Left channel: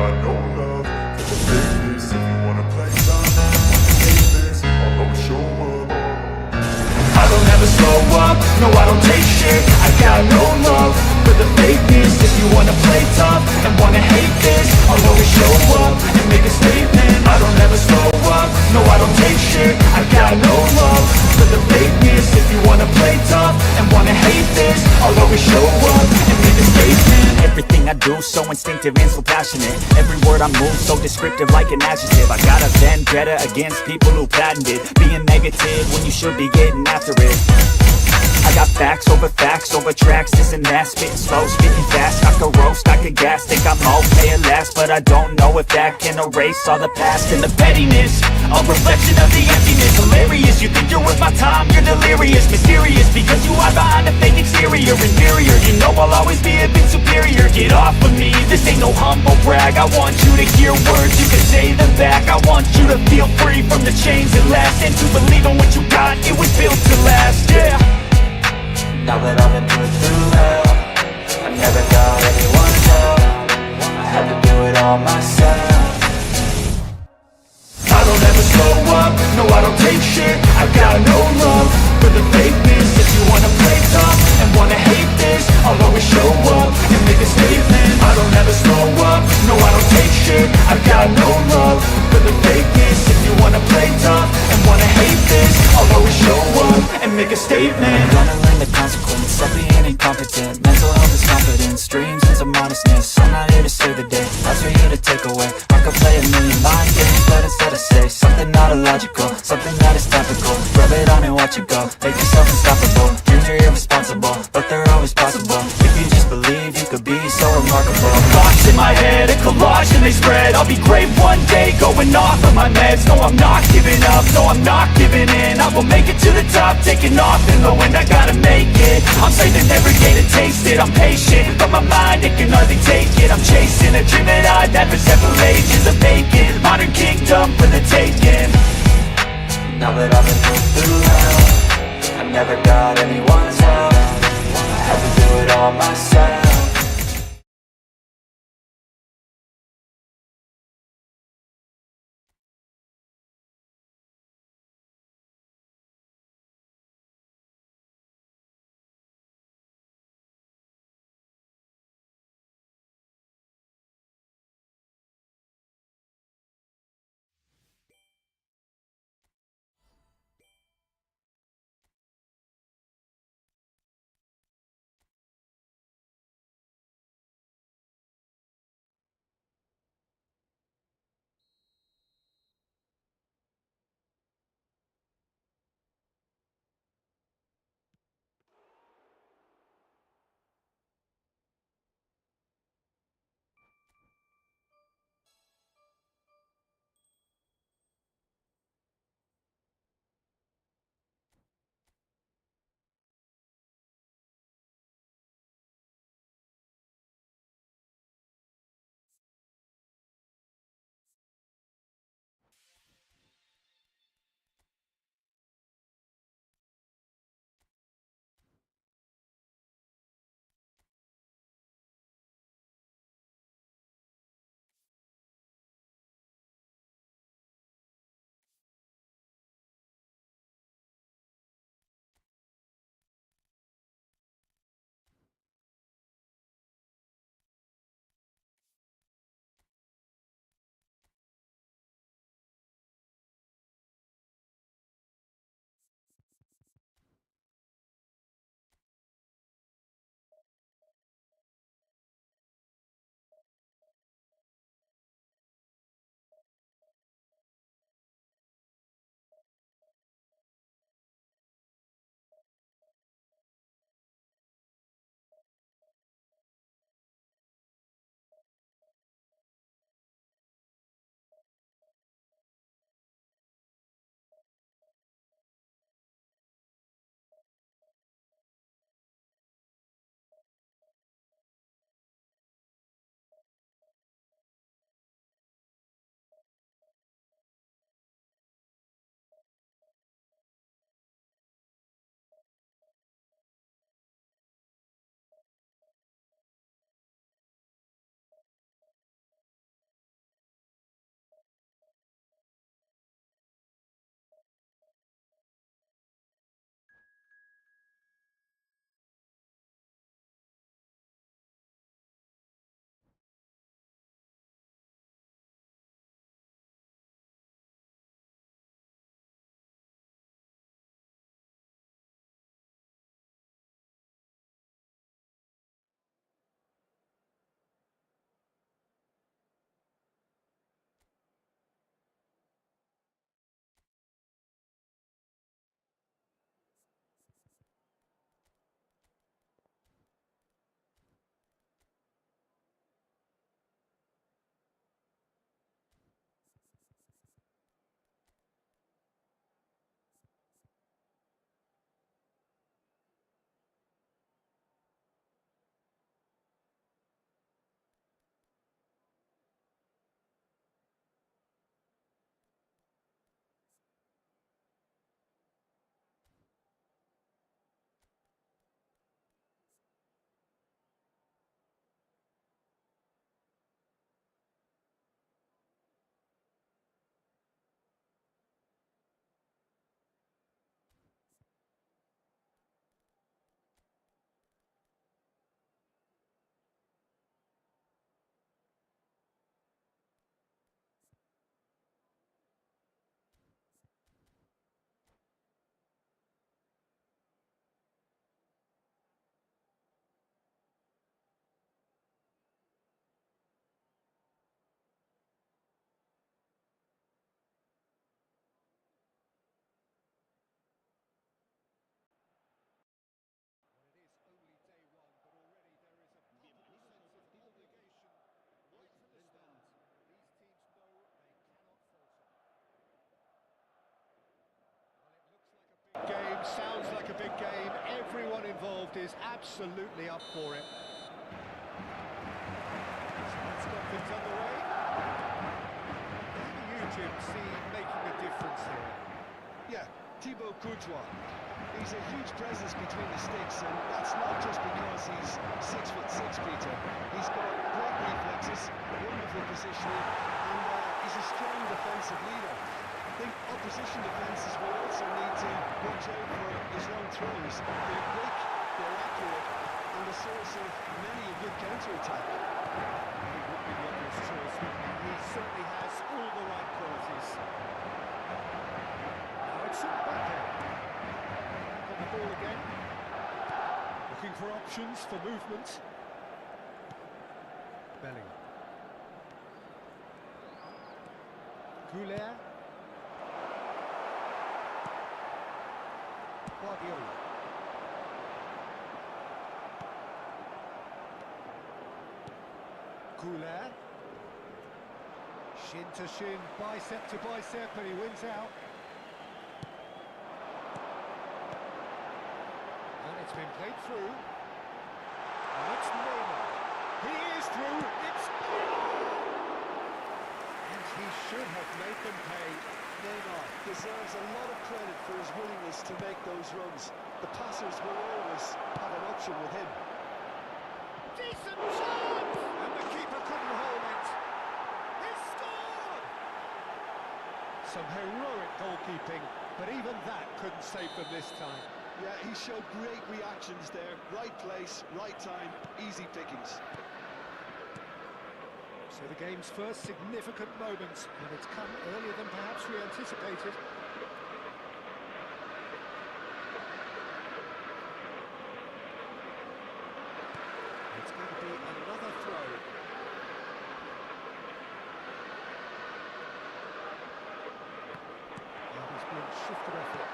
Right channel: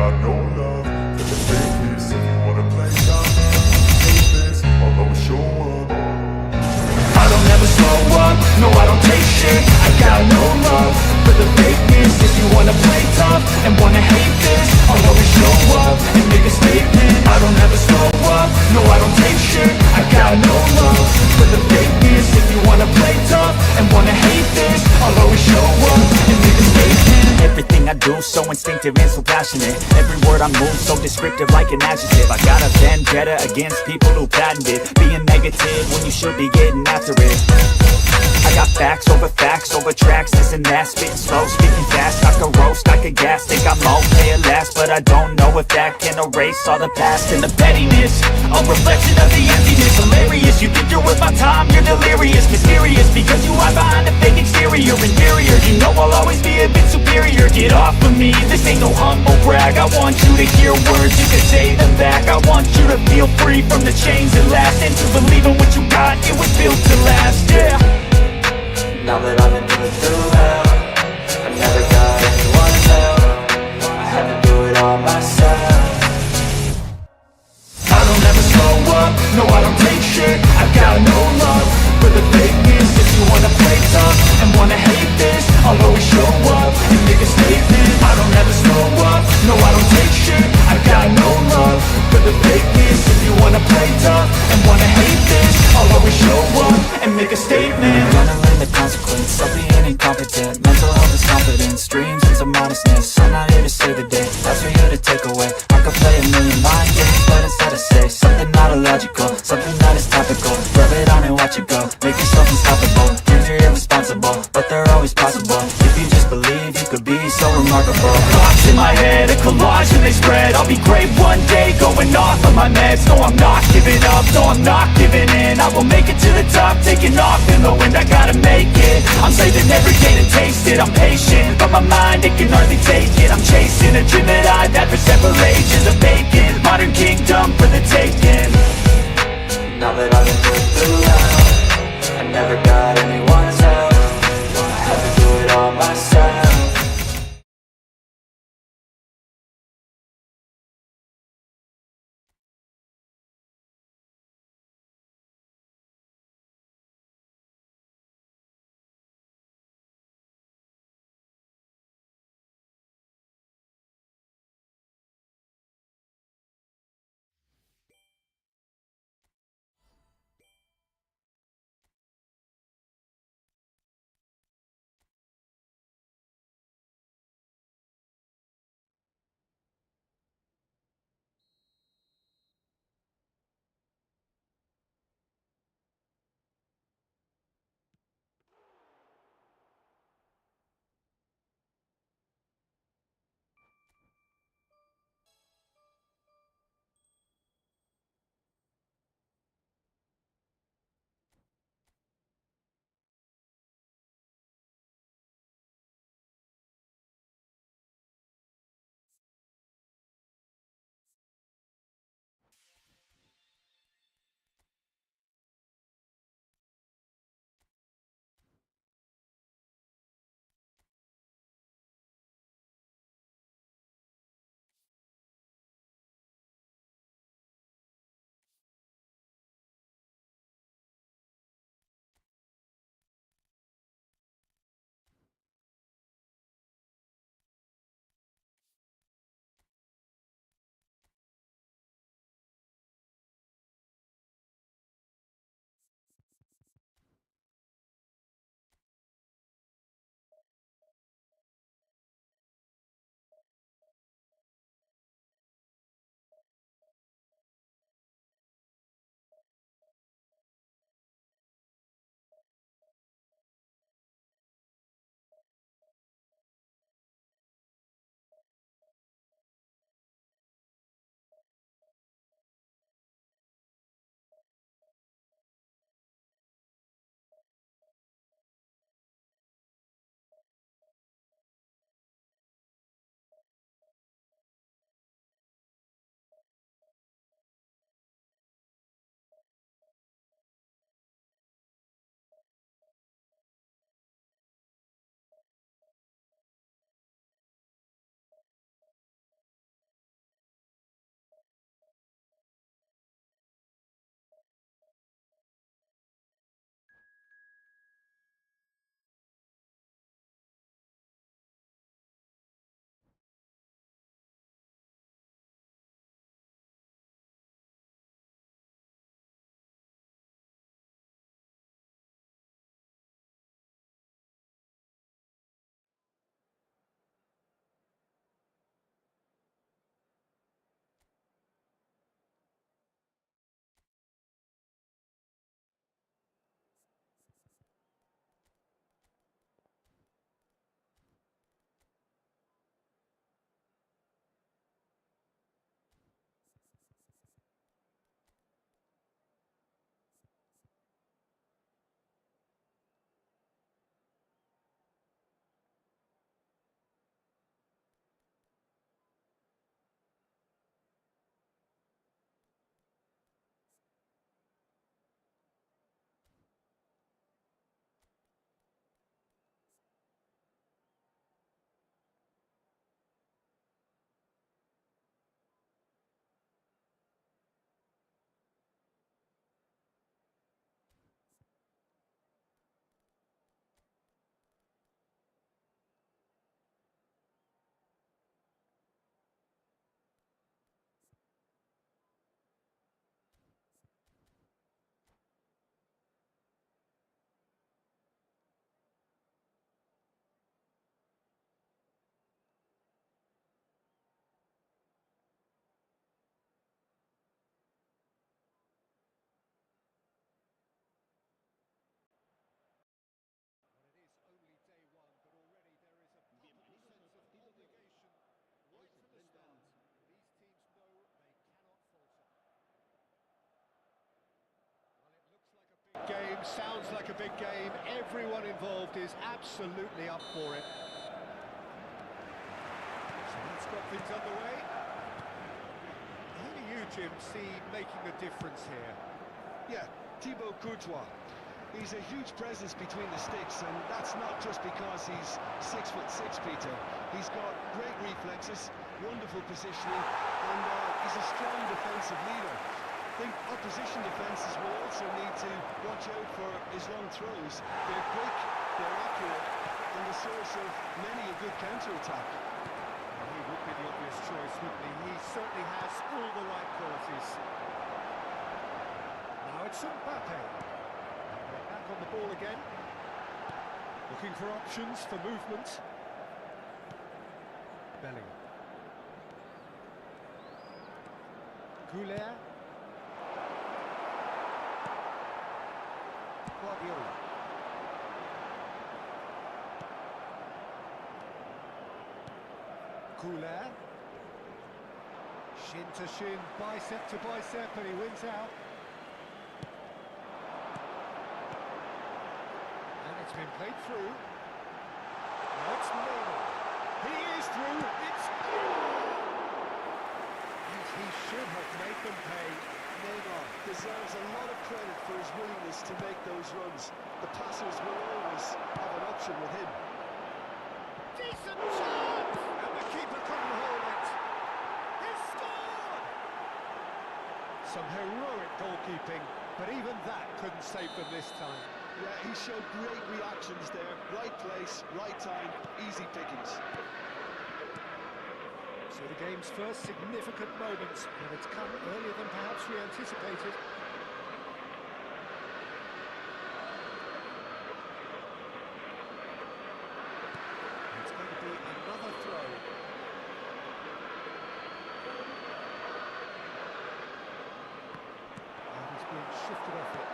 got no love for the fakeness. If you wanna play tough and wanna hate this, I'll always show up. I don't ever slow up, no I don't take shit. I got no love for the fakeness. If you wanna play tough and wanna hate this, I'll always show up and make a statement. I don't ever slow up, no I don't take shit. I got no love for the fakeness. If you wanna play tough and wanna hate this, I'll always show up and make a statement. Everything I do so instinctive and so passionate. Every word I move so descriptive like an adjective. I got a vendetta against people who patented being negative when you should be getting after it. I got facts over tracks, this and that. Spitting slow, speaking fast, I could roast, I could gas. Think I'm okay at last, but I don't know if that can erase all the past. And the pettiness, a reflection of the emptiness. Hilarious, you think you're worth my time, you're delirious. Mysterious, because you are behind a fake exterior. Inferior, you know I'll always be a bit superior. Get off of me, this ain't no humble brag. I want you to hear words, you can say them back. I want you to feel free from the chains that last, and to believe in what you got, it was built to last, yeah. Now that I've been put through hell, I never got anyone's help. I had to do it all myself. I don't ever slow up, no I don't take shit. I got no love for the fakeness. If you wanna play tough and wanna hate this, I'll always show up and make a statement. I don't ever slow up, no I don't take shit. I got no love for the fakeness. If you wanna play tough and wanna hate this, I'll always show up and make a statement. Gonna learn the consequence of being incompetent. Mental health is confidence, dreams and some modestness. I'm not here to save the day, that's for you to take away. I could play a million mind games, but instead I say something not illogical, something that is topical. Rub it on and watch it go, make yourself unstoppable. Dreams are irresponsible, but they're always possible. If you just believe, you could be so remarkable. Thoughts in my head, a collage and they spread. I'll be great one day, going off of my meds. No, I'm not giving up, no, I'm not giving in. I will make it to the top, taking off in the wind. I gotta make it, I'm saving every day to taste it. I'm patient, but my mind, it can hardly take it. I'm chasing a dream that I've had for several ages. A vacant, modern kingdom for the taking. Now that I've been put through hell, I never got anyone's help. I had to do it all myself. game sounds like a big game. Everyone involved is absolutely up for it. So that's got things underway. Who do you, Jim, see making a difference here? Yeah, Thibaut Courtois. He's a huge presence between the sticks, and that's not just because he's 6'6", Peter. He's got great reflexes, wonderful positioning, and he's a strong defensive leader. I think opposition defences will also need to watch out for his long throws. They're quick, they're accurate, and a source of many a good counter-attack. He would be the obvious choice, wouldn't he? He certainly has all the right qualities. Now it's Mbappe. Back on the ball again. Looking for options for movement. Bellingham. Goulet. Guardiola. Goulet. Shin to shin, bicep to bicep, and he wins out. And it's been played through. Now it's Neymar. He is through. It's Neymar! And he should have made them pay. Neymar deserves a lot of credit for his willingness to make those runs. The passers will always have an option with him. Decent chance! And the keeper couldn't hold it. He scored! Some heroic goalkeeping, but even that couldn't save them this time. Yeah, he showed great reactions there. Right place, right time, easy pickings. So the game's first significant moments, and it's come earlier than perhaps we anticipated. It's going to be another throw. And he's being shifted off it.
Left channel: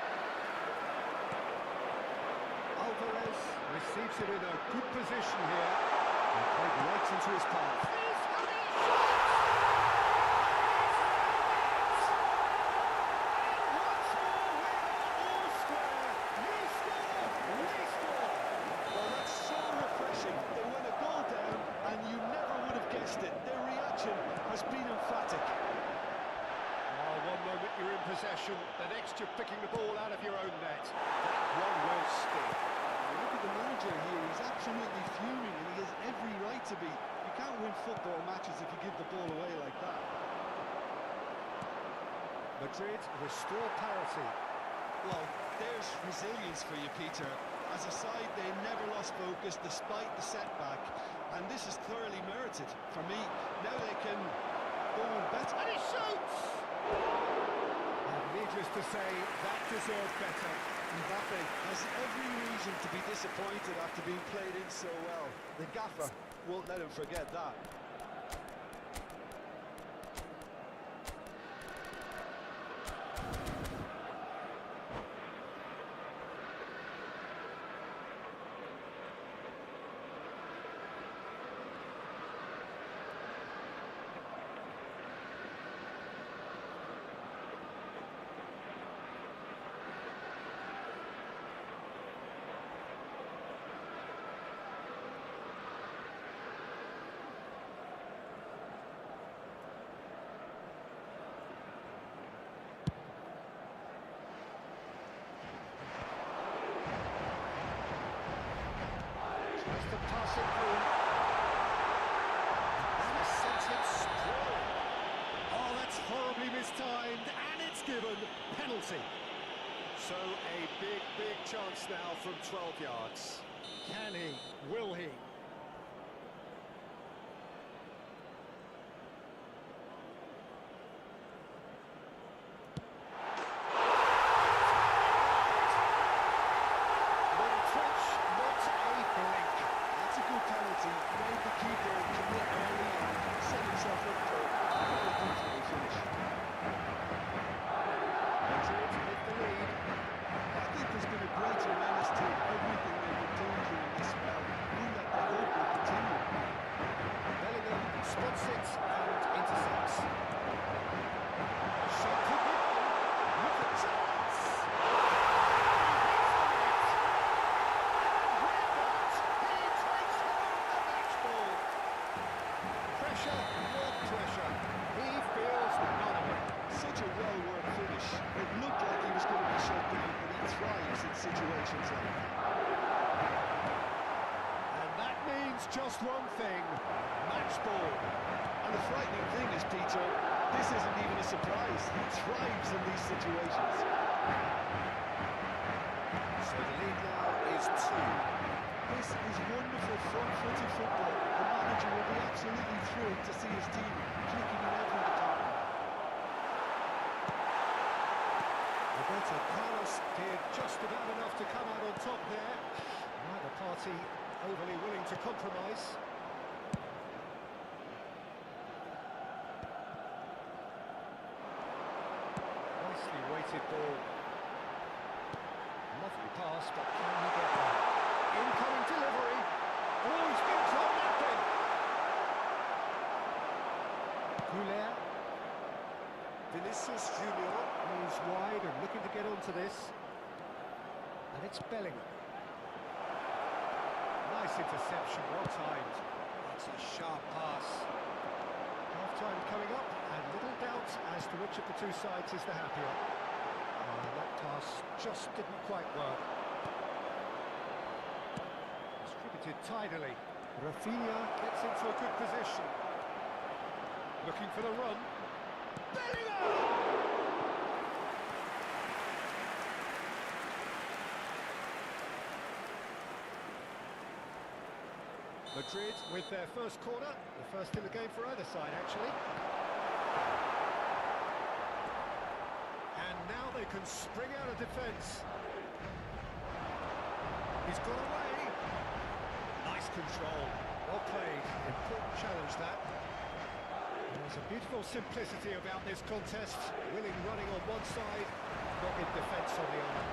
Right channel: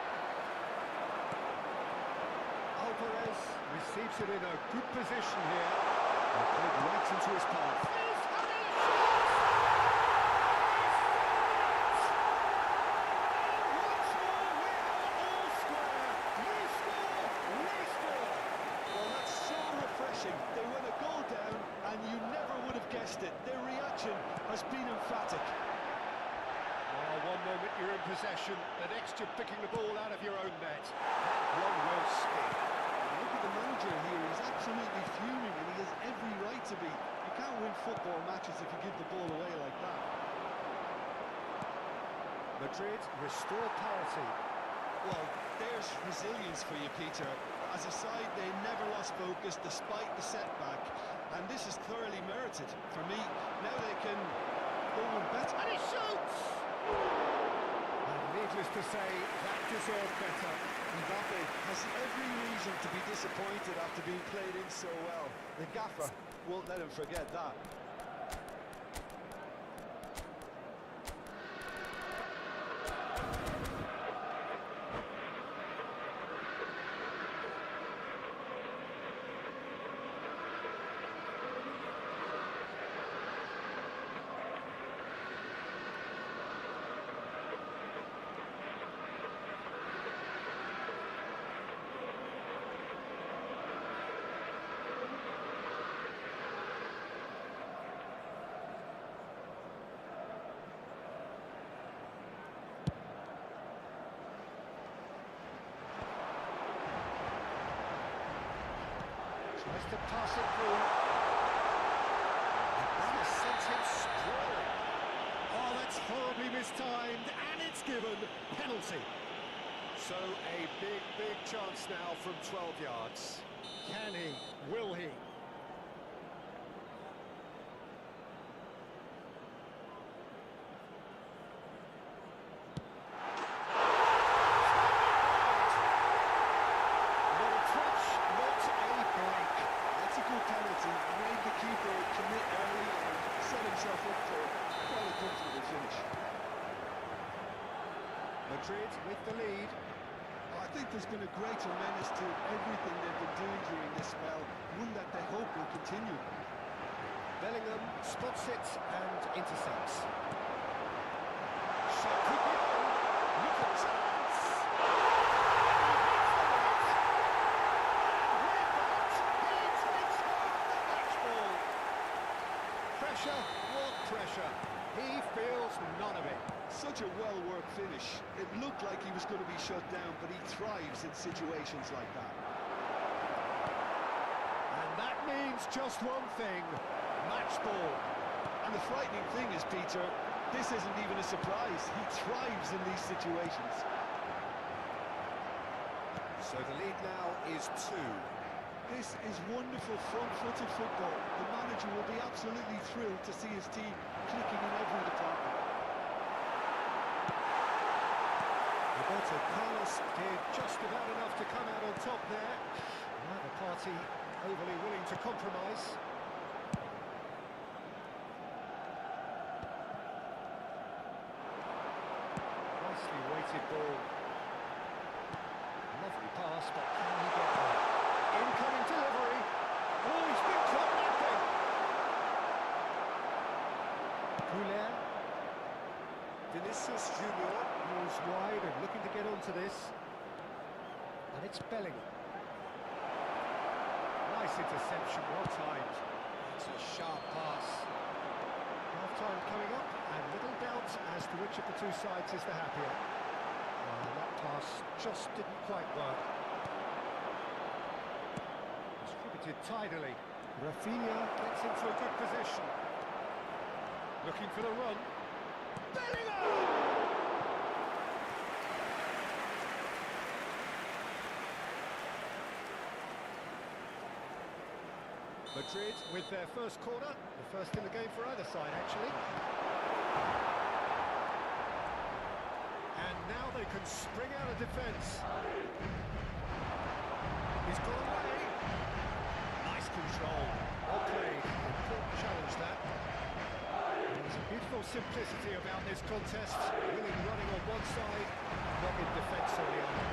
Alvarez receives it in a good position here. And played right into his path. He's having a shot! And he's filmed it! And once more we are all square. You score, we score! Well, that's so refreshing. They went a goal down, and you never would have guessed it. Their reaction has been emphatic. Oh, one moment you're in possession, the next you're picking the ball out of your own net. That one will stick. Look at the manager here, he's absolutely fuming, and he has every right to be. You can't win football matches if you give the ball away like that. Madrid restore parity. Well, there's resilience for you, Peter. As a side, they never lost focus despite the setback, and this is thoroughly merited. For me, now they can go on better. And he shoots! And needless to say, that deserved better. Mbappe has every reason to be disappointed after being played in so well. The gaffer won't let him forget that. Tries to pass it through. And that has sent him sprawling. Oh, that's horribly mistimed, and it's given penalty. So a big, big chance now from 12 yards. Can he? Will he? Not a twitch, not a blink. That's a good penalty. Made the keeper commit early and set himself up for quite a comfortable finish. Madrid with the lead. I think there's been a greater menace to everything they've been doing during this spell, one that they hope will continue. Bellingham spots it and intercepts. Shot could be on. Look at chance! And he pressure? What pressure? He feels none of it. Such a well-worked finish. It looked like he was going to be shut down, but he thrives in situations like that. And that means just one thing, match ball. And the frightening thing is, Peter, this isn't even a surprise. He thrives in these situations. So the lead now is 2. This is wonderful front-footed football. The manager will be absolutely thrilled to see his team clicking in every department. Roberto Carlos did just about enough to come out on top there. Neither party overly willing to compromise. Nicely weighted ball. Lovely pass, but can he get there? Incoming delivery. Oh, he's been caught napping. Goulet. Vinicius Junior moves wide and looking to get onto this. And it's Bellingham. Nice interception, well timed. It's a sharp pass. Half-time coming up, and little doubt as to which of the two sides is the happier. That pass just didn't quite work. Distributed tidily. Rafinha gets into a good position. Looking for the run. Bellingham! Madrid with their first corner, the first in the game for either side, actually. And now they can spring out of defence. He's got away. Nice control. Well played. Important challenge, that. There's a beautiful simplicity about this contest. Willing running on one side, not in defence on the other.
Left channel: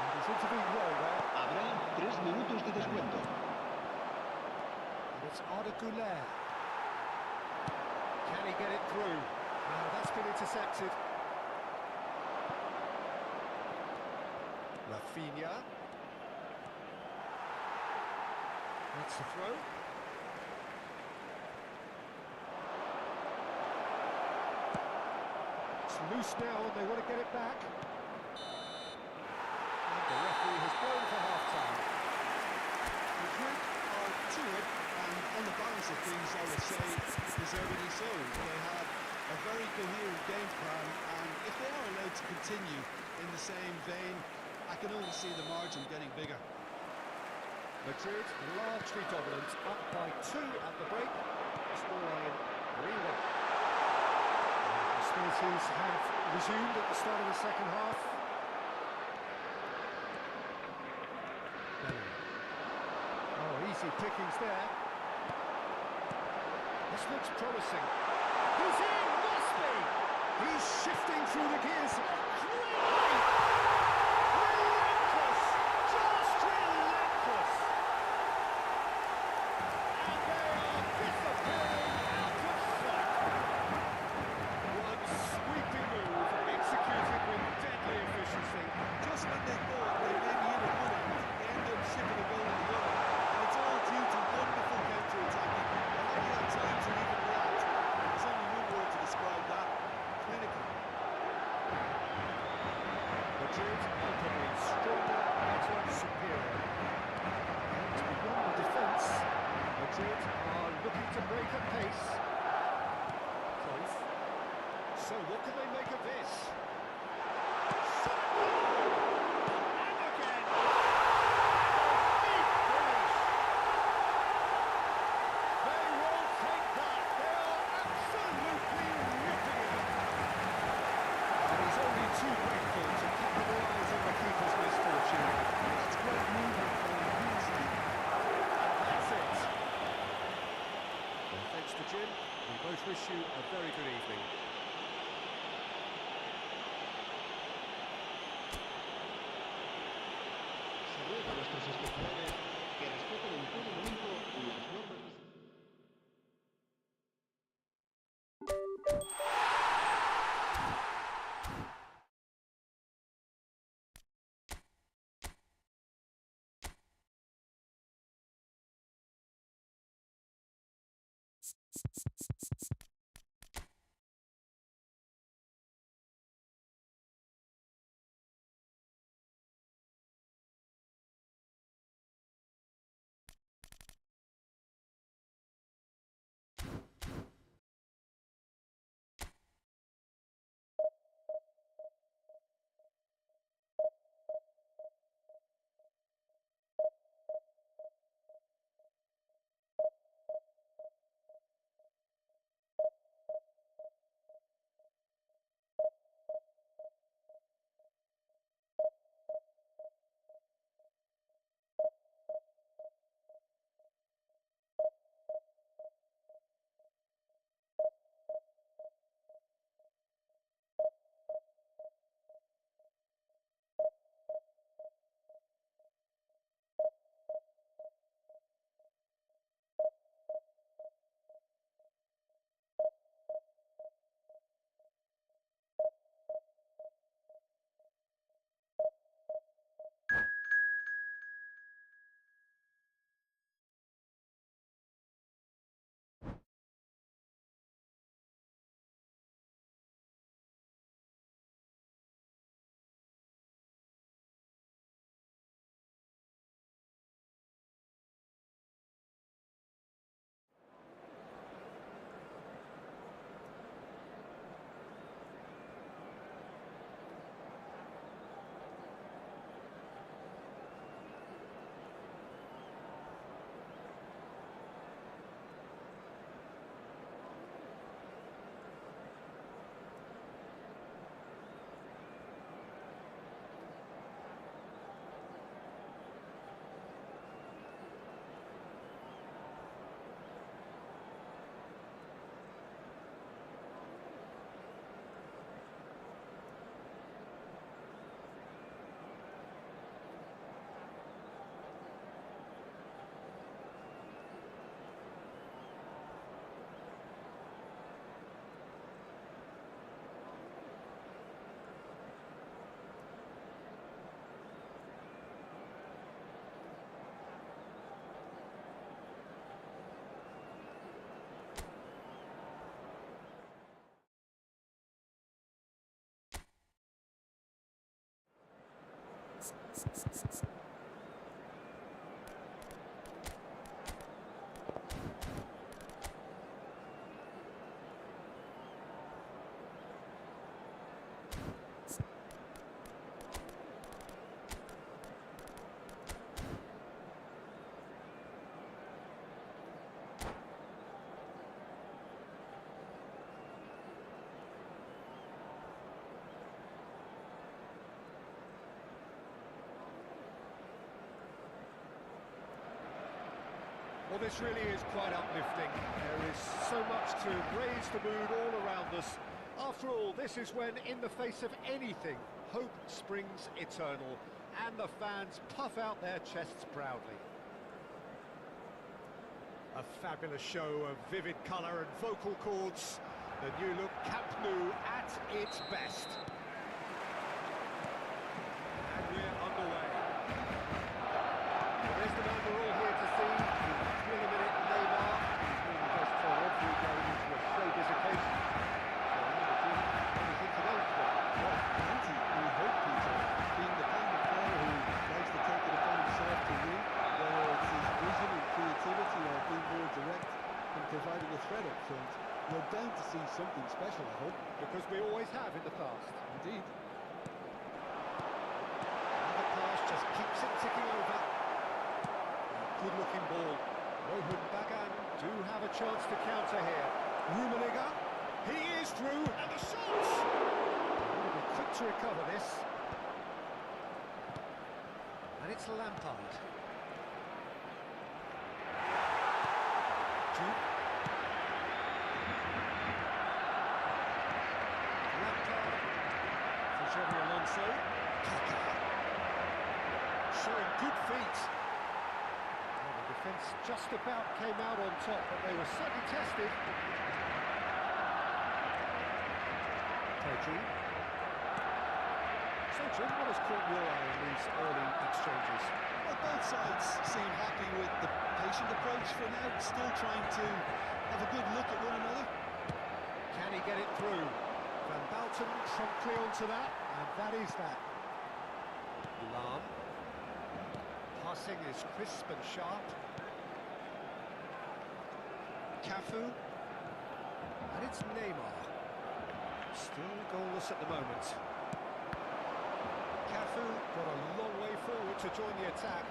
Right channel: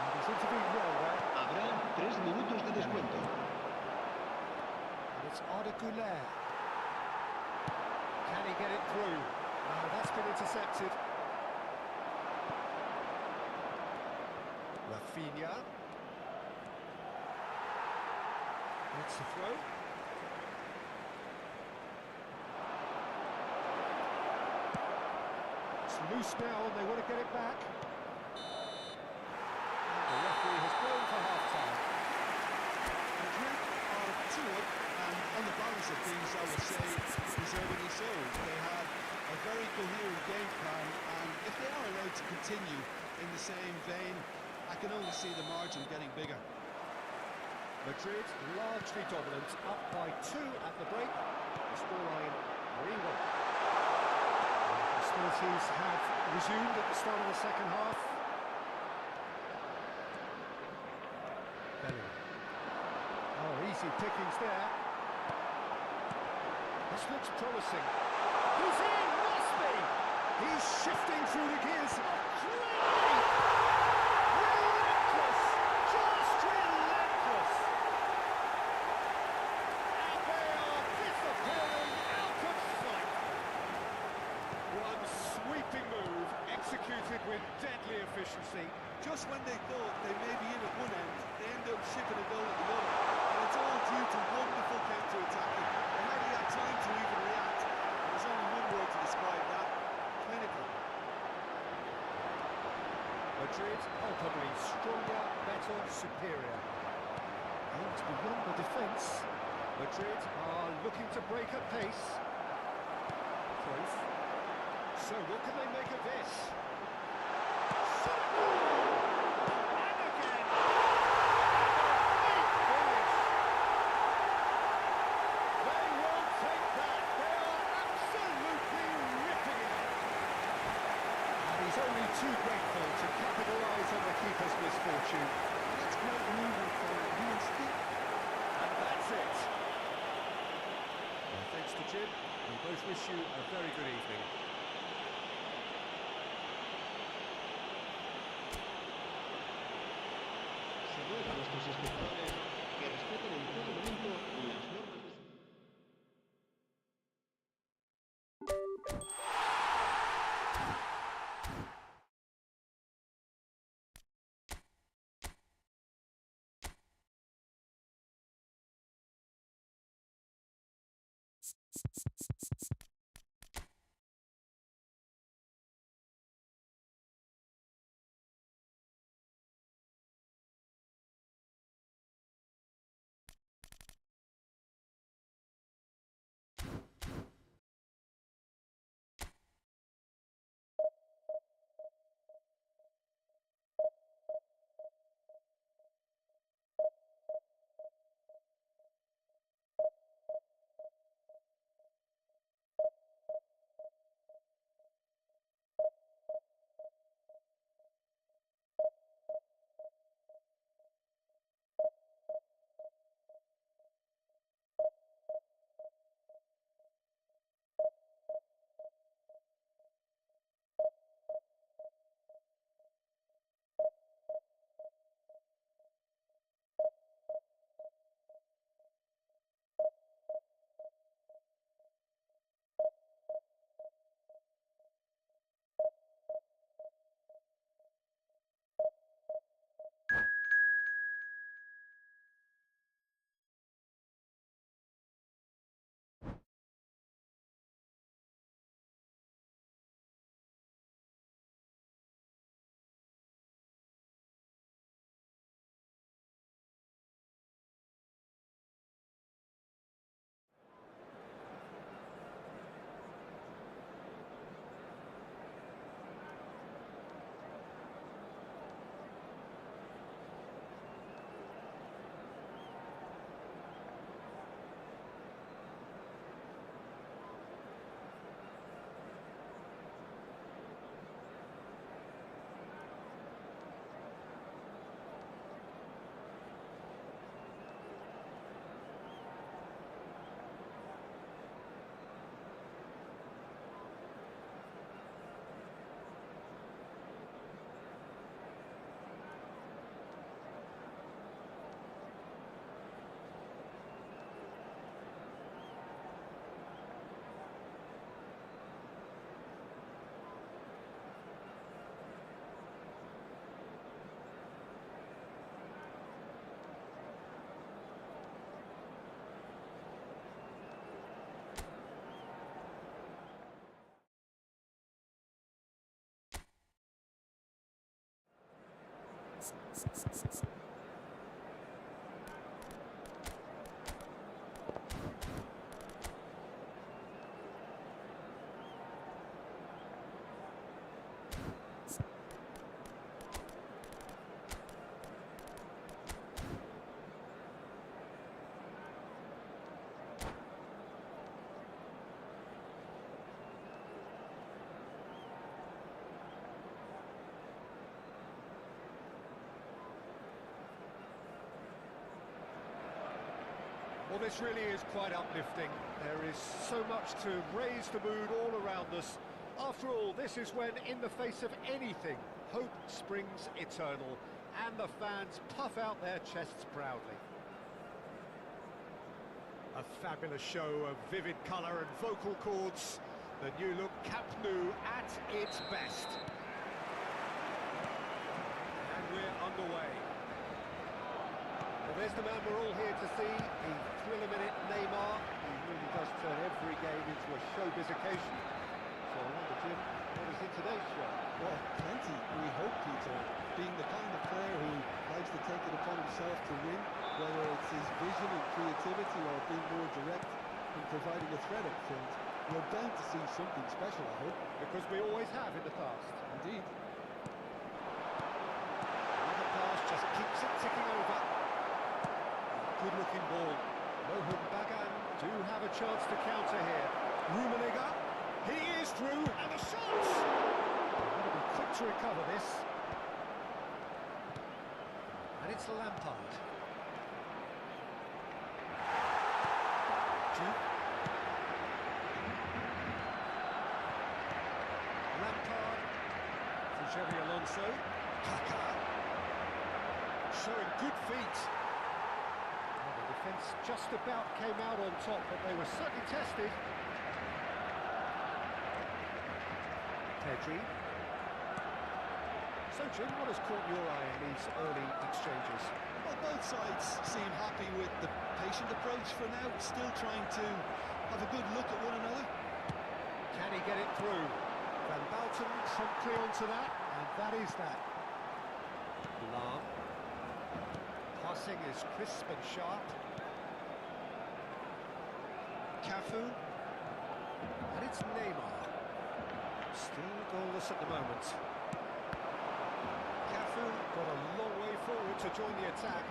And he's intervened well there. Habrá 3 minutos de descuento. And it's Arda Güler. Can he get it through? No, that's been intercepted. Rafinha. That's the throw. It's loose now and they want to get it back. And the referee has blown for half-time. Madrid are 2 up, and on the balance of things, I would say, deservedly so. They had a very coherent game plan, and if they are allowed to continue in the same vein, I can only see the margin getting bigger. Madrid largely dominant, up by 2 at the break. The scoreline 3-1. Hostilities have resumed at the start of the second half. Bellingham. Oh, easy pickings there. This looks promising. He's in, must be! He's shifting through the gears. Oh, great! Relentless! Just relentless! And they are disappearing out of sight. One sweeping move, executed with deadly efficiency. Just when they thought they may be in at one end, they end up shipping a goal at the other. And it's all due to wonderful counter-attacking. They hardly had time to even react. There's only one word to describe that: clinical. Madrid palpably stronger, better, superior. And beyond the defence, Madrid are looking to break at pace. Cruyff. So what can they make of this? Shot at goal! And again! And a neat finish! They won't take that! They are absolutely ripping it up! And he's only too grateful to capitalise on the keeper's misfortune. That's great movement from him. He is deep. And that's it. Well, thanks to Jim. We both wish you a very good evening. Se ruega a nuestros espectadores que respeten en todo momento las normas de Well, this really is quite uplifting. There is so much to raise the mood all around us. After all, this is when, in the face of anything, hope springs eternal, and the fans puff out their chests proudly. A fabulous show of vivid colour and vocal cords. The new look Camp Nou at its best. And we're underway. Well, there's the man we're all here to see, the thriller-minute Neymar, who really does turn every game into a showbiz occasion. So, Jim, what is in today's show? Well, plenty, we hope, Peter. Being the kind of player who likes to take it upon himself to win, whether it's his vision and creativity or being more direct in providing a threat up front, we're bound to see something special, I hope. Because we always have in the past. Indeed. Another pass just keeps it ticking over. Good-looking ball. Mohun Bagan do have a chance to counter here. Rummenigge, he is through, and the shots! Got to be quick to recover this. And it's Lampard. Jude. Lampard. For Xavi Alonso. Kaka. Showing good feet. Well, the defence just about came out on top, but they were certainly tested. Pedri. So, Jim, what has caught your eye in these early exchanges? Well, both sides seem happy with the patient approach for now, still trying to have a good look at one another. Can he get it through? Van Bouten promptly onto that, and that is that. Lam. Passing is crisp and sharp. Cafu. And it's Neymar. Still goalless at the moment. Cafu got a long way forward to join the attack.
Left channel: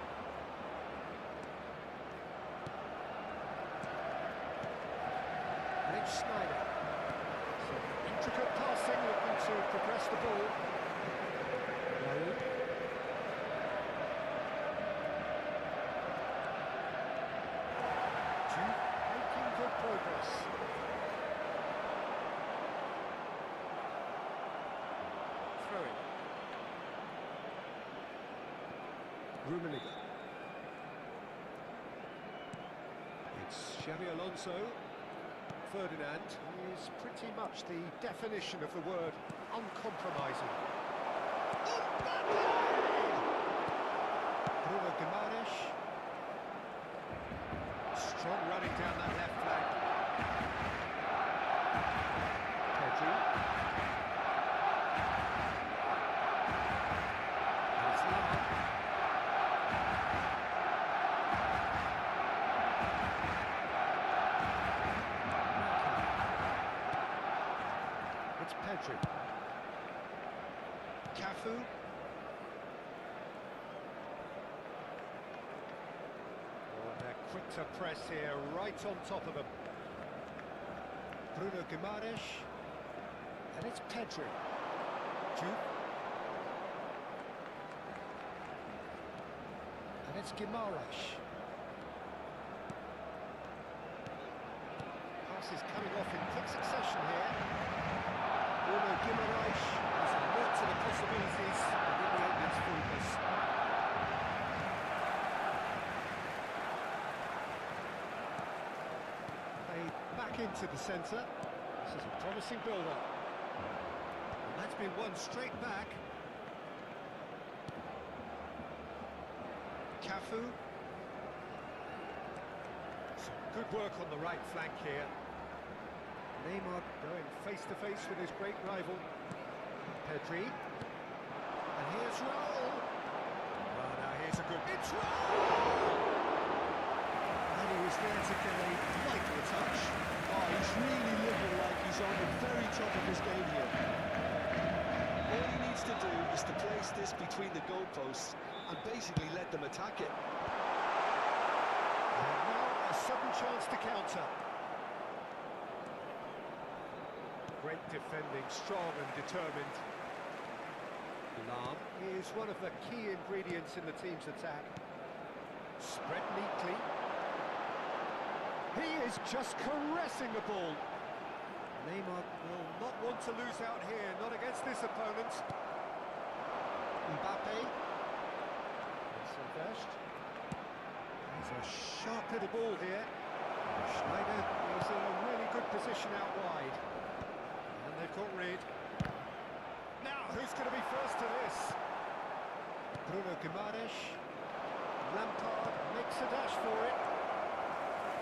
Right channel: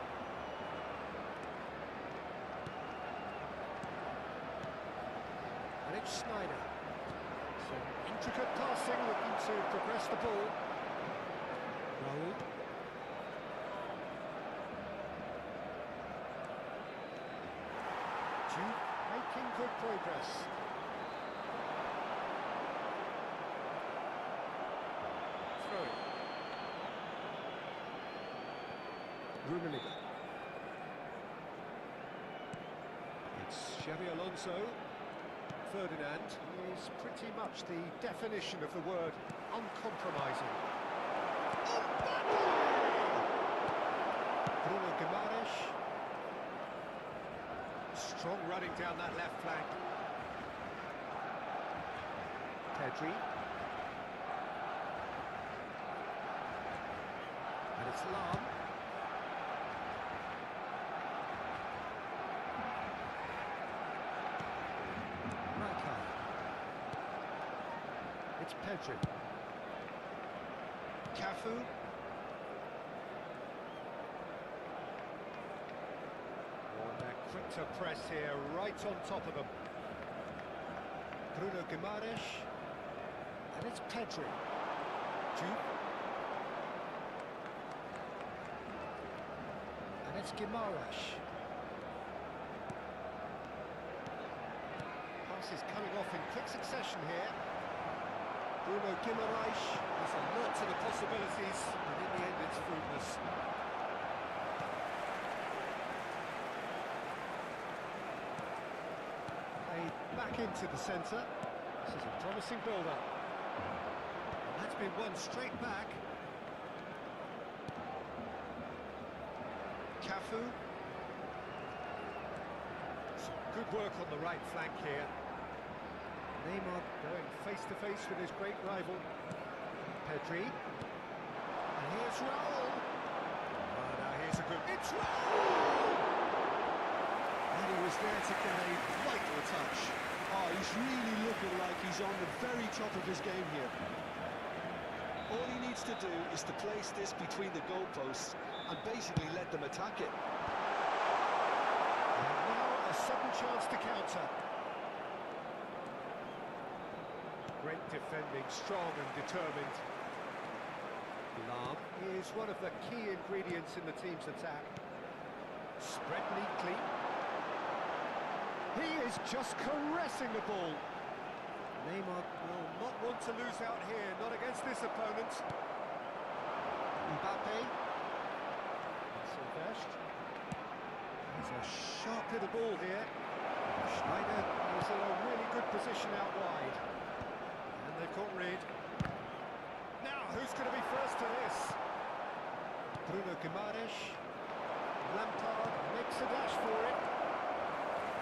And it's Snyder. Some intricate passing, looking to progress the ball. Raul. Duke making good progress. Throwing. Rummenigge. It's Xabi Alonso. Ferdinand is pretty much the definition of the word uncompromising. Mbappe! Bruno Guimaraes. Strong running down that left flank. Pedri. And it's Lam. It's Pedri. Cafu. Oh, and they're quick to press here, right on top of them. Bruno Guimaraes. And it's Pedri. Duke. And it's Guimaraes. Passes coming off in quick succession here. Bruno Guimaraes is alert to the possibilities, but in the end it's fruitless. Played back into the centre. This is a promising build-up. And that's been won straight back. Cafu. Some good work on the right flank here. Neymar going face-to-face with his great rival. Pedri. And here's Raul. Oh, now here's a good... It's Raul! And he was there to get a vital touch. Oh, he's really looking like he's on the very top of his game here. All he needs to do is to place this between the goalposts and basically let them attack it. And now a sudden chance to counter. Great defending, strong and determined. Lam is one of the key ingredients in the team's attack. Spread neatly. He is just caressing the ball. Neymar will not want to lose out here, not against this opponent. Mbappe. Silvestre. There's a sharp little ball here. Schneider is in a really good position out wide. And they've got rid. Now, who's going to be first to this? Bruno Guimaraes. Lampard makes a dash for it.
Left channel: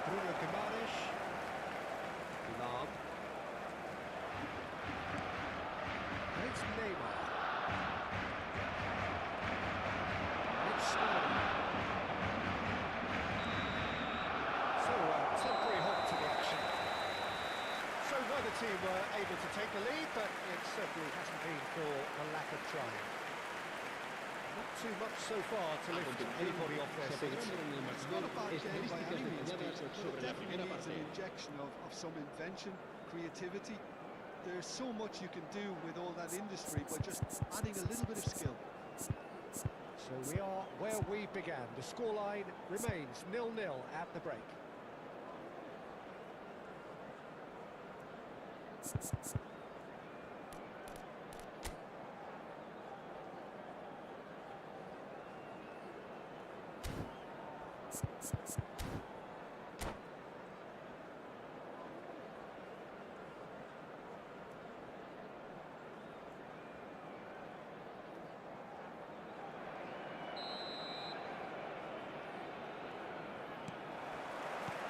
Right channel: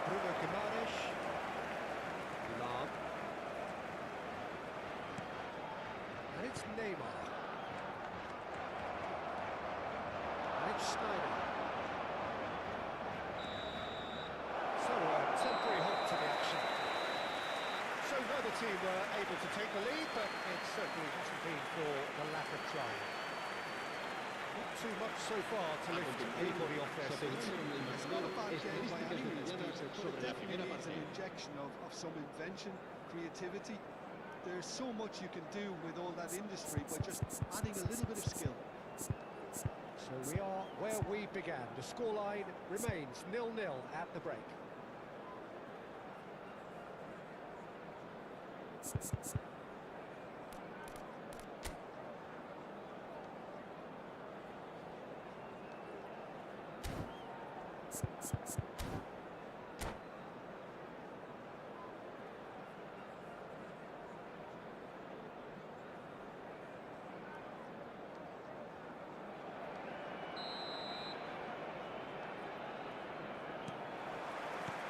Bruno Guimaraes. Lam. And it's Neymar. And it's Schneider. So, a temporary halt to the action. So neither team were able to take the lead, but it certainly hasn't been for the lack of trying. Not too much so far to lift anybody off their seats. It's not a bad game by any means, Peter, but it definitely primera needs an parte. injection of some invention, creativity. There's so much you can do with all that industry by just adding a little bit of skill. So we are where we began. The scoreline remains 0-0 at the break.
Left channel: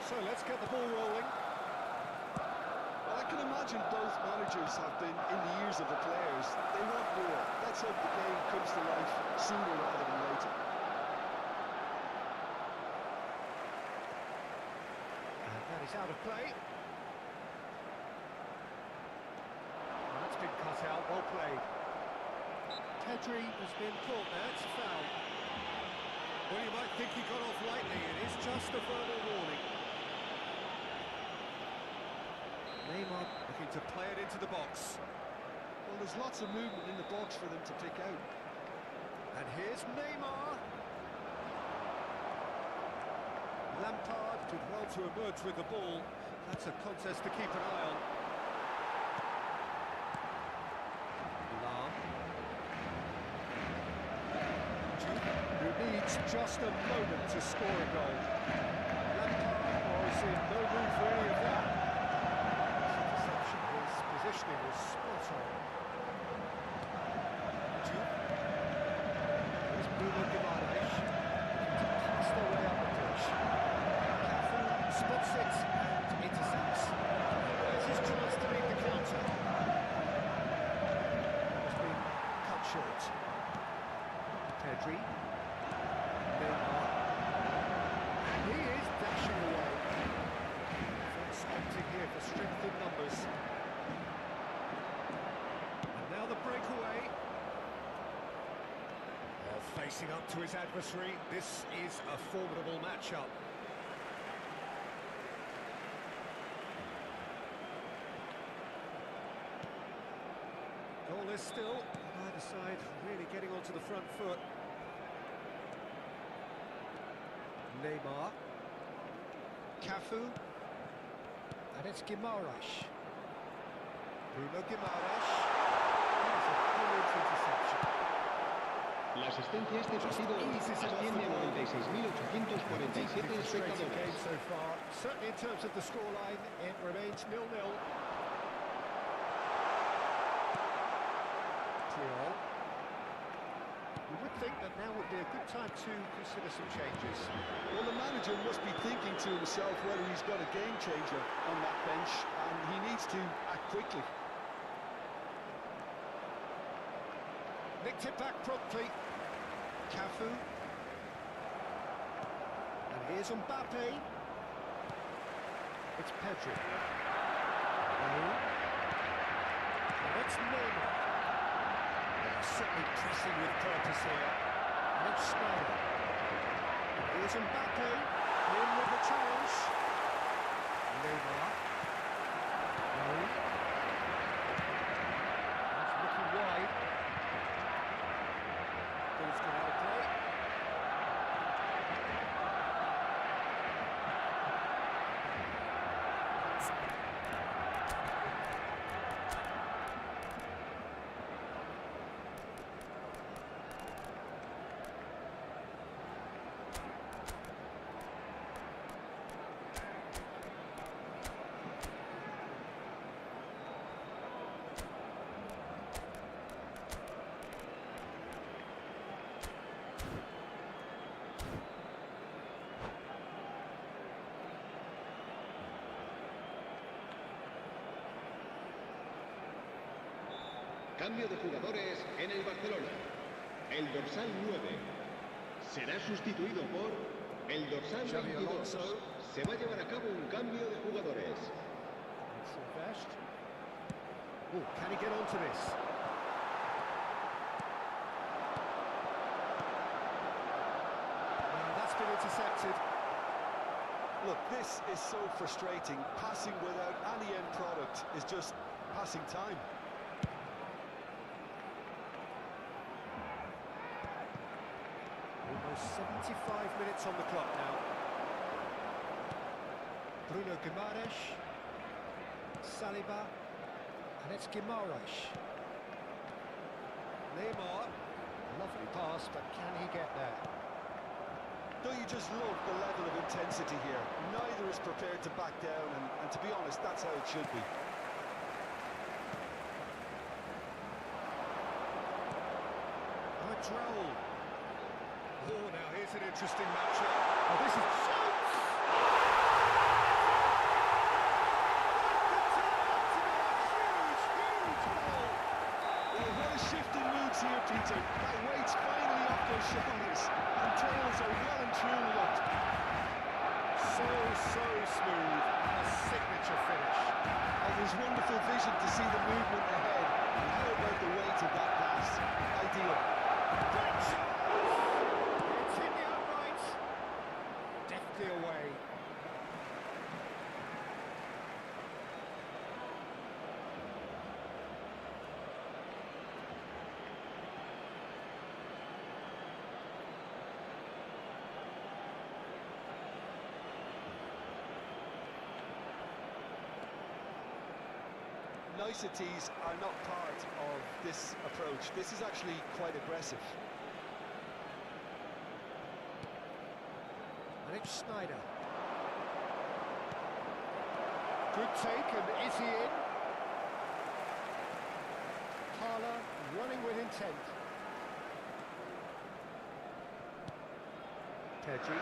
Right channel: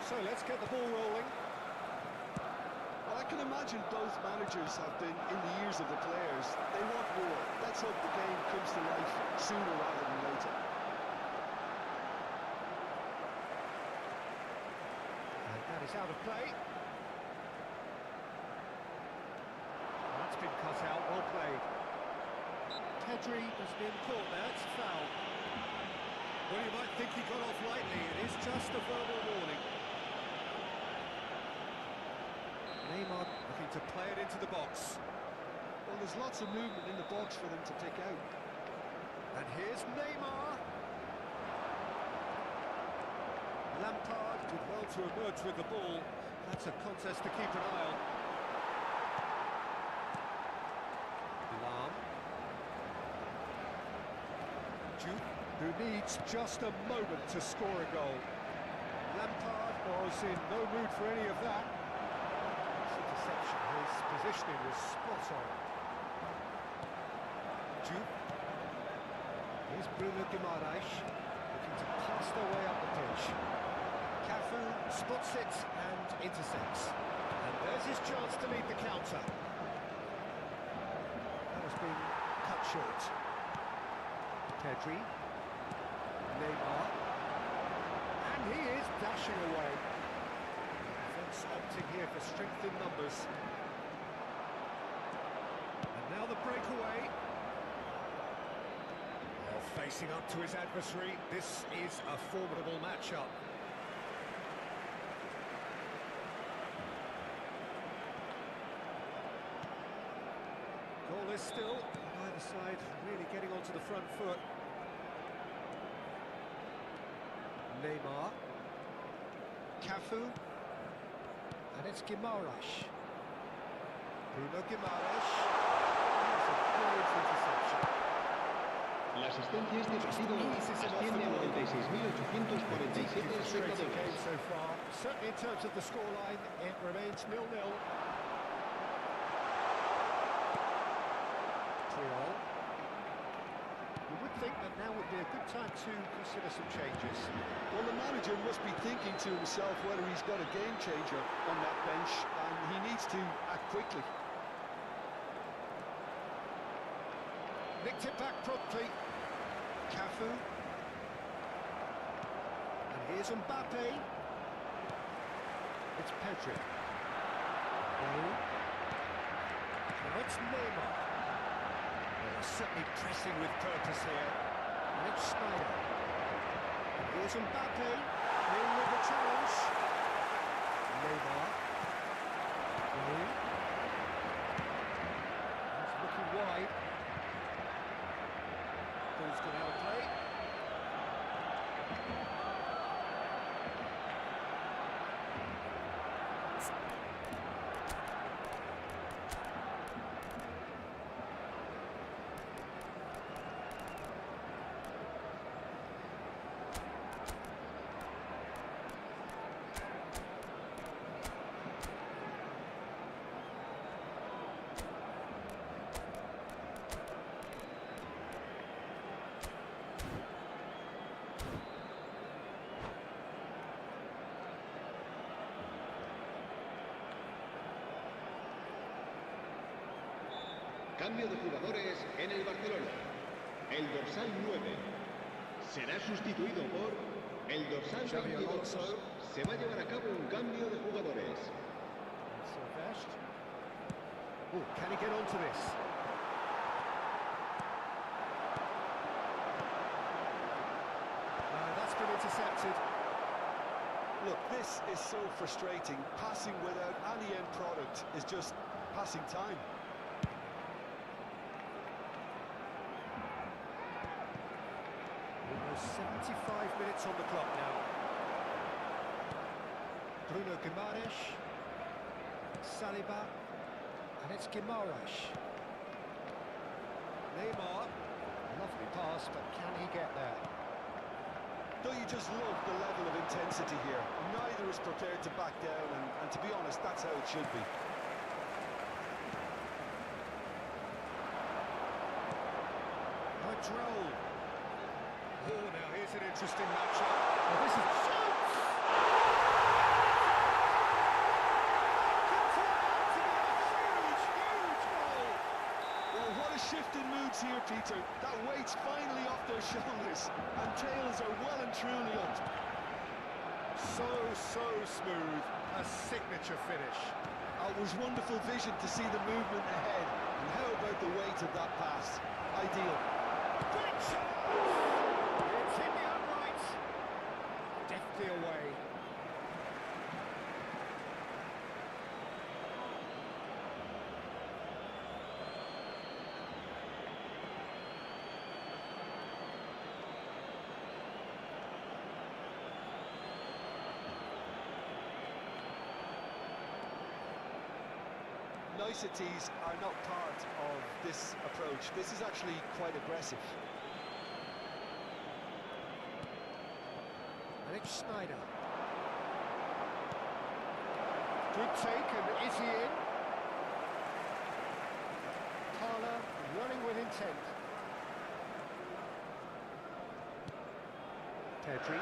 So let's get the ball rolling. I can imagine both managers have been in the ears of the players. They want more. Let's hope the game comes to life sooner rather than later. And that is out of play. That's been cut out, well played. Pedri has been caught there, it's a foul. Well, you might think he got off lightly, it is just a verbal warning. Neymar looking to play it into the box. Well, there's lots of movement in the box for them to pick out. And here's Neymar. Lampard did well to emerge with the ball. That's a contest to keep an eye on. Lam. Duke, who needs just a moment to score a goal. Lampard was in no mood for any of that. Interception, his positioning was spot on. Duke. Here's Bruno Guimaraes, looking to pass their way up the pitch. Cafu spots it and intercepts. And there's his chance to lead the counter. That has been cut short. Pedri. Neymar. And he is dashing away. Defence opting here for strength in numbers. And now the breakaway. Well, facing up to his adversary, this is a formidable matchup. Goalless still, either side really getting onto the front foot. Neymar. Cafu. And it's Guimaraes. Bruno Guimaraes. That's a brilliant interception. La asistencia a este partido asciende a 96.847 espectadores. Game so far. Certainly in terms of the scoreline, it remains 0-0. Triol. You would think that now would be a good time to consider some changes. Well, the manager must be thinking to himself whether he's got a game changer on that bench, and he needs to act quickly. Nicked it back promptly. Cafu. And here's Mbappe. It's Pedri. Now it's Neymar. They're certainly pressing with purpose here. And it's Snyder. And here's Mbappe. In with the challenge. Neymar. He's looking wide. Ball's gone out of play. Cambio de jugadores en el Barcelona. El dorsal 9 será sustituido por el dorsal 22. Se va a llevar a cabo un cambio de jugadores. Oh, can he get onto this? No, that's been intercepted. Look, this is so frustrating. Passing without any end product is just passing time. Almost 75 minutes on the clock now. Bruno Guimaraes. Saliba. And it's Guimaraes. Neymar. Lovely pass, but can he get there? Don't you just love the level of intensity here? Neither is prepared to back down, and to be honest, that's how it should be. Oh, a droll. Oh, now here's an interesting matchup. Oh, this is... Shoots! That could turn out to looks here, Peter. That weight's finally off those shoulders, and tails are well and truly up. So smooth, a signature finish. Oh, it was wonderful vision to see the movement ahead. And how about the weight of that pass? Ideal. Great shot! It's hit the upright. Deftly away. Niceties are not part of this approach. This is actually quite aggressive. And it's Schneider. Good take, and is he in? Thaler running with intent. Pedri.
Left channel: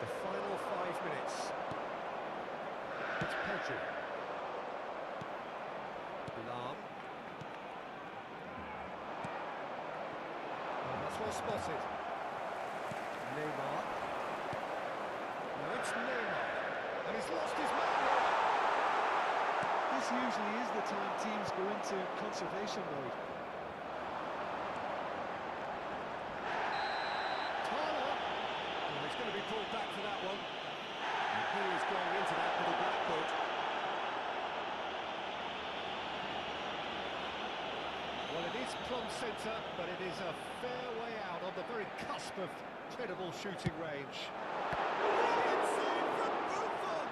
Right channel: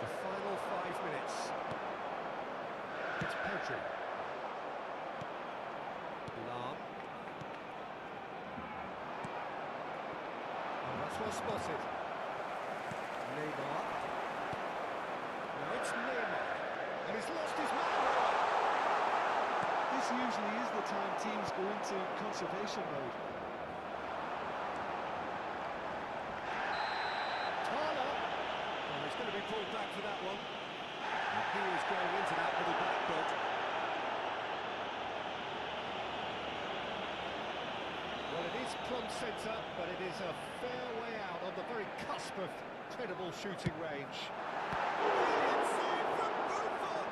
The final 5 minutes. It's Pedri. Lam. Oh, that's well spotted. Neymar. Now it's Neymar. And he's lost his man. This usually is the time teams go into conservation mode. Thaler. Oh, he's going to be pulled back for that one. And he is going into that little black book. Well, it is plumb centre, but it is a fair way out on the very cusp of credible shooting range. Brilliant save from Buffon!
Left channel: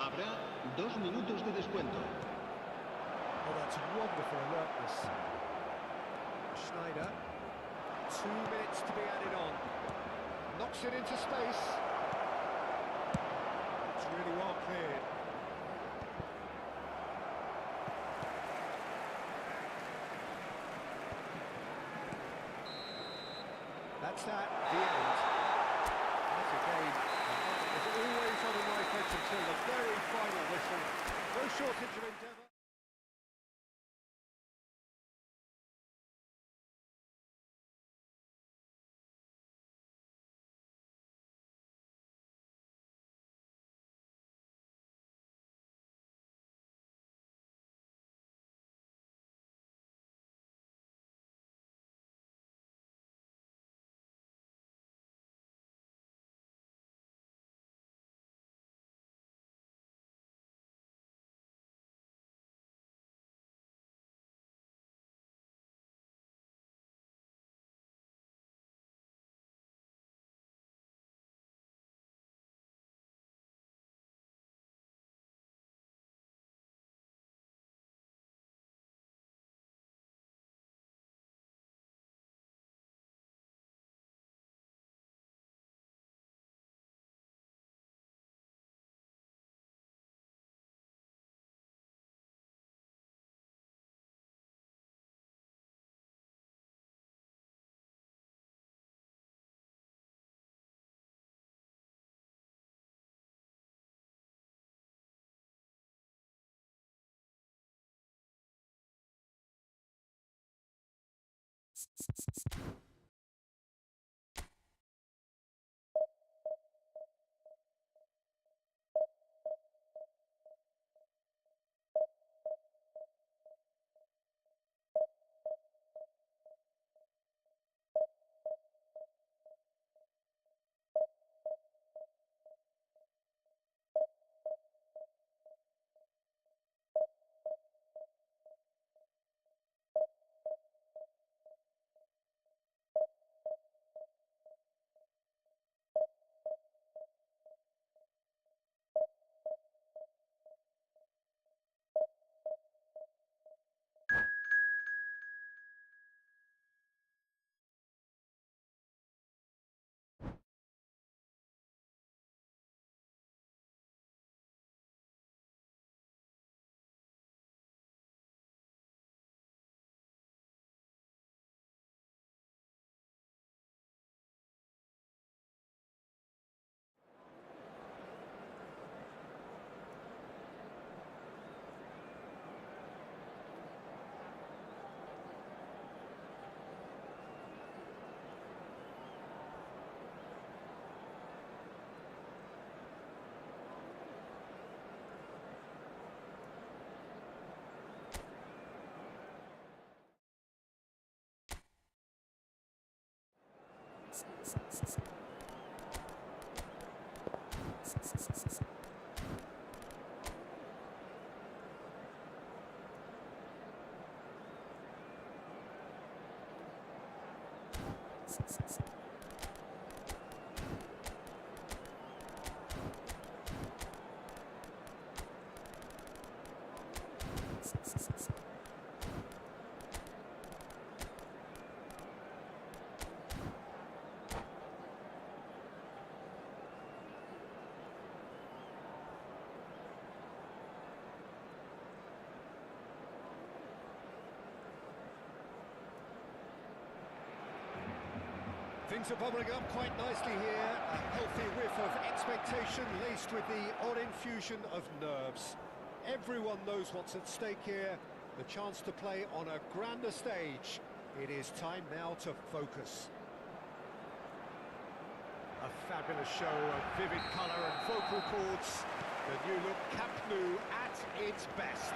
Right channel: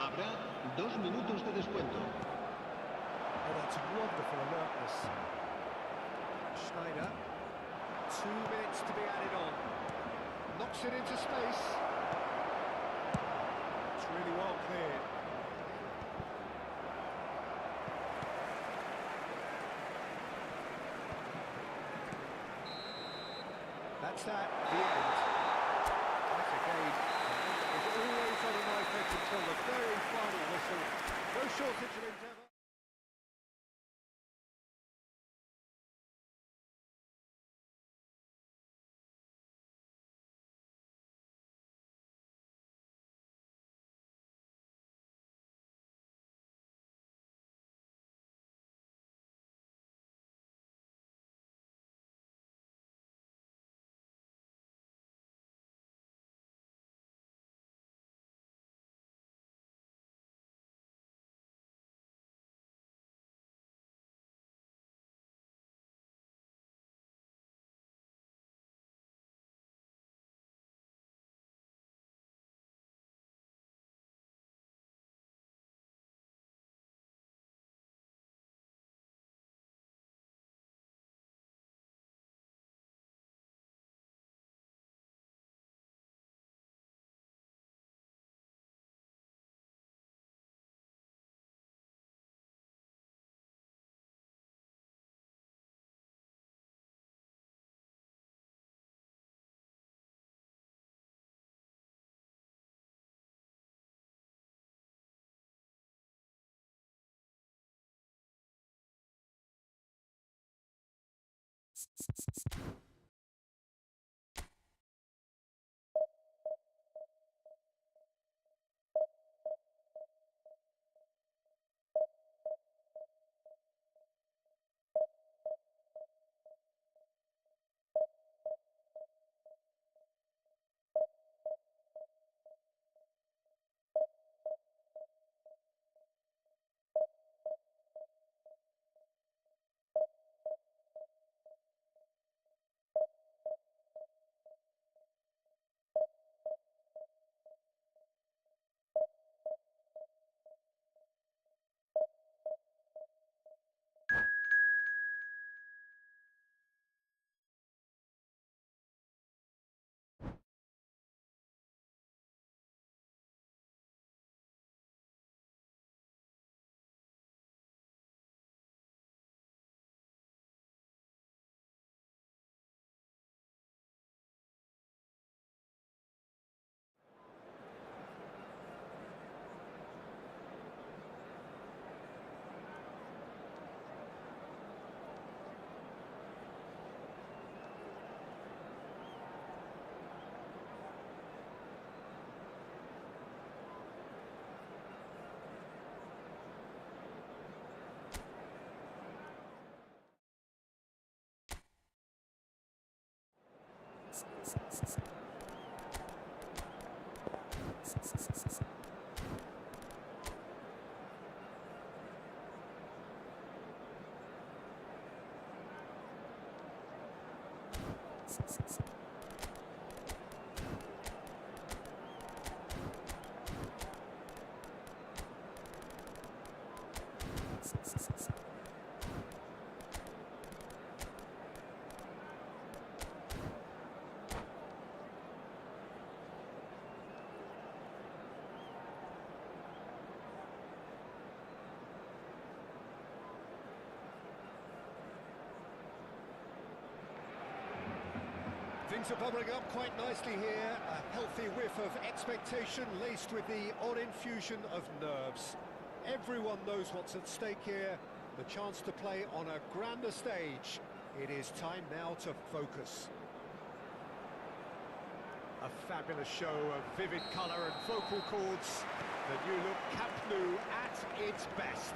Habrá 2 minutos de descuento. Oh, that's wonderful alertness. Schneider. 2 minutes to be added on. Knocks it into space. It's really well cleared. That's that, the end. That's a game. It was always on a knife edge until the very final whistle. No shortage of endeavour. Things are bubbling up quite nicely here. A healthy whiff of expectation laced with the odd infusion of nerves. Everyone knows what's at stake here. The chance to play on a grander stage. It is time now to focus. A fabulous show of vivid colour and vocal cords. The new look Camp Nou at its best.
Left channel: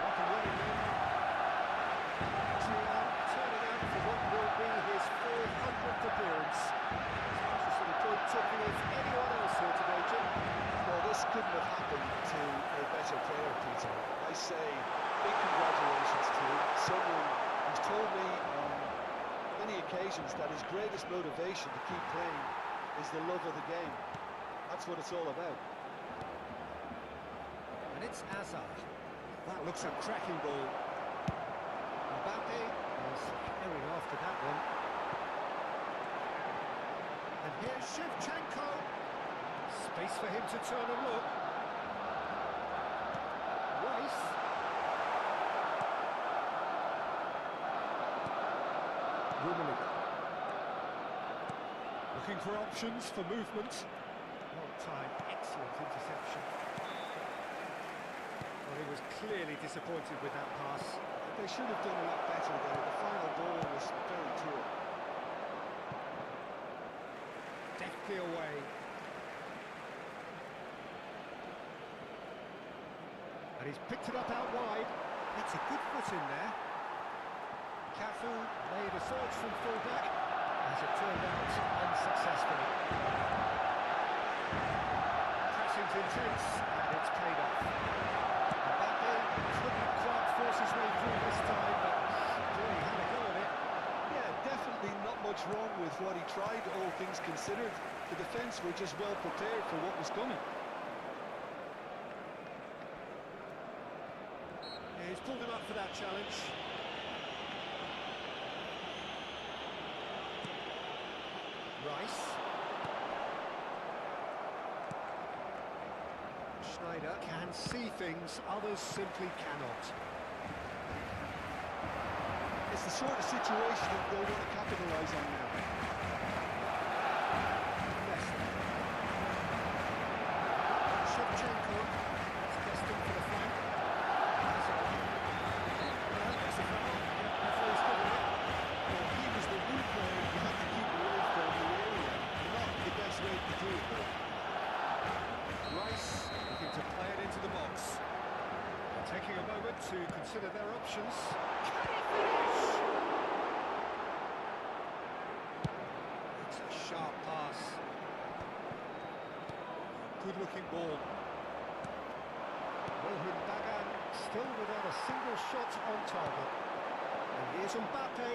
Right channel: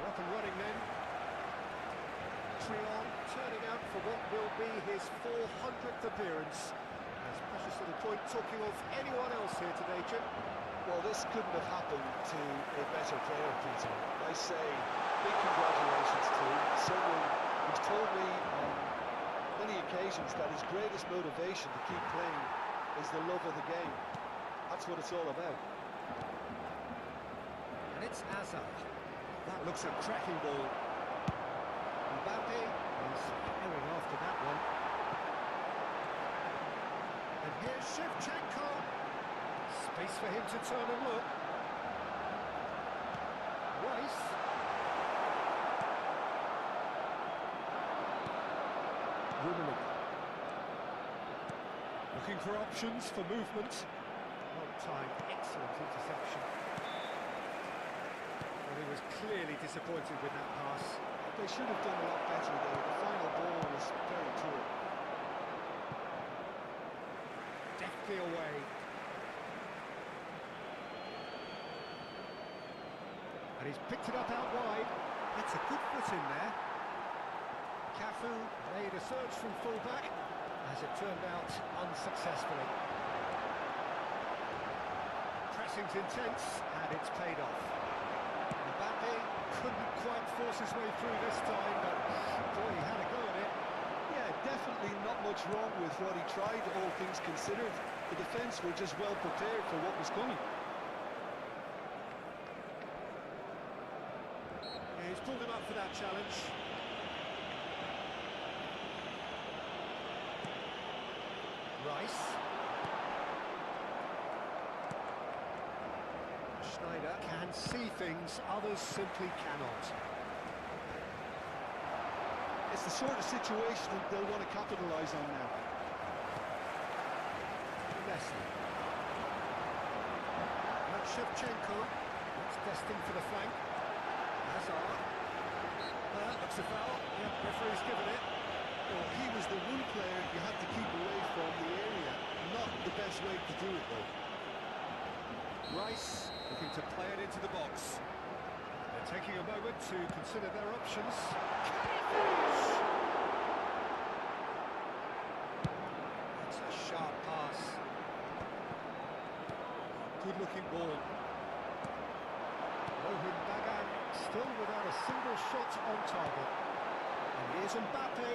Rock and running then. Trion turning out for what will be his 400th appearance. There's precious little point talking of anyone else here today, Jim. Well, this couldn't have happened to a better player, Peter. I say big congratulations to him. Someone who's told me on many occasions that his greatest motivation to keep playing is the love of the game. That's what it's all about. And it's Azar. That looks a cracking ball. Mbappe is herring after that one. And here's Shevchenko. Space for him to turn and look. Rice. Rummenigge. Looking for options for movement. Well timed, excellent interception. Well, he was clearly disappointed with that pass. They should have done a lot better there. The final ball was very poor. Deftly away. And he's picked it up out wide. That's a good foot in there. Cafu made a surge from full-back, as it turned out unsuccessfully. Pressing's intense, and it's paid off. Mbappe couldn't quite force his way through this time, but boy, he had a go at it. Yeah, definitely not much wrong with what he tried, all things considered. The defence were just well prepared for what was coming. Yeah, he's pulled him up for that challenge. Rice. Schneider can see things others simply cannot. It's the sort of situation that they'll want to capitalise on now. Messi. That's Shevchenko. That's destined for the flank. Hazard. Looks a foul. Yep, referee's given it. Well, he was the one player you had to keep away from the area. Not the best way to do it, though. Rice looking to play it into the box. They're taking a moment to consider their options. Can he finish? That's a sharp pass. Good-looking ball. Rohan Bagan still without a single shot on target. And here's Mbappe.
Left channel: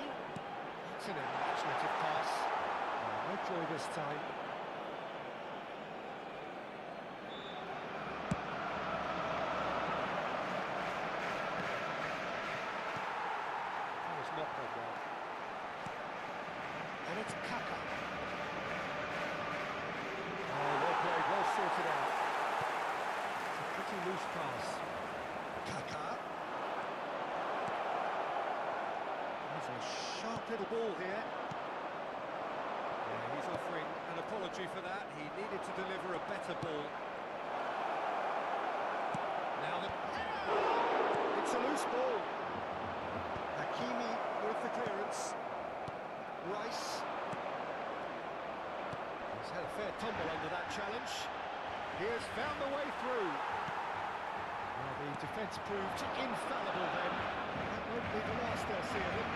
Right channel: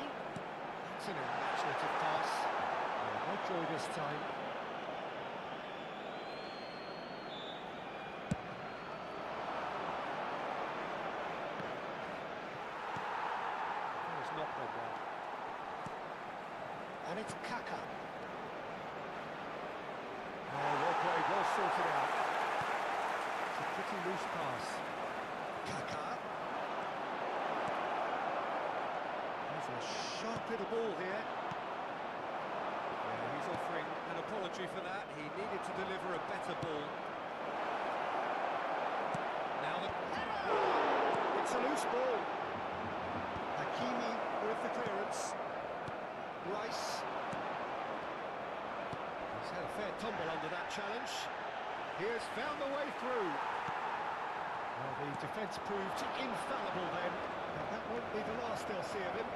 That's an imaginative pass. No joy this time. That was not read well. And it's Kaka. Oh, well played, well sorted out. It's a pretty loose pass. Kaka. There's a sharp little ball here. Yeah, he's offering an apology for that. He needed to deliver a better ball. Now the... It's a loose ball. Hakimi with the clearance. Rice. He's had a fair tumble under that challenge. He has found a way through. Well, the defence proved infallible then. That won't be the last they'll see of him.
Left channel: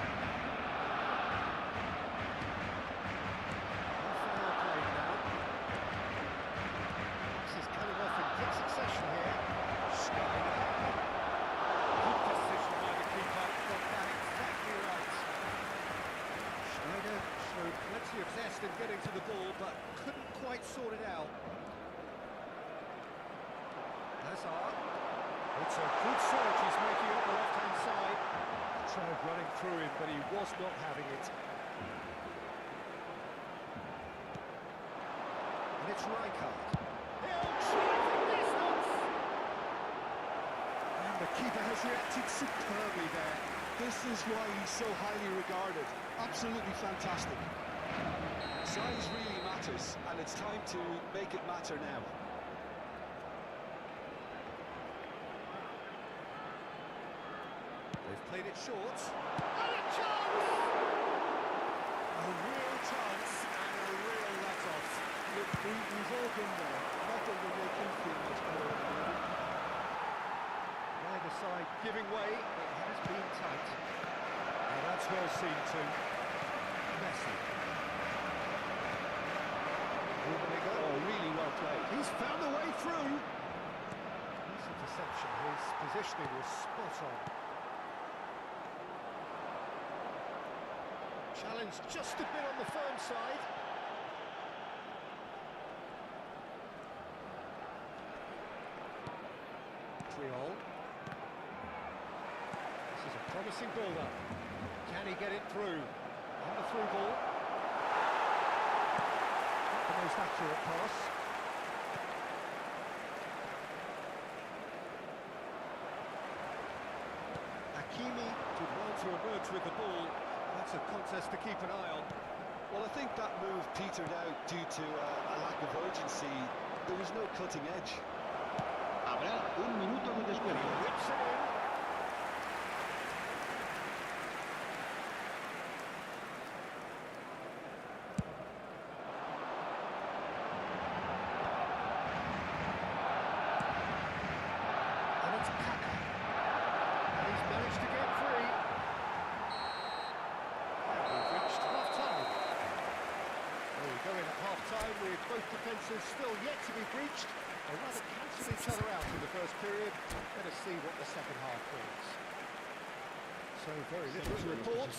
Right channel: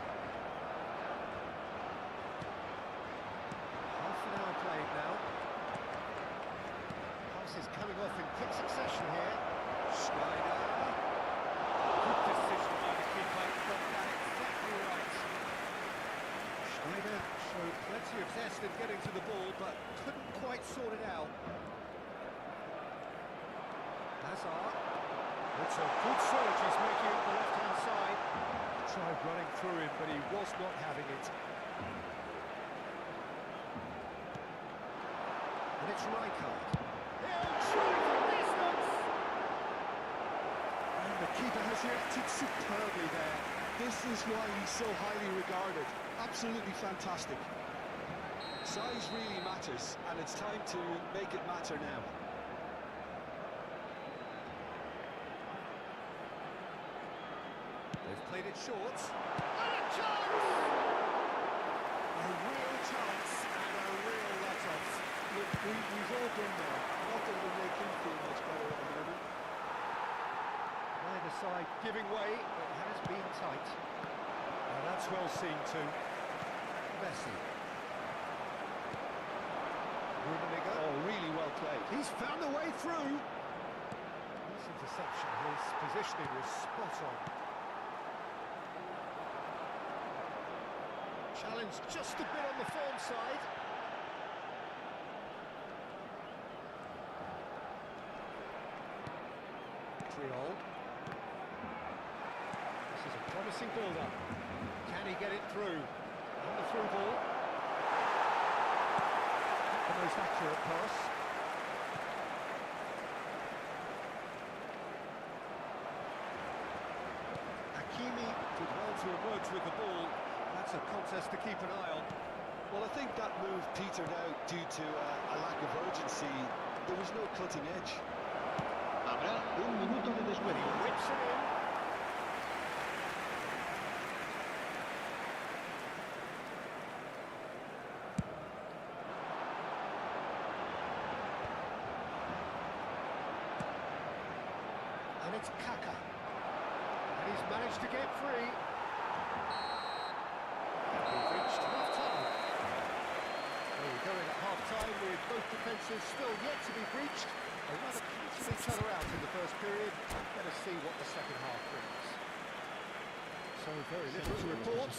succession here. Schneider. Good decision by the keeper. Got that exactly right. Schneider showed plenty of zest in getting to the ball, but couldn't quite sort it out. Hazard. It's a good surge he's making up the left-hand side. Tried running through him, but he was not having it. And it's Rijkaard. He'll try from distance! And the keeper has reacted superbly there. This is why he's so highly regarded. Absolutely fantastic. Size really matters, and it's time to make it matter now. They've played it short. And a chance! A real chance and a real let-off. Look, we've all been there. Not that it'll make him feel much better at the moment. Neither side giving way. It has been tight. Now that's well seen too. Messi. Rummenigge. Oh, really well played. He's found a way through. His interception, his positioning was spot on. Challenge just a bit on the firm side. Triol. This is a promising build-up. Can he get it through? And the through ball. Not the most accurate pass. Hakimi did well to emerge with the ball. That's a contest to keep an eye on. Well, I think that move petered out due to a lack of urgency. There was no cutting edge. Habrá un minuto de descuento. He whips it in. And it's Kaka. And he's managed to get free. And we've reached half-time. So we go in at half-time with both defences still yet to be breached. They rather cancel each other out in the first period. Let us see what the second half brings. So very little to report.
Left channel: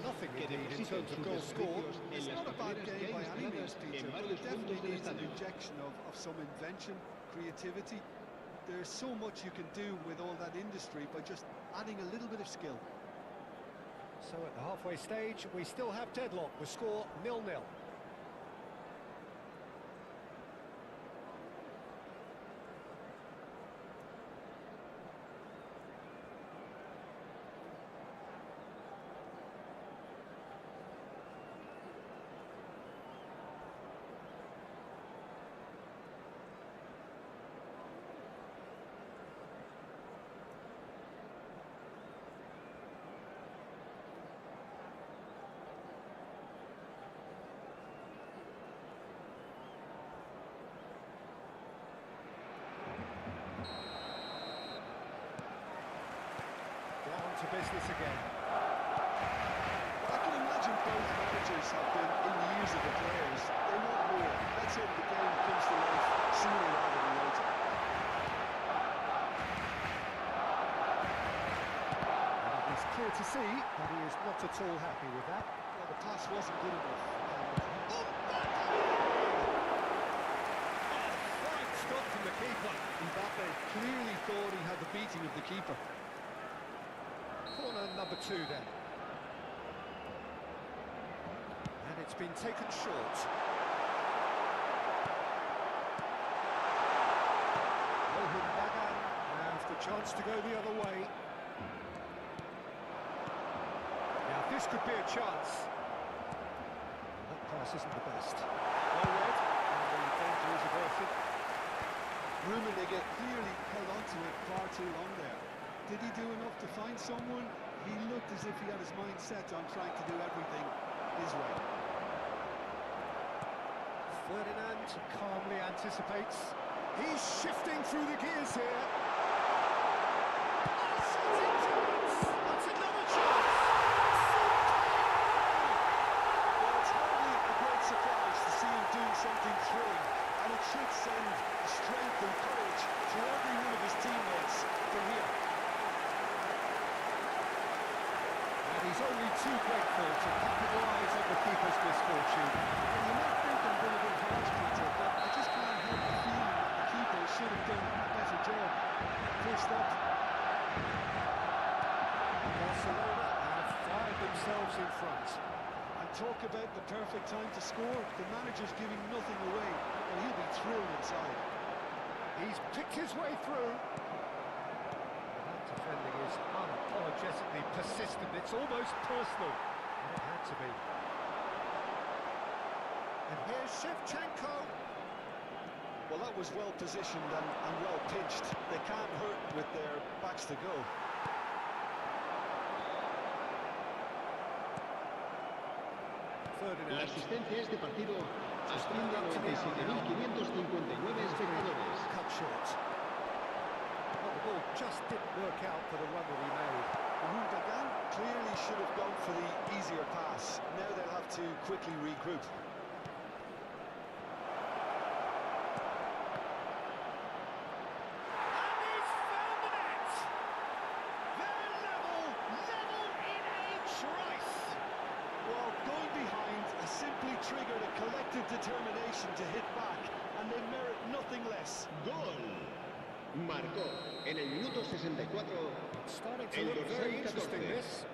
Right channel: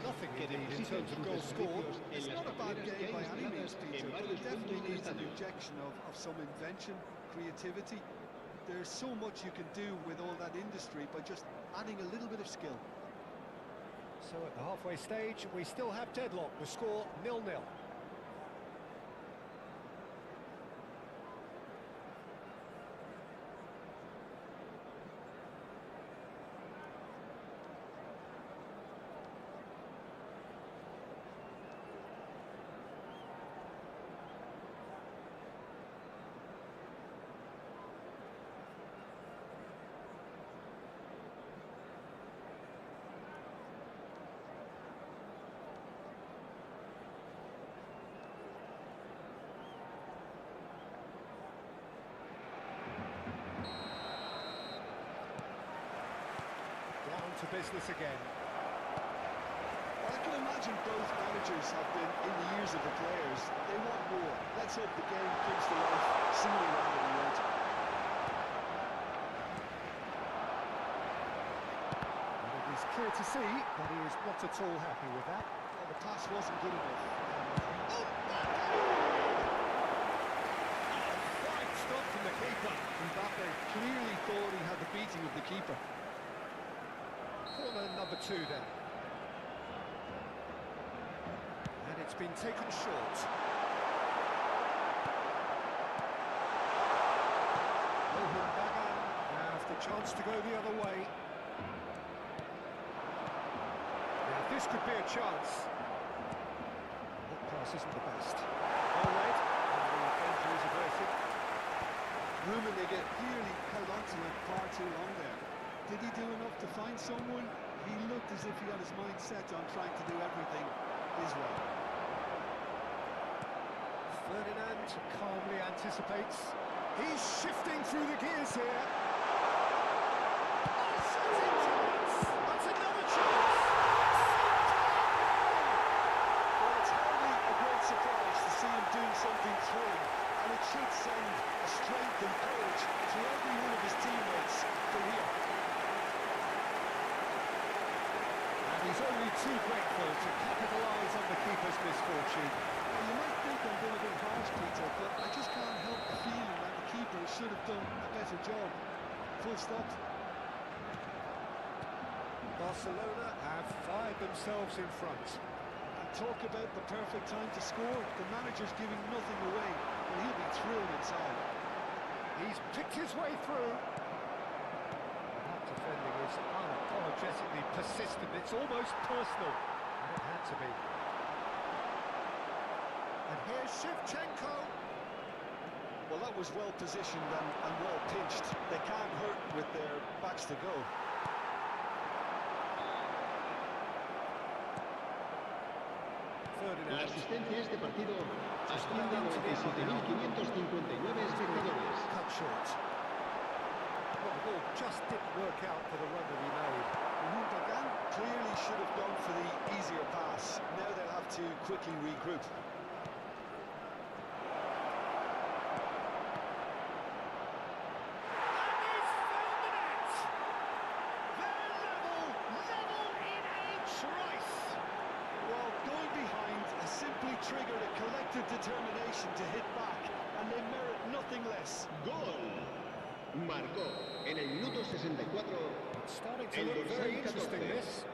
Nothing indeed in terms of goals scored. It's not a bad game by any means, Peter, but it definitely needs an injection of some invention, creativity. There's so much you can do with all that industry by just adding a little bit of skill. So at the halfway stage, we still have deadlock. The score 0-0. Down to business again. Well, I can imagine both managers have been in the ears of the players. They want more. Let's hope the game comes to life sooner rather than later. And it is clear to see that he is not at all happy with that. Well, the pass wasn't good enough. Fine stop from the keeper. Mbappe clearly thought he had the beating of the keeper. Corner number 2 then. And it's been taken short. Rohan Bagan have the chance to go the other way. Now this could be a chance. That pass isn't the best. Well read, and the danger is averted. Rummenigge clearly held on to it far too long there. Did he do enough to find someone? He looked as if he had his mind set on trying to do everything his way. Ferdinand calmly anticipates. He's shifting through the gears here. Oh, shoots into it! That's another chance! Well, it's hardly a great surprise to see him doing something thrilling. I and it should send strength and courage to every one of his teammates from here. And he's only too grateful to capitalise on the keeper's misfortune. Well, you might think I'm being a bit harsh, Peter, but I just can't help the feeling that the keeper should have done a better job. Full stop. Barcelona have fired themselves in front. And talk about the perfect time to score. The manager's giving nothing away, but he'll be thrilled inside. He's picked his way through. That defending is unapologetically persistent. It's almost personal, and it had to be. And here's Shevchenko. Well, that was well positioned and well pinched. They can't hurt with their backs to go. La asistencia a este partido asciende a 97.559 espectadores. Cut short. Well, the ball just didn't work out for the run that he made. Gundogan clearly should have gone for the easier pass. Now they'll have to quickly regroup. And he's found the net! They're level in a trice! Well, going behind has simply triggered a collective determination to hit back, and they merit nothing less. ¡Gol! Marcó en el minuto 64 It's starting to el look dorsal very interesting, 14. this.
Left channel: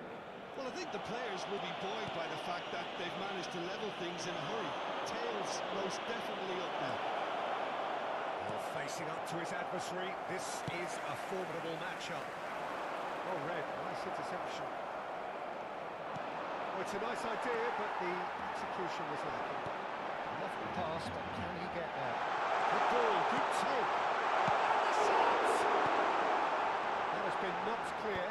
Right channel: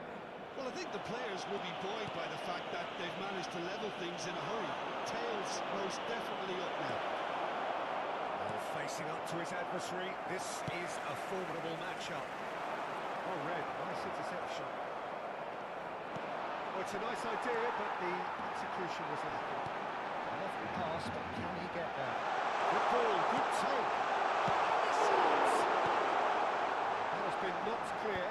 Well, I think the players will be buoyed by the fact that they've managed to level things in a hurry. Tails most definitely up now. Well, facing up to his adversary, this is a formidable matchup. Oh, Red, nice interception. Well, it's a nice idea, but the execution was lacking. Lovely pass, but can he get there? Good ball, good take. And the shot! That has been knocked clear.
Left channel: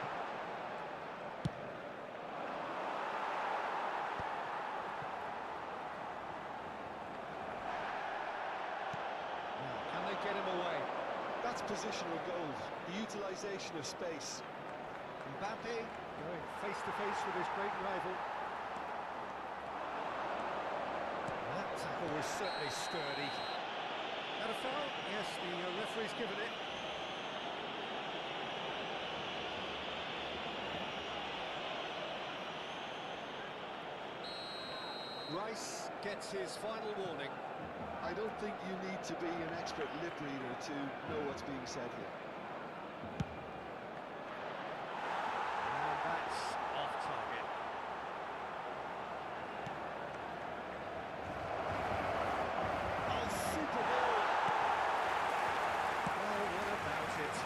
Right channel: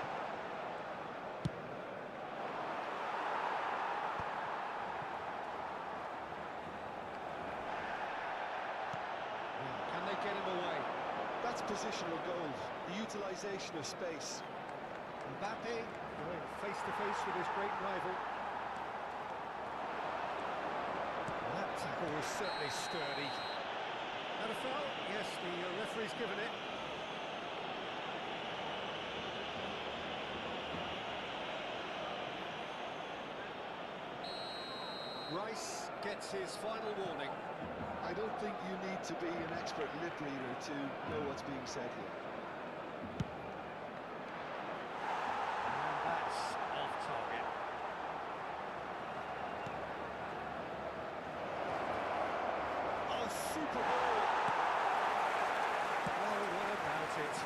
Now, can they get him away? That's positional goal, the utilisation of space. Mbappe going face-to-face with his great rival. Well, that tackle was certainly sturdy. Had a foul? Yes, the referee's given it. Rice gets his final warning. I don't think you need to be an expert lip reader to know what's being said here. And that's off target. Oh, super ball! Well, what about it?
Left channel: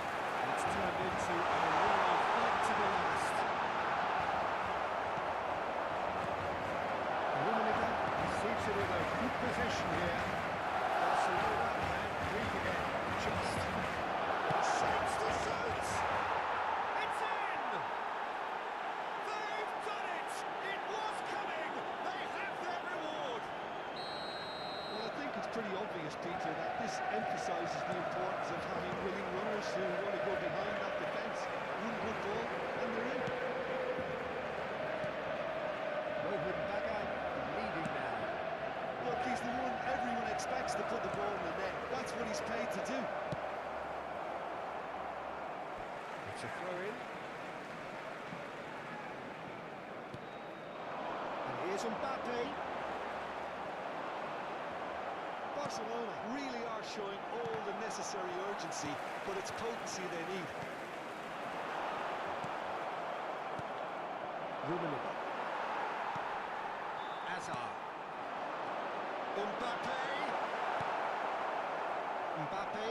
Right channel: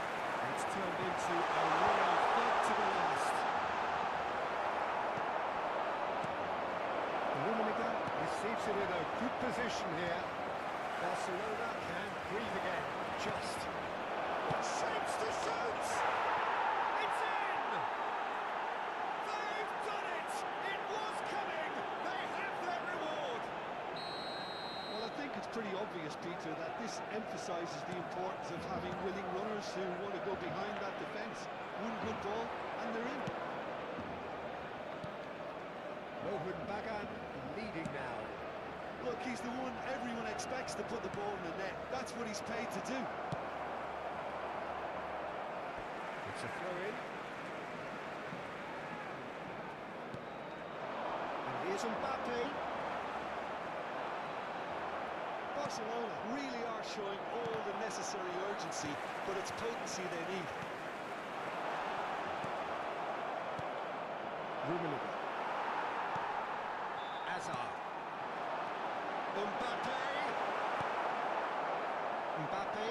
It's turned into a real fight to the last. Rummenigge receives it in a good position here. Barcelona can breathe again. Just shapes to shoot! It's in! They've done it! It was coming! They have their reward! Well, I think it's pretty obvious, Peter, that this emphasises the importance of having willing runners who want to go behind that defence. One good ball, and they're in. Rohan Bagan leading now. Look, he's the one everyone expects to put the ball in the net. That's what he's paid to do. It's a throw-in. And here's Mbappe. Barcelona really are showing all the necessary urgency, but it's potency they need. Rummenigge. Hazard. Mbappe. Mbappe.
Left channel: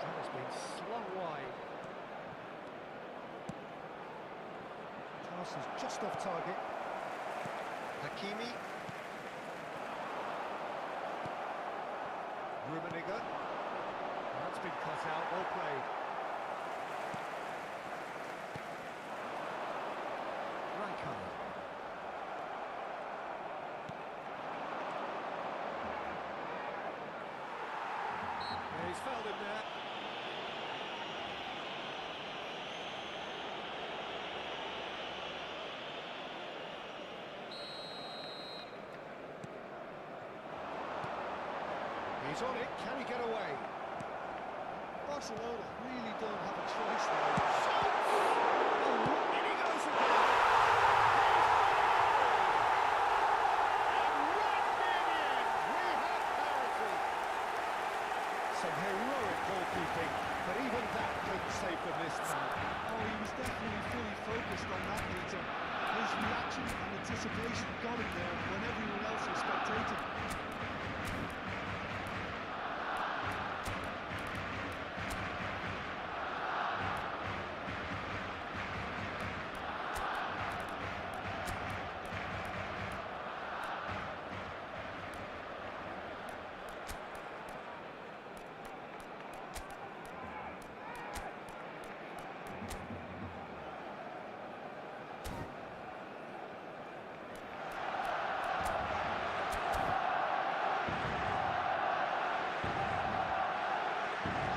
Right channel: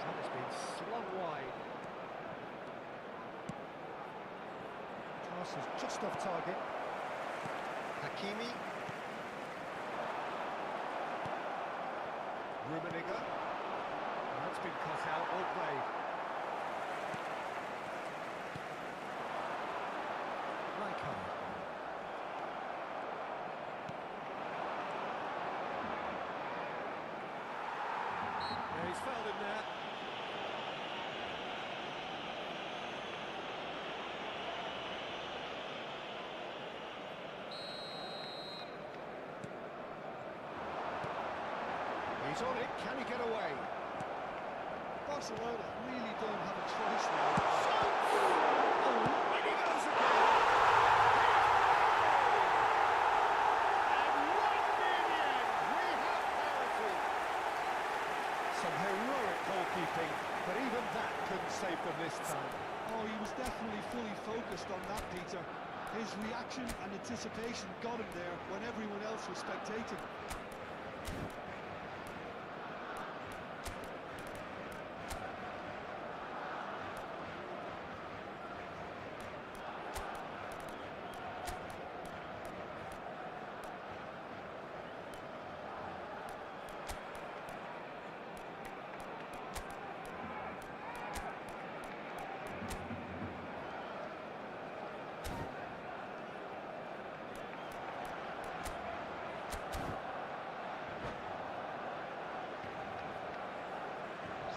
That has been slung wide. Pass is just off target. Hakimi. Rummenigge. That's been cut out, well played. Rijkaard. Yeah, he's fouled him there. He's on it, can he get away? Barcelona really don't have a choice now. Shoots! Oh, in he goes again! And right near the end, we have parity. Some heroic goalkeeping, but even that couldn't save them this time. Oh, he was definitely fully focused on that, Peter. His reaction and anticipation got him there when everyone else was spectating.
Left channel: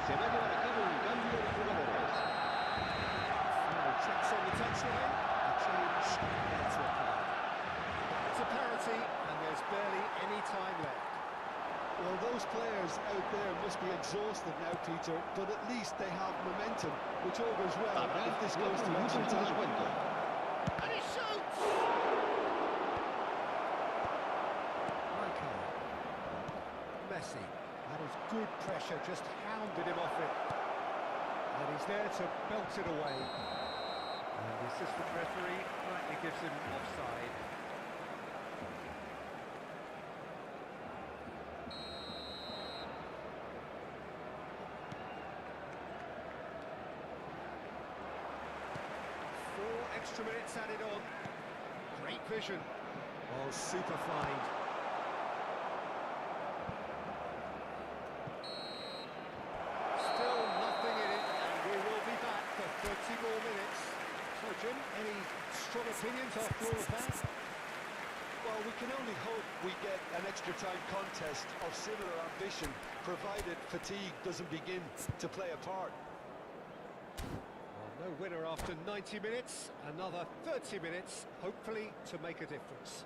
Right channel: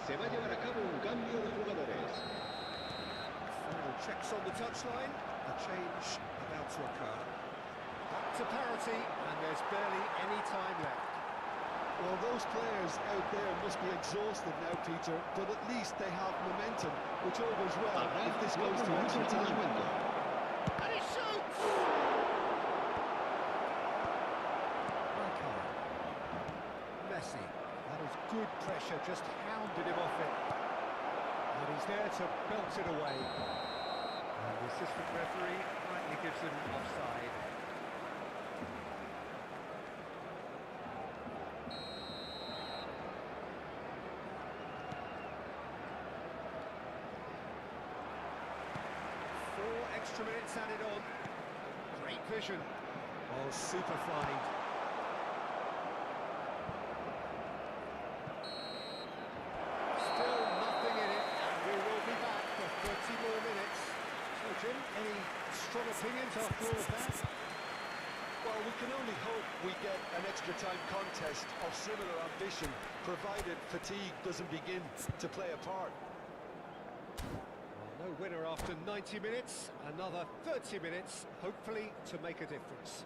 Se va a llevar a cabo un cambio de jugadores. Final checks on the touchline, a change now to occur. Back to parity, and there's barely any time left. Well, those players out there must be exhausted now, Peter, but at least they have momentum, which all goes well Habrá if this goes 4 to extra minutos de time. descuento. And he shoots! Rijkaard. Messi. That is good pressure, just hounded him off it. And he's there to belt it away. And the assistant referee rightly gives him offside. Four extra minutes added on. Great vision. Oh, super find. Still nothing in it, and we will be back for 30 more minutes. So, Jim, any strong opinions after all of that? Well, we can only hope we get an extra time contest of similar ambition, provided fatigue doesn't begin to play a part. Well, no winner after 90 minutes, another 30 minutes, hopefully to make a difference.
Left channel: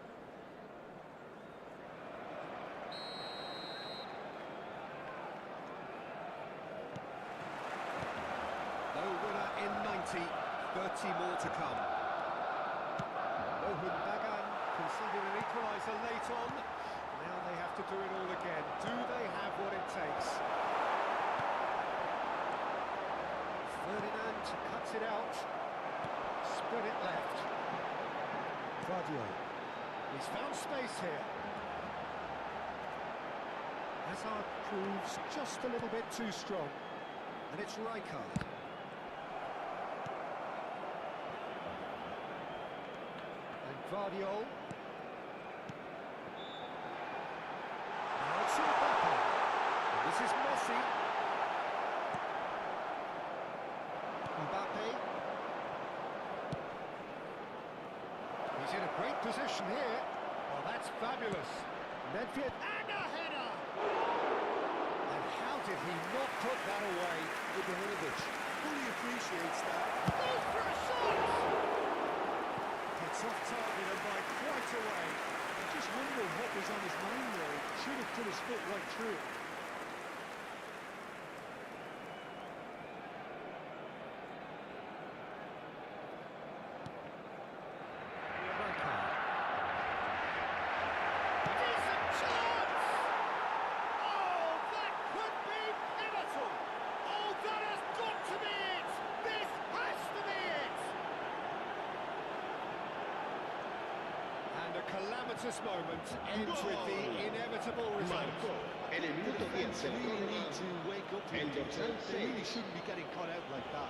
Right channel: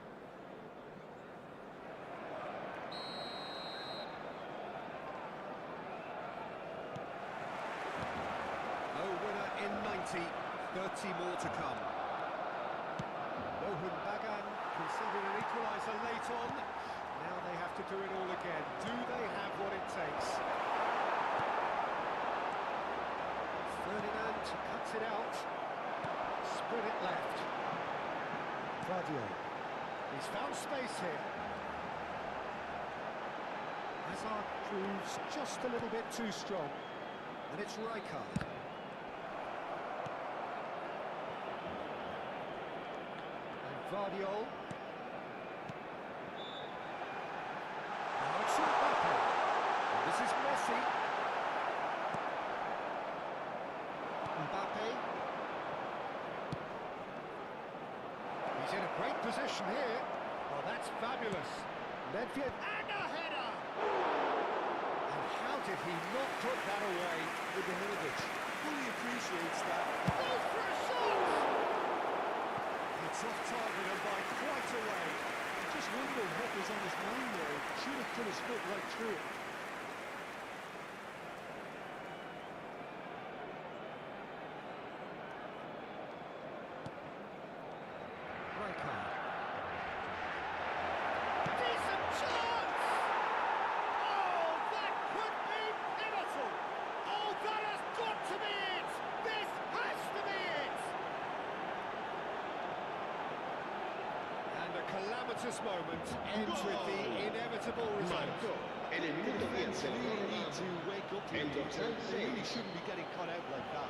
No winner in 90, 30 more to come. Mohun Bagan conceded an equaliser late on. Now they have to do it all again. Do they have what it takes? Ferdinand cuts it out. Spread it left. Vadio. He's found space here. Hazard proves just a little bit too strong. And it's Rijkaard. Guardiola. Now it's Mbappe. And this is Messi. Mbappe. He's in a great position here. Oh, that's fabulous. Nedved and a header. And how did he not put that away? Ibrahimovic fully appreciates that. Goes for a shot! It's off target and by quite a way. I just wonder what was on his mind there. He should have put his foot right through it. Rijkaard. Decent chance! Oh, that could be pivotal! Oh, that has got to be it! This has to be it! And a calamitous moment ends with the inevitable result. Marcó en el minuto 10 de la Really need prórroga to wake up here, el Peter. dorsal They really 6. shouldn't be getting caught out like that.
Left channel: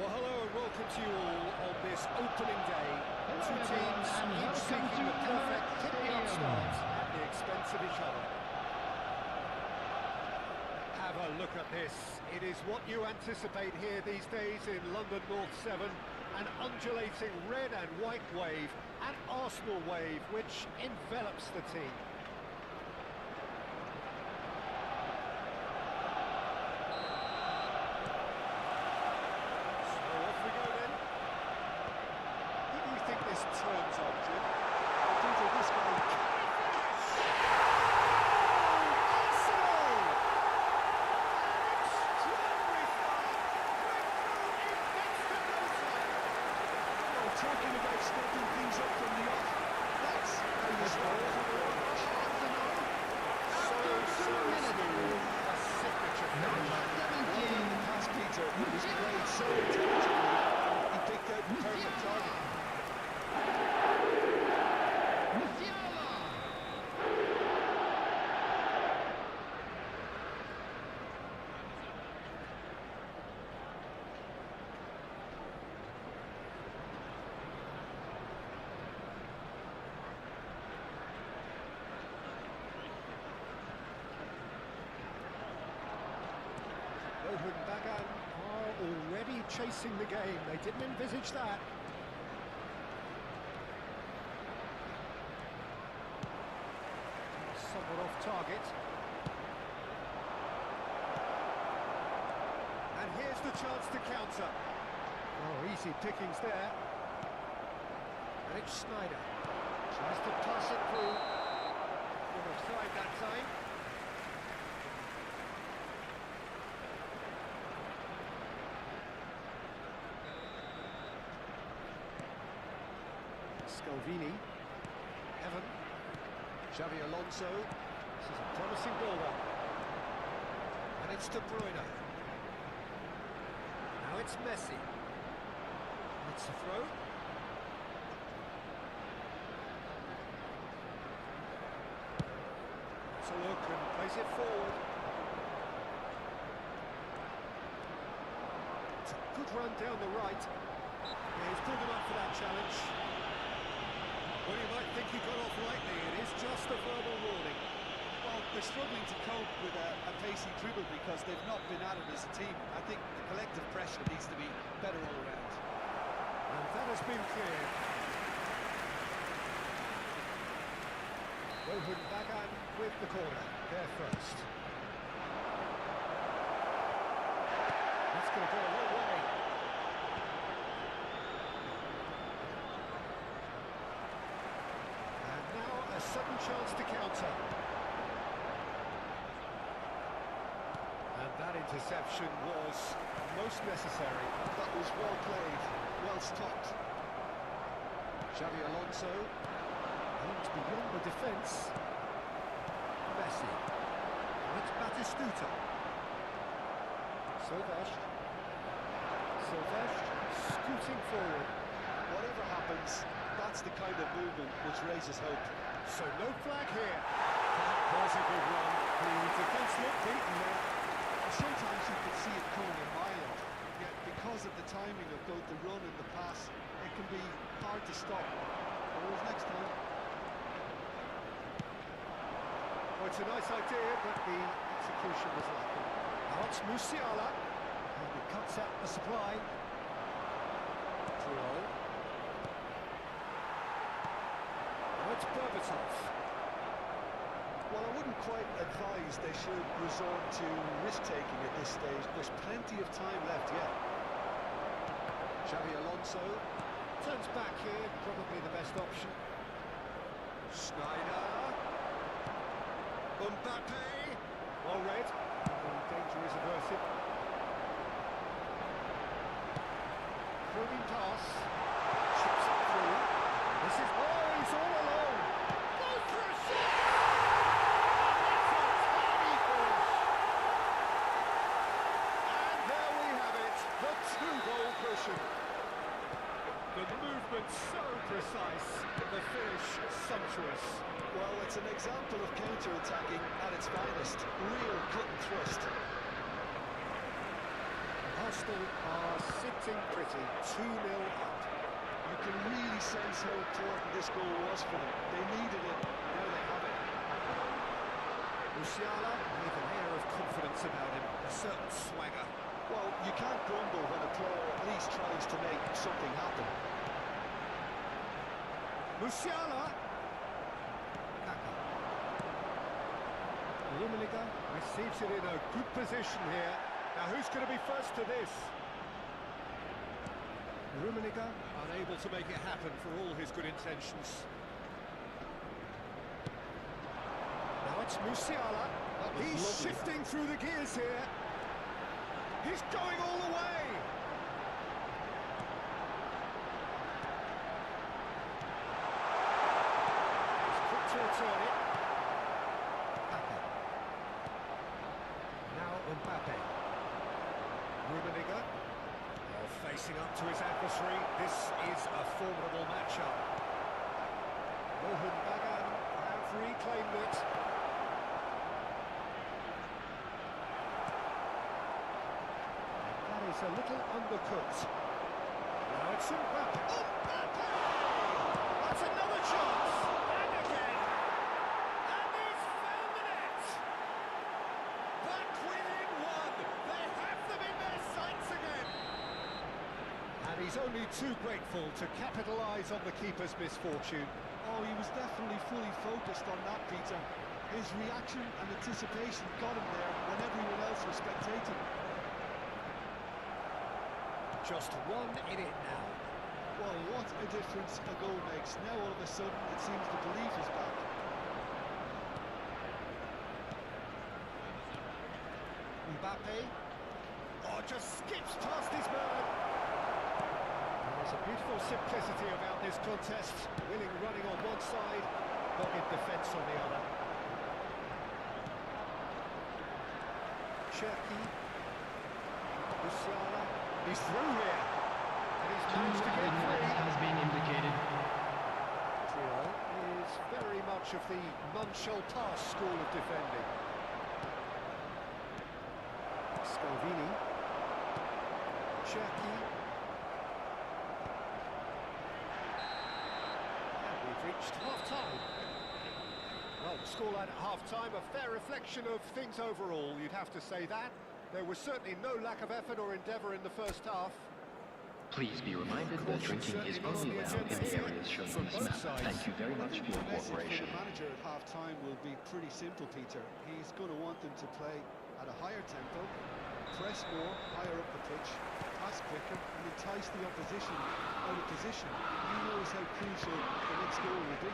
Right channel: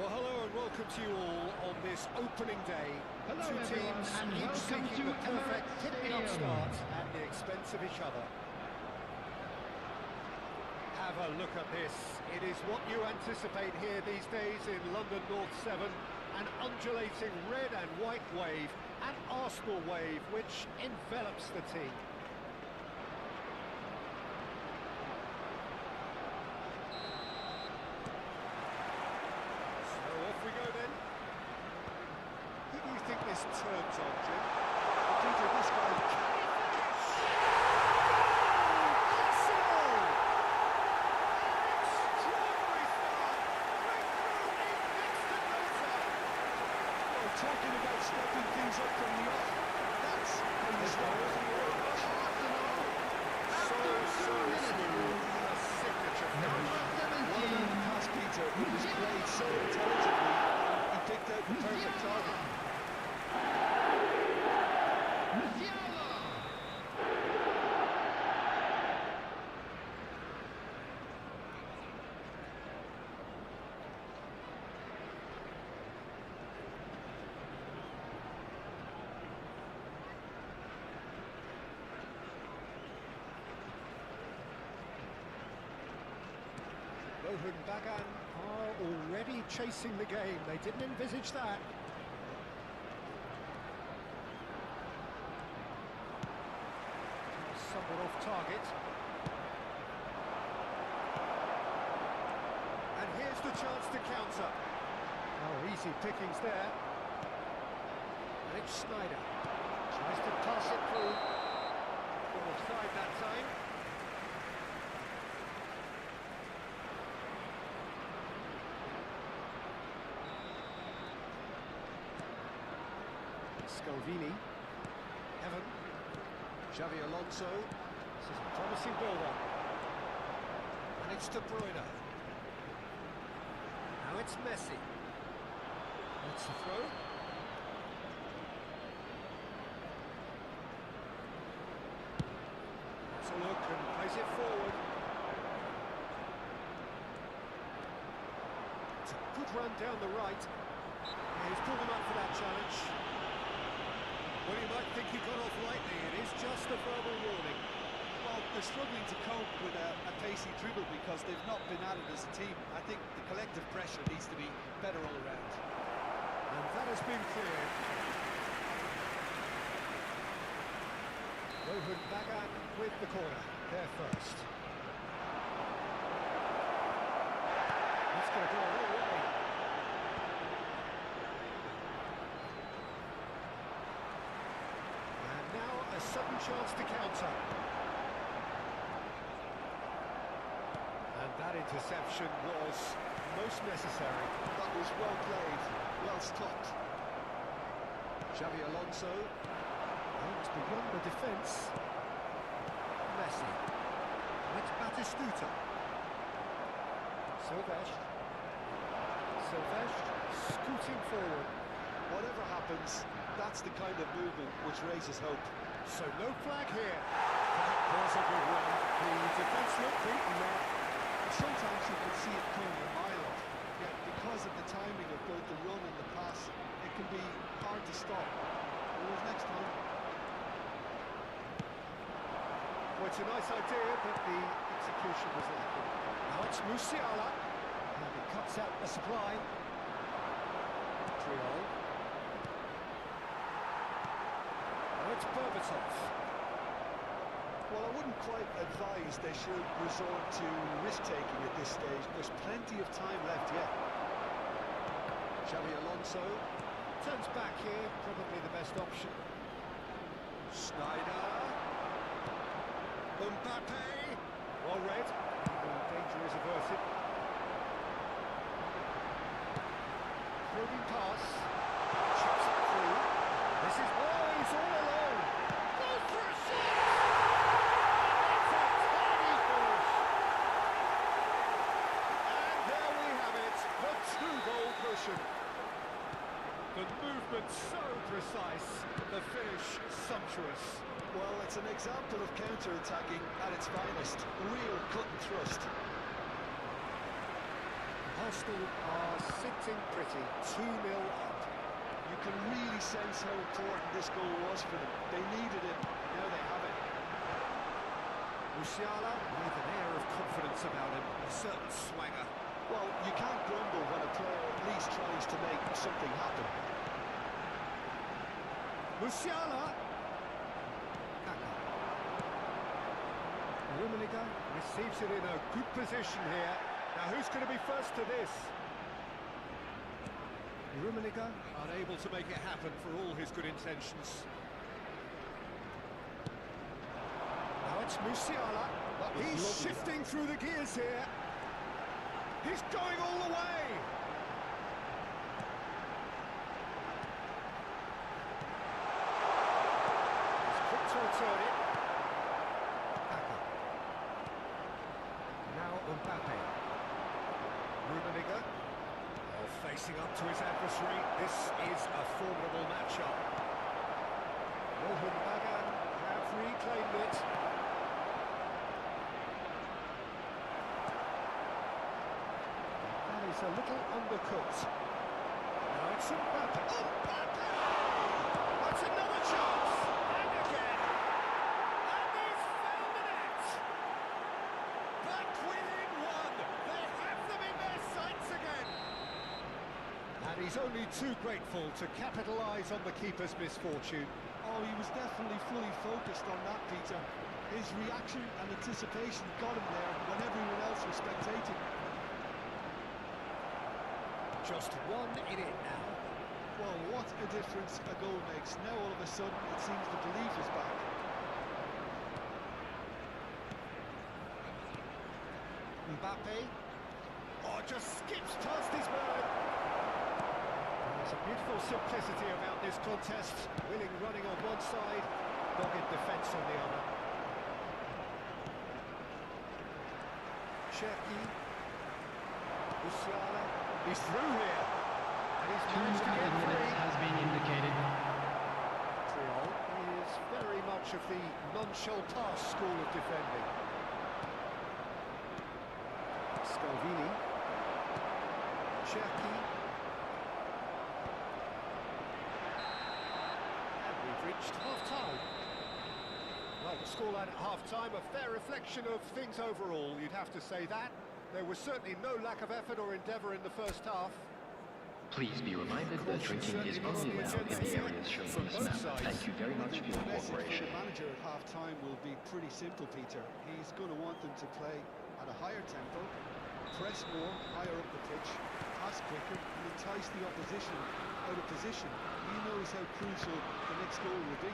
Well, hello and welcome to you all on this opening day. Hello Two everyone, teams, and each welcome seeking to the perfect Encored hit-me-up Stadium. start at the expense of each other. Have a look at this. It is what you anticipate here these days in London North 7. An undulating red and white wave, an Arsenal wave which envelops the team. his terms on, Jim. But Peter, this guy... Can he finish? Goal! Arsenal! An extraordinary start. Breakthrough in next to no time. Well, talking about stepping things up from the off, that's how you start. Arsenal. After 2 minutes. Smooth. A signature finish. What about the pass, Peter? It was played so intelligently, and he picked out the perfect target. Rohun Bagan are already chasing the game. They didn't envisage that. Somewhat off target. And here's the chance to counter. Oh, easy pickings there. And it's Snyder. Tries to pass it through. Not offside that time. Scalvini. Heaven. Xavi Alonso. This is a promising build-up. And it's De Bruyne. Now it's Messi. It's a throw. It's a look and plays it forward. It's a good run down the right. Yeah, he's pulled him up for that challenge. Well, you might think he got off lightly. It is just a verbal warning. Well, they're struggling to cope with a pacey dribble because they've not been at it as a team. I think the collective pressure needs to be better all around. And that has been cleared. Rohun Bagan with the corner. There first. That's going to go a long way. And now a sudden chance to counter. And that interception was most necessary. That was well played, well stopped. Xavi Alonso. Aims beyond the defence. Messi. It's Batistuta. Silvestre scooting forward. Whatever happens, that's the kind of movement which raises hope. So no flag here. That was a good run. The defence looked beaten there. Sometimes you could see it coming a mile off, yet because of the timing of both the run and the pass, it can be hard to stop. Always next time. Well, it's a nice idea, but the execution was lacking. Now it's Musiala. And he cuts out the supply. Triol. Now it's Berbatov. Well, I wouldn't quite advise they should resort to risk-taking at this stage. There's plenty of time left yet. Xavi Alonso turns back here, probably the best option. Snyder. Mbappe. Well read. The danger is averted. Probing pass. Chips it through. This is... Oh, he's all alone. Goes for a shot! And that's a tiny finish. And there we have it. The two-goal cushion. The movement so precise. The finish sumptuous. Well, it's an example of counter-attacking at its finest. Real cut and thrust. Arsenal are sitting pretty, 2-0 up. You can really sense how important this goal was for them. They needed it, now they have it. Musiala with an air of confidence about him, a certain swagger. Well, you can't grumble when a player at least tries to make something happen. Musiala! Kaka. Rummenigge receives it in a good position here. Now who's going to be first to this? Rummenigge unable to make it happen for all his good intentions. Now it's Musiala. He's shifting through the gears here. He's going all the way. He's quick to return it. Packer. Now Mbappe. Rummenigge. Facing up to his adversary. This is a formidable matchup. Rohan Bagan have reclaimed it. That is a little undercooked. Now it's Mbappe. Mbappe! That's another chance! And again! And he's found the net! Back within one! They have them in their sights again! And he's only too grateful to capitalise on the keeper's misfortune. Oh, he was definitely fully focused on that, Peter. His reaction and anticipation got him there when everyone else was spectating. Just one in it now. Well, what a difference a goal makes. Now all of a sudden it seems the belief is back. Mbappe. Oh, just skips past his man. There's a beautiful simplicity about this contest. Willing running on one side, dogged defence on the other. Cherki. Musiala. He's through here. And he's managed to get free. Has been indicated. Triol is very much of the non-shall-pass school of defending. Scalvini. Cherki. And we've reached half-time. Well, the scoreline at half-time, a fair reflection of things overall, you'd have to say that. There was certainly no lack of effort or endeavour in the first half. Please be reminded that drinking is only allowed in the areas shown on this map. Thank you very much for your cooperation. The manager at half-time will be pretty simple, Peter. He's going to want them to play at a higher tempo, press more, higher up the pitch, pass quicker, and entice the opposition out of position. He knows how crucial the next goal will be.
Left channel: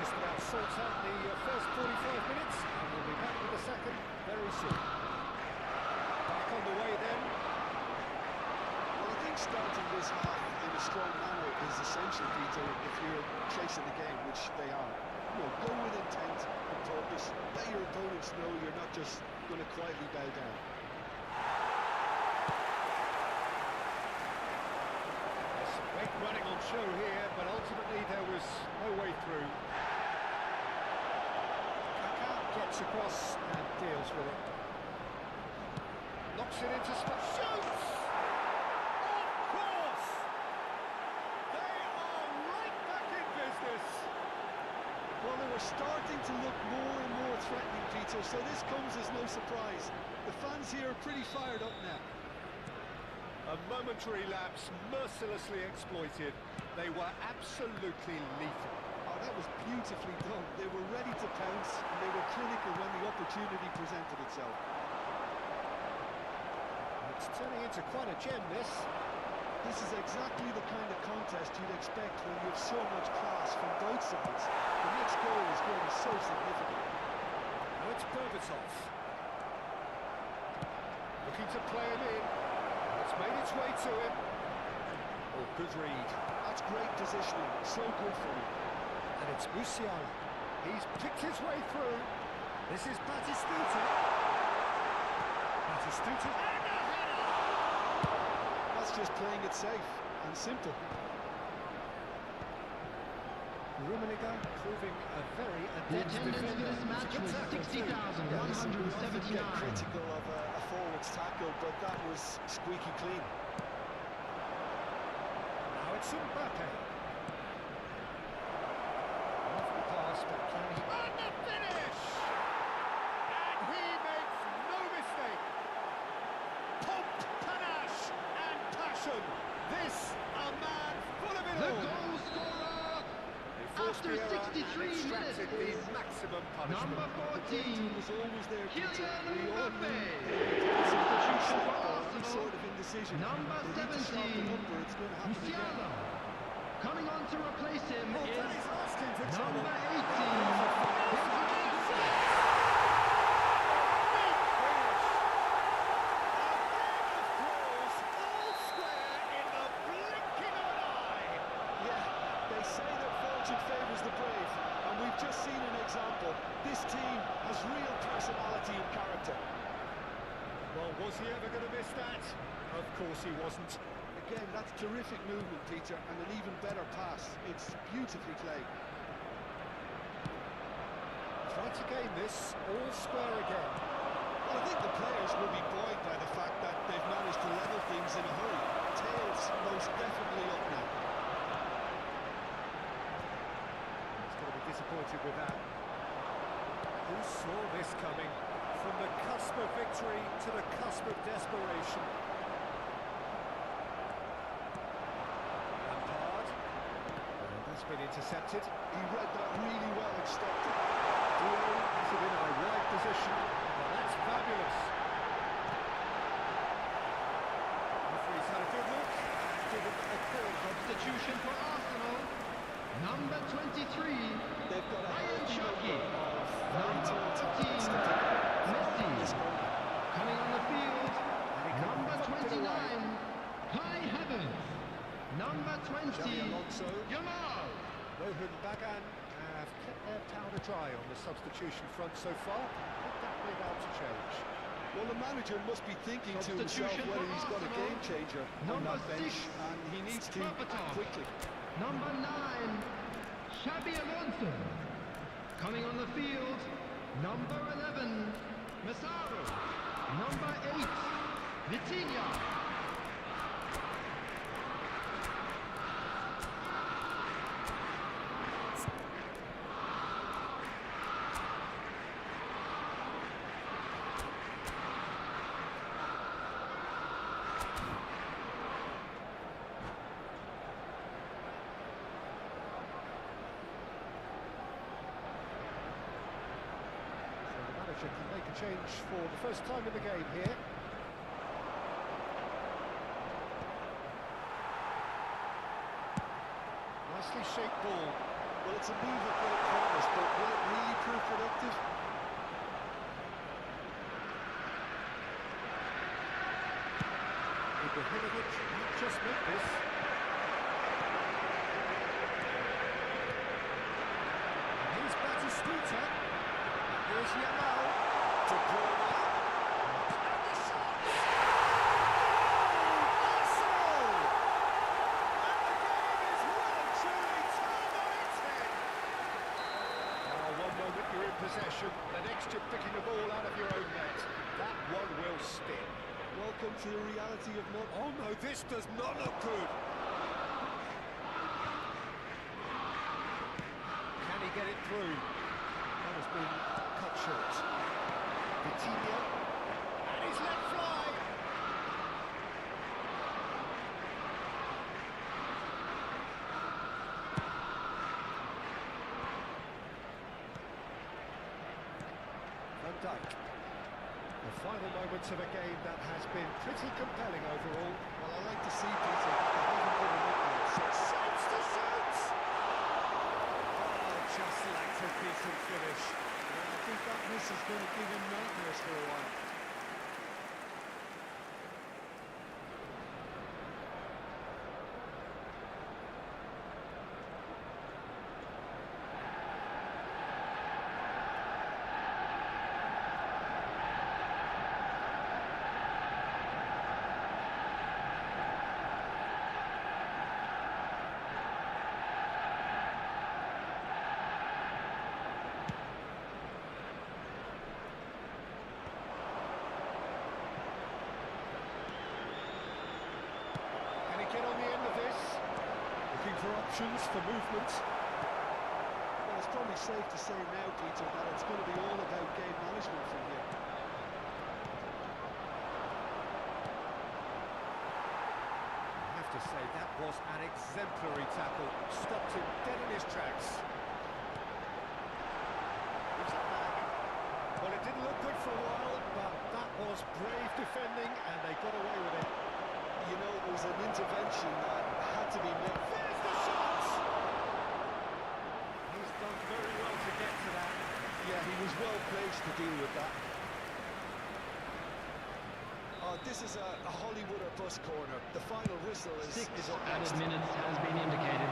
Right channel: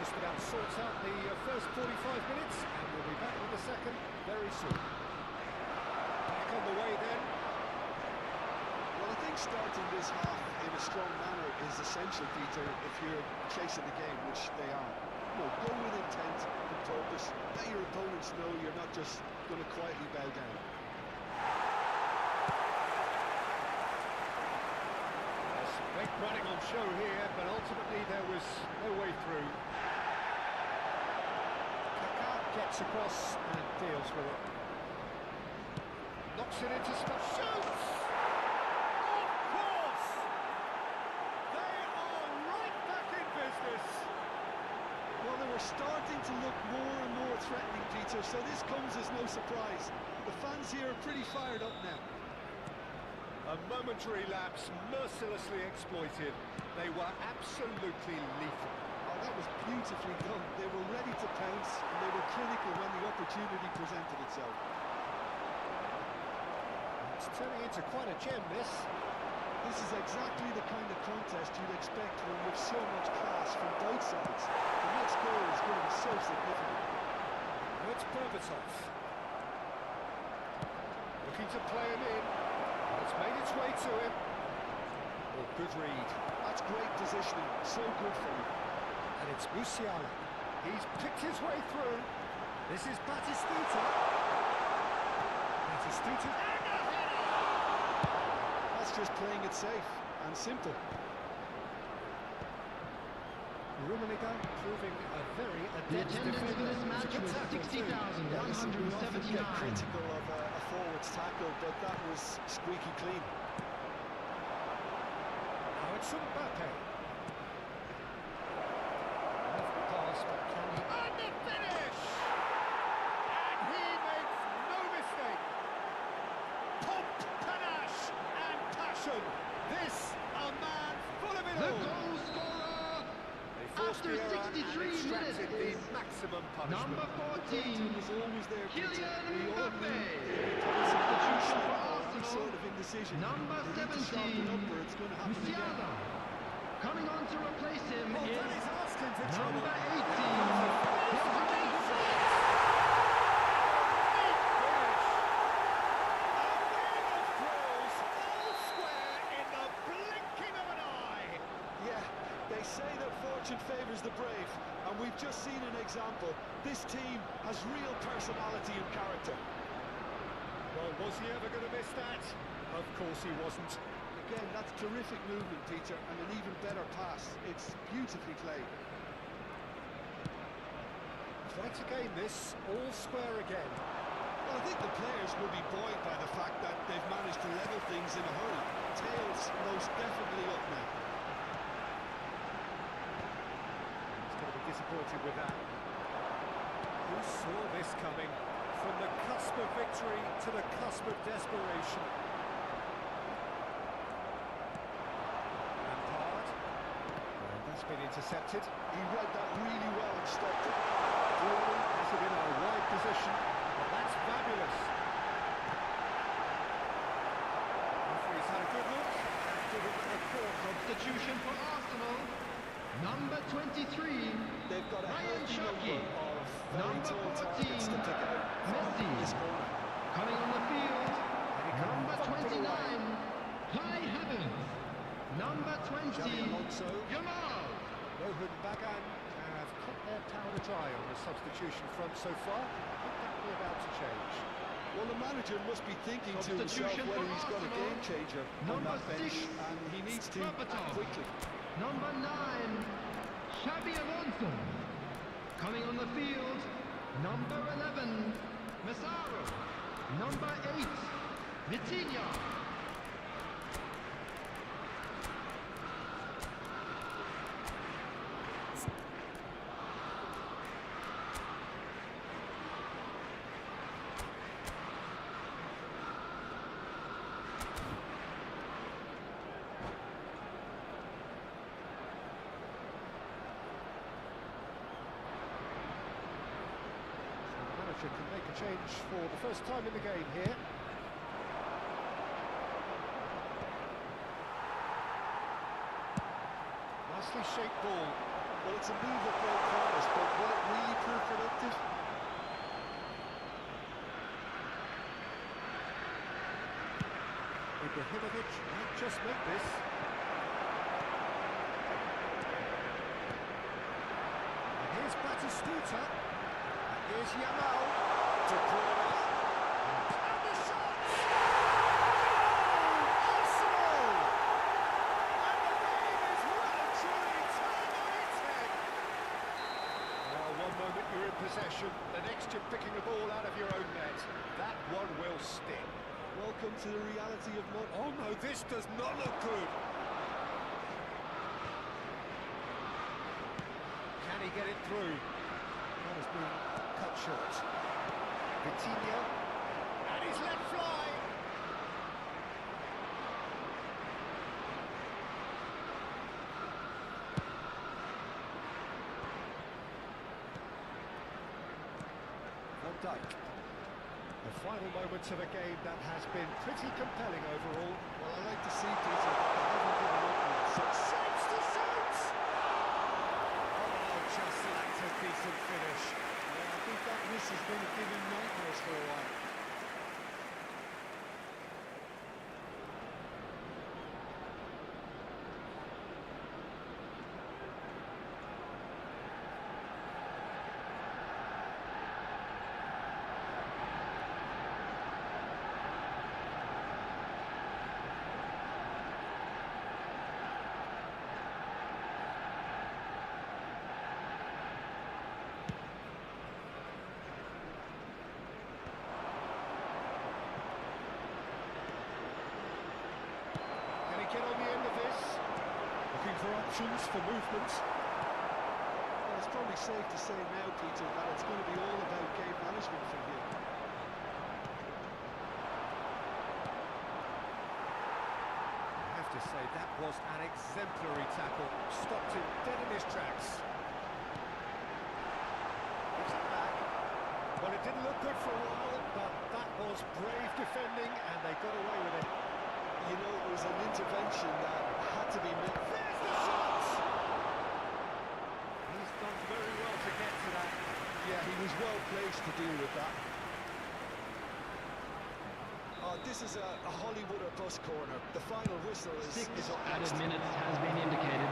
Just about sorts out the first 45 minutes, and we'll be back with the second very soon. Back on the way then. Well, I think starting this half in a strong manner is essential, Peter, if you're chasing the game, which they are. You know, go with intent and purpose. Let your opponents know you're not just going to quietly bow down. There's some great running on show here, but ultimately there was no way through. Gets across and deals with it. Knocks it into space. Shoots! Of course! They are right back in business. Well, they were starting to look more and more threatening, Peter, so this comes as no surprise. The fans here are pretty fired up now. A momentary lapse, mercilessly exploited. They were absolutely lethal. Oh, that was beautifully done. They were ready to pounce, and they were clinical when the opportunity presented itself. It's turning into quite a gem, this. This is exactly the kind of contest you'd expect when you have so much class from both sides. The next goal is going to be so significant. Now it's Berbatov. Looking to play him in. It's made its way to him. Oh, good read. That's great positioning. So good for him. And it's Musiala. He's picked his way through. This is Batistuta. Batistuta. And a header! That's just playing it safe and simple. Rummenigge proving a very The adept attendance defender. for this match was 60,179. Get critical of a forward's tackle, but that was squeaky clean. Now it's Mbappe. Lovely pass, but can he... And the finish! And he makes no mistake. Pomp, panache, and passion. This, a man full of it The all. goal scorer They forced after the error, 23 minutes extracted is the maximum punishment. number Danger 14, was always there, Peter. Kylian We all Mbappe. knew they'd be close Substitution for or any Arsenal. sort of indecision. Number They need to sharpen 17, up or it's going to happen again. Musiala. Coming on to replace him Oh, is Danny's asking for trouble. number 18, Finish. A game of throws, all square in the blinking of an eye. Yeah, they say that fortune favours the brave, and we've just seen an example. This team has real personality and character. Well, was he ever going to miss that? Of course he wasn't. Again, that's terrific movement, Peter, and an even better pass. It's beautifully played. Try to gain this, all square again. Well, I think the players will be buoyed by the fact that they've managed to level things in a hurry. Tails most definitely up now. He's going to be disappointed with that. Who saw this coming? From the cusp of victory to the cusp of desperation. Lampard. And that's been intercepted. He read that really well and stopped it. Duo has it in a wide position. Well, that's fabulous. Referee's had a good look and given a corner. substitution for Arsenal. Number 23, They've got a Ryan healthy Shaki. number of very Number tall 14, targets to pick out Messi. from this corner. Coming on the field, And he can number thump it 29, away. Kai Havertz. Number 20, Xabi Alonso. Yamal. Rohan Bagan have kept their powder dry on the substitution front so far. Could that be about to change? Well, the manager must be thinking to himself Substitution whether for he's got a Arsenal. game changer on Number that bench, 6, and he needs to act Berbatov. quickly. Number 9, Xabi Alonso. Coming on the field, number 11, Massaro. Number 8, Vitinha. So the manager can make a change for the first time in the game here. Nicely shaped ball. Well, it's a move of great promise, but will it really prove productive? Ibrahimovic might just make this. And here's Batistuta. And here's Yamal. De Bruyne. And the shot! Goal! Arsenal! And the game is well and truly turned on its head. Now, one moment you're in possession, the next you're picking the ball out of your own net. That one will stick. Welcome to the reality of mud. Oh no, this does not look good. Can he get it through? That has been cut short. Vitinha. And he's let fly. Van Dijk. The final moments of a game that has been pretty compelling overall. Well, I like to see, Peter, that they haven't given up yet. So Shapes to shoot! Oh, just lacked a decent finish. yeah, I think that miss is going to give him nightmares for a while. Can he get on the end of this? Looking for options, for movement. Well, it's probably safe to say now, Peter, that it's going to be all about game management from here. I have to say, that was an exemplary tackle. Stopped him dead in his tracks. Well, it didn't look good for a while, but that was brave defending, and they got away with it. You know, it was an intervention that had to be made. There's the shot! He's done very well to get to that. Yeah, he was well placed to deal with that. This is a Hollywood or bust corner. The final whistle is up Added next. minutes has been indicated.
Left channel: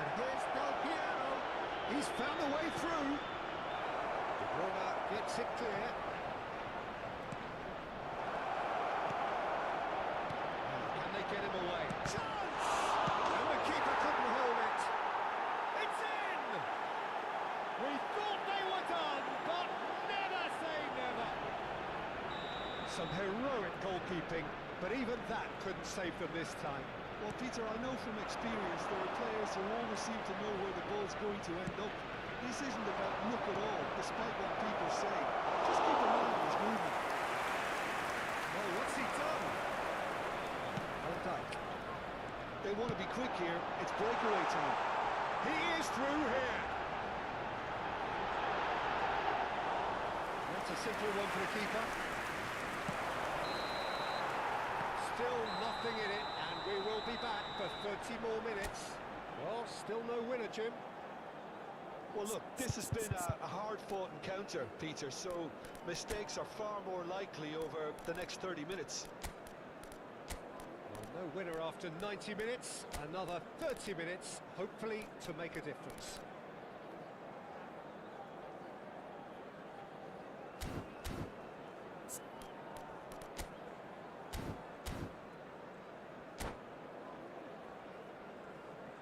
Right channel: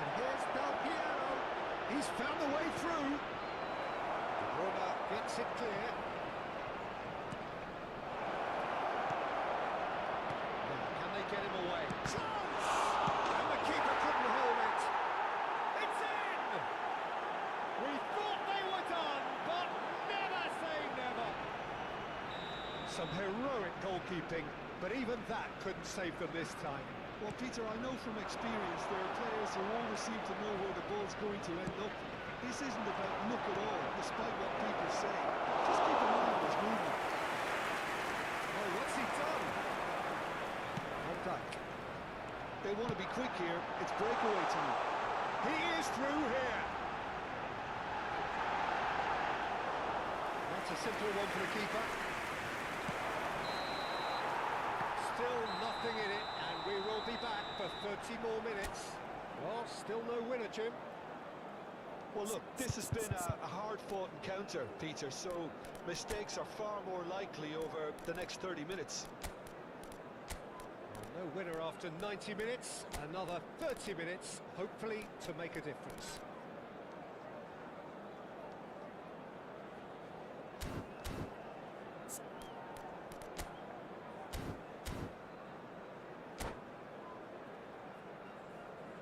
And here's Del Piero. He's found a way through. De Bruyne gets it clear. Now, can they get him away? Chance! And the keeper couldn't hold it. It's in! We thought they were done, but never say never. Some heroic goalkeeping, but even that couldn't save them this time. Well, Peter, I know from experience there are players who always seem to know where the ball's going to end up. This isn't about luck at all, despite what people say. Just keep an eye on his movement. Oh, what's he done? Van Dijk. They want to be quick here. It's breakaway time. He is through here. That's a simple one for the keeper. Still nothing in it, and we will be back for 30 more minutes. Well, still no winner, Jim. Well, look, this has been a hard-fought encounter, Peter, so mistakes are far more likely over the next 30 minutes. Well, no winner after 90 minutes. Another 30 minutes, hopefully, to make a difference.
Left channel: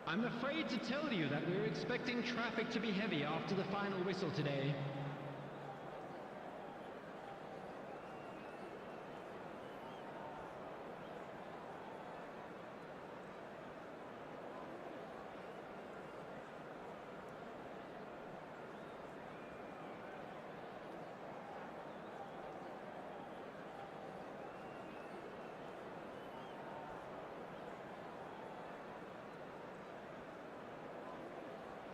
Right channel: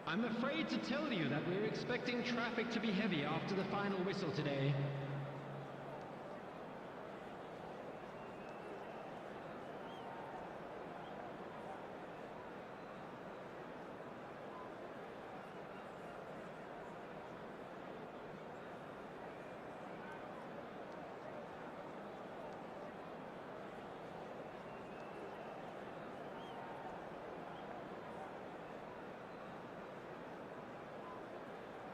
I'm afraid to tell you that we're expecting traffic to be heavy after the final whistle today.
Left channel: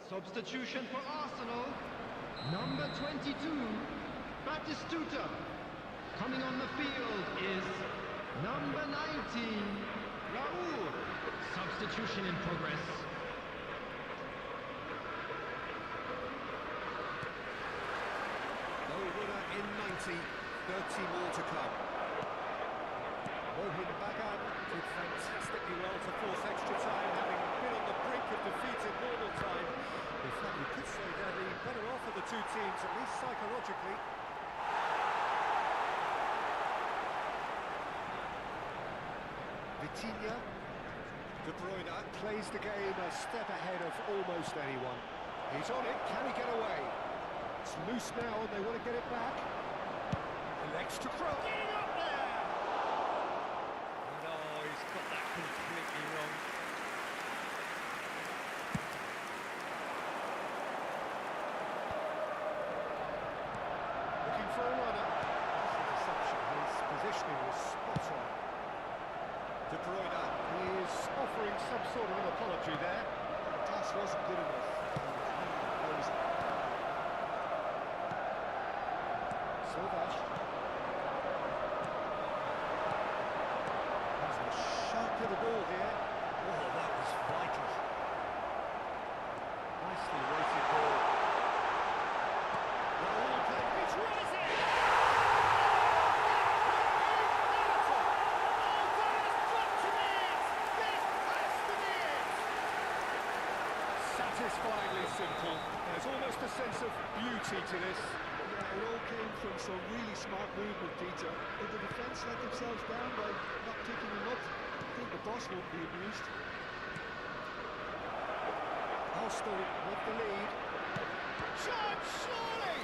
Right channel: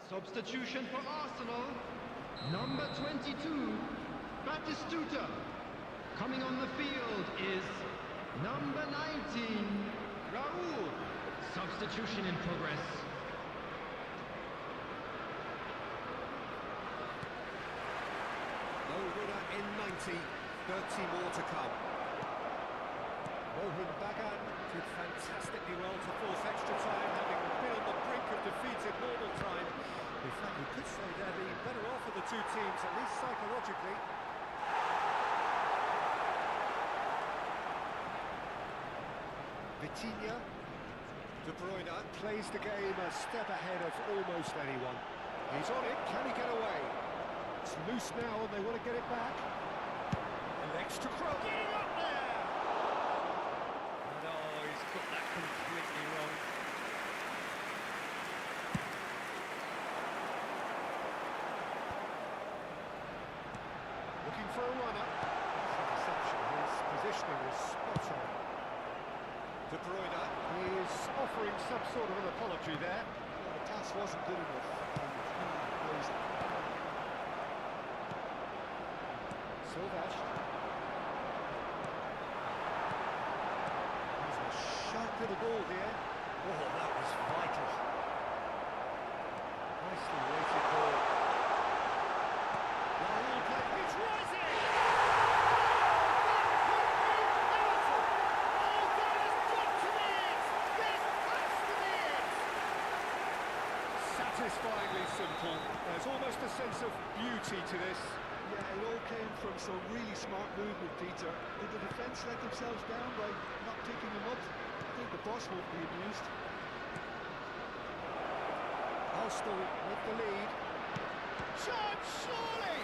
Substitution for Arsenal, number 22, Batistuta. Coming on the field is number 19, Raul. Substitution in progress. No winner in 90, 30 more to come. Mohin Bagan did fantastically well to force extra time, having been on the brink of defeat in normal time. In fact, you could say they're the better off of the two teams, at least psychologically. Vitinha. De Bruyne plays the game a step ahead of almost anyone. He's on it, can he get away? It's loose now and they want to get it back. An extra cross. Getting up there! And oh, he's got that completely wrong. Looking for a runner. That's a deception. His positioning was spot on. De Bruyne is offering some sort of an apology there. Well, the pass wasn't good enough, and he knows it. Silvash. He's a sharp little ball here. Oh, that was vital. Nicely weighted ball. Raul play. He's rising! Satisfyingly simple. There's almost a sense of beauty to this. Yeah, it all came from some really smart movement, Peter. Did the defence let themselves down by not picking him up? I think the boss won't be amused. Arsenal with the lead. Shot, surely!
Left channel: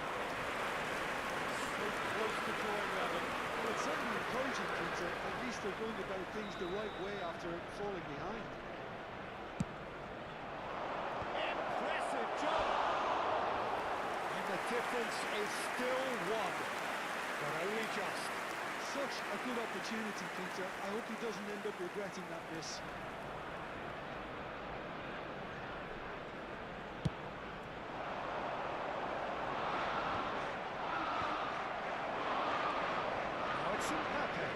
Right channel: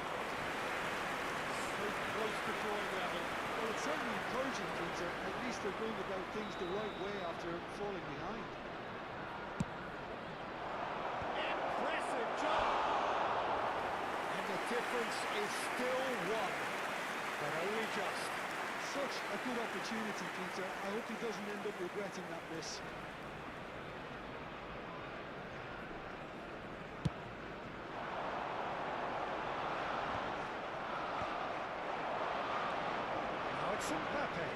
So close to drawing level. Well, it's certainly encouraging, Peter. At least they're going about things the right way after falling behind. Impressive job! And the difference is still one, but only just. Such a good opportunity, Peter. I hope he doesn't end up regretting that miss. Mbappe.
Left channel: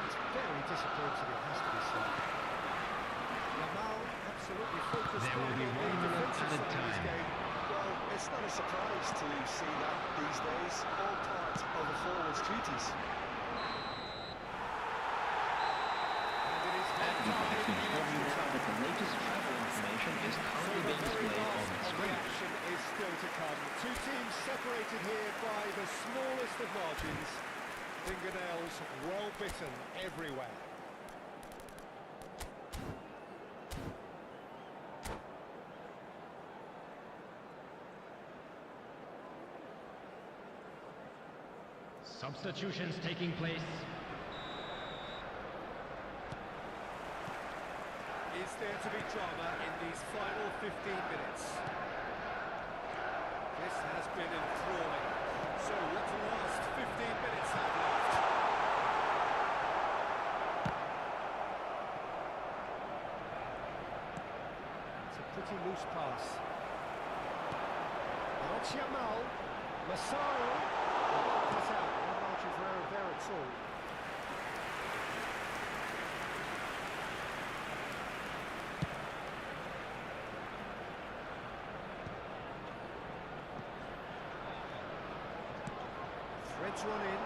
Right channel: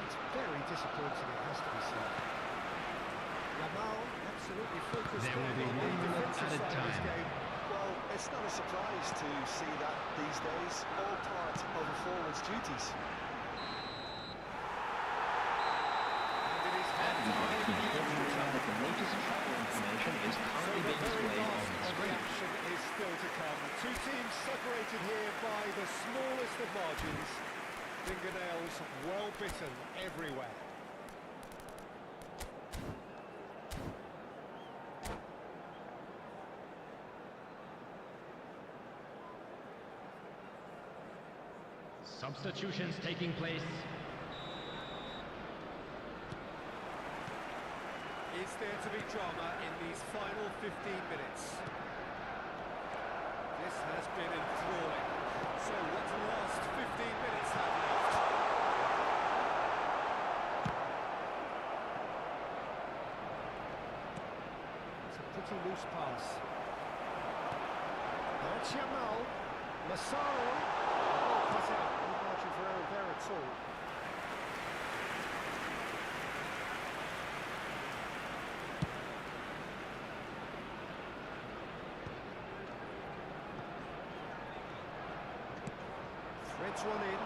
That's very disappointing, it has to be said. Yamal absolutely focused There will be on 1 the minute defensive added side of this time. game. Well, it's not a surprise to see that these days, all part of a forward's duties. And it is And we'd like to half-time in inform you extra now time. that the latest travel information is So currently the being very displayed on last the of the screen. action is still to come. Two teams separated here by the smallest of margins. Fingernails well bitten everywhere. Substitutions taking place. Is there to be drama in these final 15 minutes? This has been enthralling. So what do the last 15 minutes have left? It's a pretty loose pass. Now it's Yamal. Massaro. Well cut out. No margin for error there at all. Threads one in,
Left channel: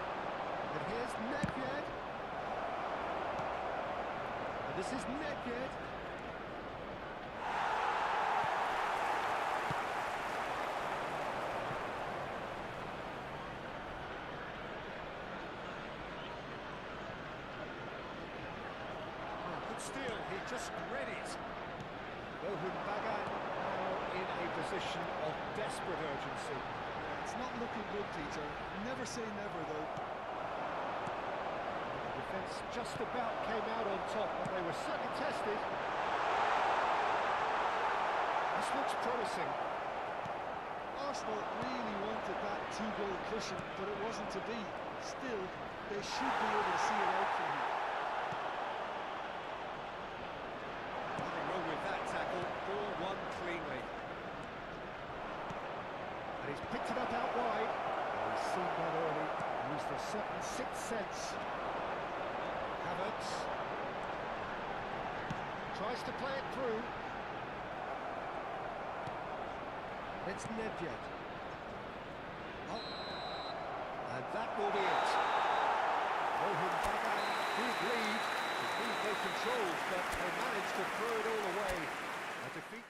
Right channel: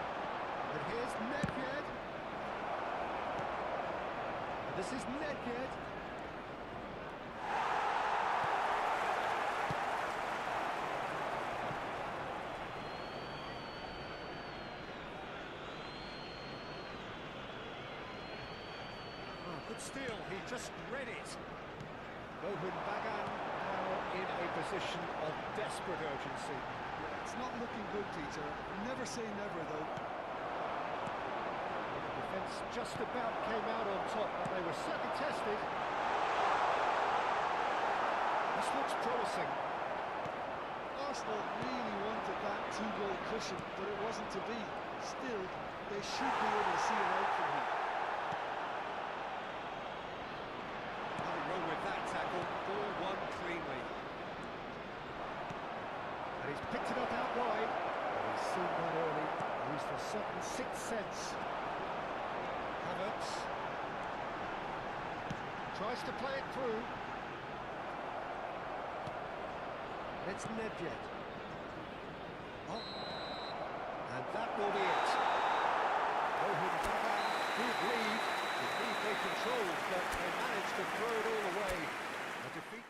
and here's Nedved. And this is Nedved. Oh, good steal, he just read it. Bohun Bagan now in a position of desperate urgency. Yeah, it's not looking good, Peter. Never say never, though. The defence just about came out on top, but they were certainly tested. This looks promising. Arsenal really wanted that two-goal cushion, but it wasn't to be. Still, they should be able to see it out from here. Nothing wrong with that tackle. Ball won cleanly. And he's picked it up out wide. And he's seen that early. Used a certain sixth sense. Havertz tries to play it through. It's Nedved. Oh. And that will be it. Bohun Bagan did lead. Indeed they controlled, but they managed to throw it all away. A defeat.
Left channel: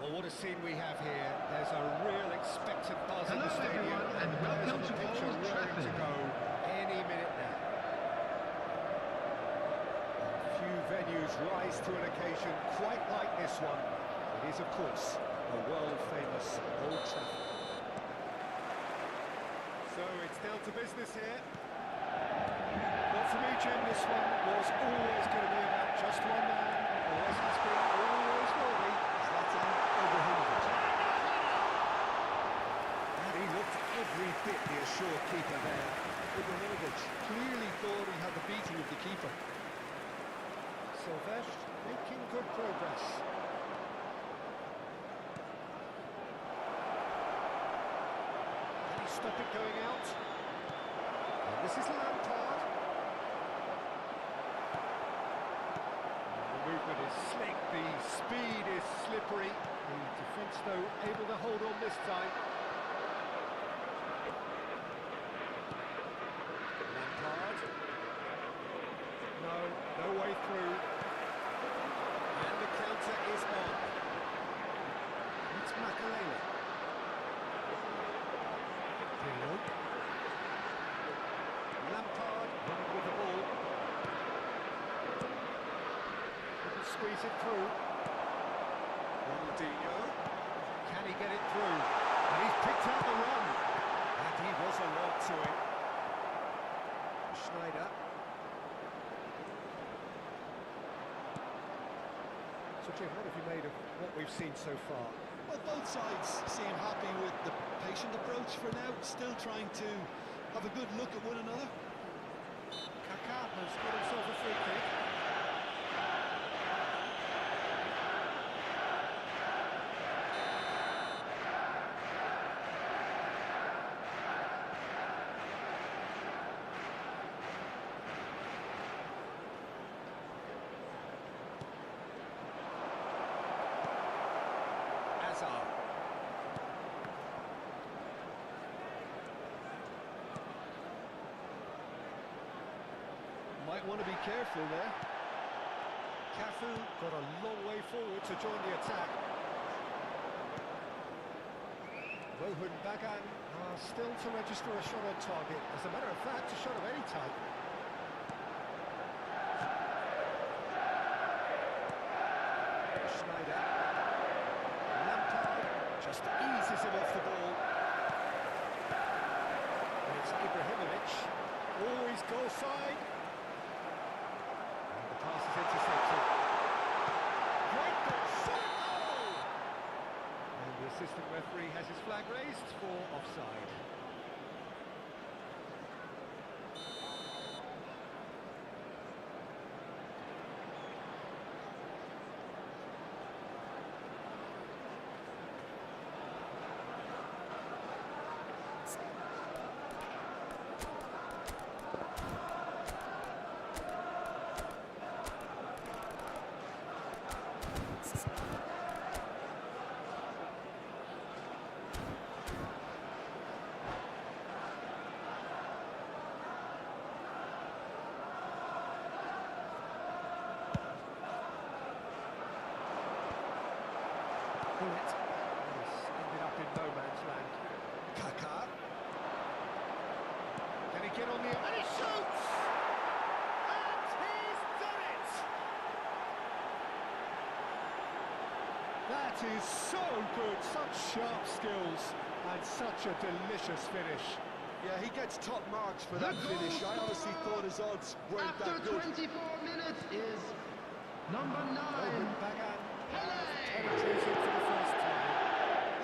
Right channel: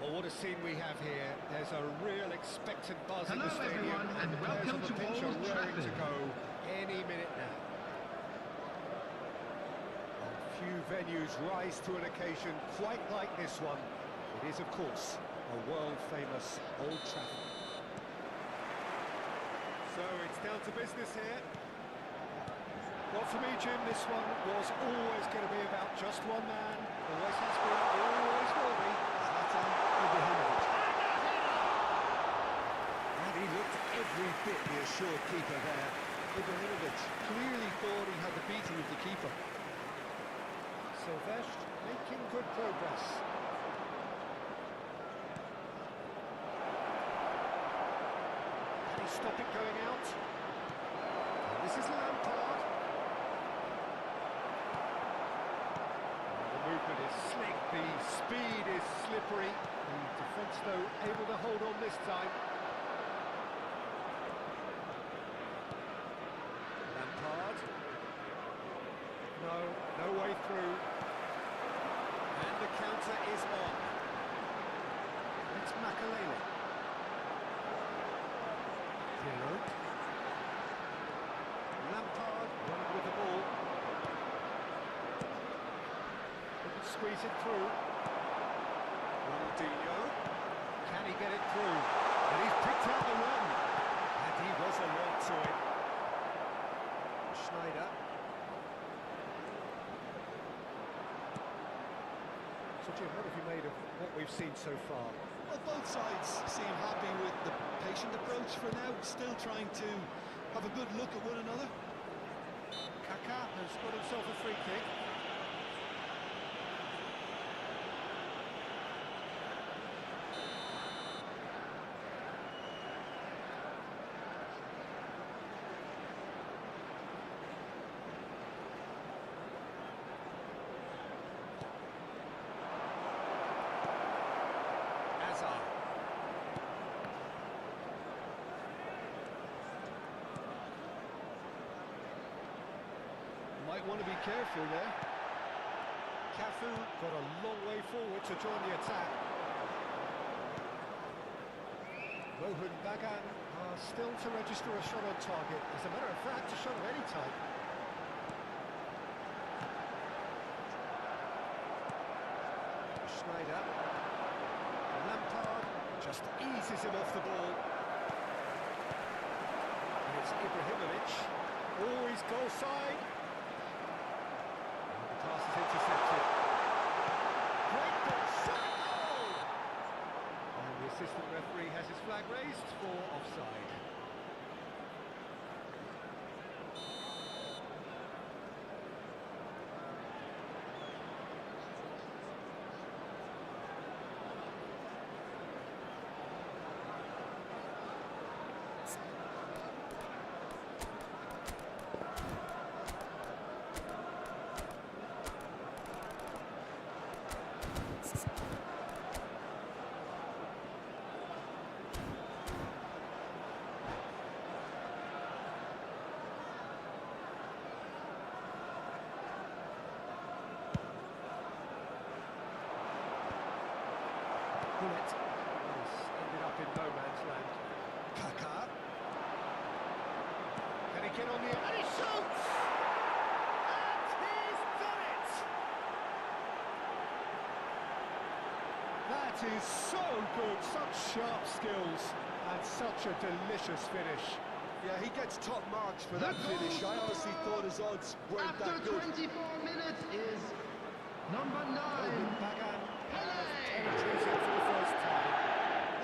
Well, what a scene we have here. There's a real expectant buzz in the Hello, stadium, everyone, and the and players on welcome the to pitch are Old raring to Trafford. go any minute now. Few venues rise to an occasion quite like this one. It is, of course, a world-famous Old Trafford. So it's down to business here. Well, for me, Jim, this one was always going to be about just one man. Always has been, always will be. Zlatan Ibrahimovic. And he looked every bit the assured keeper there. Ibrahimovic clearly thought he had the beating of the keeper. Silvestre making good progress. Can he stop it going out? And this is Lampard. The movement is slick, the speed is slippery. The defence, though, able to hold on this time. Lampard. No way through. And the counter is on. It's Makalele. Pirlo. Lampard running with the ball. Couldn't squeeze it through. Ronaldinho. Can he get it through? And he's picked out the run. And he was alert to it. Schneider. So Jim, what have you made of what we've seen so far? Well, both sides seem happy with the patient approach for now, still trying to have a good look at one another. Kaká has got himself a free kick. Hazard. Might want to be careful there. Cafu got a long way forward to join the attack. Rohan Bagan still to register a shot on target. As a matter of fact, a shot of any type. Schneider. Lampard just eases him off the ball. And it's Ibrahimovic. Oh, he's goal side. And the pass is intercepted. Great ball, shot at goal! And the assistant referee has his flag raised for offside. Bullet. This ended up in no man's land. Kaká. Can he get on the... And he shoots! And he's done it! That is so good. Such sharp skills and such a delicious finish. Yeah, he gets top marks for that The goal finish. I honestly thought his odds weren't After that good. 24 minutes is number 9. Rohan Bagan has Pele! penetrated for the first time.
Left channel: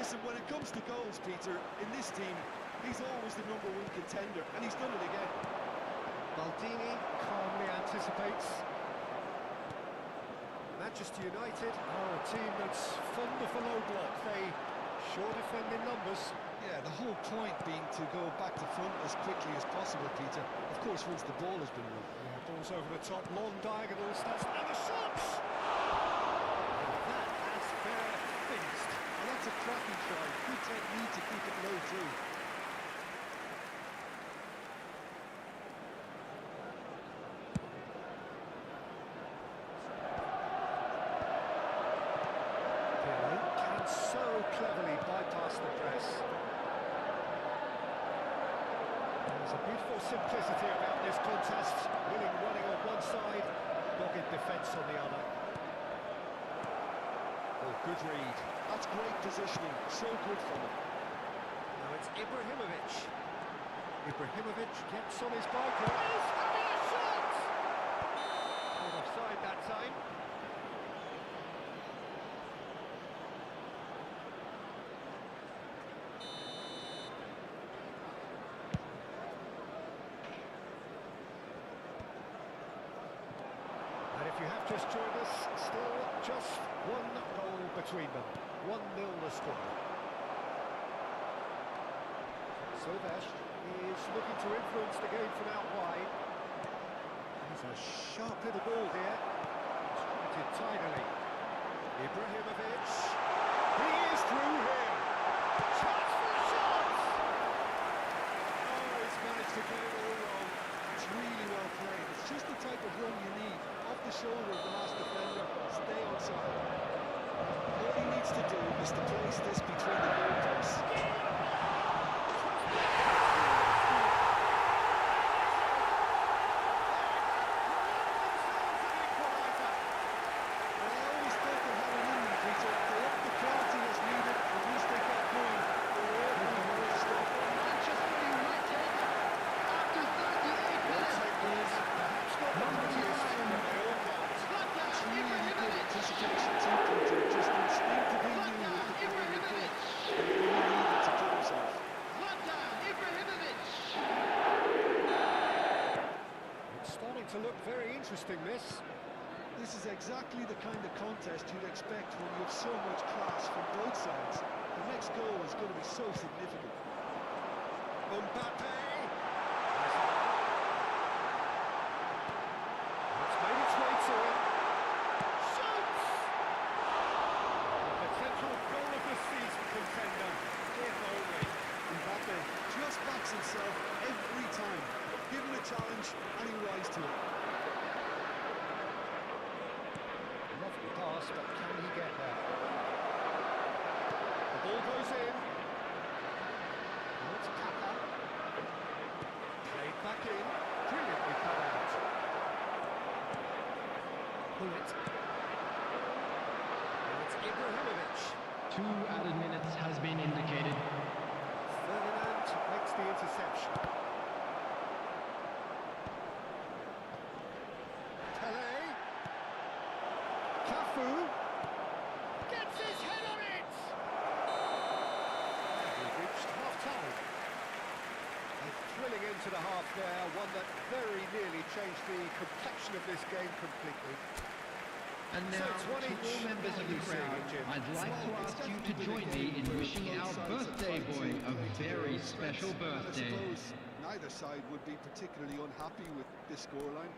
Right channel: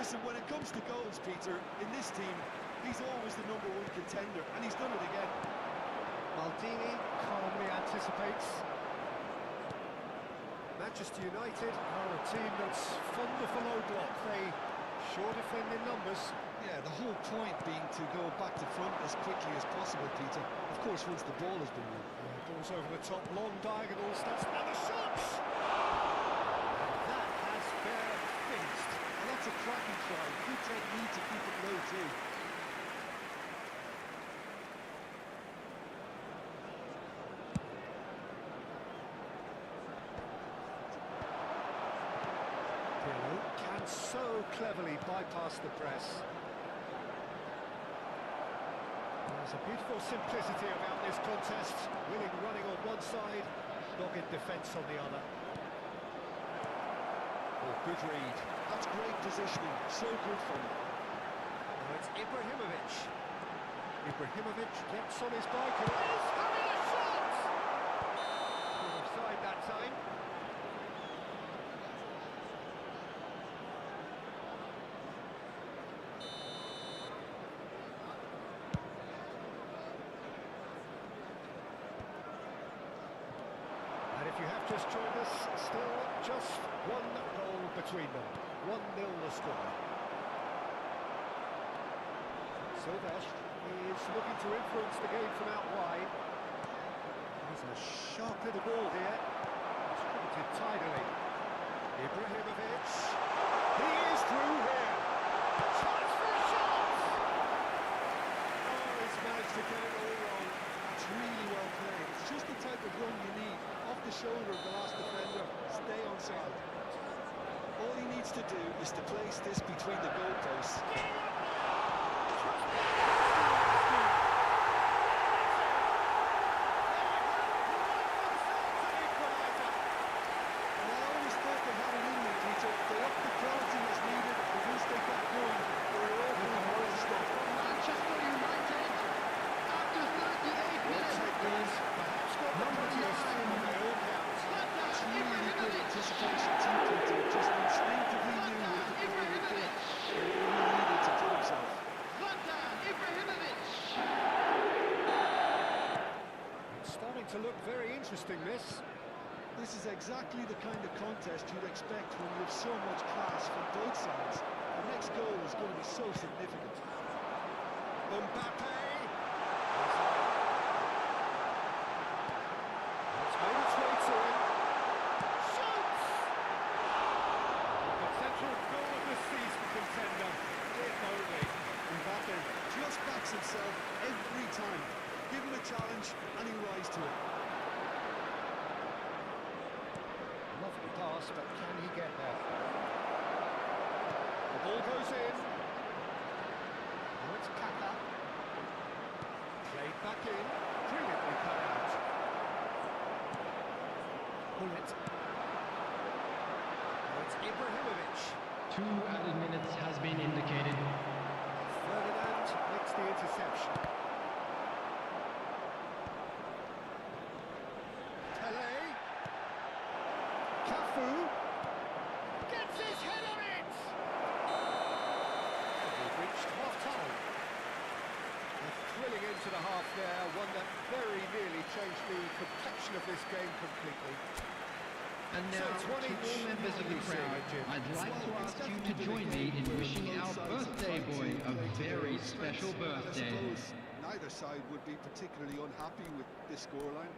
Listen, when it comes to goals, Peter, in this team, he's always the #1 contender, and he's done it again. Maldini calmly anticipates. Manchester United are a team that's fond of a low block. They sure defend in numbers. Yeah, the whole point being to go back to front as quickly as possible, Peter. Of course, once the ball has been won. Yeah, balls over the top, long diagonals, and the shots! And that has fair finished. And that's a cracking try. Good technique to keep it low, too. Pirlo, can And so cleverly bypassed the press. There's a beautiful simplicity about this contest. Willing running on one side, dogged defence on the other. Oh, good read. That's great positioning, so good from him. Now it's Ibrahimovic. Ibrahimovic gets on his bike and is having a shot! Caught offside that time. And if you have just joined us, still just one goal between them. 1-0 the score. Silvestre is looking to influence the game from out wide. He's a sharp little ball here. Distributed tidily. Ibrahimovic. He is through here. Chance for a shot! Oh, he's managed to get it all wrong. That's really well played. It's just the type of run you need. Off the shoulder of the last defender, stay onside. All he needs to do is to place this between the goalposts. To look very interesting, this. This is exactly the kind of contest you'd expect when you have so much class from both sides. The next goal is going to be so significant. Mbappe! It's made its way to him. Shoots! The potential goal of the season contender, if only. Mbappe just backs himself every time. Give him a challenge and he rise to it. Lovely pass, but can he get there? The ball goes in. Now it's Kaka. Played back in. Brilliantly cut out. Bullet. Now it's Ibrahimovic. 2 added minutes has been indicated. Ferdinand makes the interception. Pele. Cafu. Gets his head on it! And we've reached half-time. A thrilling end to the half there, one that very nearly changed the complexion of this game completely. And now, So it's one to each. all members of the crowd, I'd like to ask you to join me in wishing our birthday boy a very special birthday. I suppose neither side would be particularly unhappy with this scoreline.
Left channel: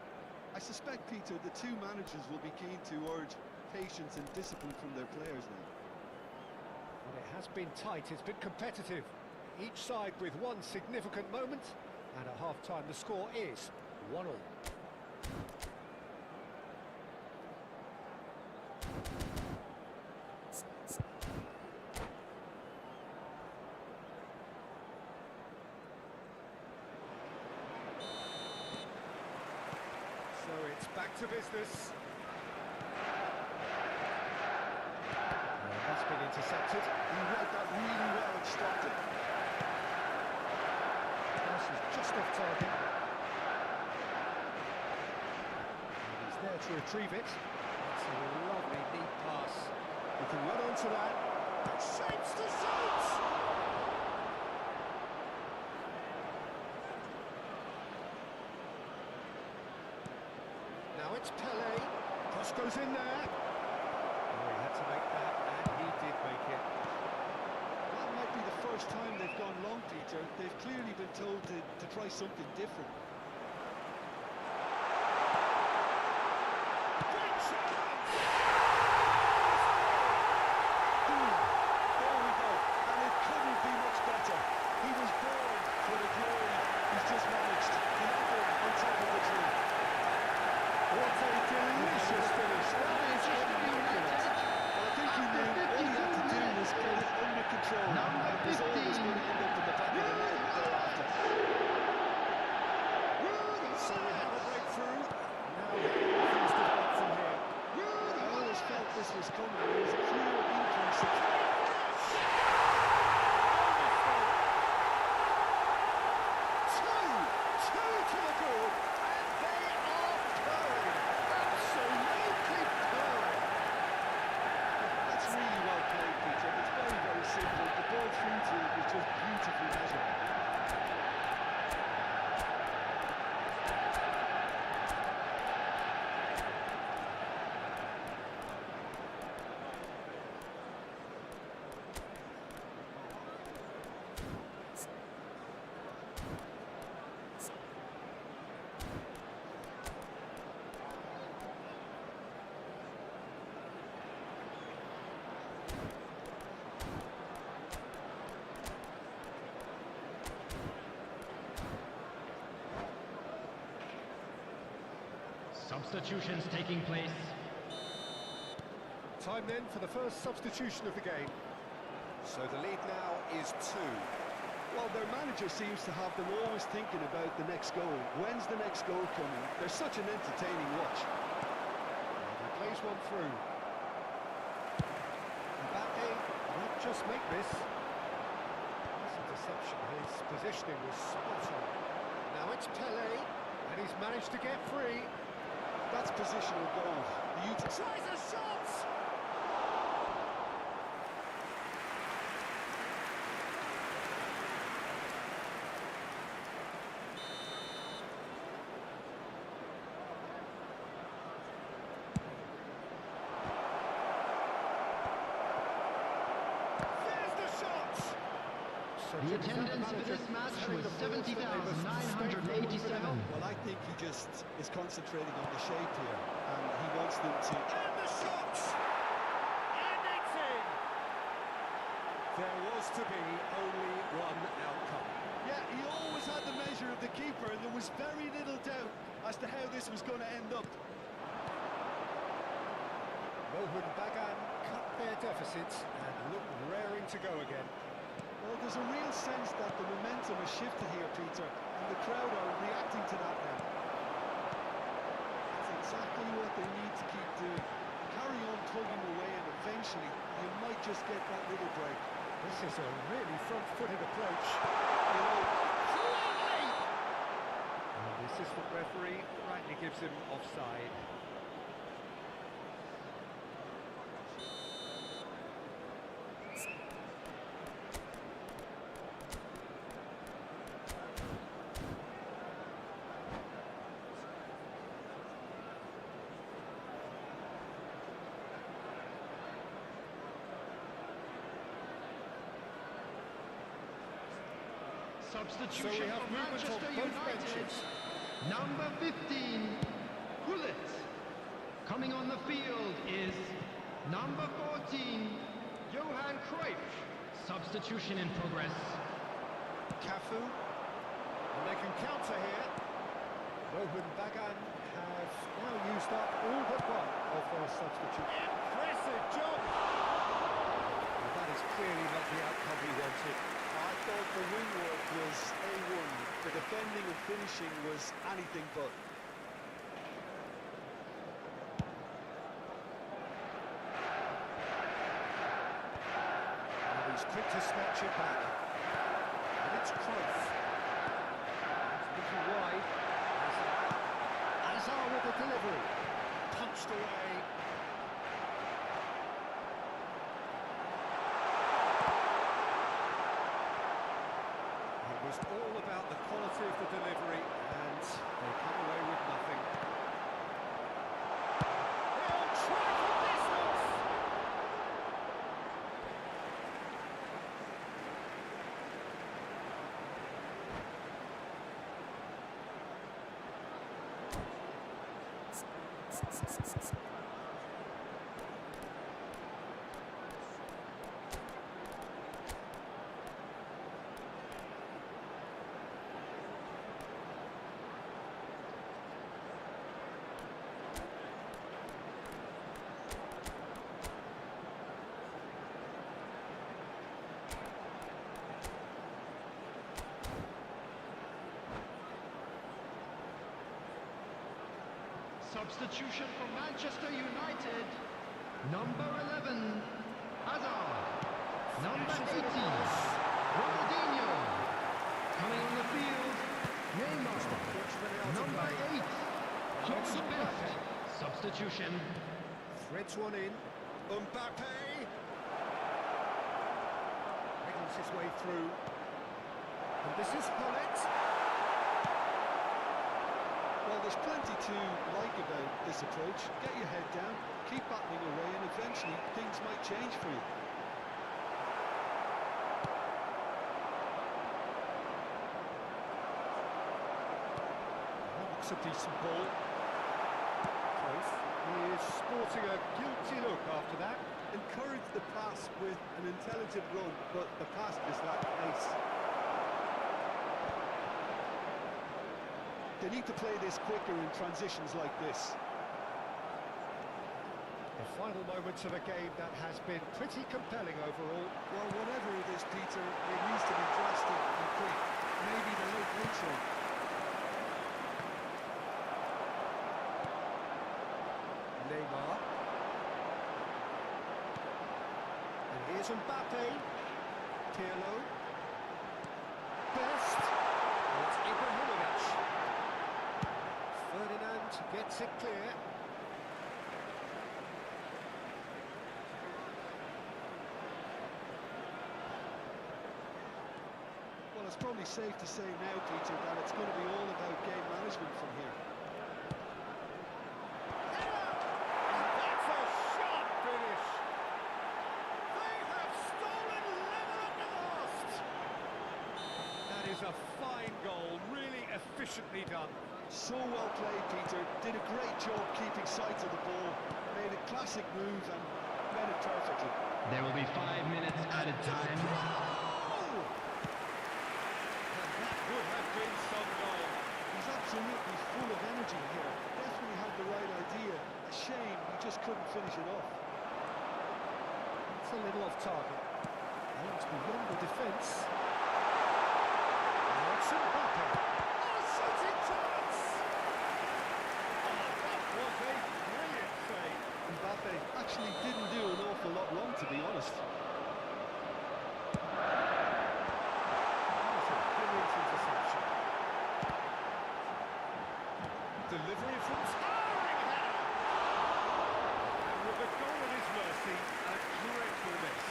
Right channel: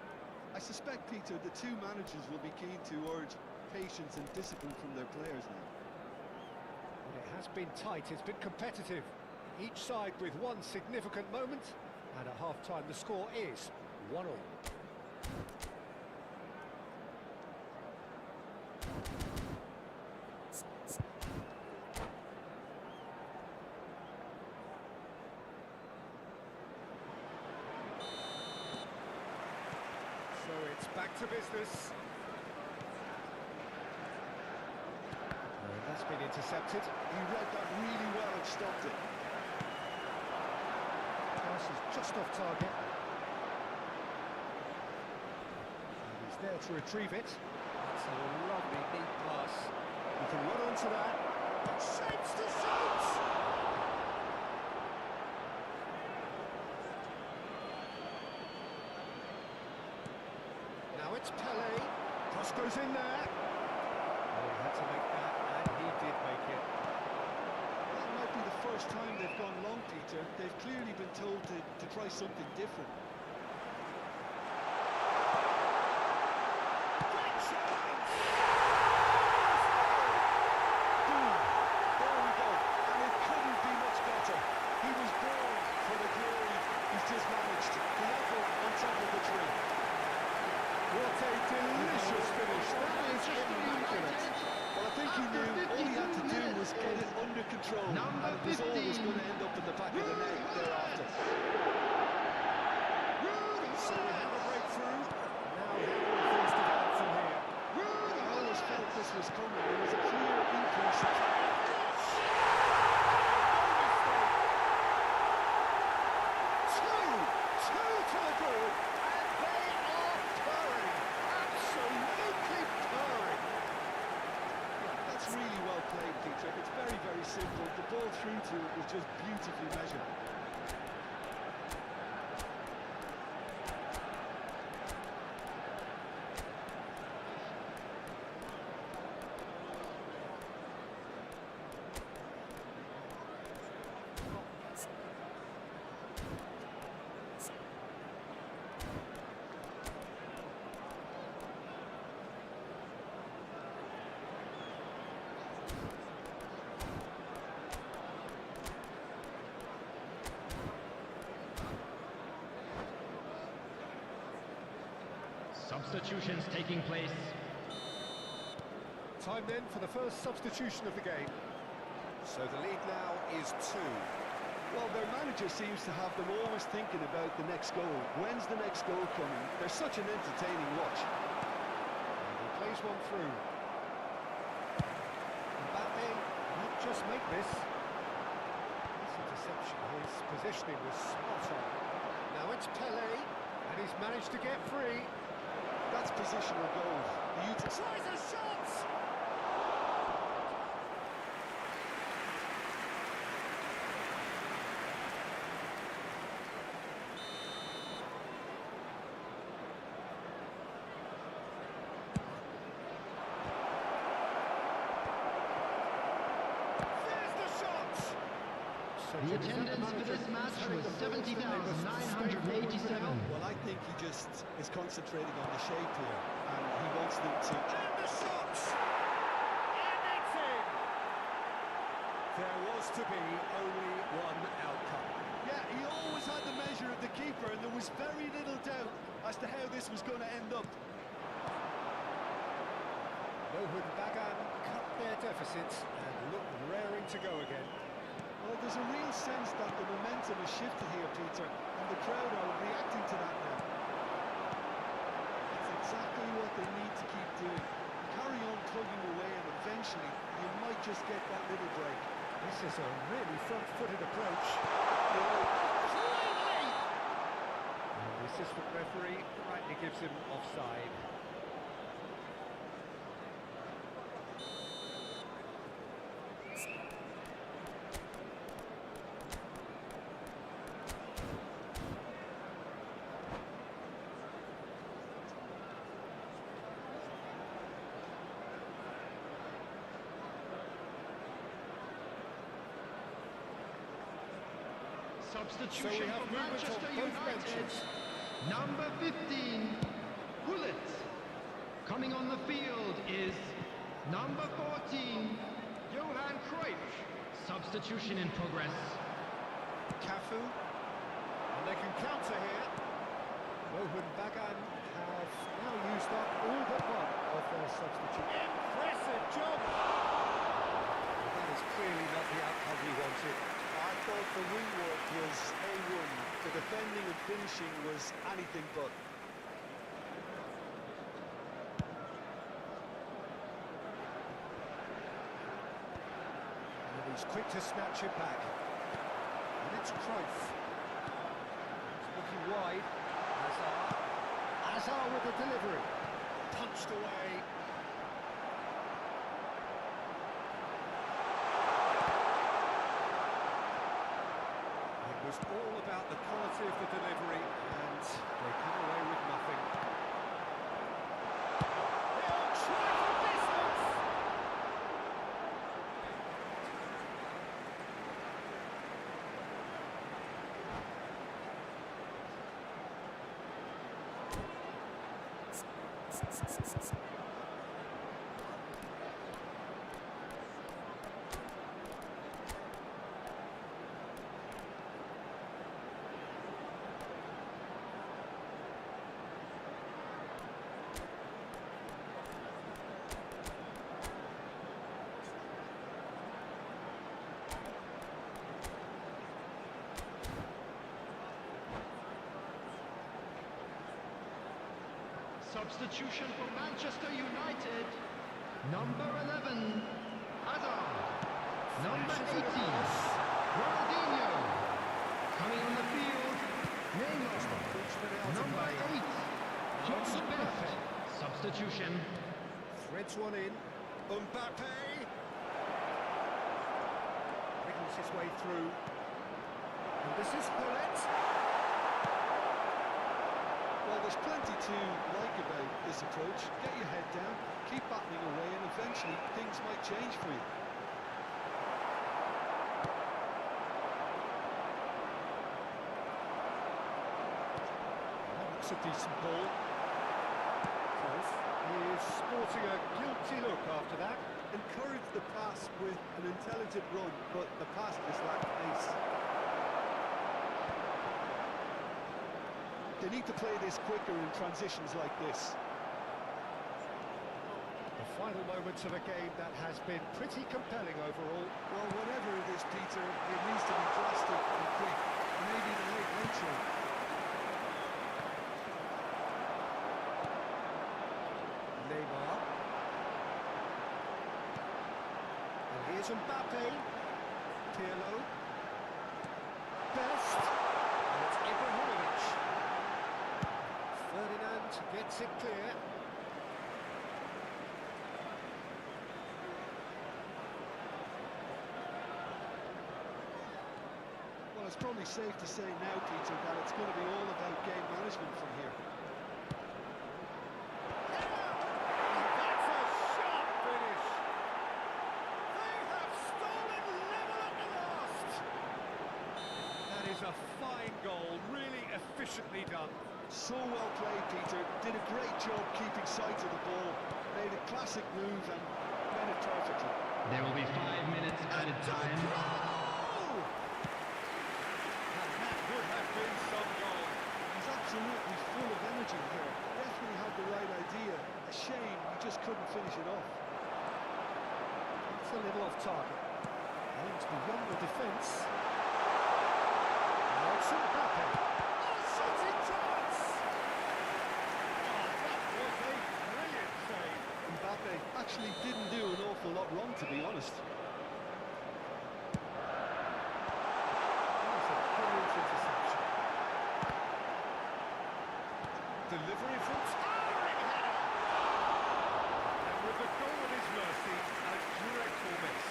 I suspect, Peter, the two managers will be keen to urge patience and discipline from their players now. Well, it has been tight, it's been competitive. Each side with one significant moment, and at half-time the score is 1-1. So it's back to business. And that's been intercepted. He read that really well and stopped it. Pass is just off target. And he's there to retrieve it. It's a lovely deep pass. You can run onto that. Shapes to shoot! Now it's Pele. Cross goes in there. Oh, he had to make that, and he did make it. That might be the first time they've gone long, Peter. They've clearly been told to try something different. Great chance! Boom! There we go. And it couldn't be much better. He was born for the glory he's just managed. The apple on top of the tree. What a delicious finish. That is immaculate. Well, I think he knew all he had to do control. Number And it was 15. always going to end up in the back of the net thereafter. So we have a breakthrough. Now how will things develop from here? I always felt this was coming. There was a clear increase in... Two to the good, and they are purring. Absolutely purring. That's really well played, Peter. It's very, very simple. The ball through to it was just beautifully measured. Substitutions taking place. Time then for the first substitution of the game. So the lead now is 2. Well, their manager seems to have them always thinking about the next goal. When's the next goal coming? They're such an entertaining watch. And he plays one through. Mbappe might just make this. This interception, his positioning was spot on. Now it's Pele, and he's managed to get free. That's positional goal. The Tries a shot! There's the shot! The attendance for this match was 70,987. Well, I think he just is concentrating on the shape here, and he wants them to... And the shot! And it's in! There was to be only one outcome. Yeah, he always had the measure of the keeper, and there was very little doubt as to how this was going to end up. Mohun Bagan cut their deficit and look raring to go again. Well, there's a real sense that the momentum has shifted here, Peter, and the crowd are reacting to that now. That's exactly what they need to keep doing. Carry on plugging away, and eventually you might just get that little break. This is a really front-footed approach. You know, Completely! And the assistant referee rightly gives him offside. Substitution So we have for movement on Manchester both United. benches. Number 15, Gullit. Coming on the field is number 14, Johan Cruyff. Substitution in progress. Cafu, and they can counter here. Mohun Bagan have now used up all but one of their substitutes. Impressive job! Well, that is clearly not the outcome he wanted. I thought the wing work was A1. The defending and finishing was anything but. And he's quick to snatch it back. And it's Cruyff. He's looking wide. Hazard with the delivery. Punched away. It was all about the quality of the delivery, and they come away with nothing. He'll try for distance! Substitution for Manchester United. Number 11, Hazard. Number 18, Ronaldinho. Coming on the field, Neymar. Number 8, Johnson Best. Substitution. Threads one in. Mbappe. Wriggles his way through. And this is Hullet. Well, there's plenty to like about this approach. Get your head down, keep battling away, and eventually things might change for you. That looks a decent ball. Close. He is sporting a guilty look after that. Encourage the pass with an intelligent run, but the pass just lacked pace. They need to play this quicker in transitions like this. The final moments of a game that has been pretty compelling overall. Well, whatever it is, Peter, it needs to be drastic and quick. Maybe the late show. Neymar. And here's Mbappe. Pirlo. Best. And it's Ibrahimovic. Ferdinand gets it clear. Well, it's probably safe to say now, Peter, that it's going to be all about game management from here. That's a sharp finish. They have stolen level at the last. That is a fine goal, really efficiently done. So well played, Peter. Did a great job keeping sight of the ball. Made a classic move and read it perfectly. There will be 5 minutes added time. And that would have been some goal. He's absolutely full of energy here. Definitely had the right idea. A shame he just couldn't finish it off. It's a little off target. Aims beyond the defence. Now it's Mbappe. Oh, shooting chance! Oh, that was a brilliant save. Mbappe actually didn't do an awful lot wrong, to be honest. That's a brilliant interception. Delivery from towering header! And with the goal at his mercy, a dreadful miss.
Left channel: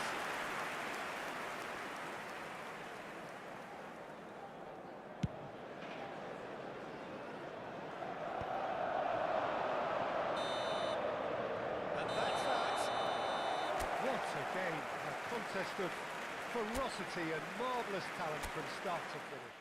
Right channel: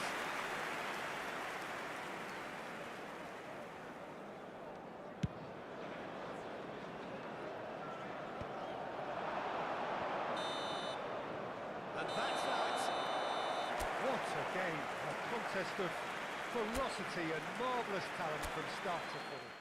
And that's that. What a game. A contest of ferocity and marvellous talent from start to finish.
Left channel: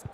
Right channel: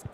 So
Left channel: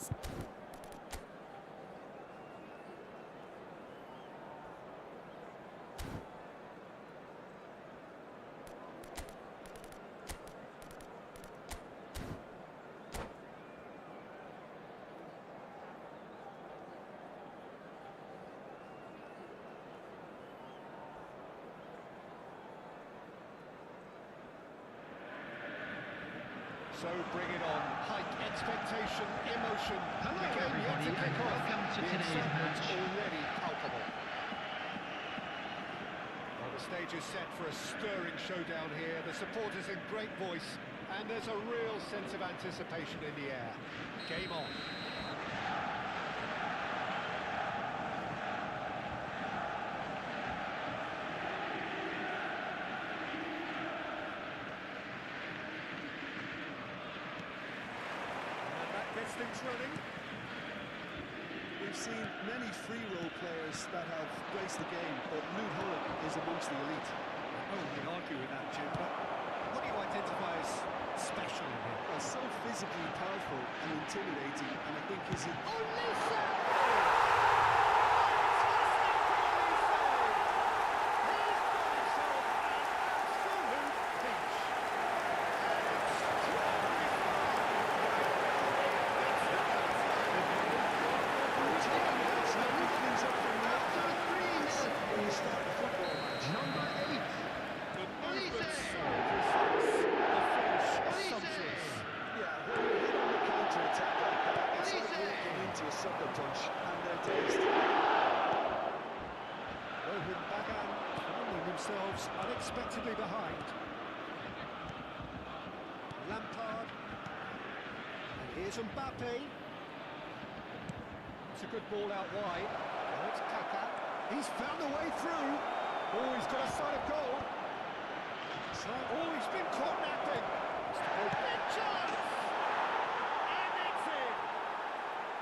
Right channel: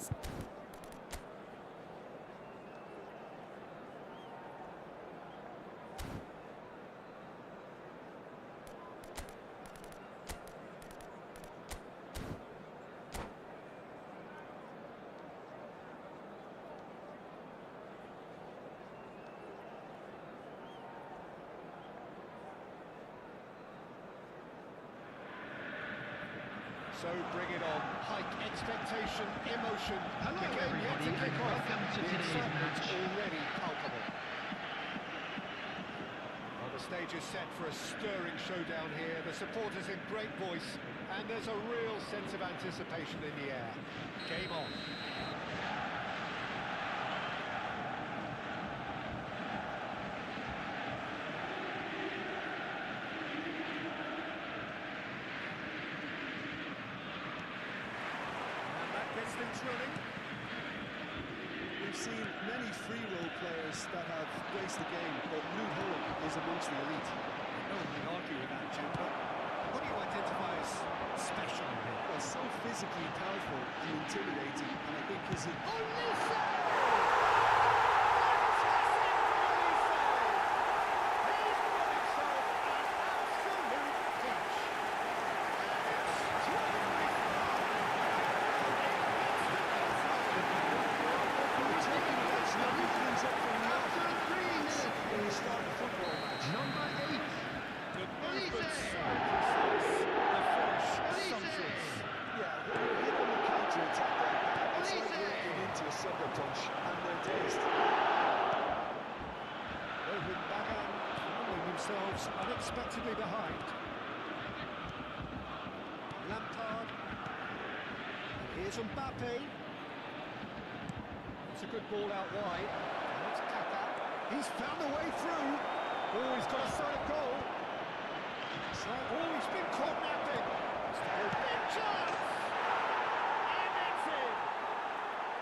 bring it on. Hike expectation, emotion. Hello, The game yet to everybody, kick and off. welcome to The today's excitement's match. already palpable. Well, the stage is set for a stirring showdown here. The supporters in great voice, and there's a real sense of anticipation in the air. Game on. And that gets things running. We've seen many free role players that have graced the game, but Luke Hull is amongst the elite. No one can argue with that, Jim, but what do you identify as special in him? Well, so physically powerful and intimidating, and I think his... Number 8. The movement's so precise, the finish sumptuous. Yeah, when you hit on the counter-attack like that, it's like walking into a sucker punch, and they're dazed. Rohit Bagan finding themselves unexpectedly behind. Lampard. And here's Mbappe. It's a good ball out wide. And it's Kaka. He's found a way through. Oh, he's got a sight of goal. It's like, oh, he's been caught napping. It's the goal. Big chance! And it's in!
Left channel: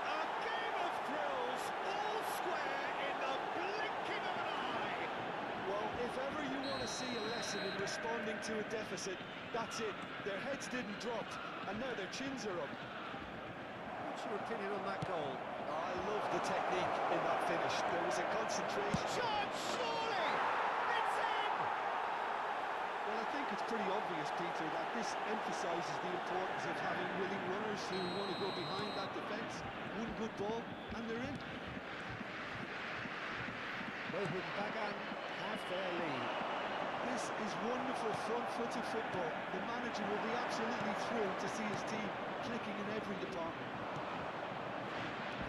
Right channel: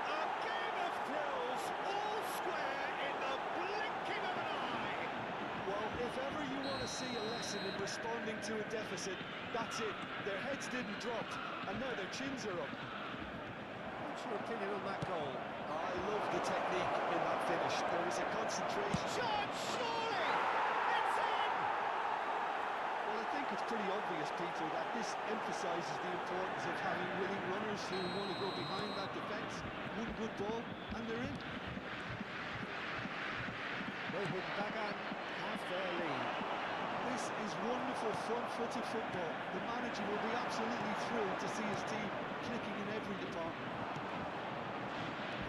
A game of thrills, all square in the blinking of an eye. Well, if ever you want to see a lesson in responding to a deficit, that's it. Their heads didn't drop, and now their chins are up. What's your opinion on that goal? I love the technique in that finish. There was a concentration. Shot, surely! It's in! Well, I think it's pretty obvious, Peter, that this emphasises the importance of having willing runners who want to go behind that defence. One good ball, and they're in. Rohit Bagan have their lead. This is wonderful front-footed football. The manager will be absolutely thrilled to see his team clicking in every department.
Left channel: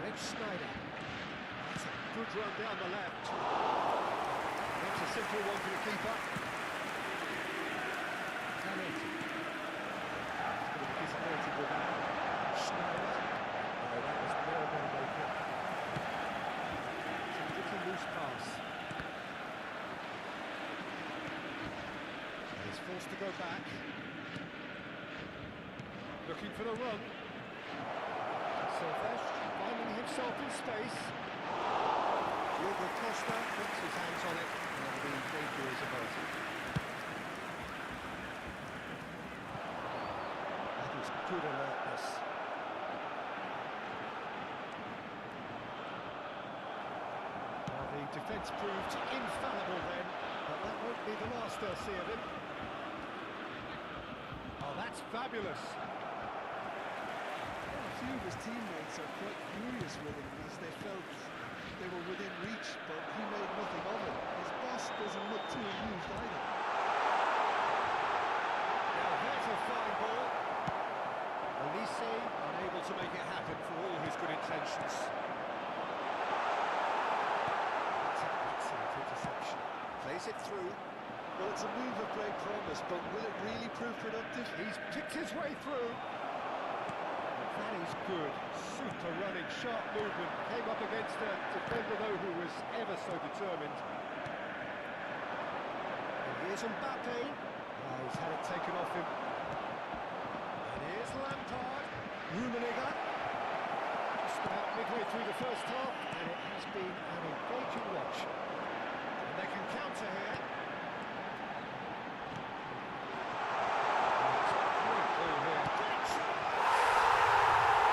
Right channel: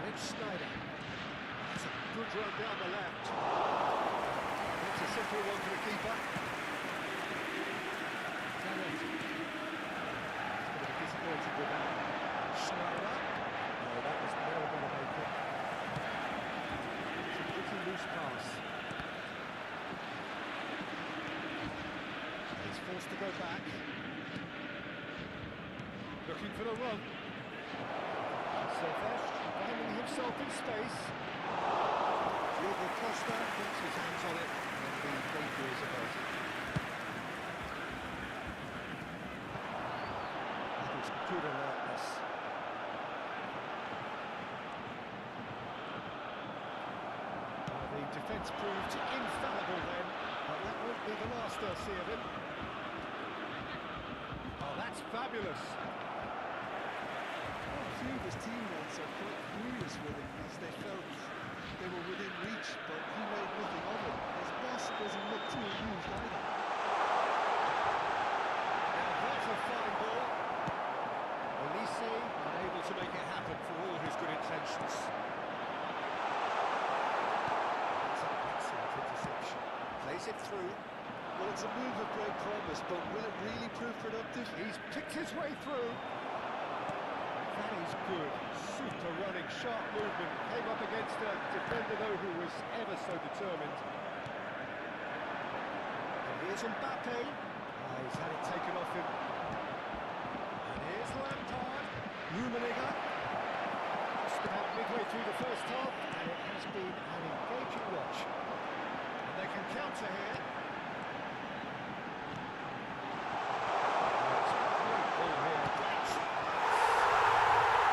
Rich Snyder. That's a good run down the left. That's a simple one for the keeper. Garrett. He's going to be disappointed with that. Schneider. Oh, that was never going to make it. It's a little loose pass. He's forced to go back. Looking for the run. Silvesh finding himself in space. Diogo Costa gets his hands on it, and the danger is averted. That is good alertness. Well, the defence proved infallible then, but that won't be the last they'll see of him. Oh, that's fabulous. A few of his teammates are quite furious with him as they felt they were within reach, but he made nothing of it. His boss doesn't look too amused either. Now there's a fine ball. Elise unable to make it happen for all his good intentions. That's an excellent interception. Plays it through. Well, it's a move of great promise, but will it really prove productive? He's picked his way through. That is good. Super running, sharp movement. Came up against a defender, though, who was ever so determined. And here's Mbappe. Oh, he's had it taken off him. And here's Lampard. Rummenigge. Just about midway through the first half, and it has been an engaging watch. And they can counter here. Oh, it's a great ball here. Great chance!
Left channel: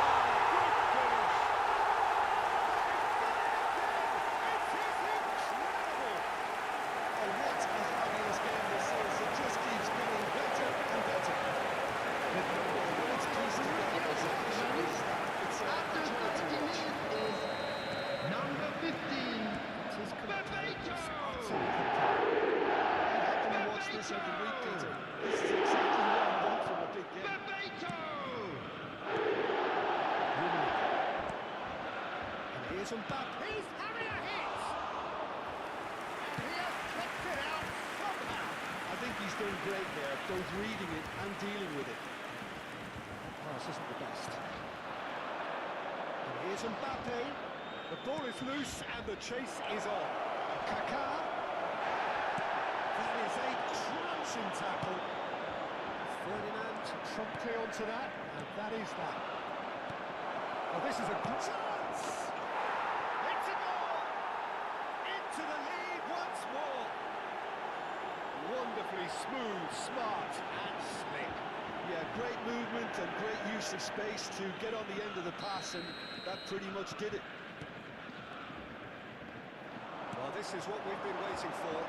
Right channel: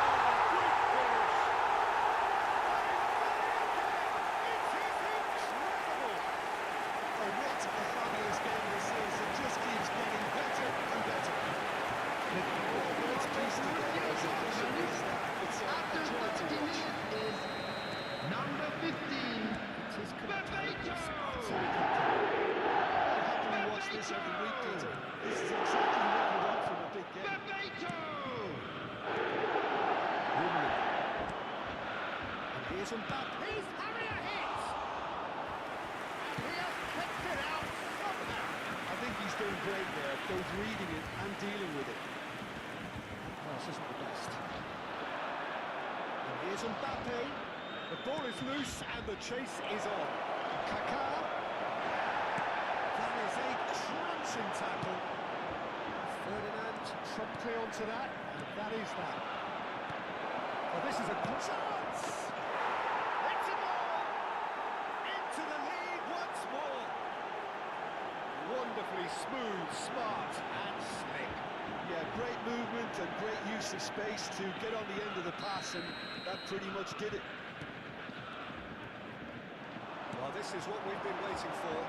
Oh, good this every week, Peter. This is exactly what you want from a big game. Bebeto! And here's Mbappe. He's having a hit! And he has kicked it out somehow. I think he's doing great there, both reading it and dealing with it. That pass isn't the best. And here's Mbappe. The ball is loose and the chase is on. Kaká. That is a crunching tackle. Ferdinand promptly onto that, and that is that. Oh, this is a good chance! It's a goal! Into the lead once more! Wonderfully smooth, smart and slick. Yeah, great movement and great use of space to get on the end of the pass, and that pretty much did it. Well, this is what we've been waiting for.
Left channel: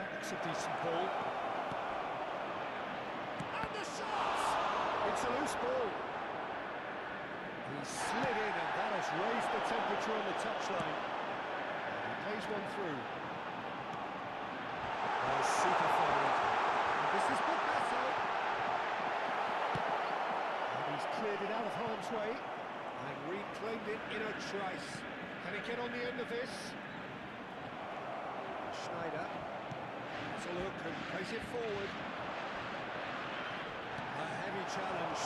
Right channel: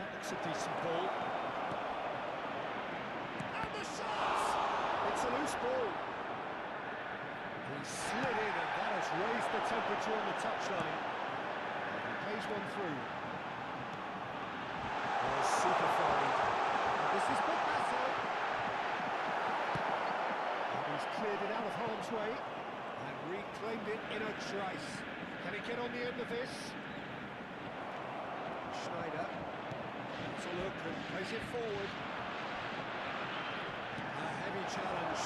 That looks a decent ball. And the shot! It's a loose ball. He slid in and that has raised the temperature on the touchline. He plays one through. Oh, super find. This is Bebeto. And he's cleared it out of harm's way and reclaimed it in a trice. Can he get on the end of this? Schneider. Has a look and plays it forward. A heavy challenge.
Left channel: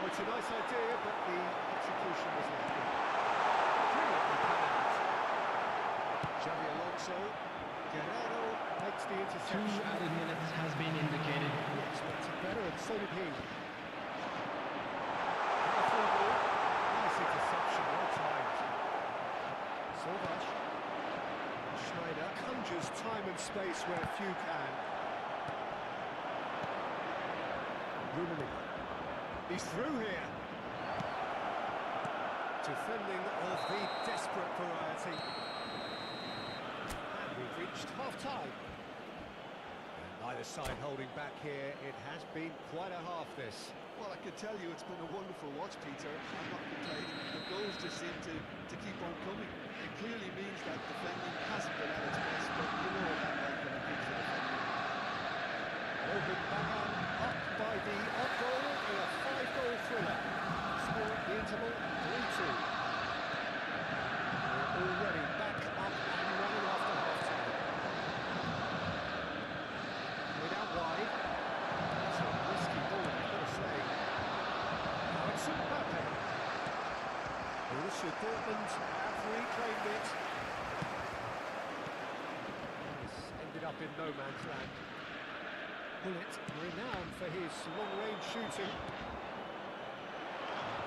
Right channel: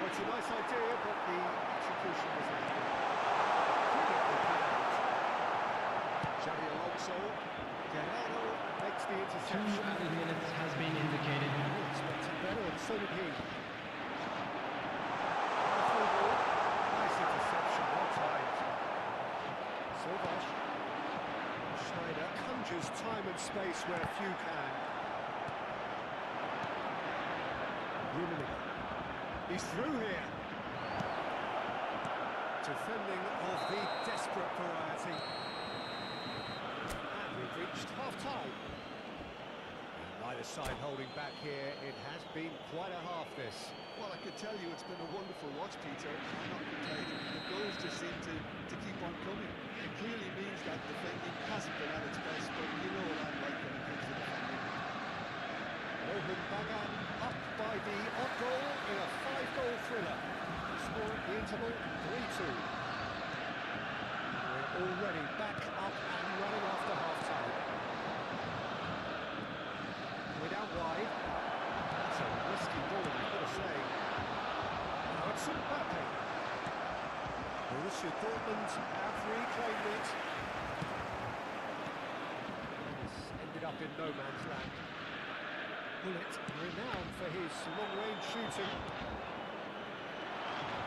Well, it's a nice idea, but the execution was lacking. Brilliantly cut out. Xavi Alonso. Guerrero makes the interception. 2 added minutes has been indicated. He expected better, and so did he. And the through ball. Nice interception, well timed. Silvash. Schneider conjures time and space where few can. Rummenigge. He's through here. Defending of the desperate variety. And we've reached half-time. Neither side holding back here. It has been quite a half, this. Well, I can tell you it's been a wonderful watch, Peter. I'm not complaining. The goals just seem to keep on coming. It clearly means that defending hasn't been at its best, but you know what I'm like when it comes to defending. Rohan Bagan up by the odd goal in a 5-goal thriller. Score at the interval, 3-2. We're already back up and running after half-time. We're down wide. That's a risky ball, I've got to say. Now it's Mbappe. Borussia Dortmund have reclaimed it. This ended up in no man's land. Bullet, renowned for his long-range shooting.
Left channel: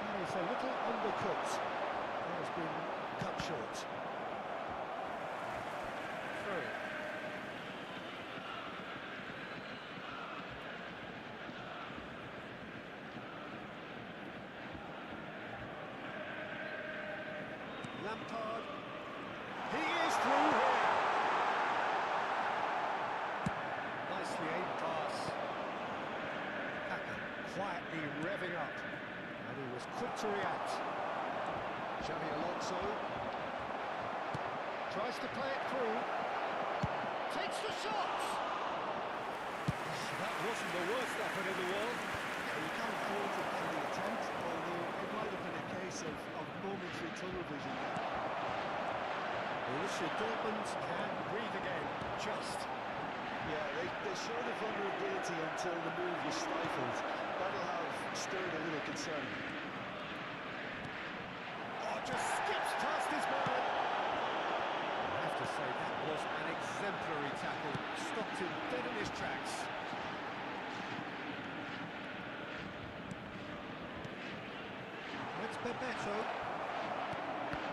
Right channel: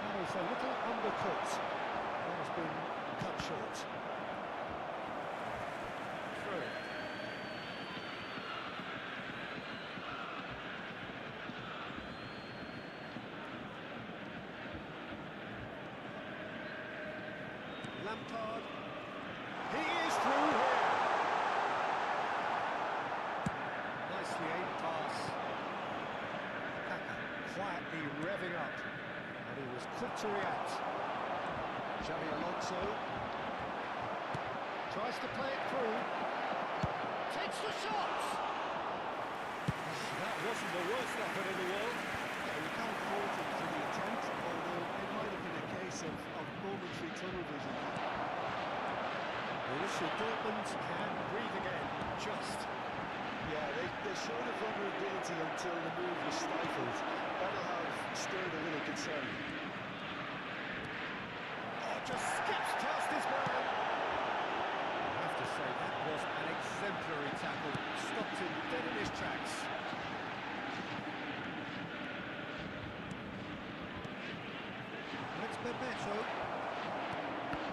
That is a little undercooked. That has been cut short. Throw it. Lampard. He is through here. Nicely aimed pass. Kaká quietly revving up. And he was quick to react. Xavi Alonso. Tries to play it through. Takes the shot. That wasn't the worst effort in the world. Yeah, you can't fault him for the attempt, although it might have been a case of momentary tunnel vision. Borussia Dortmund can breathe again, just. Yeah, they showed a vulnerability until the move was stifled. That'll have stirred a little concern. Oh, just skips past his man. I have to say, that was an exemplary tackle. Stopped him dead in his tracks. That's Bebeto.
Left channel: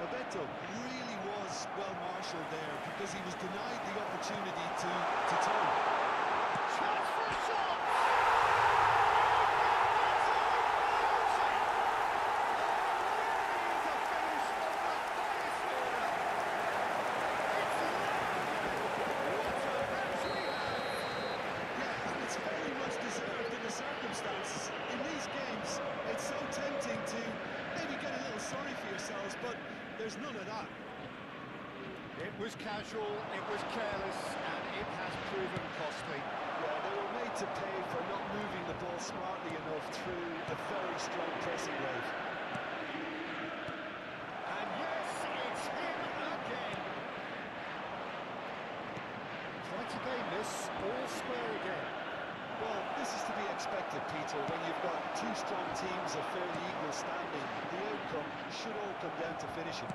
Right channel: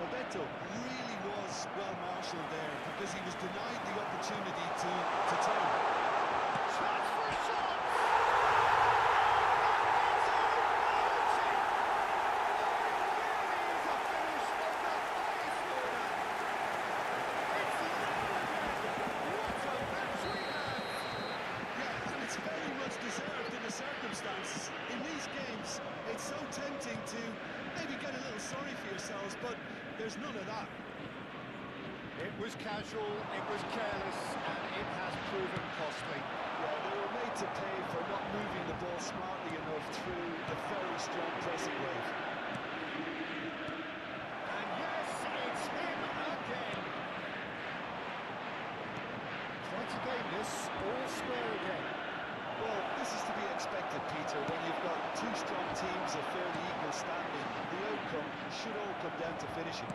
Bebeto really was well marshalled there because he was denied the opportunity to turn. Chance for a shot! Circumstances. In these games, it's so tempting to maybe get a little sorry for yourselves, but there's none of that. It was casual, it was careless, and it has proven costly. Yeah, they were made to pay for not moving the ball smartly enough through a very strong pressing wave. And yes, it's him again. Try to gain this, all square again. Well, this is to be expected, Peter. When you've got two strong teams of fairly equal standing, the outcome should all come down to finishing.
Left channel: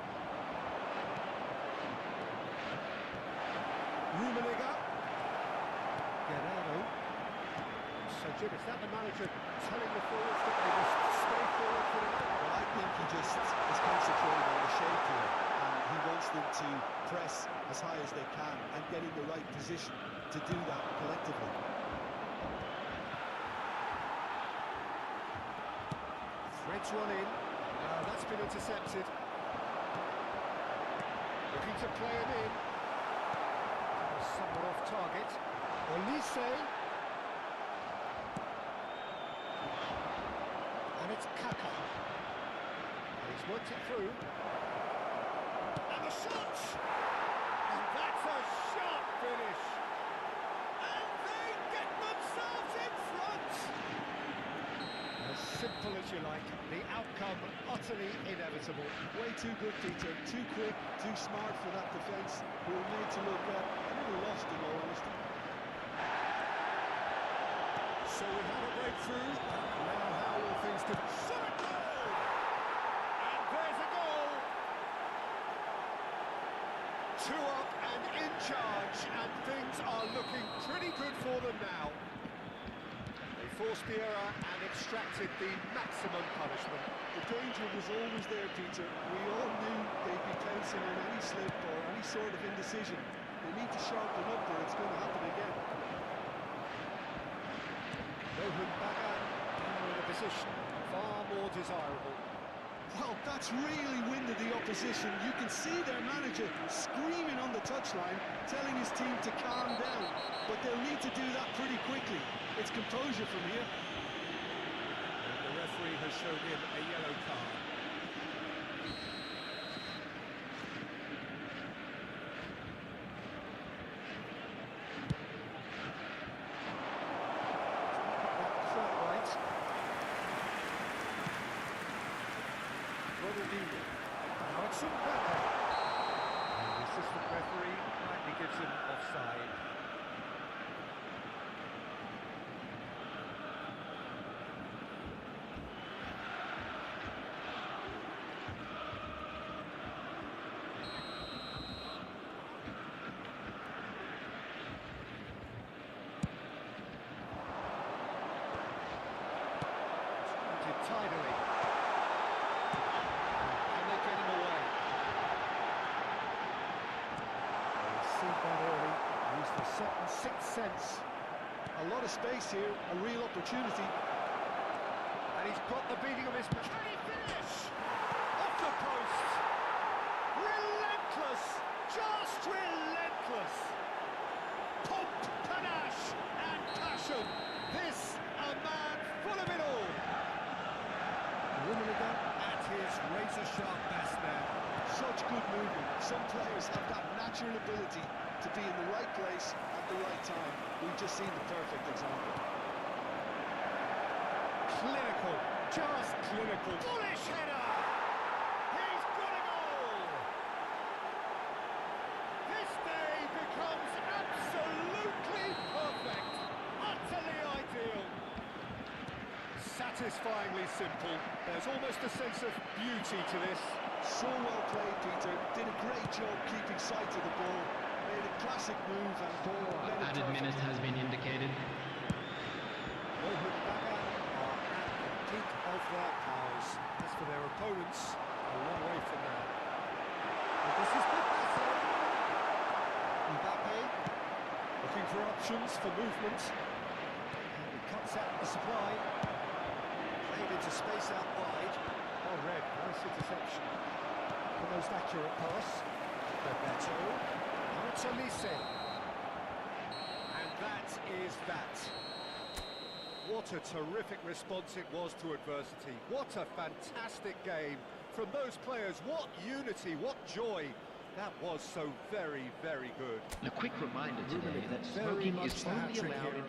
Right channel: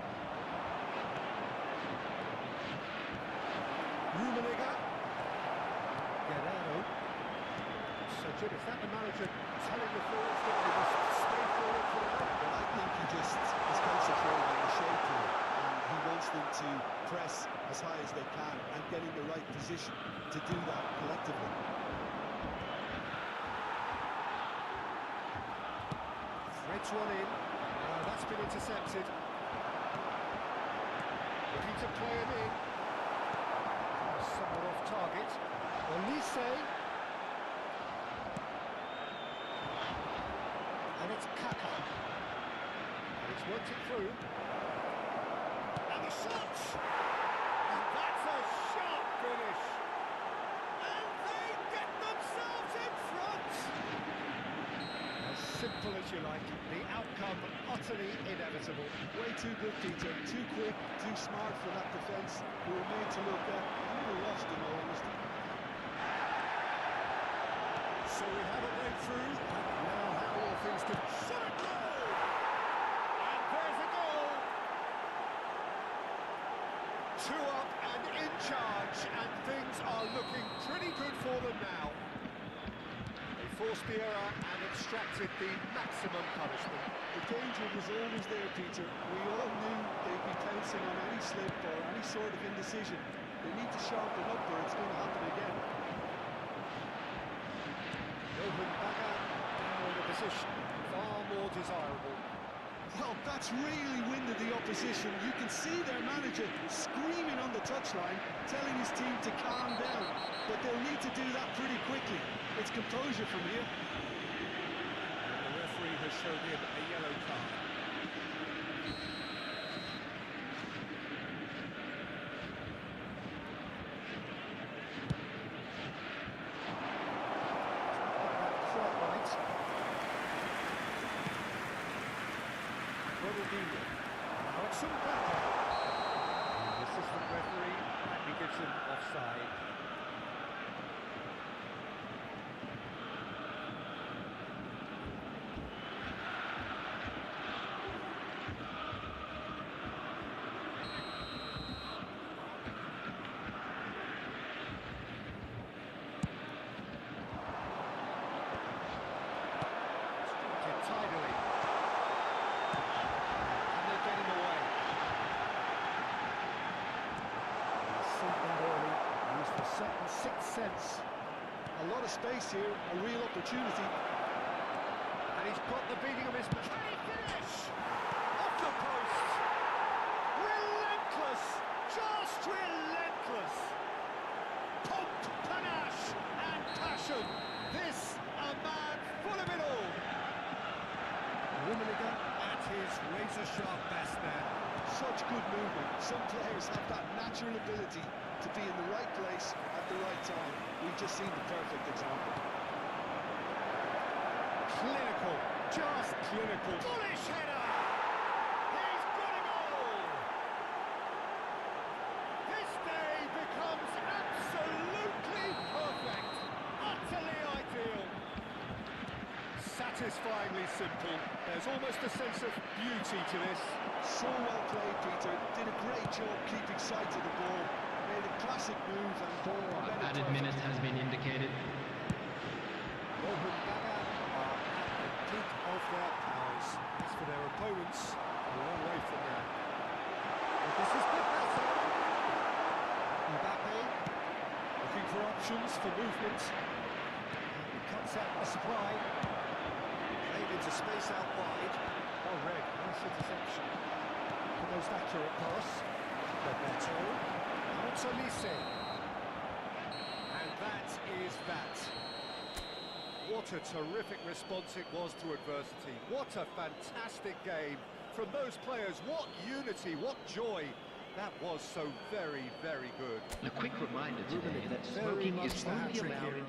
Rummenigge. Guerrero. So, Jim, is that the manager telling the forwards that they must stay forward for now? Well, I think he just is concentrating on the shape here, and he wants them to press as high as they can and get in the right position to do that collectively. Threads one in. That's been intercepted. Looking to play him in. Somewhat off target. Olise. And it's Kaka. And he's worked it through. And the shot! And that's a sharp finish. And they get themselves in front. As simple as you like, the outcome utterly inevitable. Way too good, Peter. Too quick, too smart for that defence. We were made to look a little lost, in all honesty. So we have a breakthrough. Now how will things do? Shot a goal! And there's a goal! 2 up and in charge, and things are looking pretty good for them now. They forced the error and extracted the maximum punishment. The danger was always there, Peter. We all knew they'd be pouncing on any slip or any sort of indecision. They need to sharpen up or it's going to happen again. Rohan Bagan now in a position far more desirable. Well, that's really winded the opposition. You can see their manager screaming on the touchline, telling his team to calm down. But they'll need to do that pretty quickly. It's composure from here. And the referee has shown him a yellow card. Quite right. Ronaldinho. Now it's Mbappe. And the assistant referee rightly gives him offside. Tidily. And they get him away. He's seen that early, used the second sixth sense. A lot of space here, a real opportunity. And he's got the beating of his... Can he finish? Off the post! Relentless! Just relentless! Pomp, panache and passion! This, a man full of it all! Rummenigge at his razor-sharp best there. Such good movement. Some players have that natural ability to be in the right place at the right time. We've just seen the perfect example. Clinical, just clinical. Bullish header! He's got a goal! This day becomes absolutely perfect. Utterly ideal. Satisfyingly simple. There's almost a sense of beauty to this. So well played, Peter. Did a great job keeping sight of the ball. Made a classic move and led it Added minutes perfectly. has been indicated. Rohan Bagan are at the peak of their powers. As for their opponents, a long way from there. And this is Pipasso. Mbappe looking for options for movement. And he cuts out the supply. Played into space out wide. Well read, nice interception. The most accurate pass. Roberto. Now it's Olise. And that is that. What a terrific response it was to adversity. What a fantastic game from those players. What unity, what joy. That was so very, very good. A quick reminder today that Very smoking much is the only hat-trick allowed hero. in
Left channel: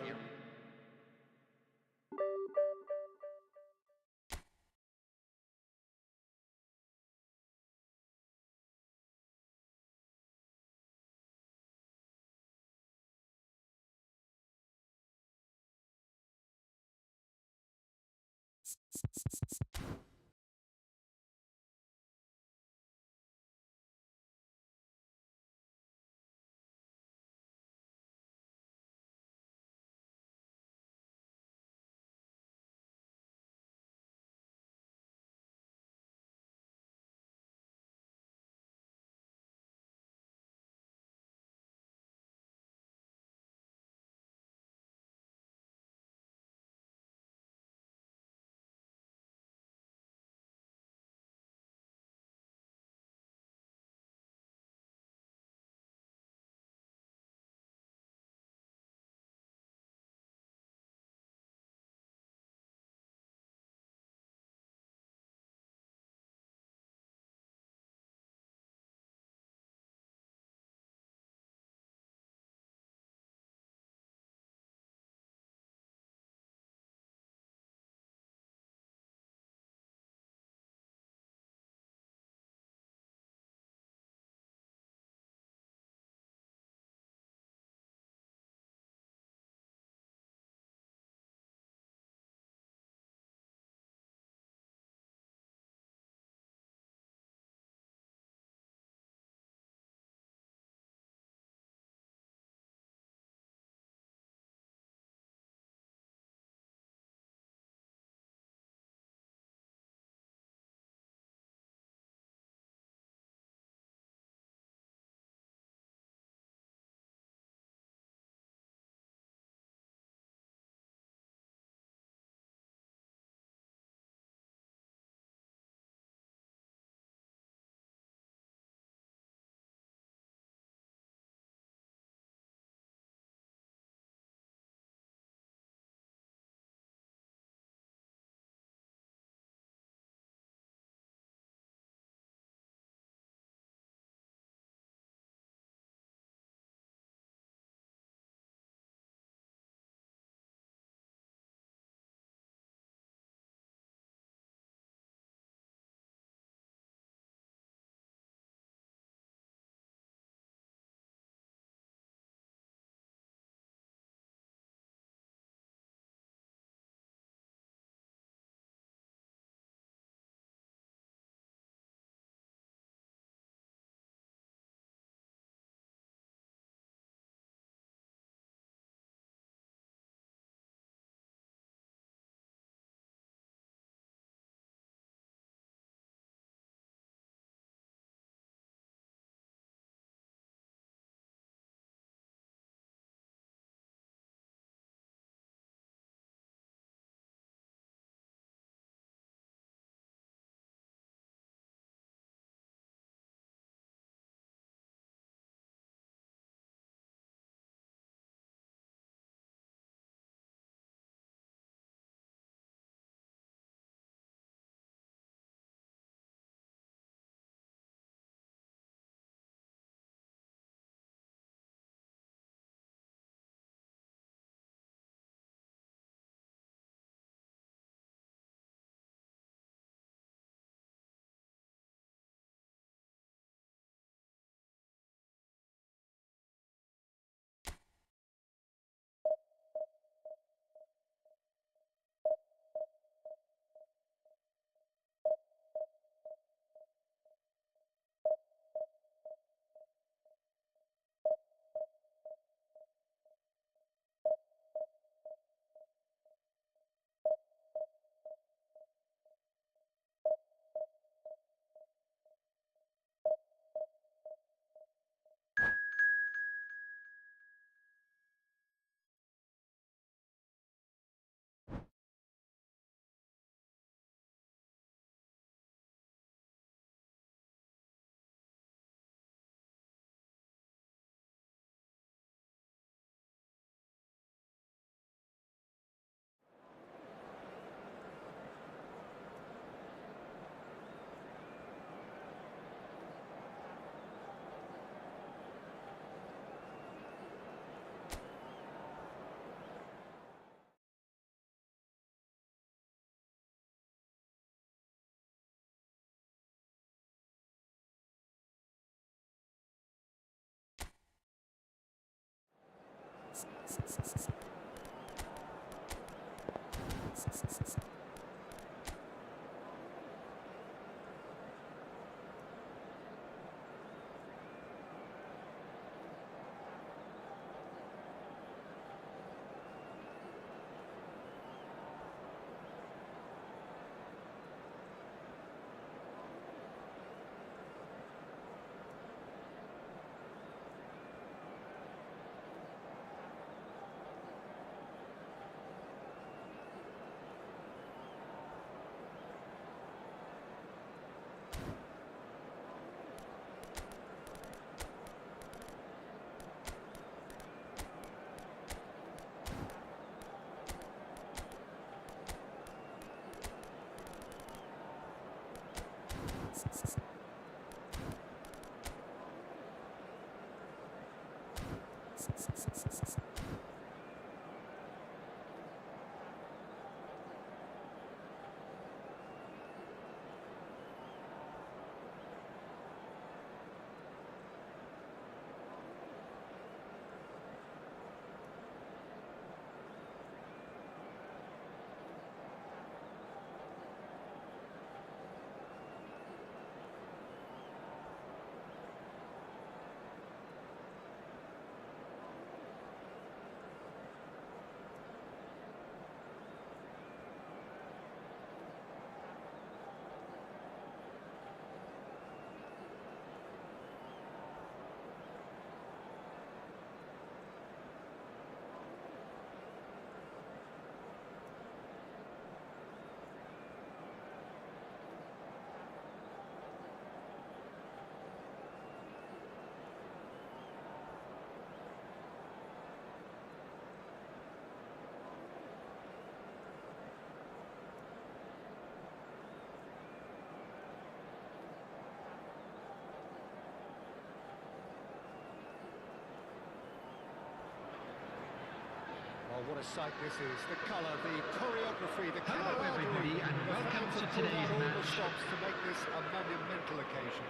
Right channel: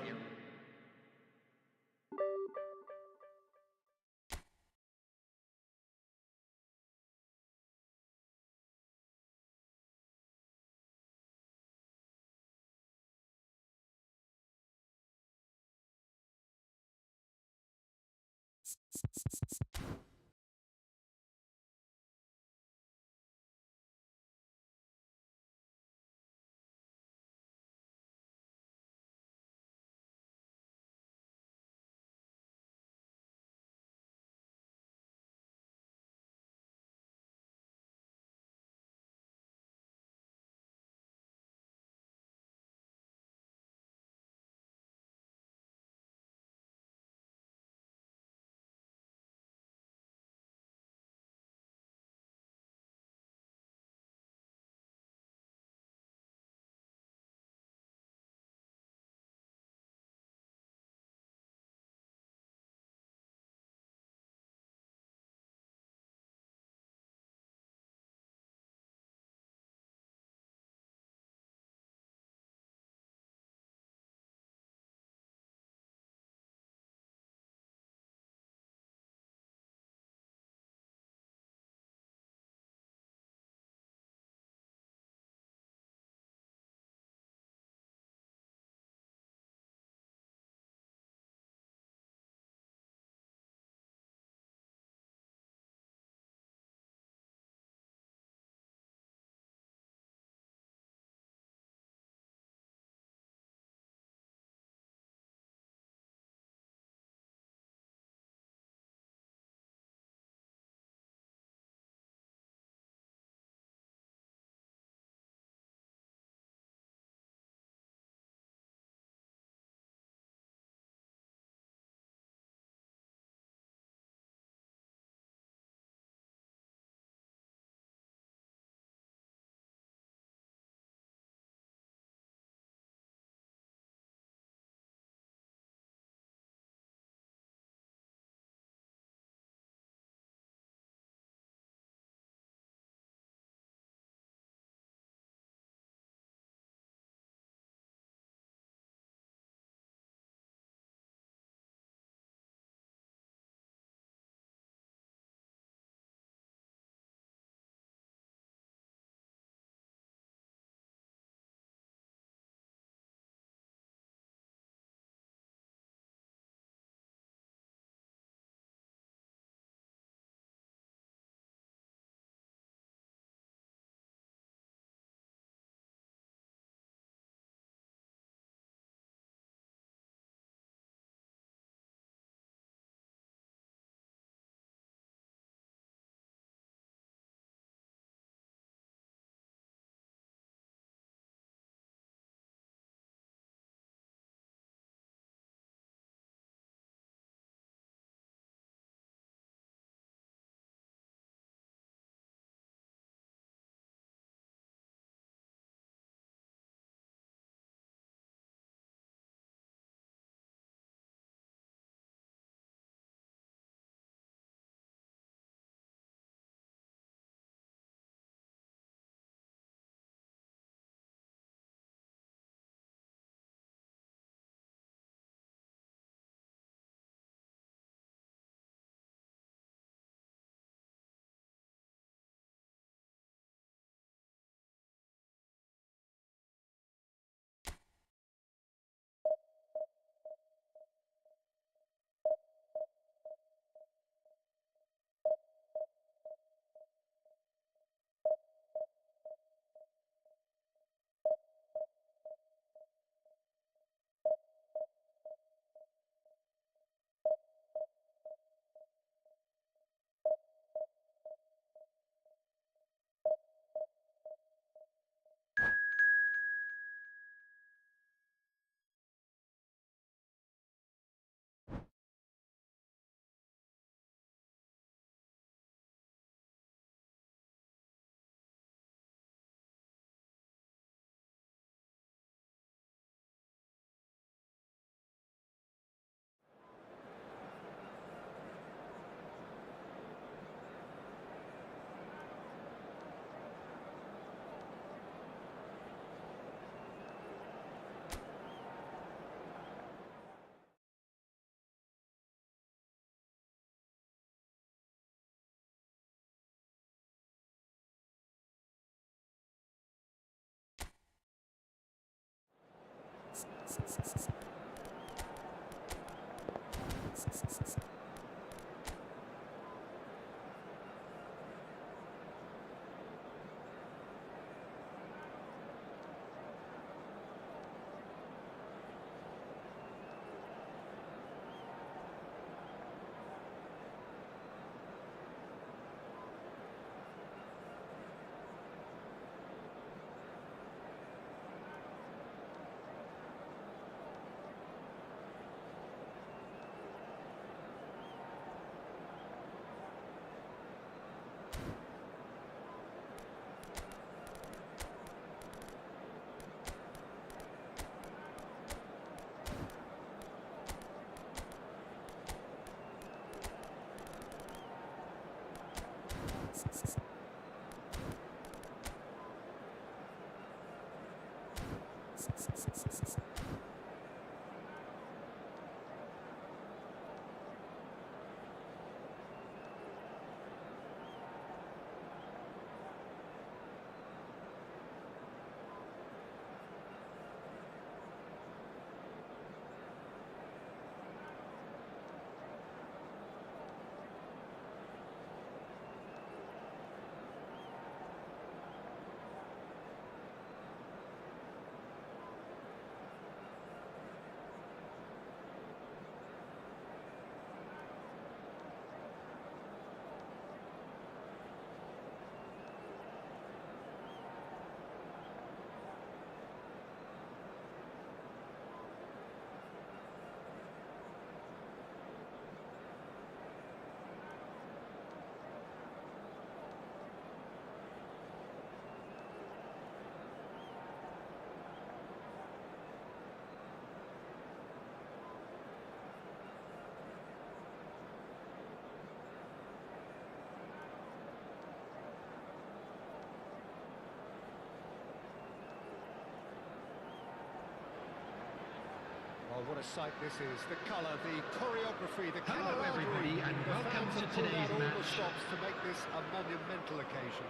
Oh, what a sight this is. The colour, the choreography, the Hello, camaraderie. everybody, and The welcome fans to have pulled today's out all the match. stops to make this a monumental occasion.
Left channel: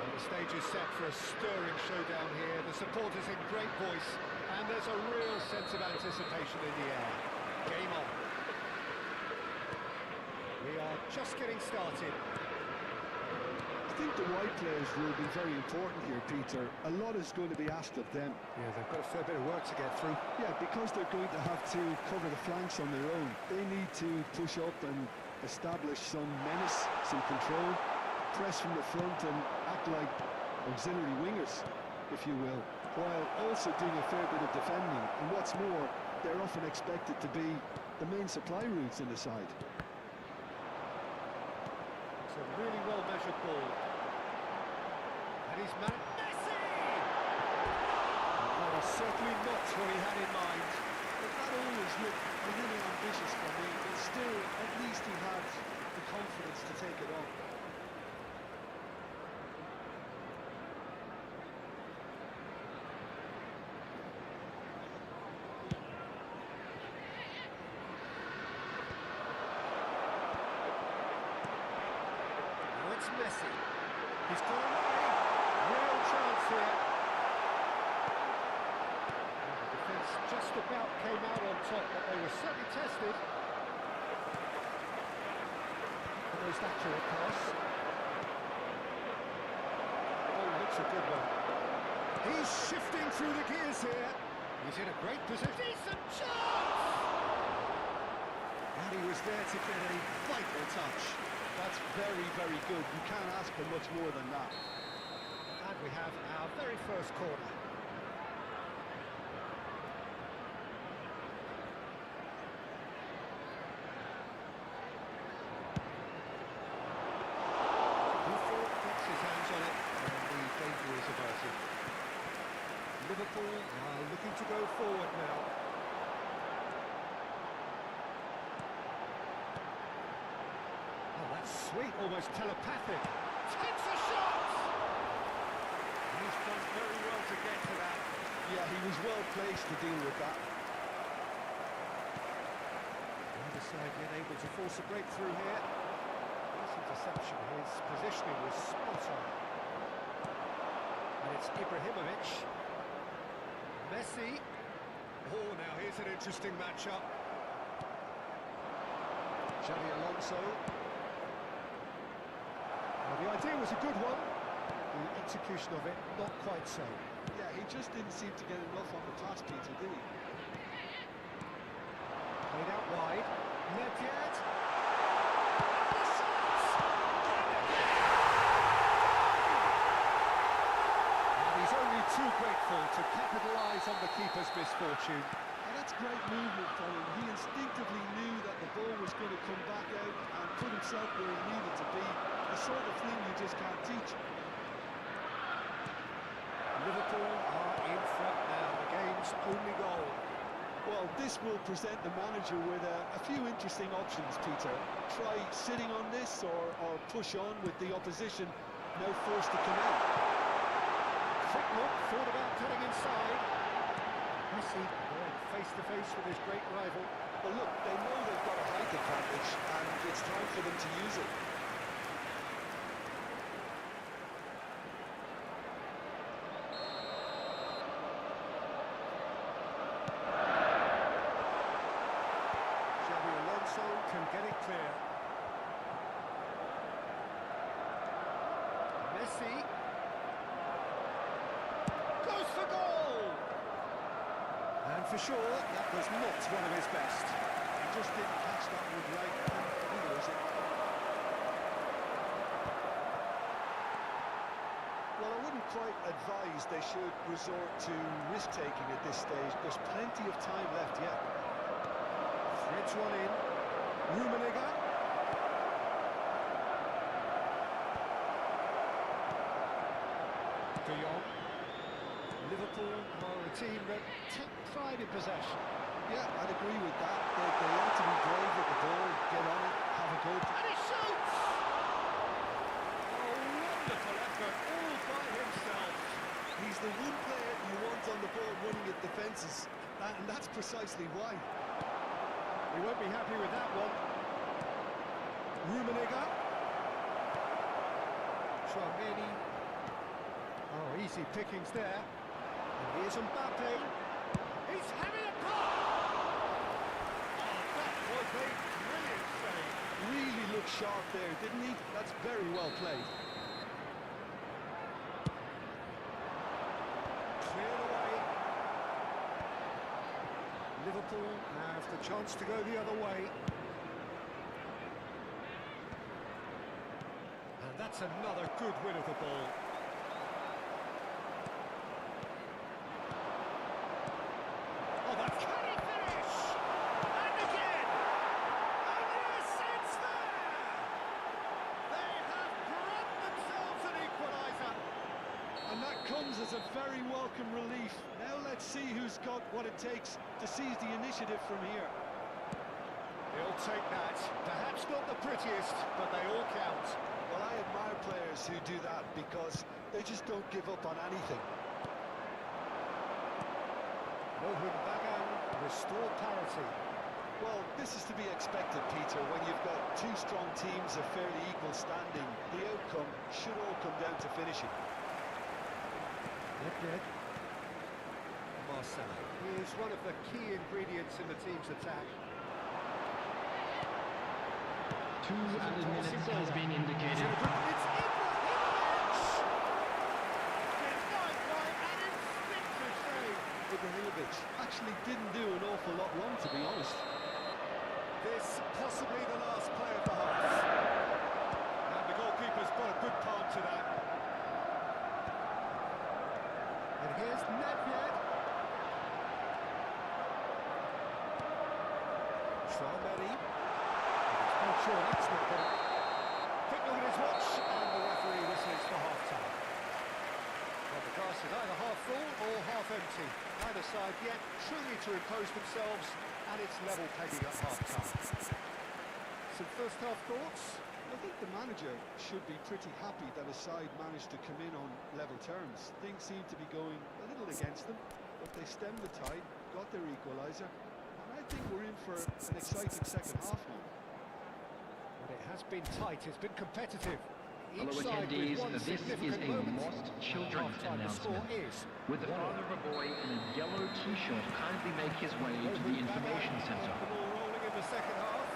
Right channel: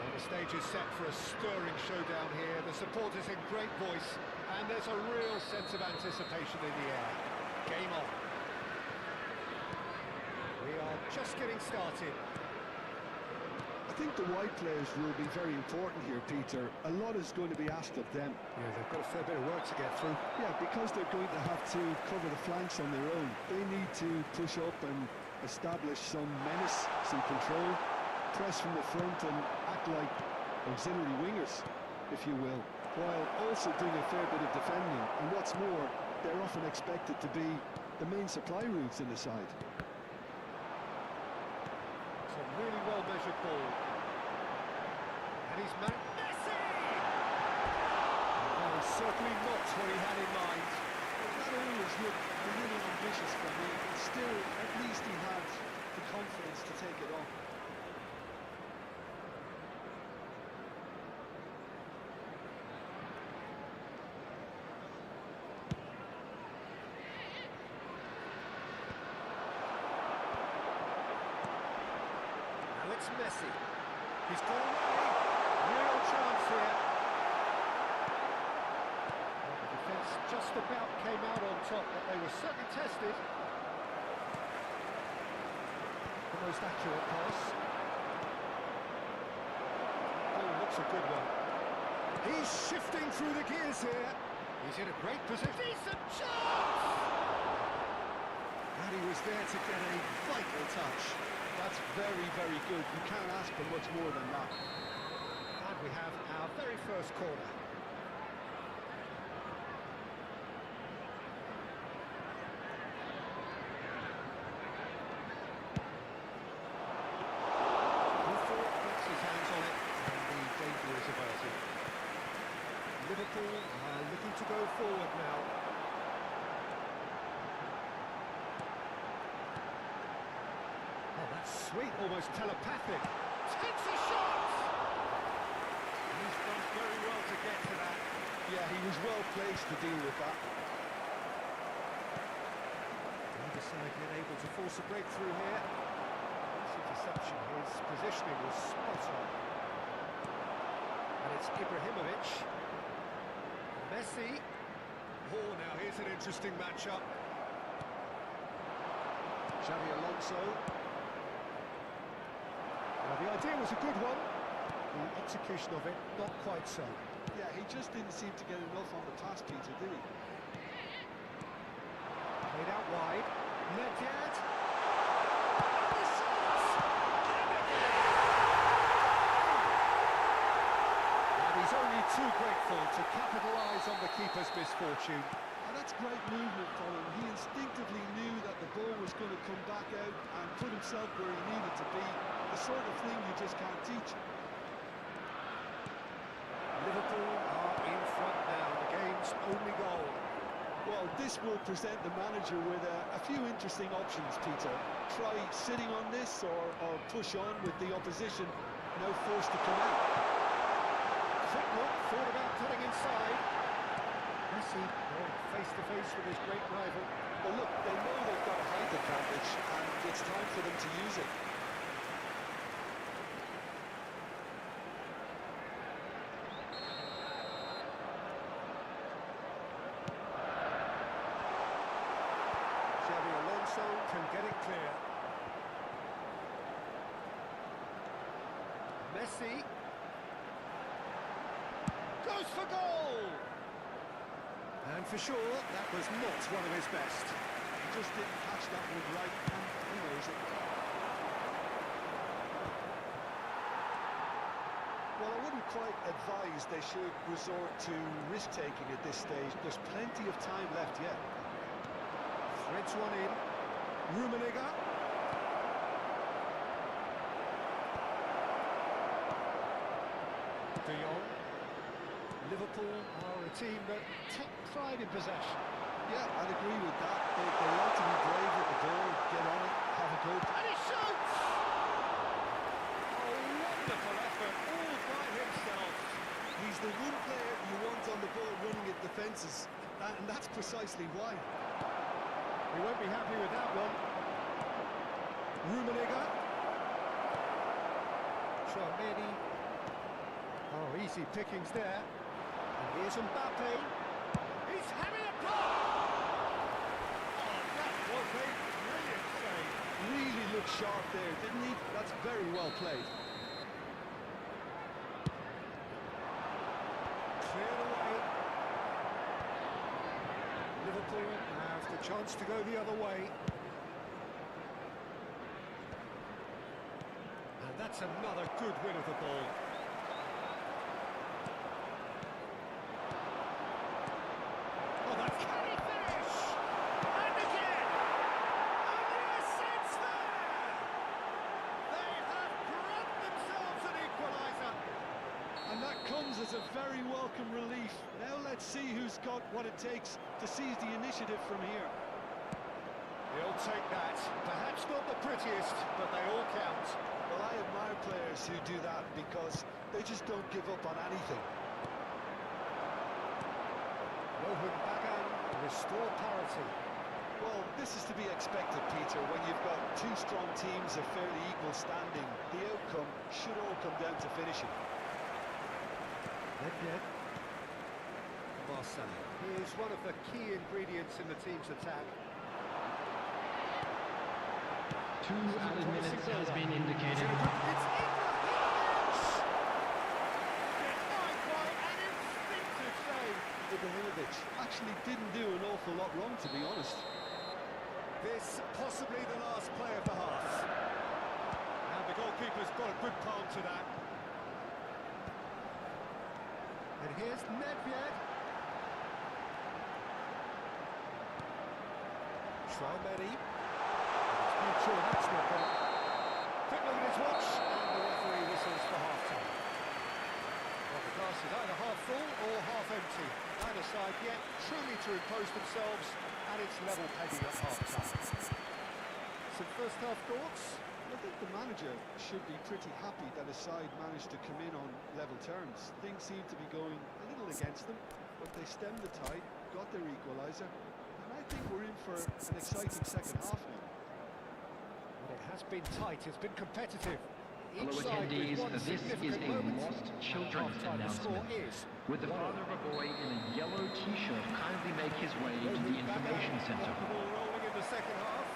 Well, the stage is set for a stirring showdown here. The supporters in great voice, and there's a real sense of anticipation in the air. Game on. We are just getting started. I think the wide players will be very important here, Peter. A lot is going to be asked of them. Yeah, they've got a fair bit of work to get through. Yeah, because they're going to have to cover the flanks on their own. They need to push up and establish some menace, some control, press from the front and act like auxiliary wingers, if you will, while also doing a fair bit of defending. And what's more, they're often expected to be the main supply routes in the side. It's a really well-measured ball. And he's Messi! And that was certainly not what he had in mind. But that always looked a little ambitious for me, but still, at least he had the confidence to take it on. Now it's Messi. He's got away. Real chance here. Well, the defence just about came out on top, but they were certainly tested. The most accurate pass. Oh, looks a good one. He's shifting through the gears here. He's in a great position. Decent chance! And he was there to get a vital touch. That's very, very good. You can't ask for much more than that. And we have our very first corner. Buffon gets his hands on it, and the danger is averted. Liverpool are looking to go forward now. Oh, that's sweet, almost telepathic. Takes a shot! He's done very well to get to that. Yeah, he was well placed to deal with that. Neither side yet able to force a breakthrough here. Nice interception, his positioning was spot on. And it's Ibrahimovic. Messi. Oh, now here's an interesting matchup. Xavi Alonso. Now, the idea was a good one. The execution of it, not quite so. Yeah, he just didn't seem to get enough on the pass, Peter, did he? Played out wide. Nedved. And the shot! And again! And he's only too grateful to capitalise on the keeper's misfortune. And that's great movement from him. He instinctively knew that the ball was going to come back out and put himself where he needed to be. The sort of thing you just can't teach. Liverpool are in front now, the game's only goal. Well, this will present the manager with a few interesting options, Peter. Try sitting on this or push on with the opposition now forced to come out. Quick look, thought about cutting inside. Messi going face-to-face with his great rival. Well, look, they know they've got a height advantage, and it's time for them to use it. Xavi Alonso can get it clear. Messi goes for goal! And for sure, that was not one of his best. He just didn't catch that one right, and he knows it. Well, I wouldn't quite advise they should resort to risk-taking at this stage. There's plenty of time left yet. Threads one in. Rummenigge. De Jong. Liverpool are a team that take pride in possession. Yeah, I'd agree with that. They like to be brave with the ball, get on it, have a go. And he shoots! Oh, wonderful effort, all by himself. He's the one player you want on the ball running at defences, and that's precisely why. He won't be happy with that one. Rummenigge. Tchouameni. Oh, easy pickings there. And here's Mbappe. He's having a pop! Oh, that was a brilliant save. Really looked sharp there, didn't he? That's very well played. Cleared away. Liverpool have the chance to go the other way. And that's another good win of the ball. Oh, that's... Can he finish? And again! And yes, it's there! They have brought themselves an equaliser. And that comes as a very welcome relief. Now let's see who's got what it takes to seize the initiative from here. He'll take that. Perhaps not the prettiest, but they all count. Well, I admire players who do that because they just don't give up on anything. Mohan Bagan restore parity. Well, this is to be expected, Peter, when you've got two strong teams of fairly equal standing. The outcome should all come down to finishing. Nedved. Marcelo. He is one of the key ingredients in the team's attack. 2 added minutes has been indicated. It's Ibrahimovic! Denied by an instinctive save. Ibrahimovic actually didn't do an awful lot wrong, to be honest. This possibly the last play of the half. And the goalkeeper's got a good palm to that. And here's Nedved. Tchouameni. Not sure that's not going to... Quick look at his watch, and the referee whistles for half-time. Well, the glass is either half full or half empty. Neither side yet truly to impose themselves, and it's level pegging at half-time. Some first-half thoughts? I think the manager should be pretty happy that his side managed to come in on level terms. Things seem to be going a little against them, but they stemmed the tide, got their equaliser, and I think we're in for an exciting second half now. Well, it has been tight, it's been competitive. Hello Each side with attendees, one this is significant a moment. lost And children at half-time, the score announcement. is Would the 1-1. father of a boy in a yellow t-shirt kindly make his way to the Movement back information out. center? Got the ball rolling in the second half.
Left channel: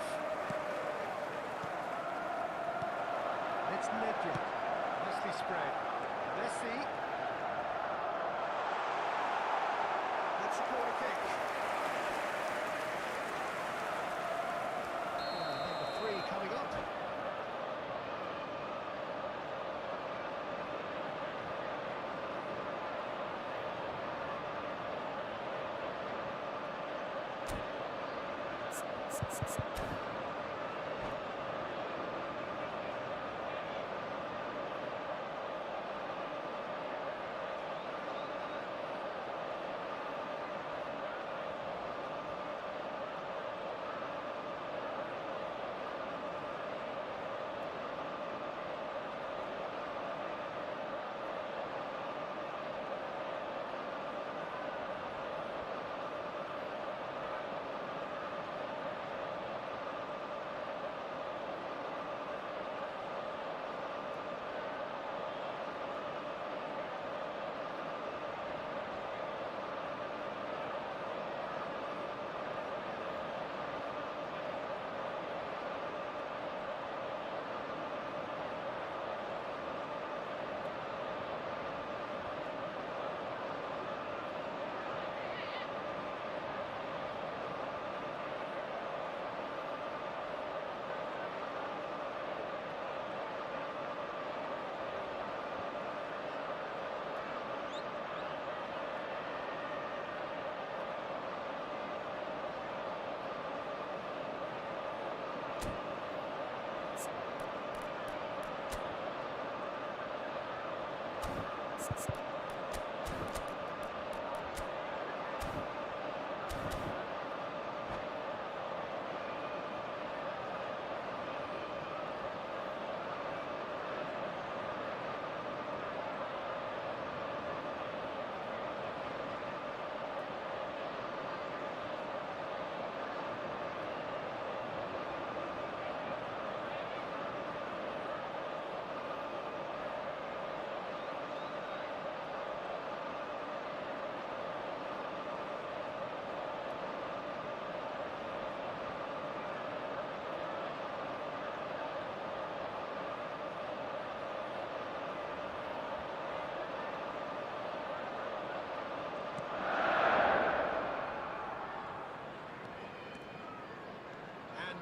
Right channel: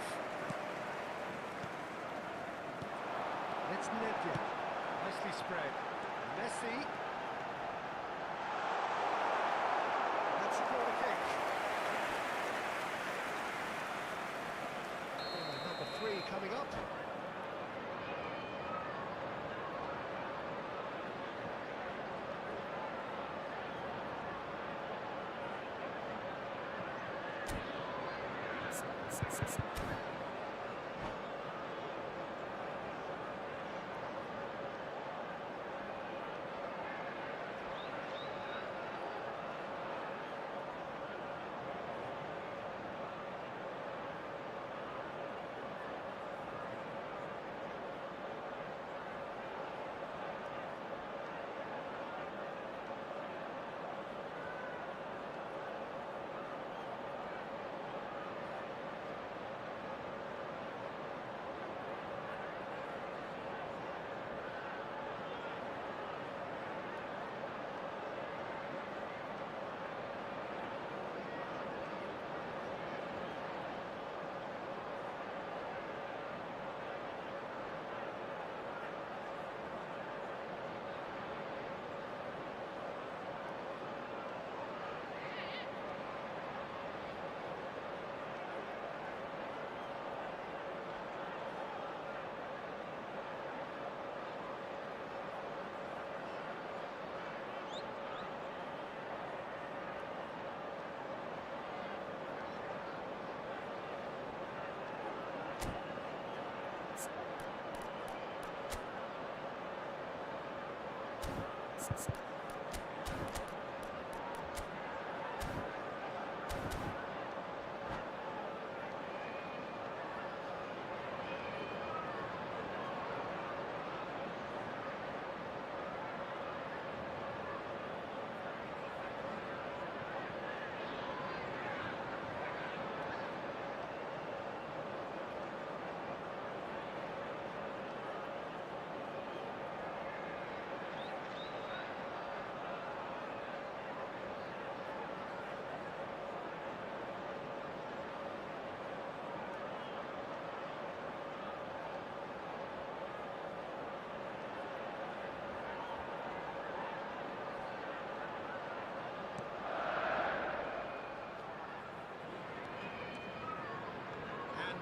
It's Nedved. Nicely spread. Messi. That's a corner kick. Number 3 coming up.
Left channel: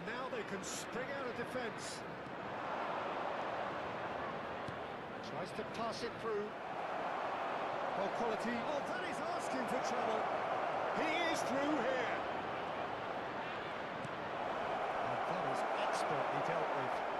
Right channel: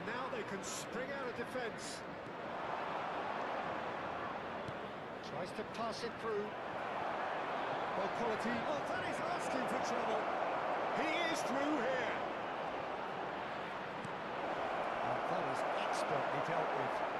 Now they can spring out of defence. Tries to pass it through. Well, quality. Oh, that is asking for trouble. He is through here. And that is expertly dealt with.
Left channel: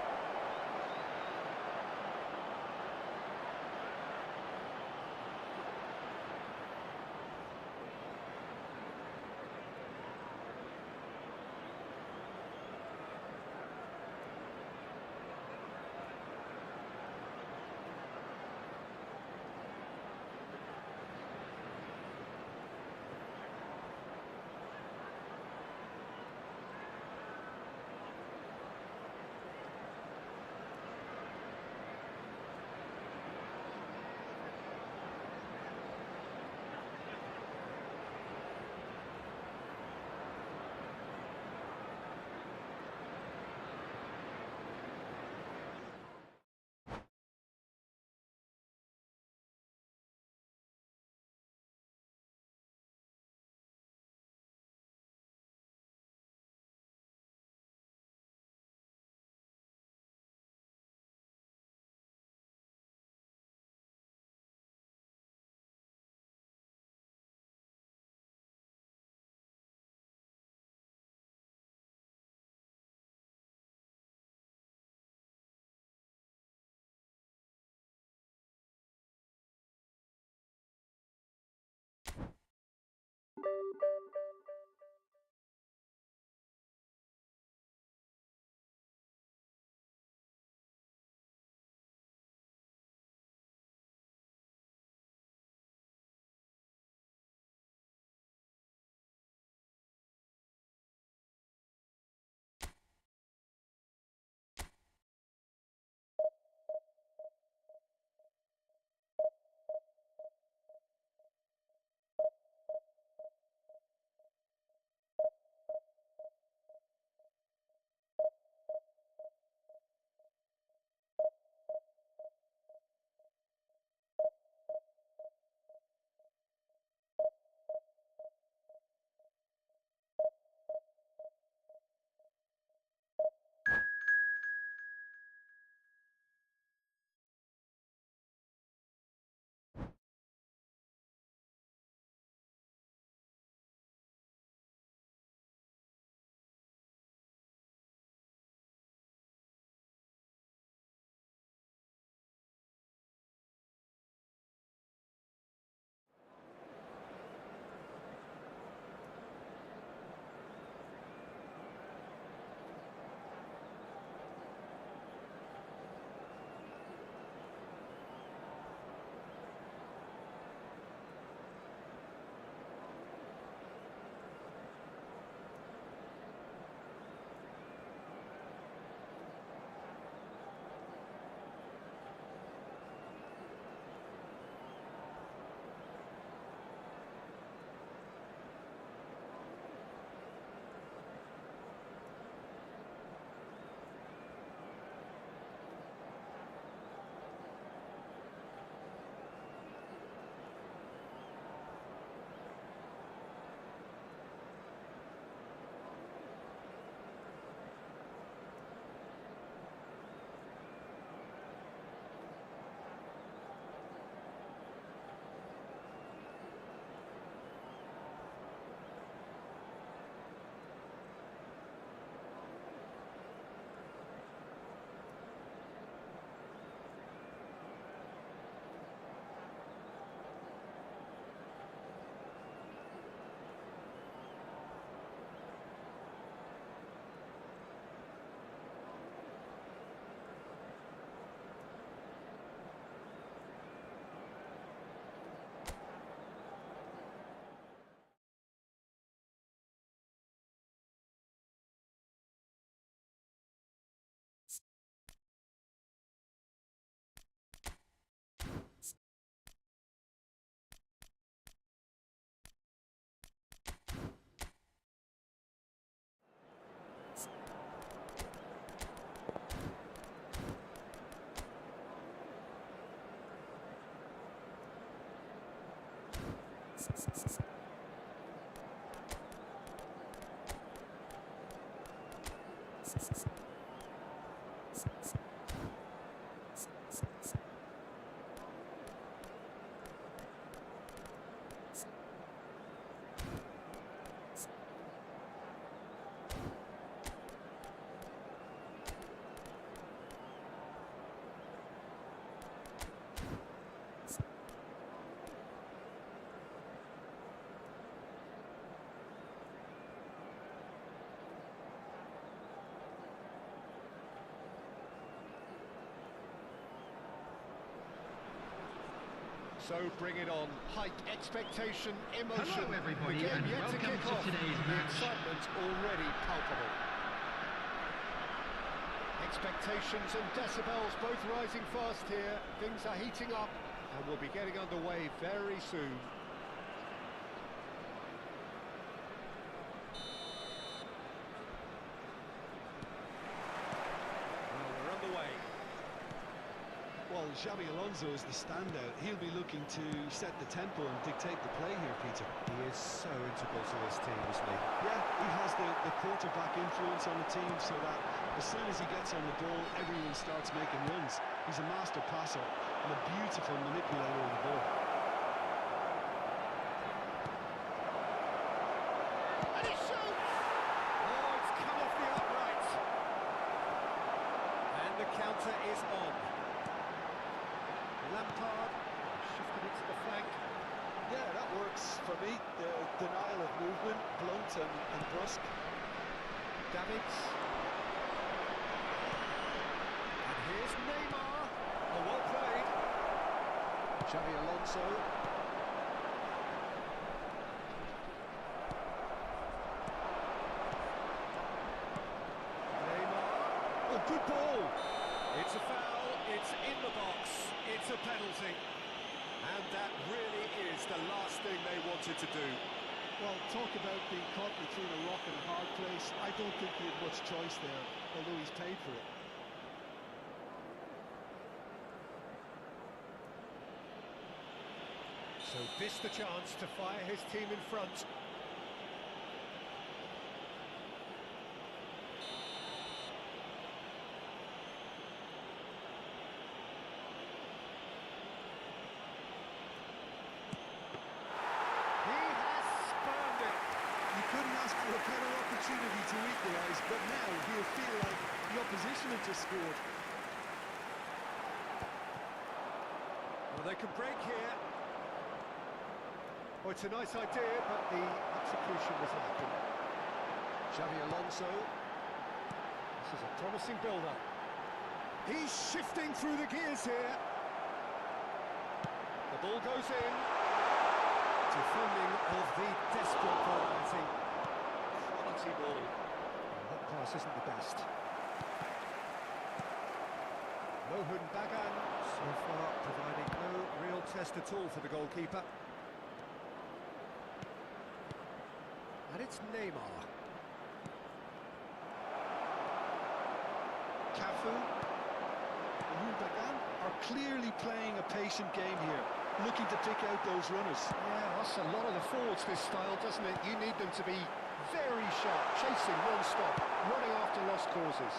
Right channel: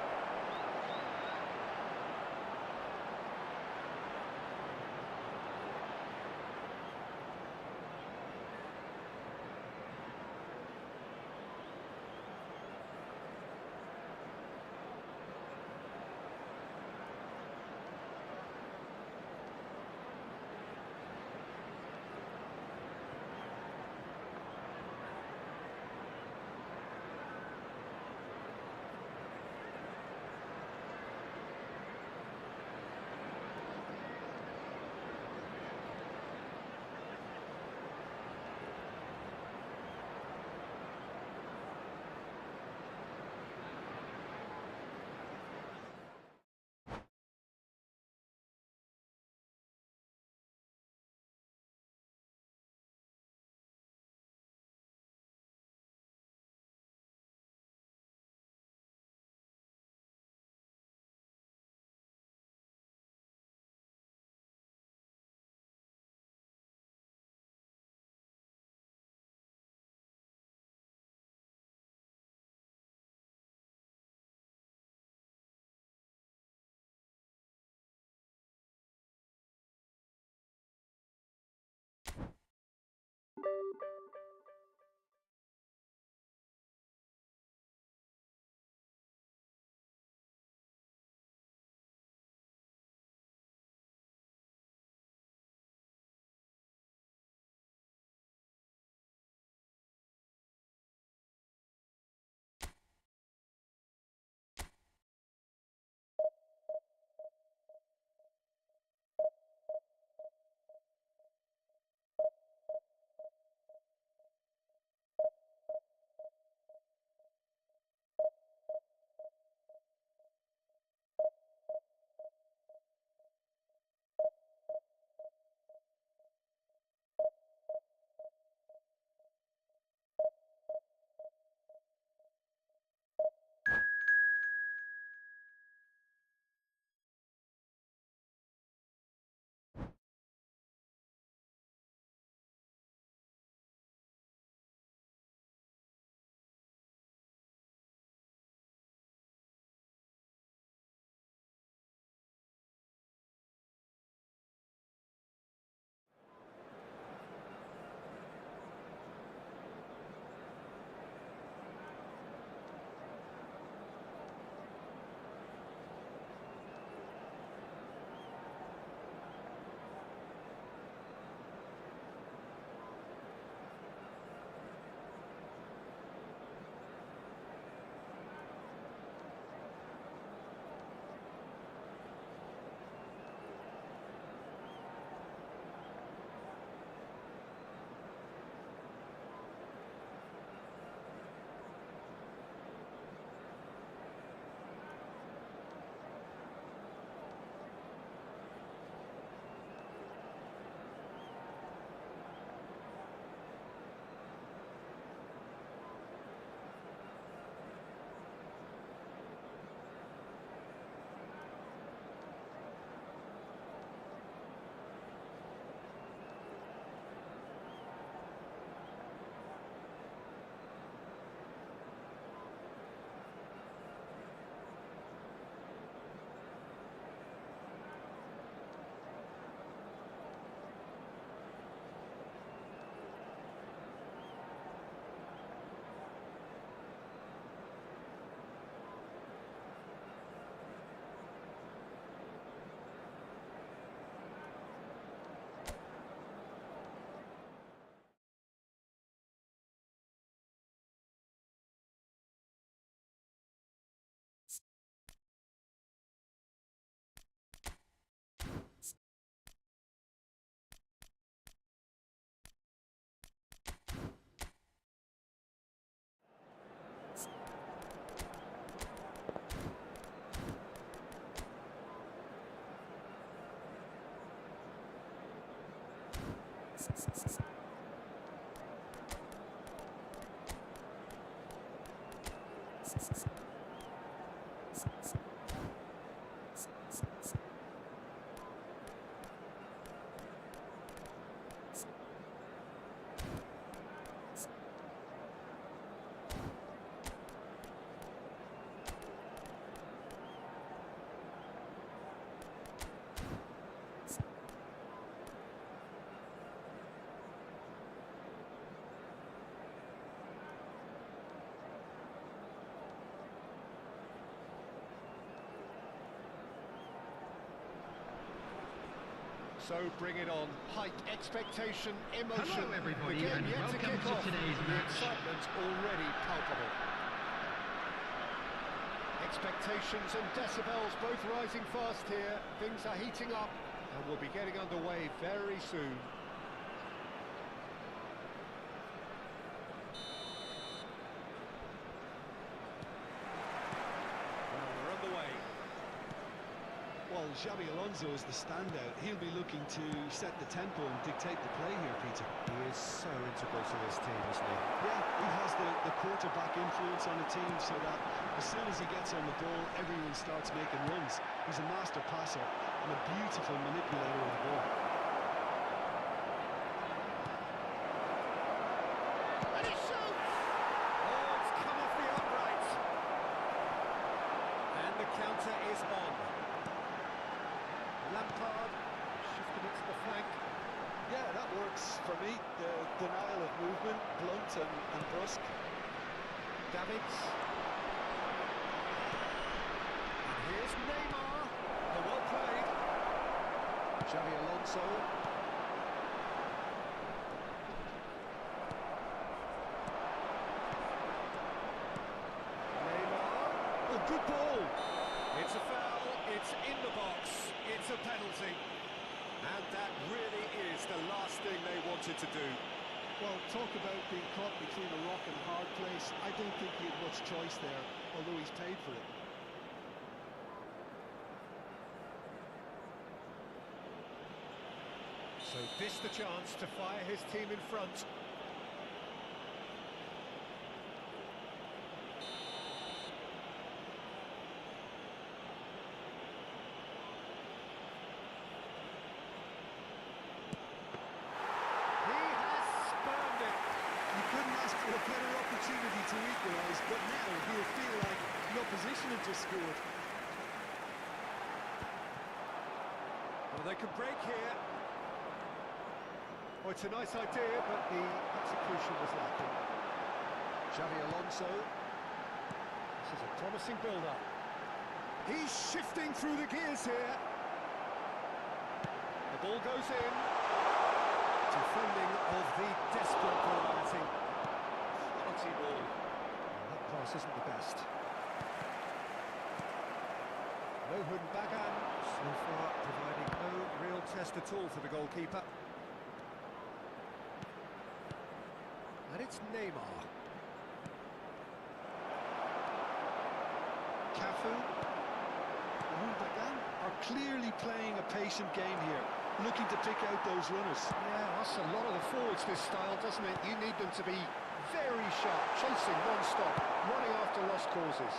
So bring it on. Height, expectation, emotion. Hello, everybody, The game and yet welcome kick to off. today's The match. excitement already palpable. Expectations and decibels both rising fast here. Things are heating up, and we'll be getting underway very soon. Well, we're underway. Well, Xabi Alonso is the standout. He'll be looking to set the tempo and dictate the play here, Peter. He is so integral to this team, isn't he? Yeah, he has the quarterback influence on the team so that as soon as he gets on the ball, everyone starts making runs. He's a master passer and a beautiful manipulator of the ball. And he shoots! Oh, it's come off the upright. And the counter is on. Lampard shifted it to the flank. Yeah, that works for me. The denial of movement, blunt and brusque. Davids. And here's Neymar. Oh, well played. Xabi Alonso. Neymar. Oh, good ball! It's a foul, it's in the box, it's a penalty. And that really is the last thing they wanted to do. Well, talk about being caught between a rock and a hard place. I don't think he had much choice there, although he's paid for it. So this the chance to fire his team in front. He has spurned it. You couldn't ask for a better opportunity to equalise, but now he'll feel like the opposition had just scored. Well, they can break here. Oh, it's a nice idea, but the execution was lacking. Xabi Alonso. This is a promising build-up. He's shifting through the gears here. The ball goes in. Defending of the desperate variety. Quality ball. That pass isn't the best. Mohun Bagan, so far providing no real test at all for the goalkeeper. And it's Neymar. Cafu, Mohun Bagan are clearly playing a patient game here, looking to pick out those runners. Yeah, that's a lot of the forwards, this style, doesn't it? You need them to be very sharp, chasing non-stop, running after lost causes.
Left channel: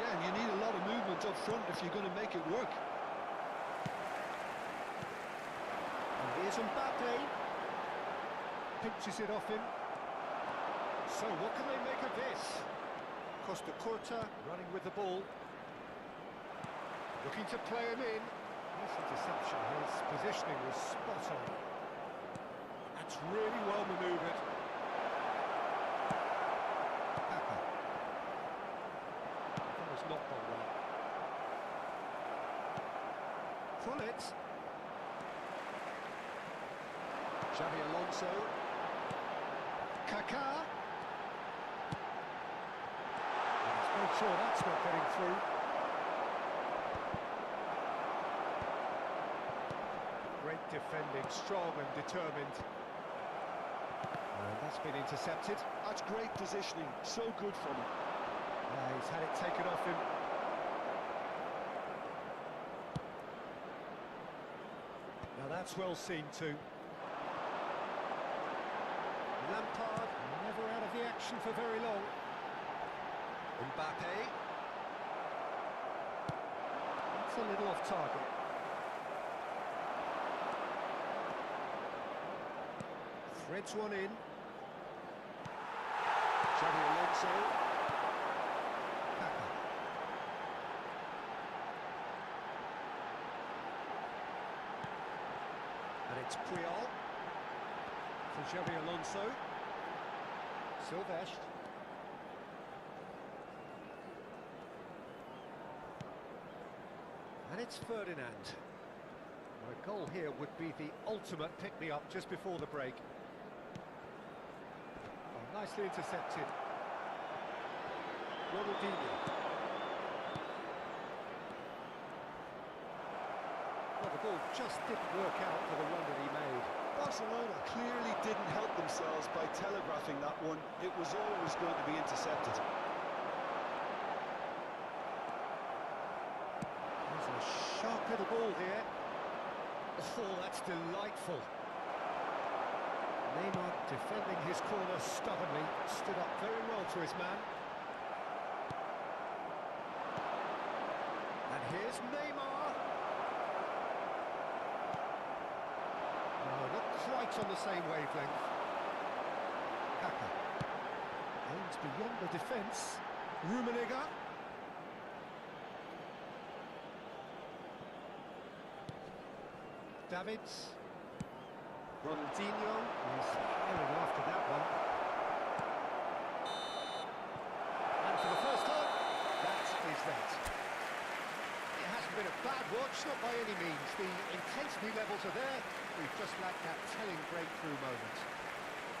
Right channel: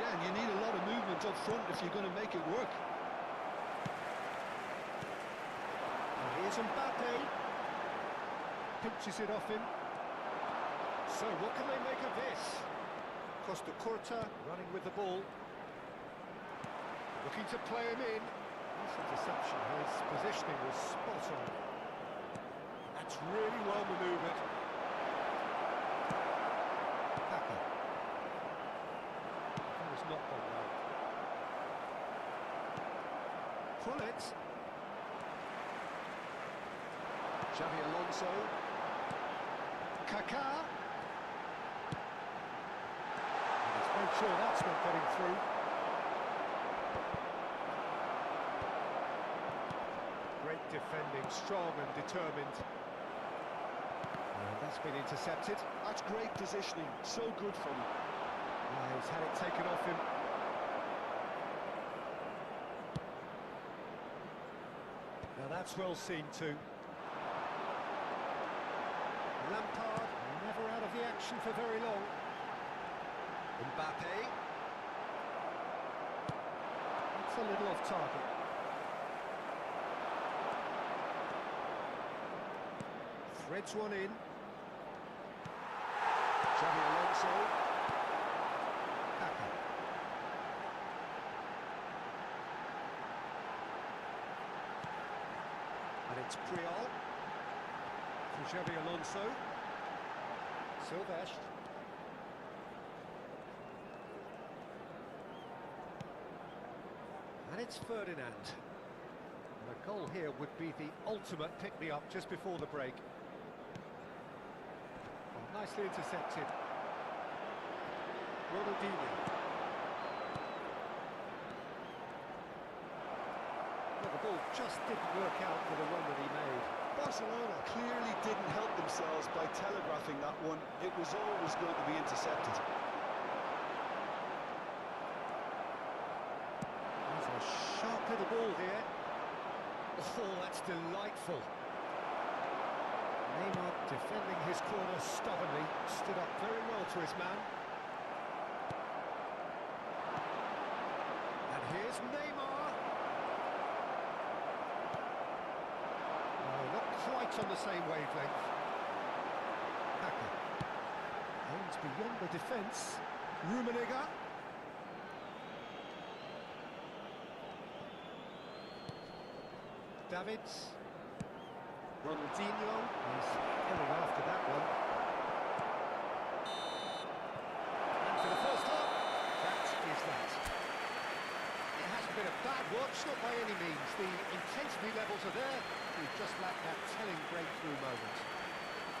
Yeah, and you need a lot of movement up front if you're going to make it work. And here's Mbappe. Pinches it off him. So what can they make of this? Costa Curta running with the ball. Looking to play him in. Nice interception. His positioning was spot on. That's really well manoeuvred. Packa. That was not gone well. Pull it. Xabi Alonso. Kaká. And he's made sure that's not getting through. Great defending, strong and determined. And that's been intercepted. That's great positioning, so good from him. He's had it taken off him. Now that's well seen too. Lampard, never out of the action for very long. Mbappe. It's a little off target. Threads one in. Xavi Alonso. Kaka. And it's Puyol. For Xavi Alonso. Silvestre. And it's Ferdinand. And a goal here would be the ultimate pick-me-up just before the break. Oh, nicely intercepted. Ronaldinho. Well, the ball just didn't work out for the run that he made. Barcelona clearly didn't help themselves by telegraphing that one. It was always going to be intercepted. There's a sharp little ball here. Oh, that's delightful. Neymar defending his corner stubbornly, stood up very well to his man. And here's Neymar. No, not quite on the same wavelength. Kaka. Aims beyond the defence. Rummenigge. Davids. Ronaldinho is herring after that one. And for the first time, that is that. It hasn't been a bad watch, not by any means. The intensity levels are there. We've just lacked that telling breakthrough moment.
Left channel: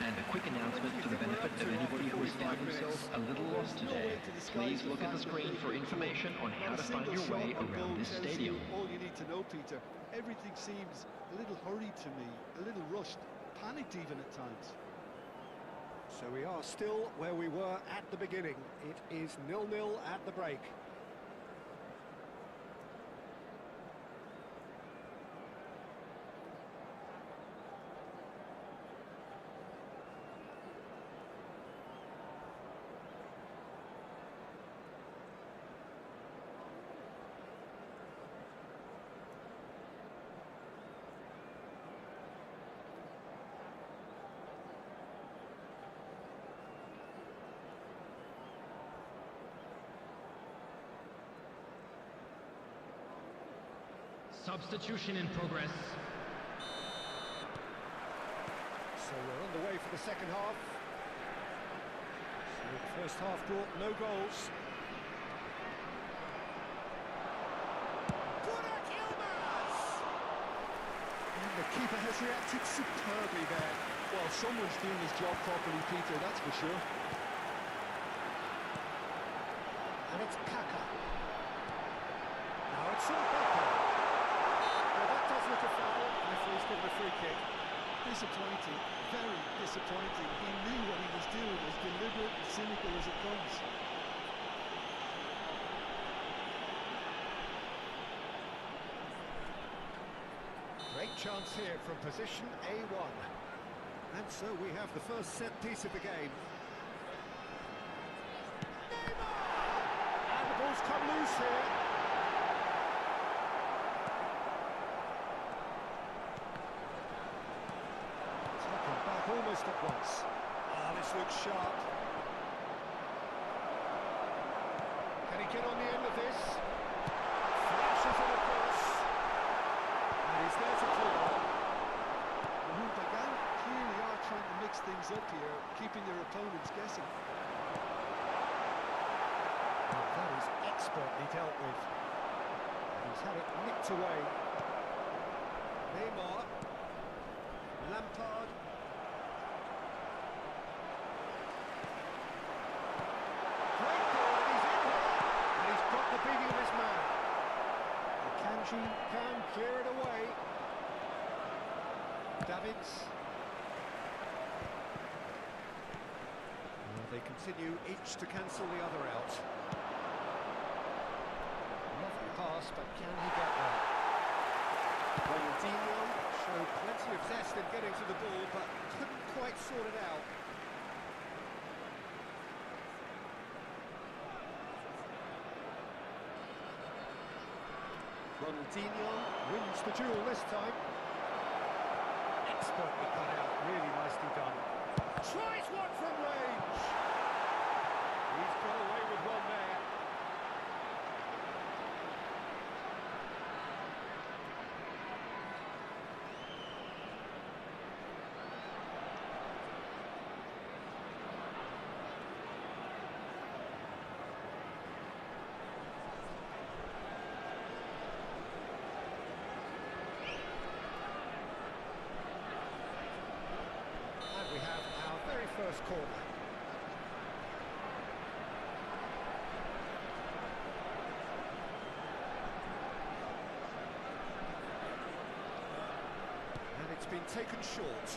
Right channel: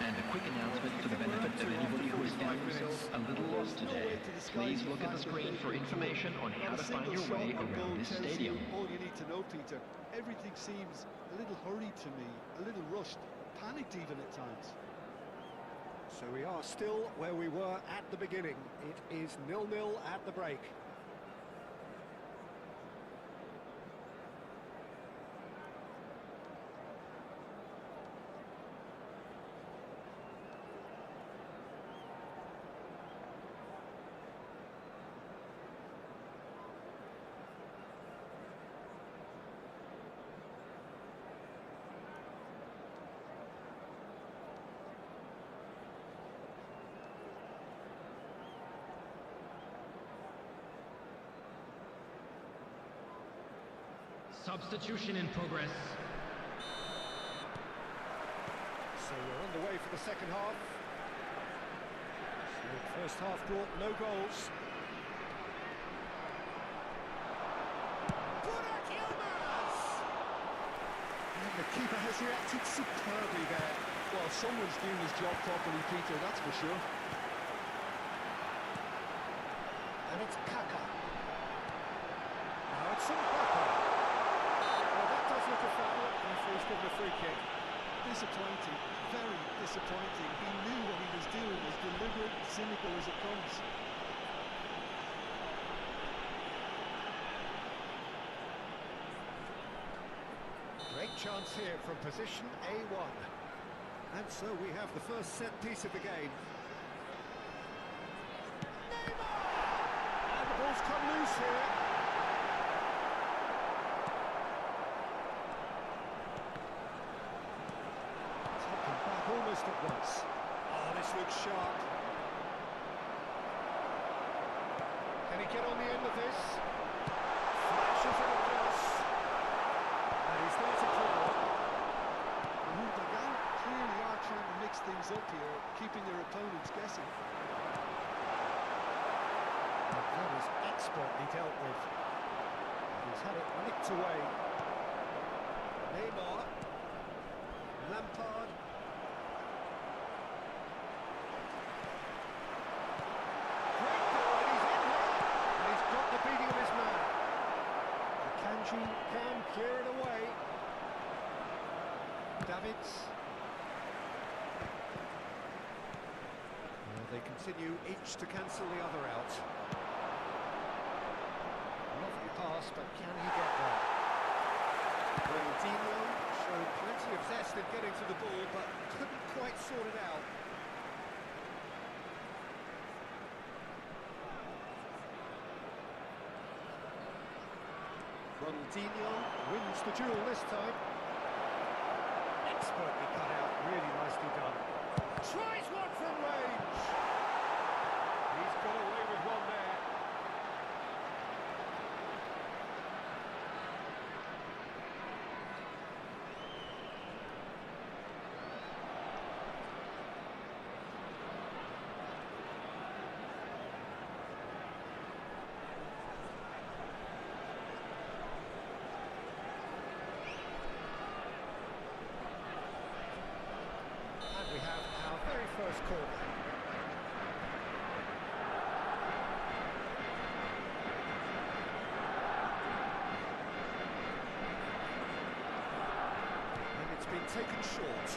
And a quick announcement for the benefit of anybody who has found themselves a little lost today. Please look at the screen for information on how to find your way around this stadium. All you need to know, Peter. Everything seems a little hurried to me, a little rushed, panicked even at times. So we are still where we were at the beginning. It is 0-0 at the break. Substitution in progress. So we're on the way for the second half. So the first half brought no goals. Burak Yilmaz! And the keeper has reacted superbly there. Well, someone's doing his job properly, Peter, that's for sure. And it's Kaka. Now it's Mbappe. Well, that does look a foul. Referee's given a free kick. Disappointing, very disappointing. He knew what he was doing, as deliberate and cynical as it comes. Great chance here from position A1. And so we have the first set piece of the game. Neymar! And the ball's come loose here. Taken back almost at once. Oh, this looks sharp. Can he get on the end of this? Flashes it across. And he's there to clear. Pagan clearly are trying to mix things up here, keeping their opponents guessing. And that is expertly dealt with. And he's had it nicked away. Neymar. Lampard. Great ball, and he's in here. And he's got the beating of his man. Kanji can clear it away. Davids. Well, they continue each to cancel the other out. Lovely pass, but can he get there? Ronaldinho showed plenty of zest in getting to the ball, but couldn't quite sort it out. Ronaldinho wins the duel this time. Expertly cut out, really nicely done. Tries one from range. He's got away with one there. We have our very first corner. And it's been taken short.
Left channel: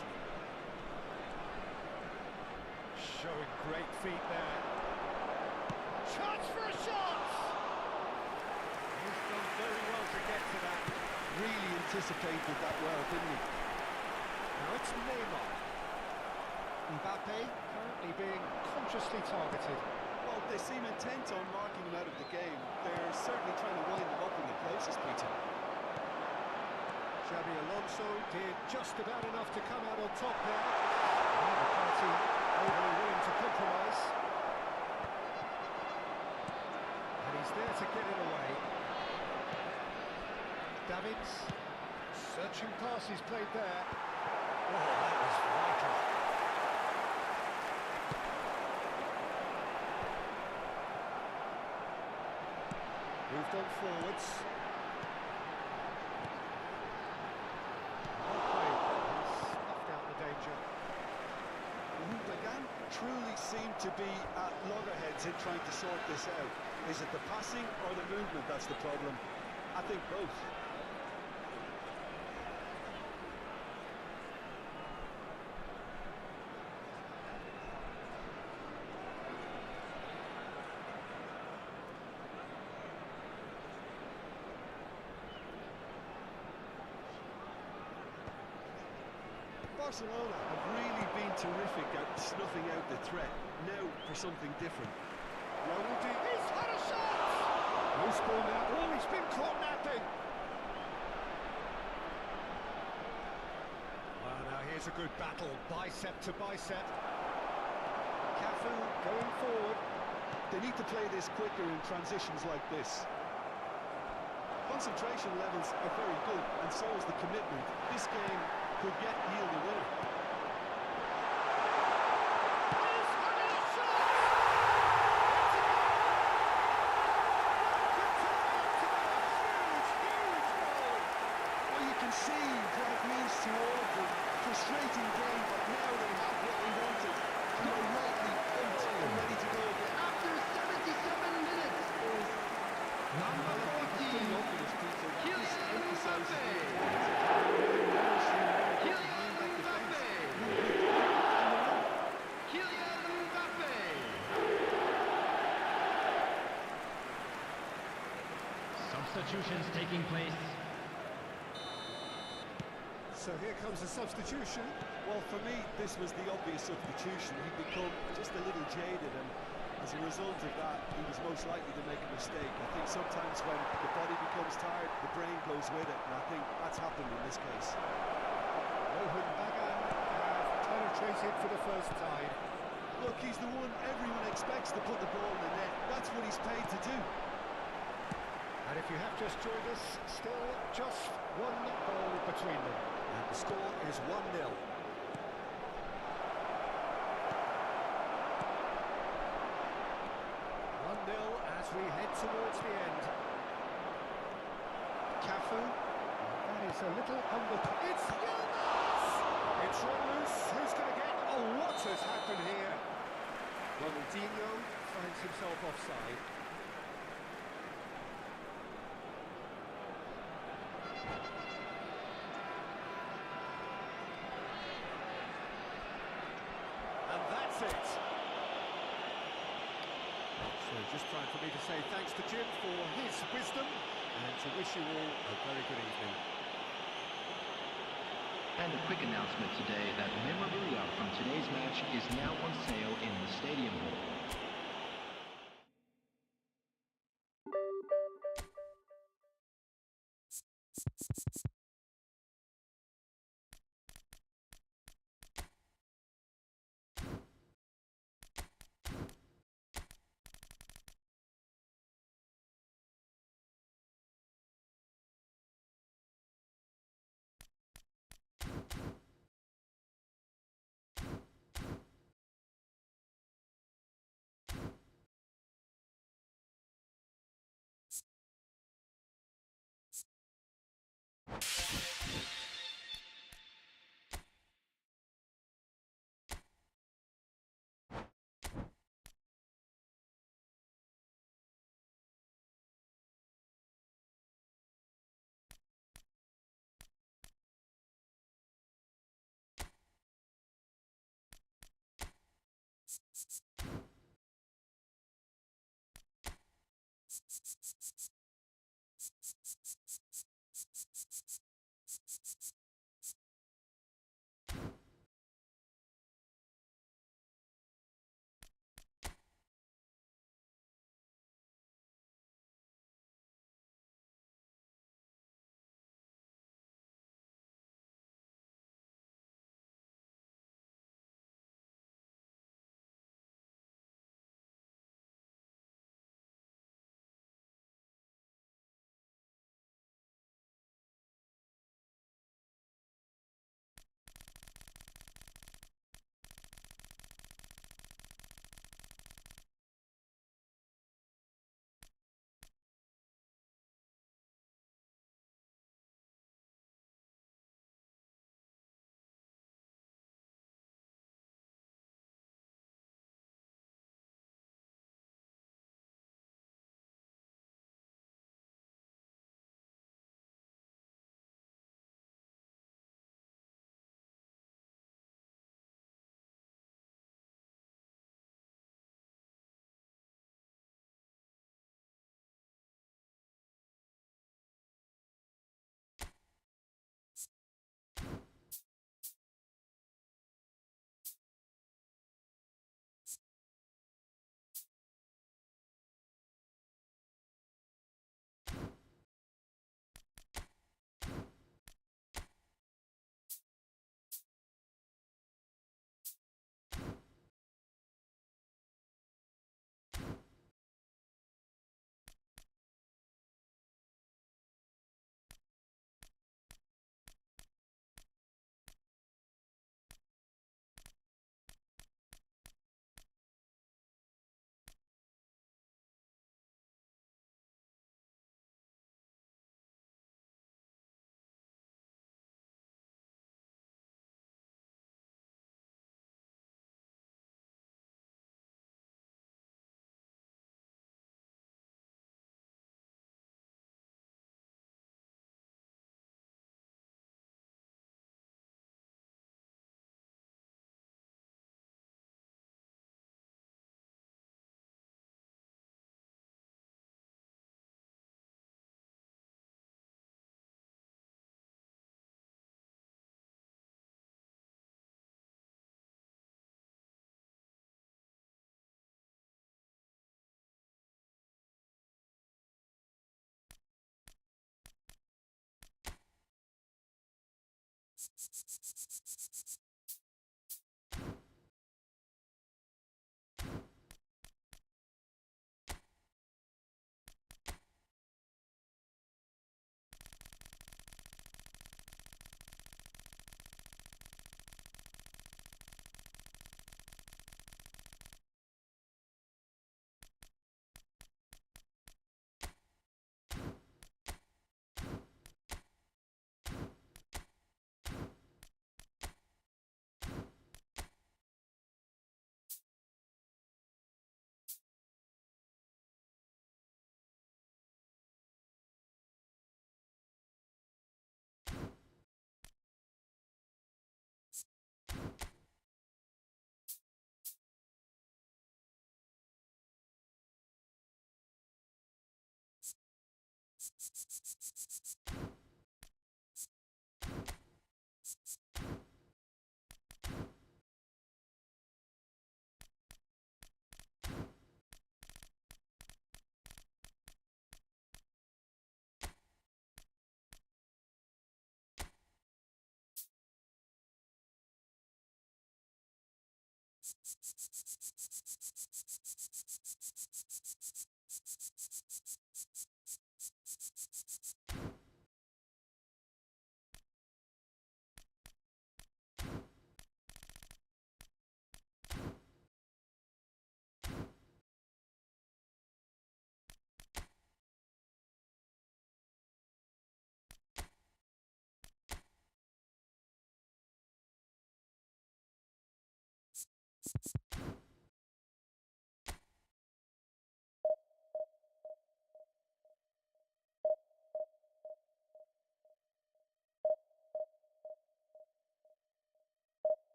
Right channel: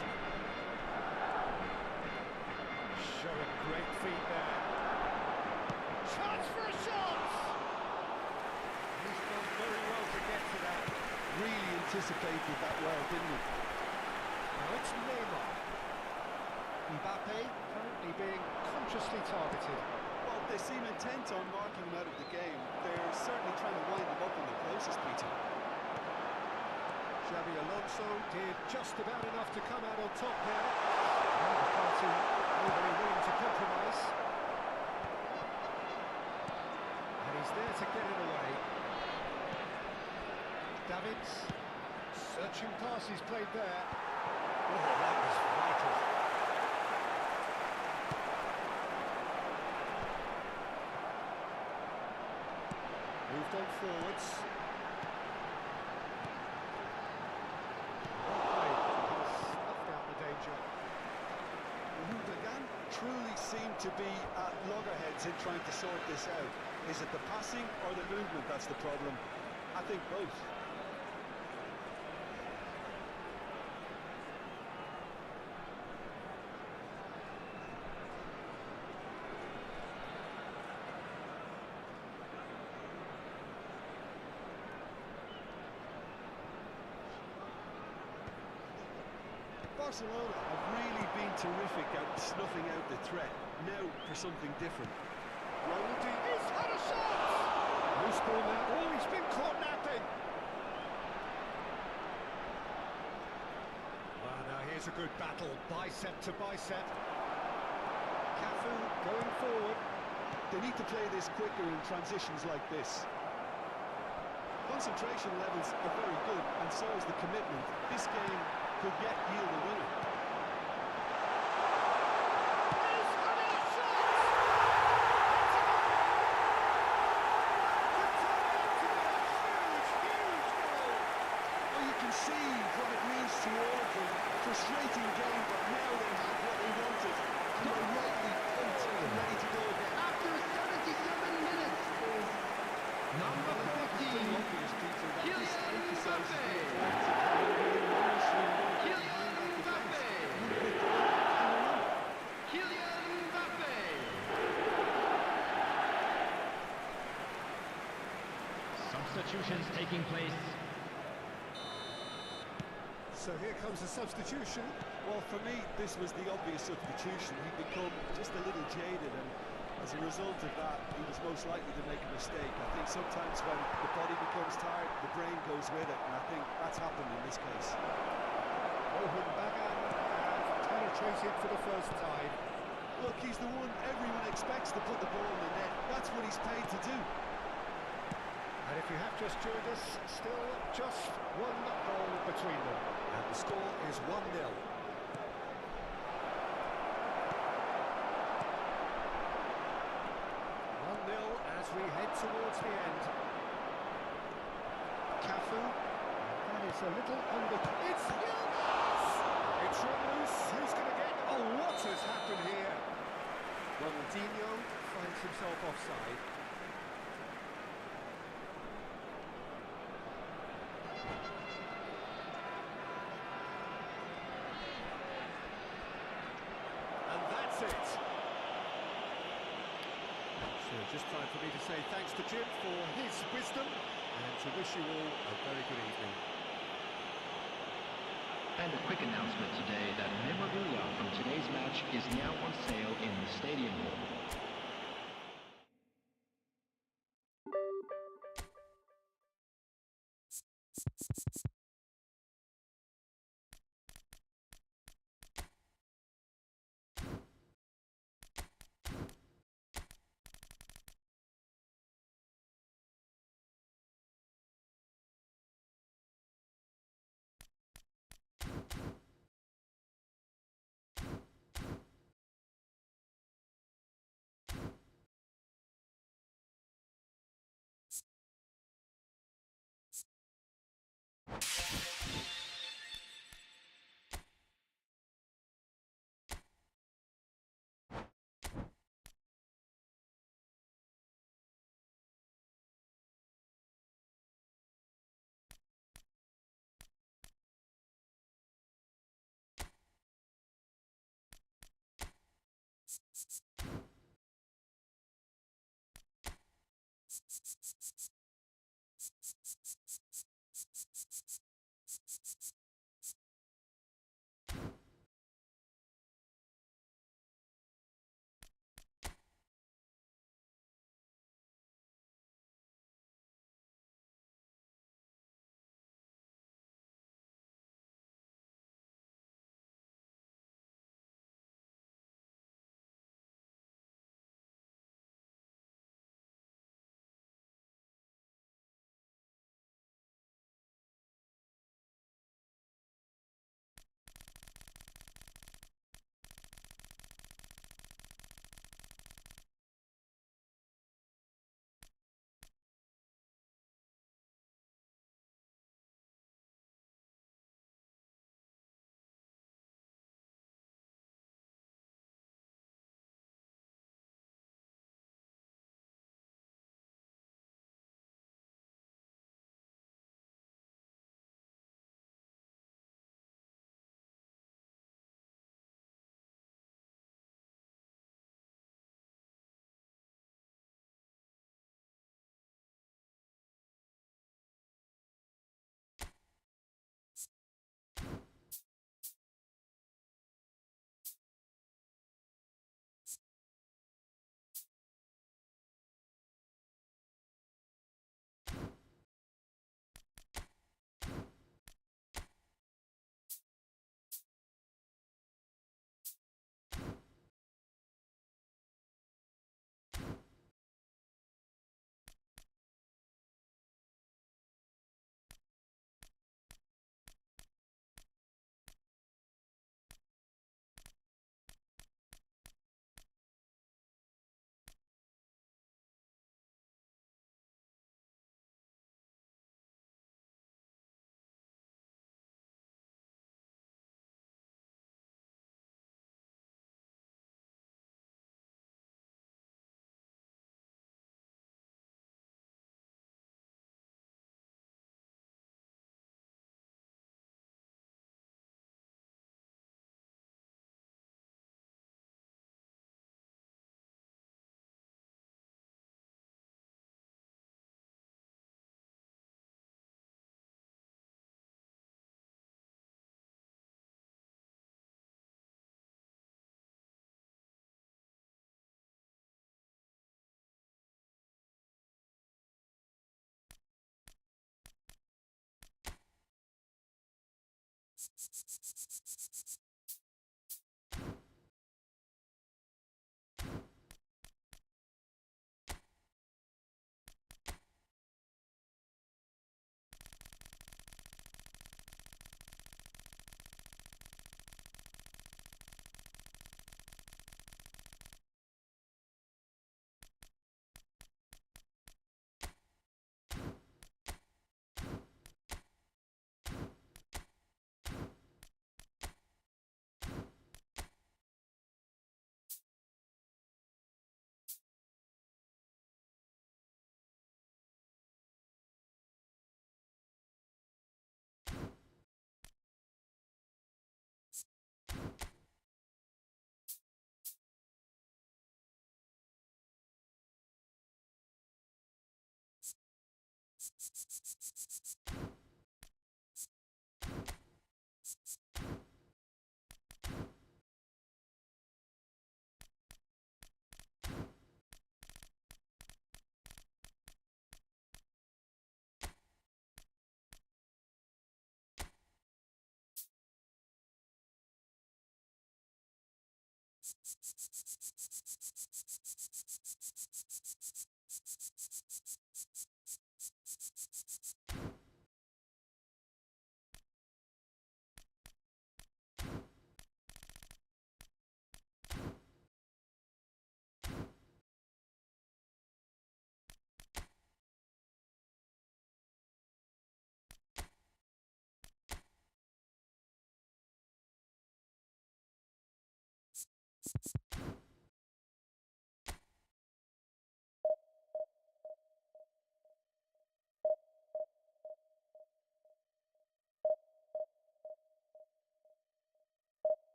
Showing great feet there. Chance for a shot! He's done very well to get to that. Really anticipated that well, didn't he? Now it's Neymar. Mbappe currently being consciously targeted. Well, they seem intent on marking him out of the game. They're certainly trying to wind him up in the process, Peter. Xabi Alonso did just about enough to come out on top there. Neither party overly willing to compromise. And he's there to get it away. Davids, searching passes played there. Oh, that was vital. Moved on forwards. Well played. He's snuffed out the danger. Hooligan truly seemed to be at loggerheads in trying to sort this out. Is it the passing or the movement that's the problem? I think both. Barcelona have really been terrific at snuffing out the threat. Now for something different. Ronaldinho, he's had a shot! Loose ball now. Oh, he's been caught napping. Well, now here's a good battle, bicep to bicep. Cafu going forward. They need to play this quicker in transitions like this. Concentration levels are very good, and so is the commitment. This game could yet yield a winner. He's had a shot! It's a goal! That could turn out to be a huge, huge goal! Well, you can see what it means to all of them. Frustrating game, but now they have what they wanted. And they're rightly pumped and ready to go again. After 77 minutes is number 14, Kylian Mbappe. Kylian Mbappe. Kylian Mbappe. Substitutions taking place. So here comes a substitution. Well, for me, this was the obvious substitution. He'd become just a little jaded, and as a result of that, he was most likely to make a mistake. I think sometimes when the body becomes tired, the brain goes with it, and I think that's happened in this case. Rohan Bagan have penetrated for the first time. Look, he's the one everyone expects to put the ball in the net. That's what he's paid to do. And if you have just joined us, still just one goal between them. And the score is 1-0. 1-0 as we head towards the end. Cafu, that is a little under... It's Yilmaz! It's run loose. Who's going to get... Oh, what has happened here? Ronaldinho finds himself offside. And that's it. So just time for me to say thanks to Jim for his wisdom and to wish you all a very good evening. And a quick announcement today that memorabilia from today's match is now on sale in the Stadium Hall.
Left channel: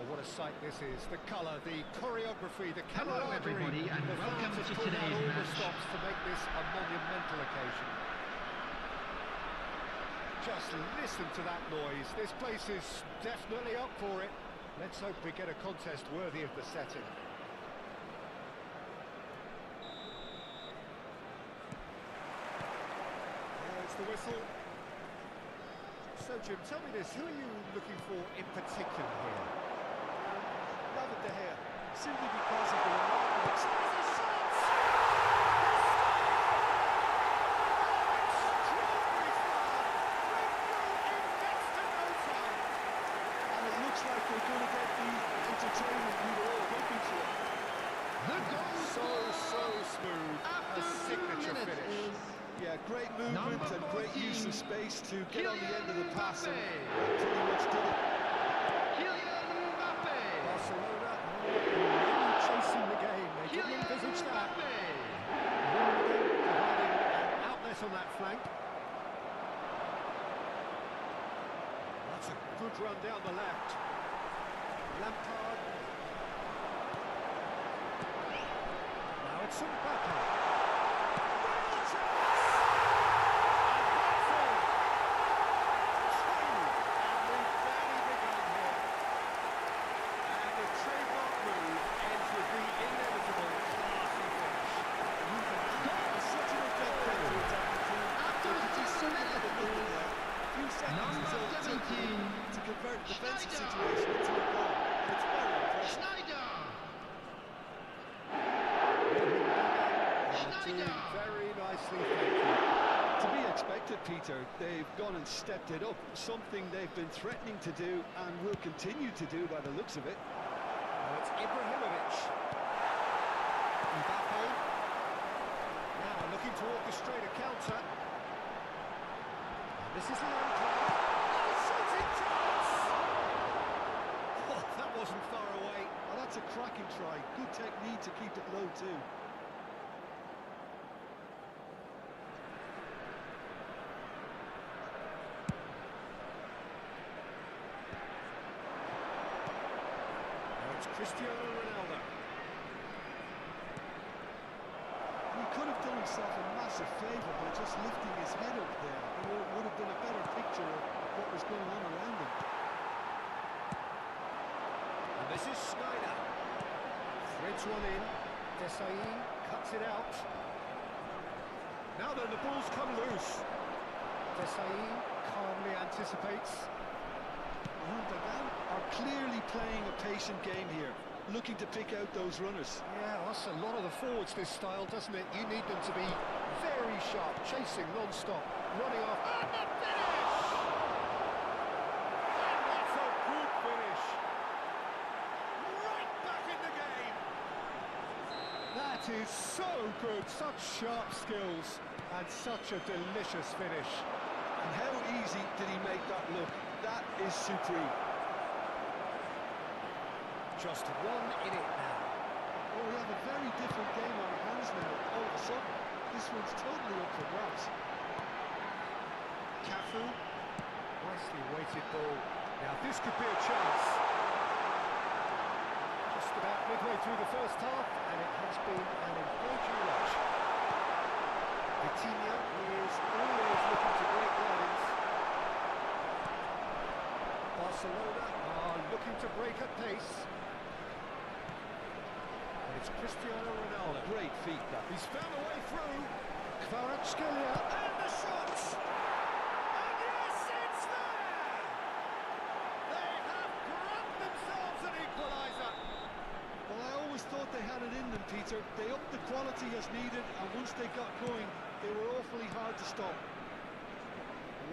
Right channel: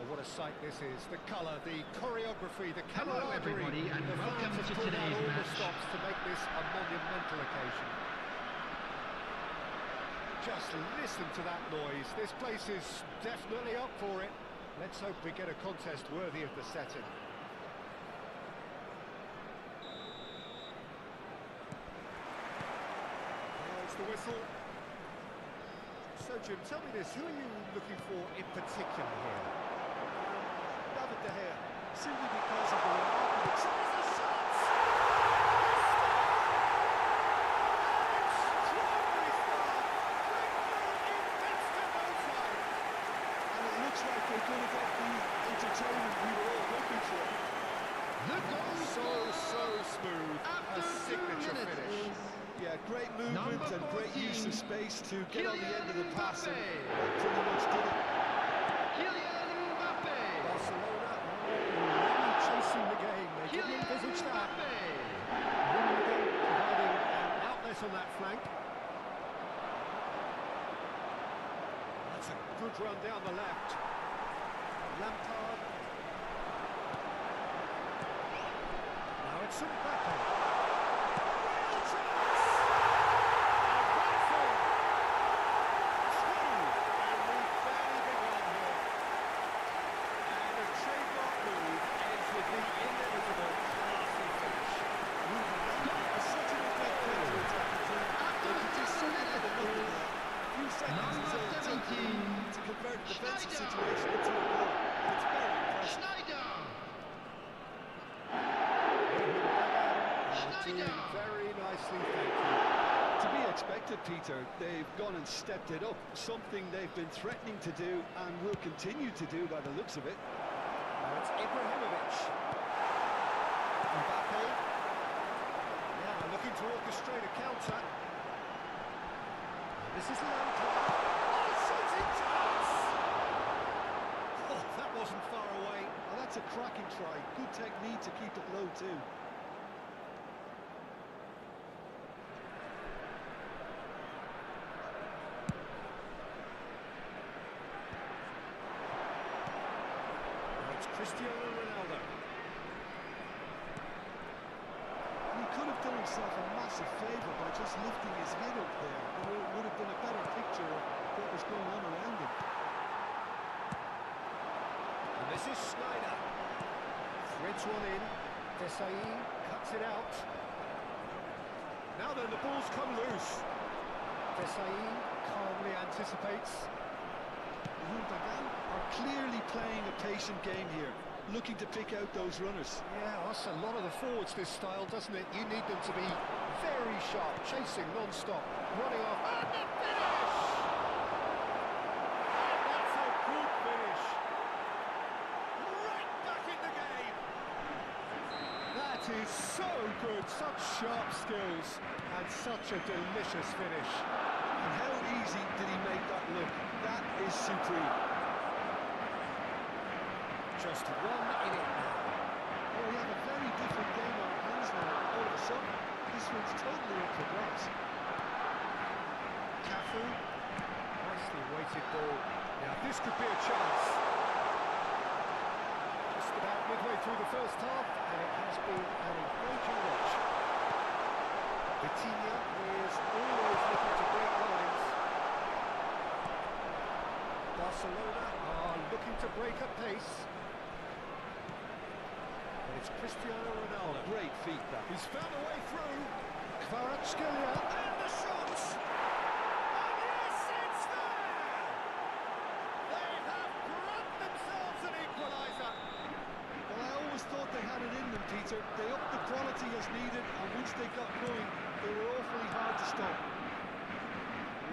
Oh, what a sight this is. The colour, the choreography, the Hello, camaraderie. everybody, and The welcome fans to have pulled out today's all the match. stops to make this a monumental occasion. Just listen to that noise. This place is definitely up for it. Let's hope we get a contest worthy of the setting. There's the whistle. So, Jim, tell me this, who are you looking for in particular here? David De Gea, simply because of the remarkable... Tries a shot! Extraordinary start! Breakthrough in next to no time! And it looks like they're going to get the entertainment we were all hoping for. The goal So smooth. after A 2 signature minutes finish. is Yeah, great movement Number and great use 14, of space to get on the end of the Kylian pass, and Mbappe. that pretty much did it. Kylian Mbappe. Barcelona already chasing the game. They didn't Kylian envisage that. Mbappe. Rummenigge providing an outlet on that flank. That's a good run down the left. Lampard. Now it's Mbappe. Real chance! And that's in. Two. And we've barely begun here. And the trademark move ends with the inevitable classy finish. Such an adept counter-attacking team. After They could do 7 something with minutes nothing is there. A few seconds number is all it took 17, to convert a defensive Schneider. situation into a goal. And it's very impressive. Schneider. Doing very nicely, thank you. To be expected, Peter. They've gone and stepped it up. Something they've been threatening to do and will continue to do by the looks of it. Now it's Ibrahimovic. Mbappe. Now looking to orchestrate a counter. And this is Lampard. Oh, shooting chance! Oh, that wasn't far away. Oh, that's a cracking try. Good technique to keep it low, too. Now it's Cristiano Ronaldo. He could have done himself a massive favour by just lifting his head up there. It would have been a better picture of what was going on around him. And this is Schneider. Threads one in. Desai cuts it out. Now then, the ball's come loose. Desai calmly anticipates. Rummenigge are clearly playing a patient game here, looking to pick out those runners. Yeah, that's a lot of the forwards, this style, doesn't it? You need them to be very sharp, chasing non-stop, running off. And the finish! And that's a good finish. Right back in the game. That is so good, such sharp skills, and such a delicious finish. And how easy did he make that look? That is supreme. Just 1 in it now. Oh, we have a very different game on our hands now. All of a sudden, this one's totally up for grabs. Cafu. Nicely weighted ball. Now this could be a chance. Just about midway through the first half, and it has been an engaging watch. Vitinha is always looking to break lines. Barcelona are looking to break at pace. And it's Cristiano Ronaldo. Great feat, that. He's found a way through. Kvaratskhelia and the shot! And yes, it's there! They have grabbed themselves an equaliser. Well, I always thought they had it in them Peter. They upped the quality as needed, and once they got going, they were awfully hard to stop.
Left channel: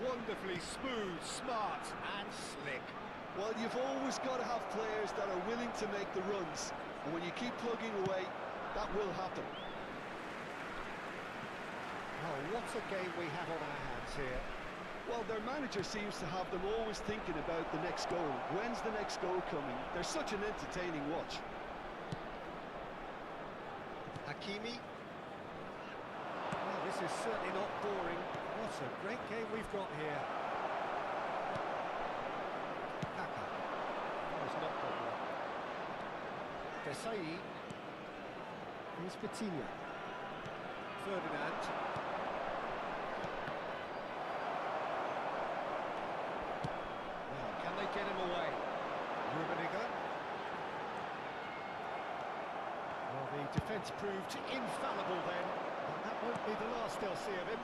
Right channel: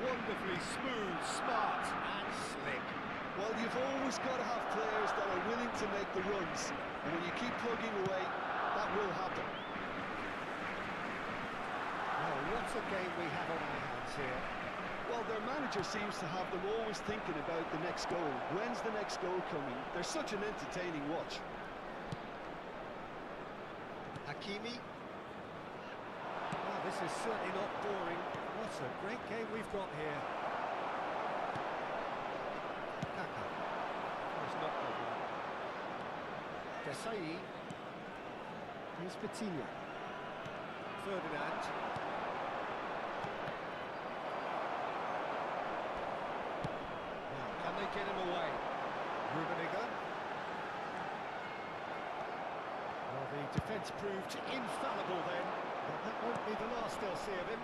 Wonderfully smooth, smart and slick. Well, you've always got to have players that are willing to make the runs, and when you keep plugging away, that will happen. Oh, what a game we have on our hands here. Well, their manager seems to have them always thinking about the next goal. When's the next goal coming? They're such an entertaining watch. Hakimi. Oh, this is certainly not boring. What a great game we've got here. Kaka. Oh, he's not got one. Desai. Here's Petinia. Ferdinand. Now, can they get him away? Rummenigge. Well, the defence proved infallible then, but that won't be the last they'll see of him.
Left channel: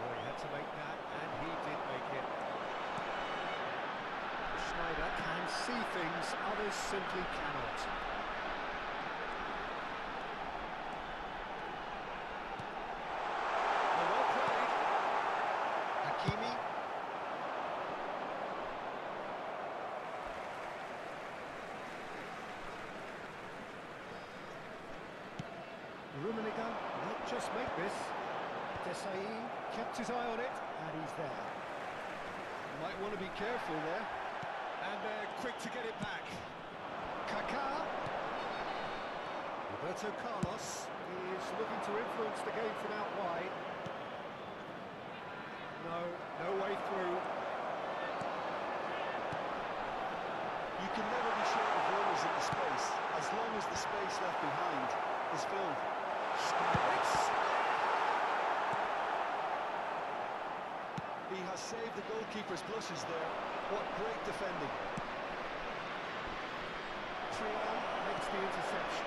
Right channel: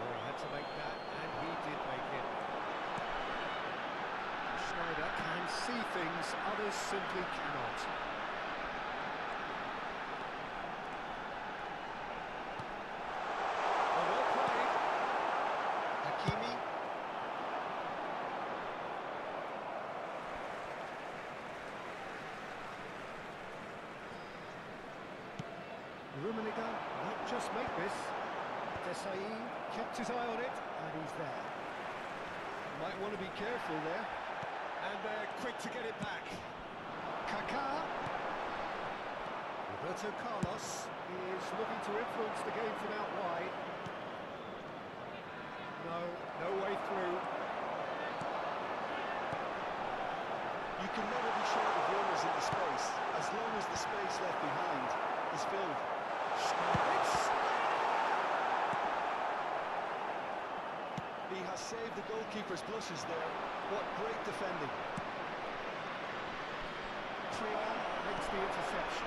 Oh, he had to make that, and he did make it. Schneider can see things others simply cannot. Oh, well played. Hakimi. Rummenigge might just make this. Desai kept his eye on it, and he's there. Might want to be careful there. And they're quick to get it back. Kaká. Roberto Carlos is looking to influence the game from out wide. No way through. You can never be short of runners in the space, as long as the space left behind is filled. He has saved the goalkeeper's blushes there. What great defending. Trial makes the interception.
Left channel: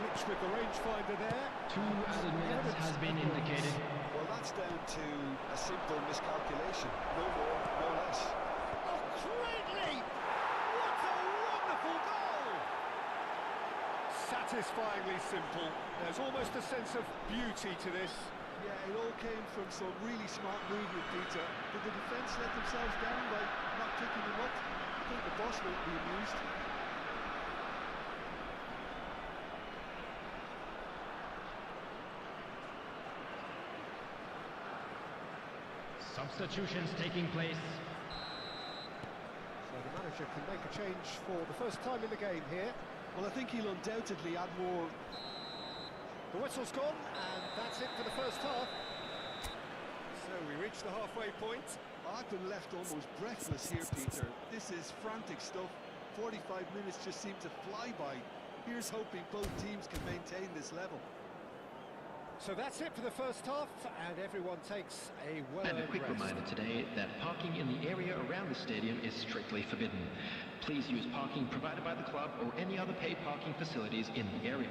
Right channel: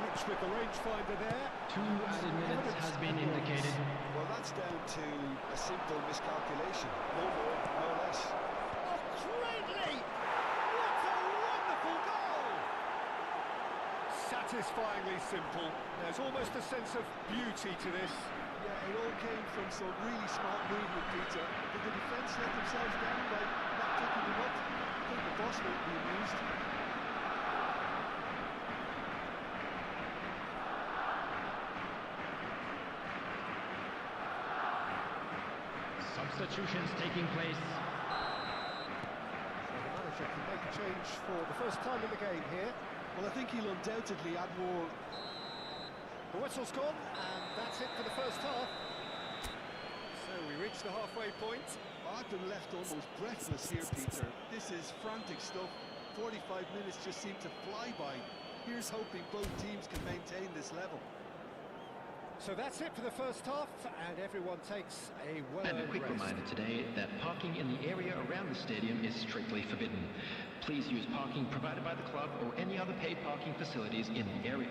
Glitch with the rangefinder there. 2 added minutes has been indicated. Well, that's down to a simple miscalculation. No more, no less. Oh, great leap! What a wonderful goal! Satisfyingly simple. There's almost a sense of beauty to this. Yeah, it all came from some really smart movement, Peter. Did the defence let themselves down by not picking them up? I think the boss won't be amused. Substitutions taking place. So the manager can make a change for the first time in the game here. Well, I think he'll undoubtedly add more. The whistle's gone, and that's it for the first half. So we reach the halfway point. I've been left almost breathless here, Peter. This is frantic stuff. 45 minutes just seem to fly by. Here's hoping both teams can maintain this level. So that's it for the first half, and everyone takes a well-earned And a quick rest. reminder today that parking in the area around the stadium is strictly forbidden. Please use parking provided by the club or any other paid parking facilities in the area.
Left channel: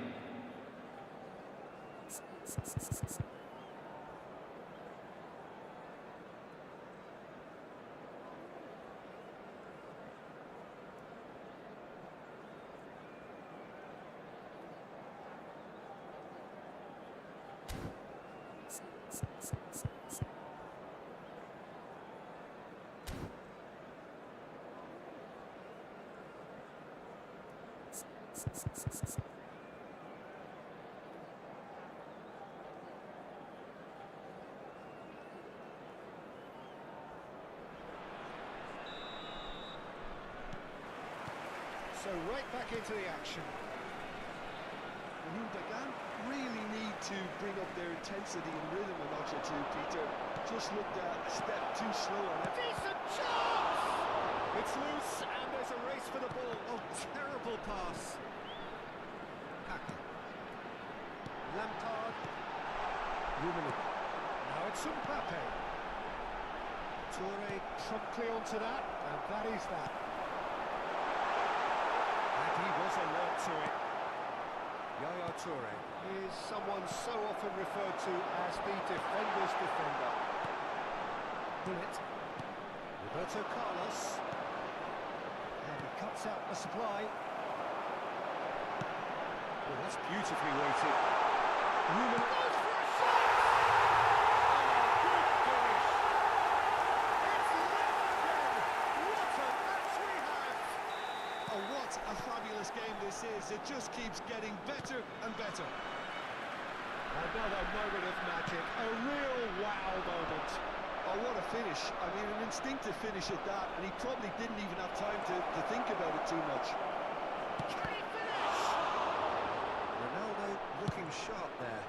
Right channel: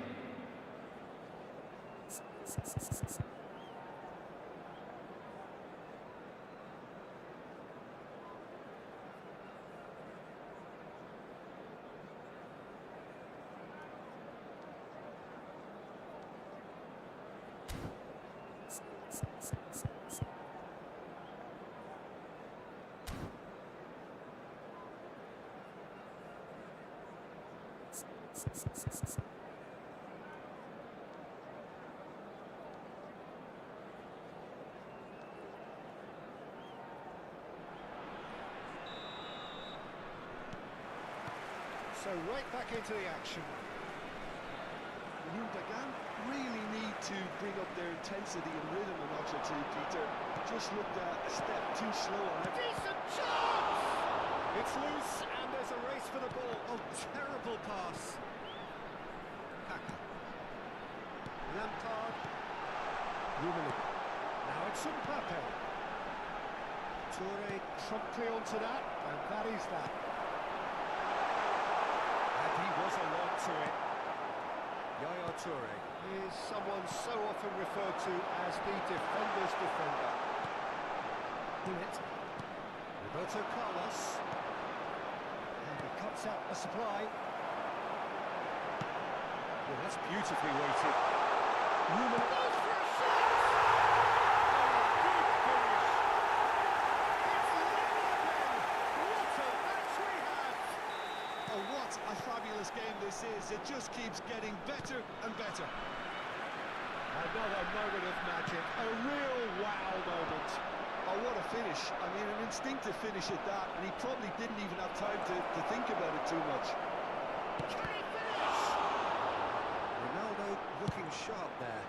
So right back into the action. Gundogan really need to bring up their intensity and rhythm a notch or two, Peter. Just looked a step too slow on it. Decent chance! It's loose, and there's a race for the ball. Oh, terrible pass. Kaka. Lampard. Rummenigge. Now it's Mbappe. Toure promptly onto that, and that is that. And he was alert to it. Yaya Toure is someone so often referred to as the defender's defender. Bullet. Roberto Carlos. And he cuts out the supply. Well, that's beautifully weighted. Ruben goes for a shot! Oh, good finish! It's level again! What a match we have! Oh, what a fabulous game this is. It just keeps getting better and better. Another moment of magic, a real wow moment. Oh, what a finish. I mean, an instinctive finish at that, and he probably didn't even have time to think about it too much. Can he finish? Ronaldo looking sharp there.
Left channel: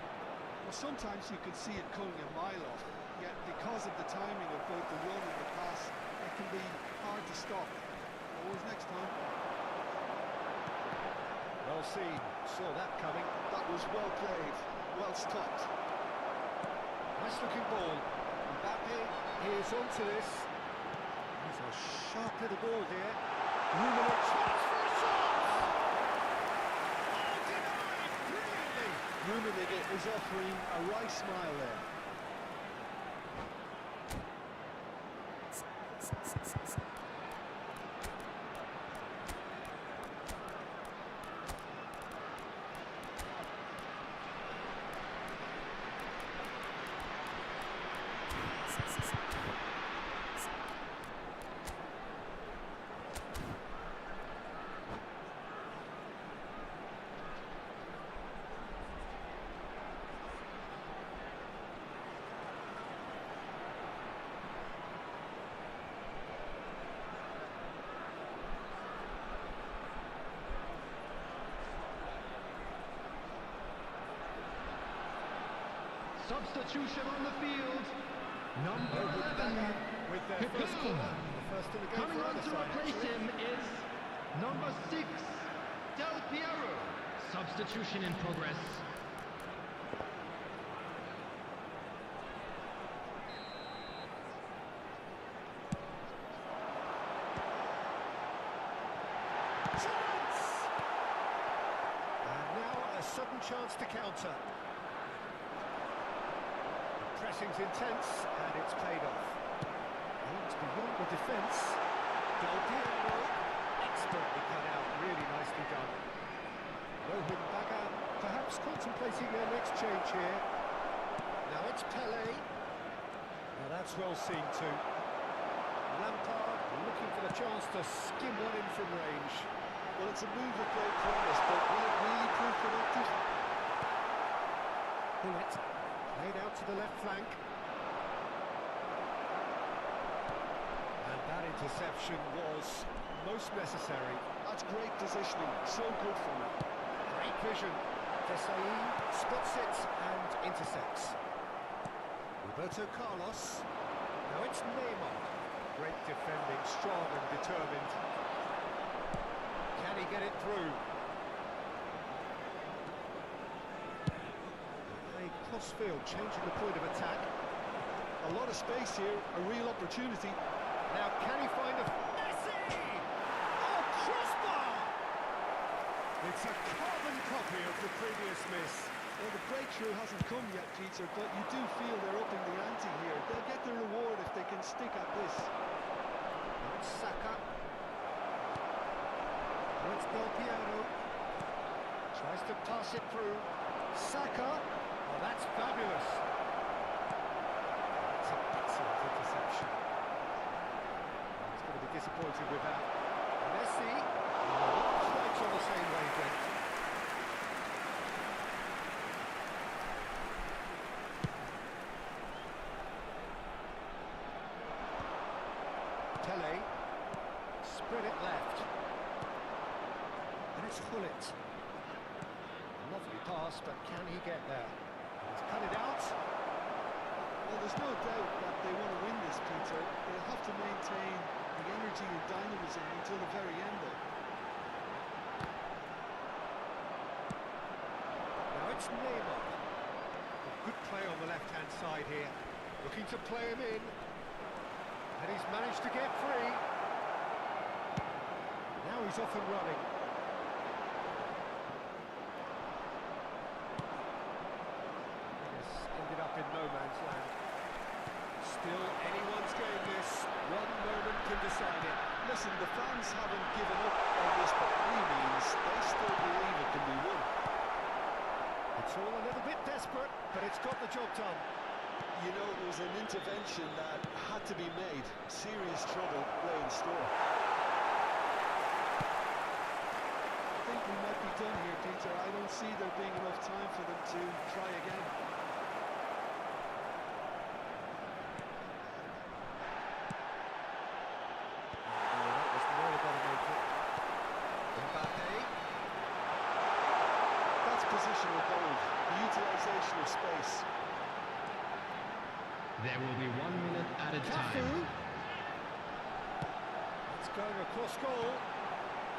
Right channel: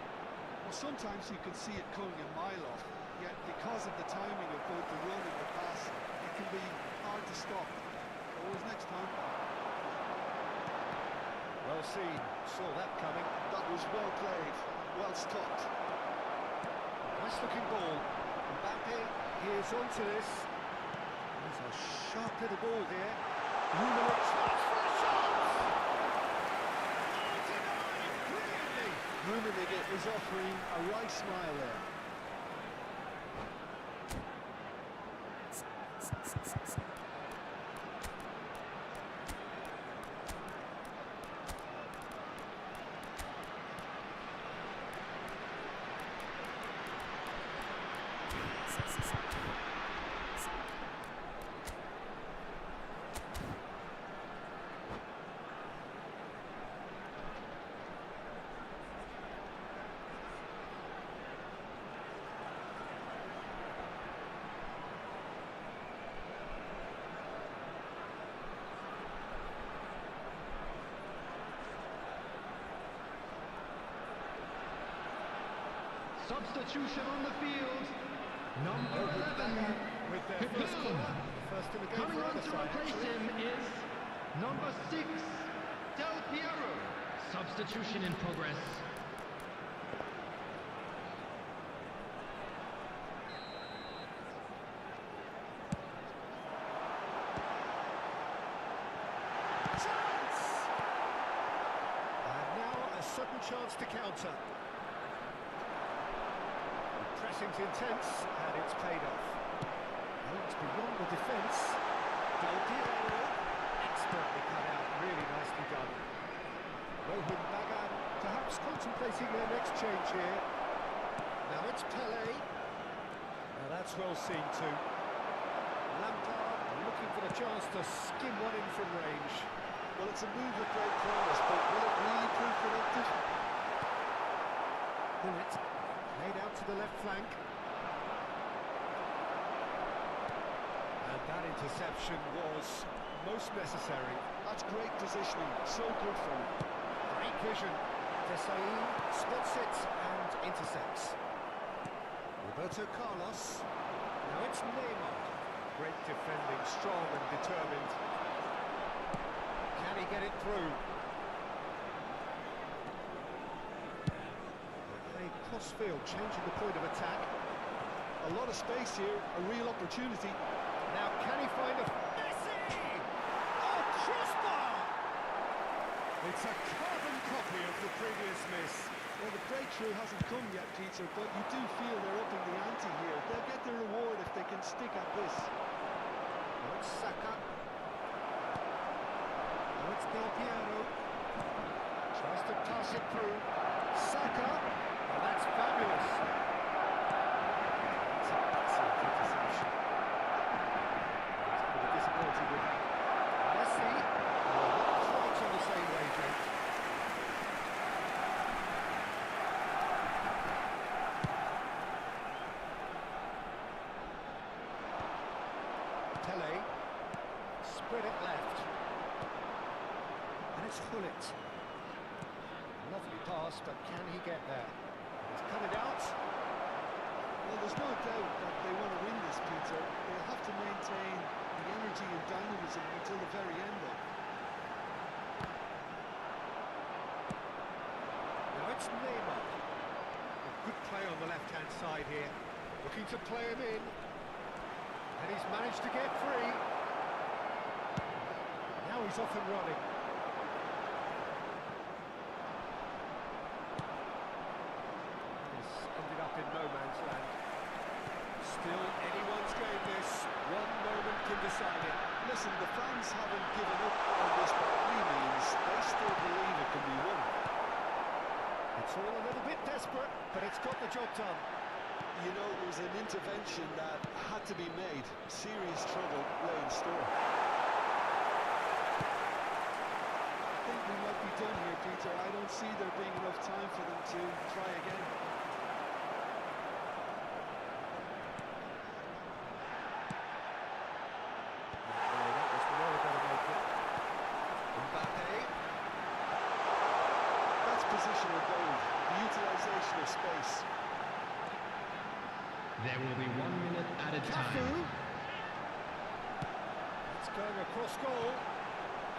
Well, sometimes you can see it coming a mile off, yet because of the timing of both the run and the pass, it can be hard to stop. Always next time. Well seen, saw that coming. That was well played, well stopped. Nice looking ball. Mbappe, here's onto this. He's a sharp little ball here. Ruben tries for a shot! Oh, denied brilliantly! Rummenigge is offering a wry smile there. Substitution on the field. Number 11. With their first corner, the first in the game Coming for on either to side, replace actually. him is number 6, Del Piero. Substitution in progress. Chance! And now a sudden chance to counter. The pressing's intense, and it's paid off. It's beyond the defence. Del Piero, expertly cut out, really nicely done. Rohan Bagan, perhaps contemplating their next change here. Now it's Pele. Now that's well seen too. Lampard looking for the chance to skim one in from range. Well, it's a move of great promise, but will it really prove productive? Bullet laid out to the left flank. And that interception was most necessary. That's great positioning, so good from him. Great vision. Desai spots it and intercepts. Roberto Carlos. Now it's Neymar. Great defending, strong and determined. Can he get it through? A crossfield, changing the point of attack. A lot of space here, a real opportunity. Now can he find a... Messi! Oh, crossbar! It's a carbon copy of the previous miss. Well, the breakthrough hasn't come yet, Peter, but you do feel they're upping the ante here. They'll get their reward if they can stick at this. Now it's Saka. Now it's Del Piero. Tries to pass it through. Saka. Oh, that's fabulous. That's an excellent interception. He's going to be disappointed with that. Messi. Oh, not quite on the same wavelength. Pele, spread it left, and it's Hullet. Lovely pass, but can he get there? He's cut it out. Well, there's no doubt that they want to win this, Peter. They'll have to maintain the energy and dynamism until the very end, though. Now it's Neymar. A good play on the left-hand side here. Looking to play him in. And he's managed to get free. Now he's off and running. This ended up in no man's land. Still anyone's game this. One moment can decide it. Listen, the fans haven't given up on this by any means. They still believe it can be won. desperate, but it's got the job done. You know, it was an intervention that had to be made. Serious trouble lay in store. I think we might be done here, Peter. I don't see there being enough time for them to try again. That was well going to make it. Mbappe. That's positional gold, the utilisation of space. There will be 1 minute added Cafu. time. It's going across goal.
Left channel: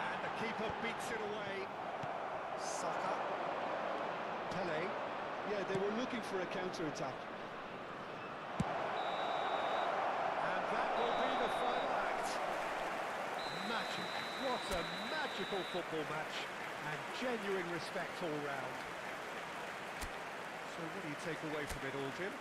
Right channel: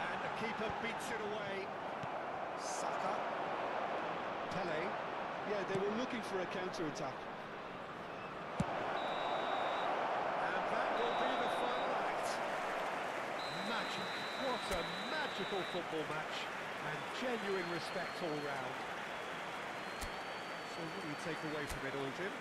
And the keeper beats it away. Saka. Pele. Yeah, they were looking for a counter-attack. And that will be the final act. Magic. What a magical football match. And genuine respect all round. So what do you take away from it all, Jim?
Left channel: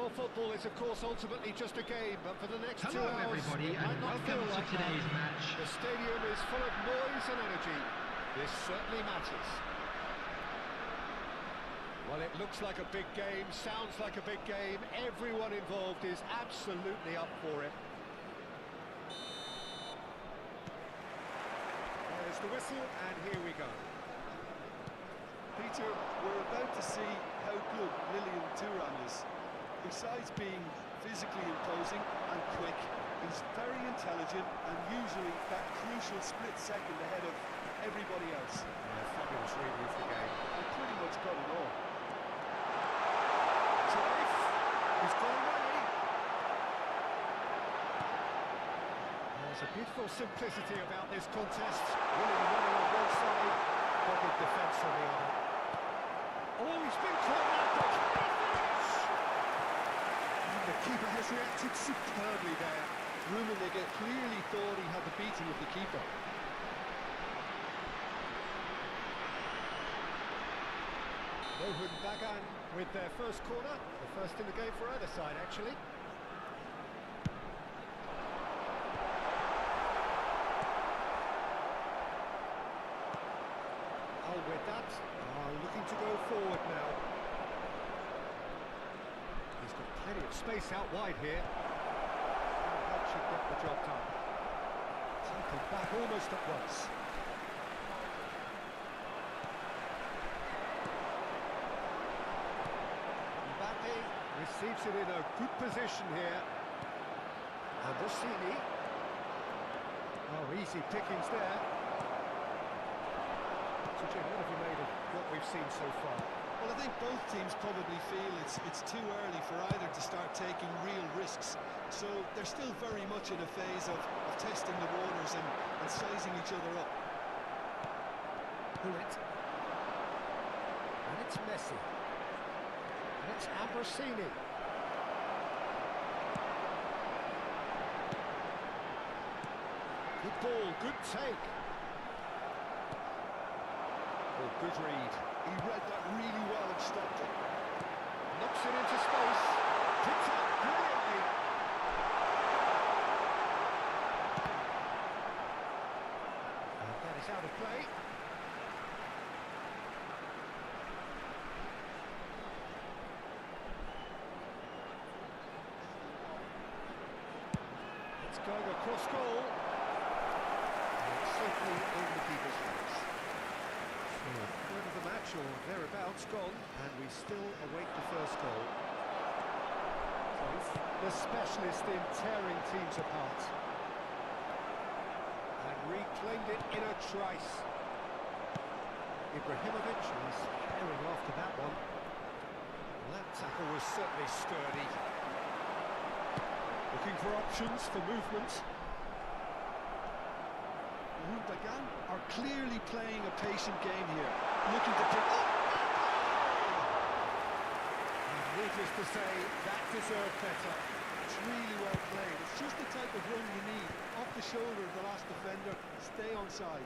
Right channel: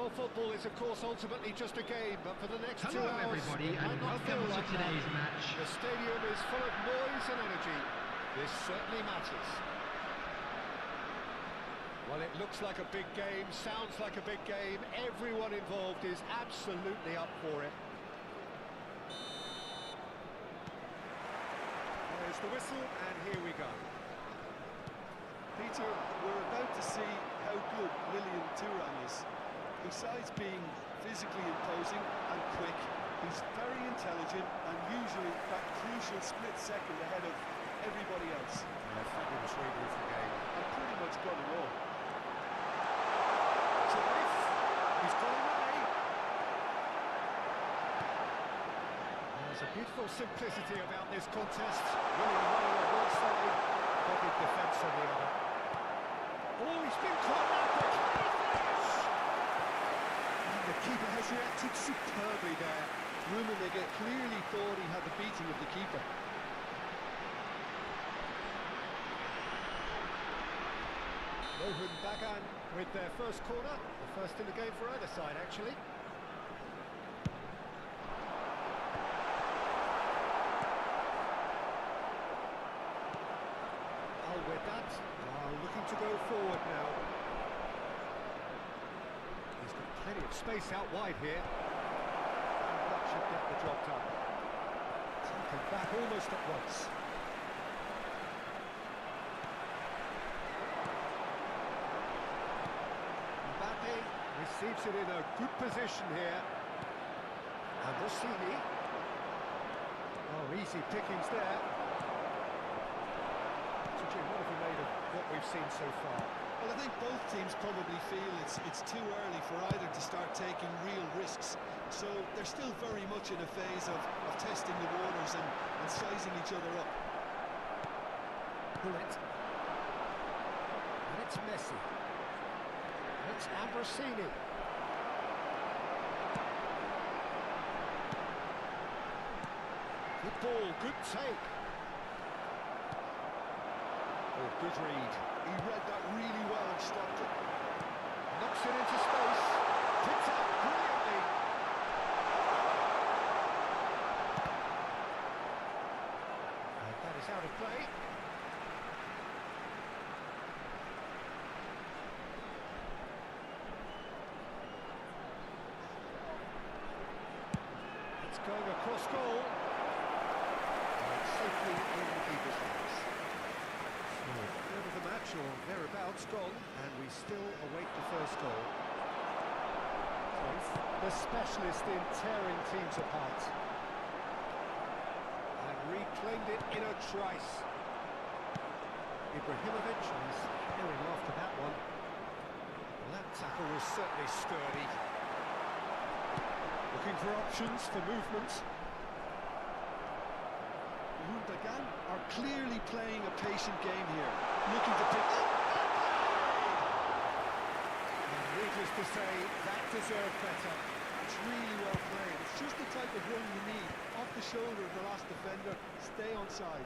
Well, football is, of course, ultimately just a game, but for the next 2 Hello, hours, everybody, it might and not feel welcome to like today's that. match. The stadium is full of noise and energy. This certainly matters. Well, it looks like a big game, sounds like a big game. Everyone involved is absolutely up for it. There's the whistle, and here we go. Peter, we're about to see how good Lilian Thuram is. Besides being physically imposing and quick, he's very intelligent and usually that crucial split second ahead of everybody else. Yeah, fabulous reading of the game. And pretty much got it all. Drive, he's got away. There's a beautiful simplicity about this contest. Willing running on one side, dogged defence on the other. Oh, he's been caught out there. The keeper has reacted superbly there. Rummenigge clearly thought he had the beating of the keeper. Mohun Bagan with their first corner, the first in the game for either side, actually. Al-Wedat are looking to go forward now. He's got plenty of space out wide here. And that should get the job done. Taken back almost at once. Mbappe receives it in a good position here. And Rossini. Oh, easy pickings there. So Jim, what have you made of what we've seen so far? Well, I think both teams probably feel it's too early for either to start taking real risks. So they're still very much in a phase of testing the waters and sizing each other up. Bullet. And it's Messi. And it's Ambrosini. Good ball, good take. Oh, good read. He read that really well and stopped it. Knocks it into space. Picked up brilliantly. And that is out of play. It's going across goal. And it's safely in the keeper's hands. So, third of the match, or thereabouts, gone, and we still await the first goal. Cruyff, the specialist in tearing teams apart. And reclaimed it in a trice. Ibrahimovic, and he's herring after that one. Well, that tackle was certainly sturdy. Looking for options for movement. Gundogan are clearly playing a patient game here, looking to pick up. And needless to say, that deserved better. It's really well played. It's just the type of run you need. Off the shoulder of the last defender, stay onside.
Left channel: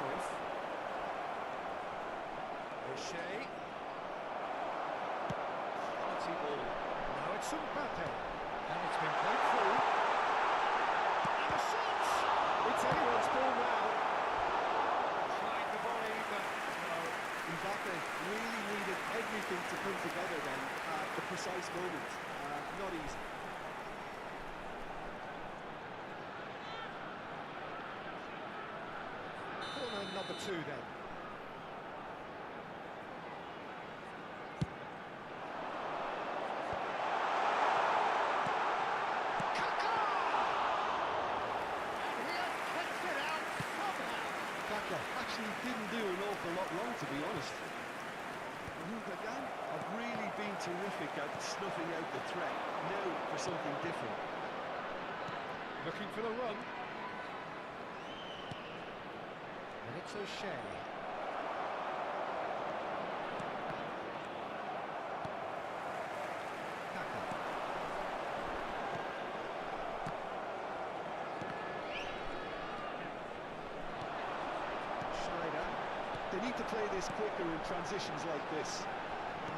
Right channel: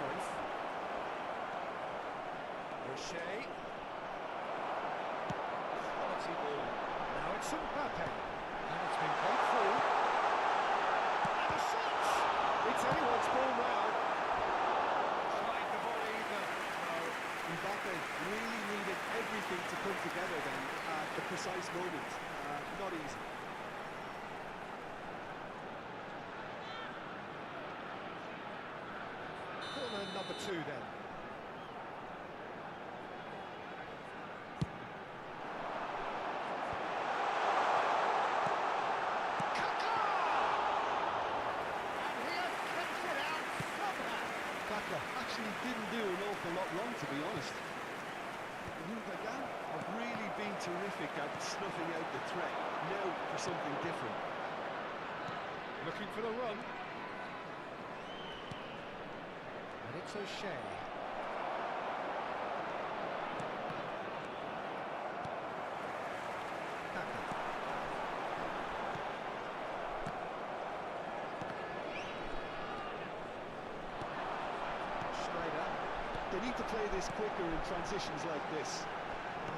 Cruyff. O'Shea. Quality ball. Now it's Mbappe. And it's been played through. And a shot! It's anyone's ball now. Tried the volley, but no. Mbappe really needed everything to come together then at the precise moment. Not easy. Corner number 2 then. Kaka actually didn't do an awful lot wrong, to be honest. Gundogan have really been terrific at snuffing out the threat. Now for something different. Looking for the run. And it's O'Shea. Kaka. Schneider. They need to play this quicker in transitions like this.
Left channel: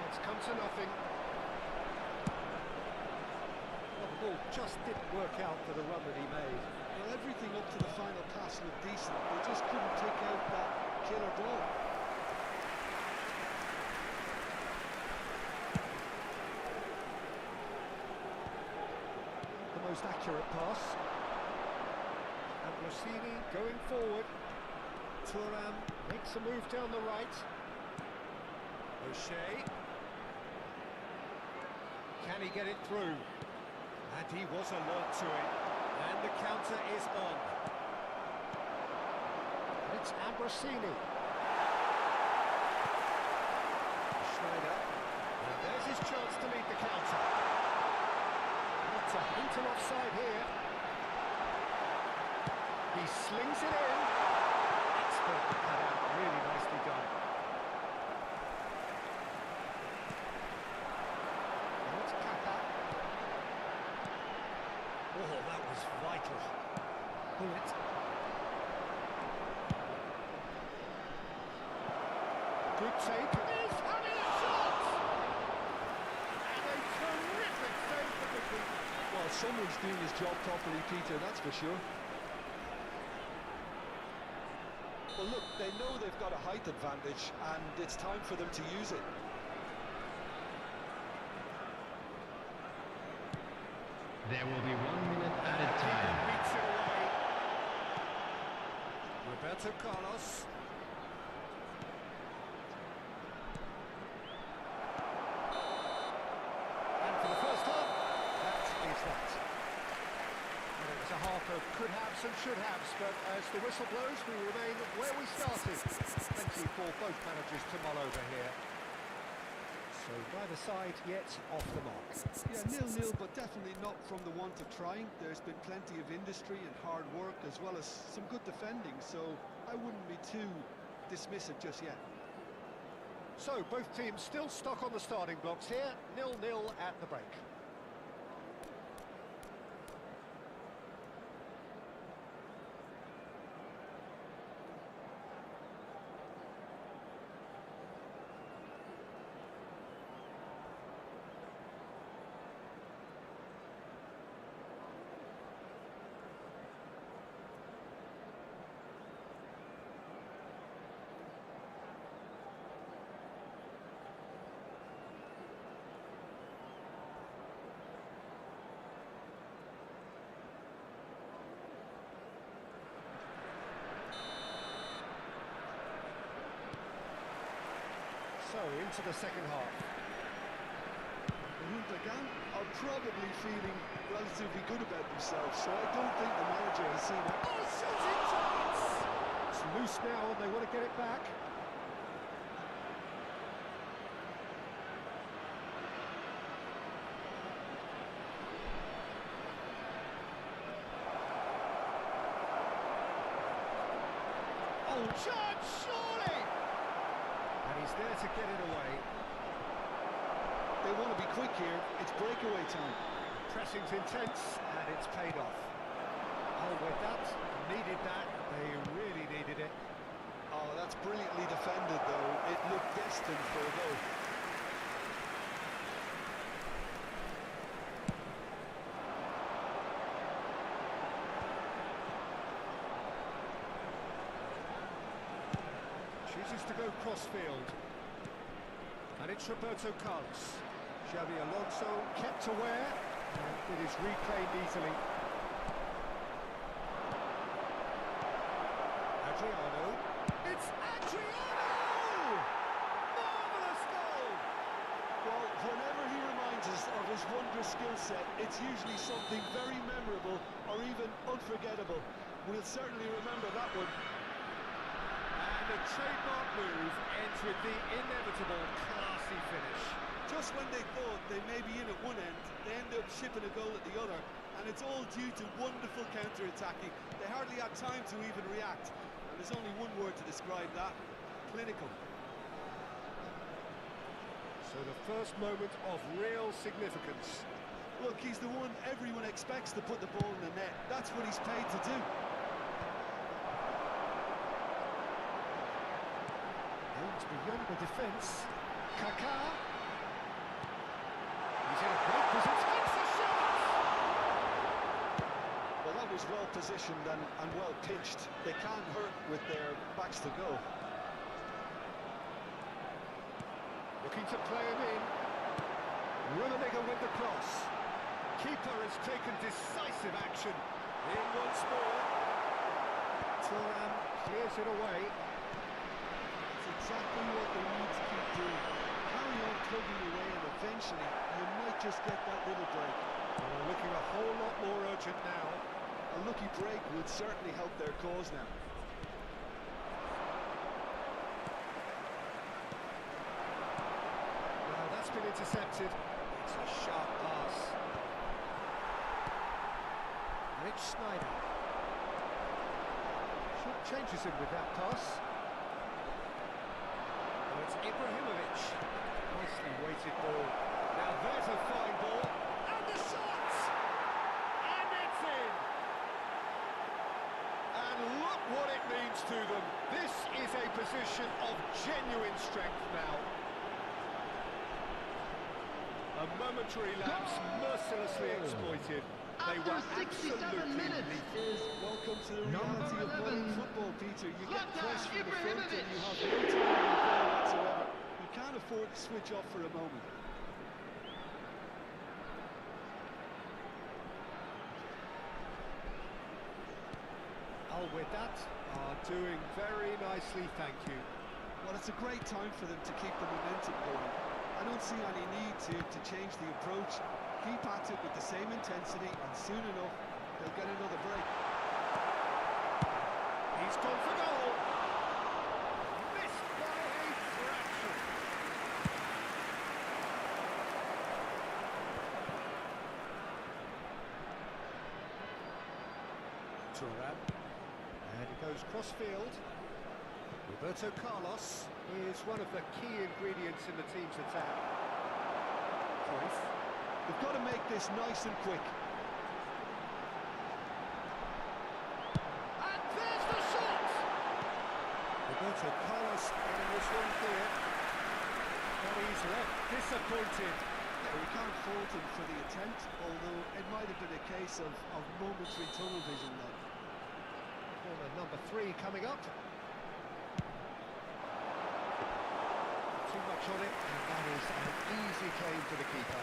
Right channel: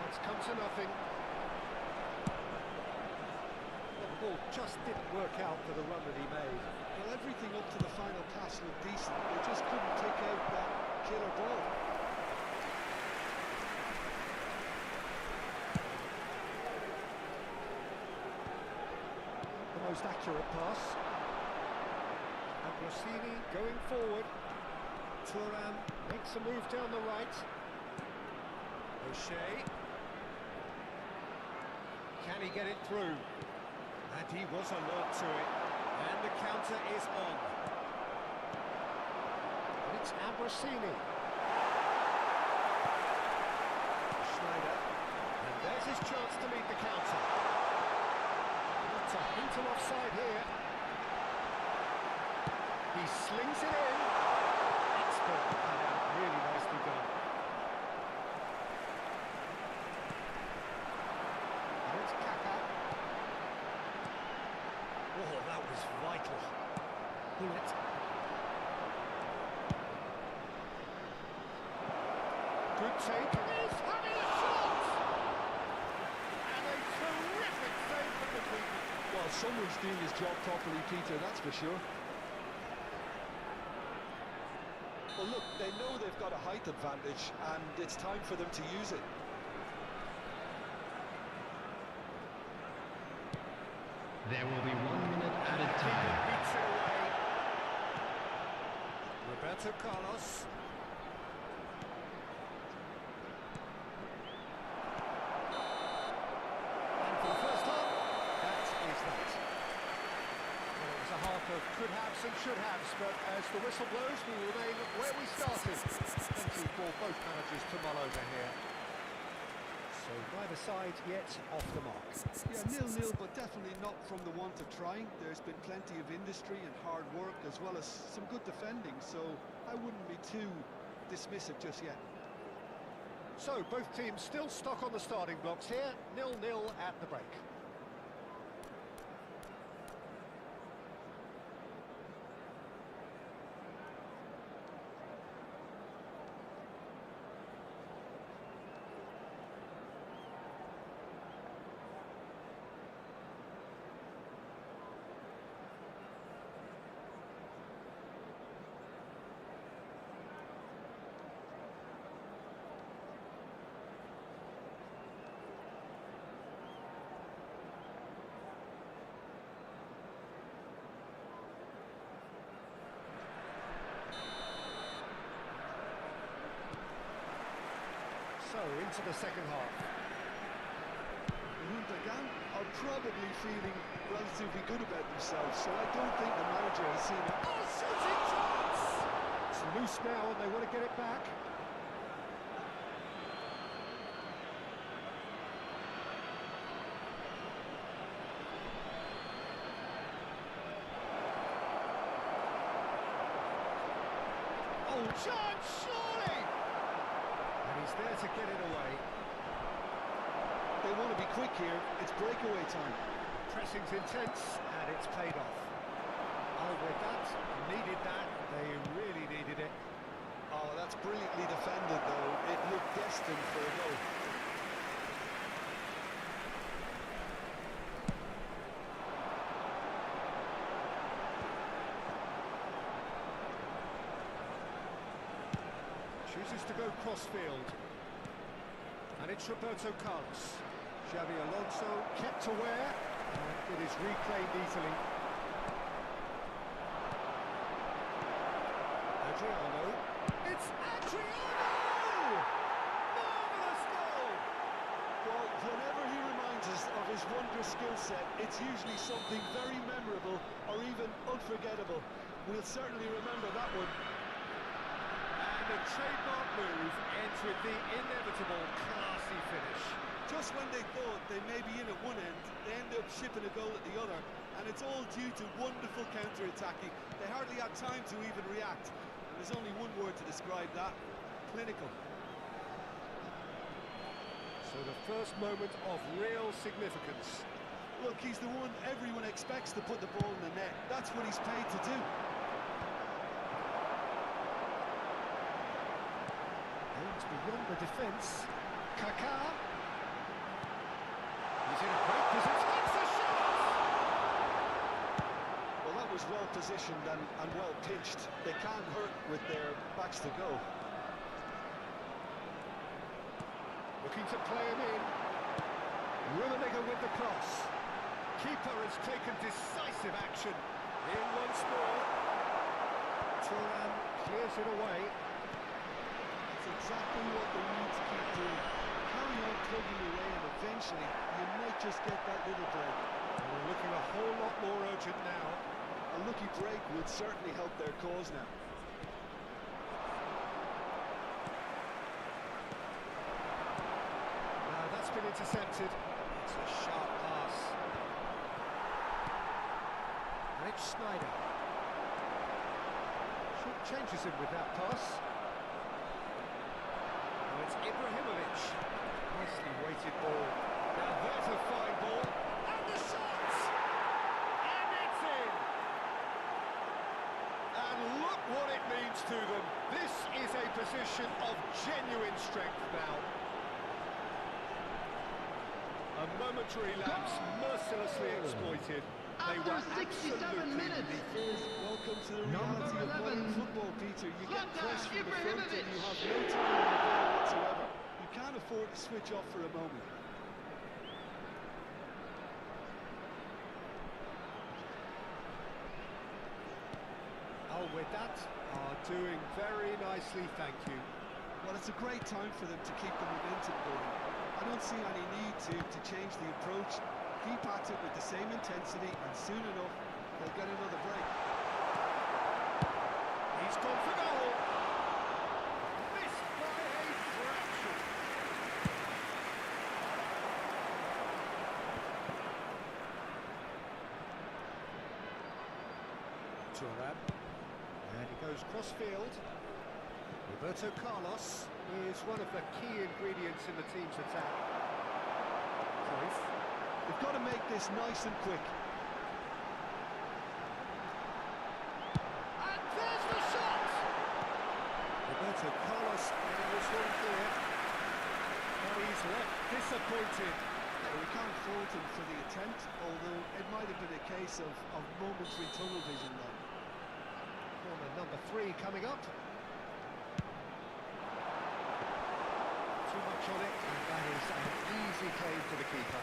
It's come to nothing. Well, the ball just didn't work out for the run that he made. Well, everything up to the final pass looked decent. They just couldn't pick out that killer ball. The most accurate pass. And Rossini going forward. Thuram makes a move down the right. O'Shea. Can he get it through? And he was alert to it. And the counter is on. And it's Ambrosini. Schneider. And there's his chance to meet the counter. Not a hint of offside here. He slings it in. Expert cut out. Really nicely done. And it's Kaka. Oh, that was vital. Bullet. Good take. He's having a shot! And a terrific save from the keeper. Well, someone's doing his job properly, Peter, that's for sure. Well, look, they know they've got a height advantage, and it's time for them to use it. There will be 1 minute added Keeper time. beats it away. Roberto Carlos. And for the first half, that is that. Well, it was a half of could haves and should haves, but as the whistle blows, we remain where we started. Plenty for both managers to mull over here. So neither side yet off the mark. Yeah, 0-0, but definitely not from the want of trying. There's been plenty of industry and hard work, as well as some good defending, so I wouldn't be too dismissive just yet. So both teams still stuck on the starting blocks here, 0-0 at the break. So, into the second half. Gundogan are probably feeling relatively good about themselves, so I don't think the manager has seen it. Oh, shooting chance! It's loose now and they want to get it back. Oh, chance, surely! And he's there to get it away. They want to be quick here. It's breakaway time. Pressing's intense, and it's paid off. Oh, with that, needed that. They really needed it. Oh, that's brilliantly defended, though. It looked destined for a goal. Chooses to go crossfield. And it's Roberto Carlos. Xabi Alonso kept aware, and it is reclaimed easily. Adriano. It's Adriano! Marvellous goal! Well, whenever he reminds us of his wondrous skill set, it's usually something very memorable or even unforgettable. We'll certainly remember that one. And the trademark move ends with the inevitable classy finish. Just when they thought they may be in at one end, they end up shipping a goal at the other, and it's all due to wonderful counter-attacking. They hardly had time to even react, and there's only one word to describe that: clinical. So the first moment of real significance. Look, he's the one everyone expects to put the ball in the net. That's what he's paid to do. Aims beyond the defence. Kaká. He's in a great position. It's a shot! Well, that was well positioned and well pitched. They can't hurt with their backs to goal. Looking to play him in. Rummenigge with the cross. Keeper has taken decisive action. In once more. Thuram clears it away. That's exactly what they need to keep doing. Carry on plugging away, and eventually you might just get that little break. Well, they're looking a whole lot more urgent now. A lucky break would certainly help their cause now. Now that's been intercepted. It's a sharp pass. And it's Snyder. Short changes him with that pass. Now it's Ibrahimovic. Nicely weighted ball. Now there's a fine ball. And the shot! And it's in! And look what it means to them. This is a position of genuine strength now. A momentary lapse mercilessly exploited. They were After 67 absolutely minutes lethal. is Welcome to the Number reality of 11, modern football, Peter. You get Zlatan pressed from the front and Ibrahimovic. you have no time on the ball whatsoever. You can't afford to switch off for a moment. Alwedat are doing very nicely, thank you. Well, it's a great time for them to keep the momentum going. I don't see any need to change the approach. Keep at it with the same intensity, and soon enough, they'll get another break. He's gone for goal. Missed by a fraction. Thuram. And he goes crossfield. Roberto Carlos is one of the key ingredients in the team's attack. Cruyff. They've got to make this nice and quick. And there's the shot! Roberto Carlos getting this one clear. But he's left disappointed. Yeah, we can't fault him for the attempt, although it might have been a case of momentary tunnel vision then. Corner number 3 coming up. Too much on it, and that is an easy claim to the keeper.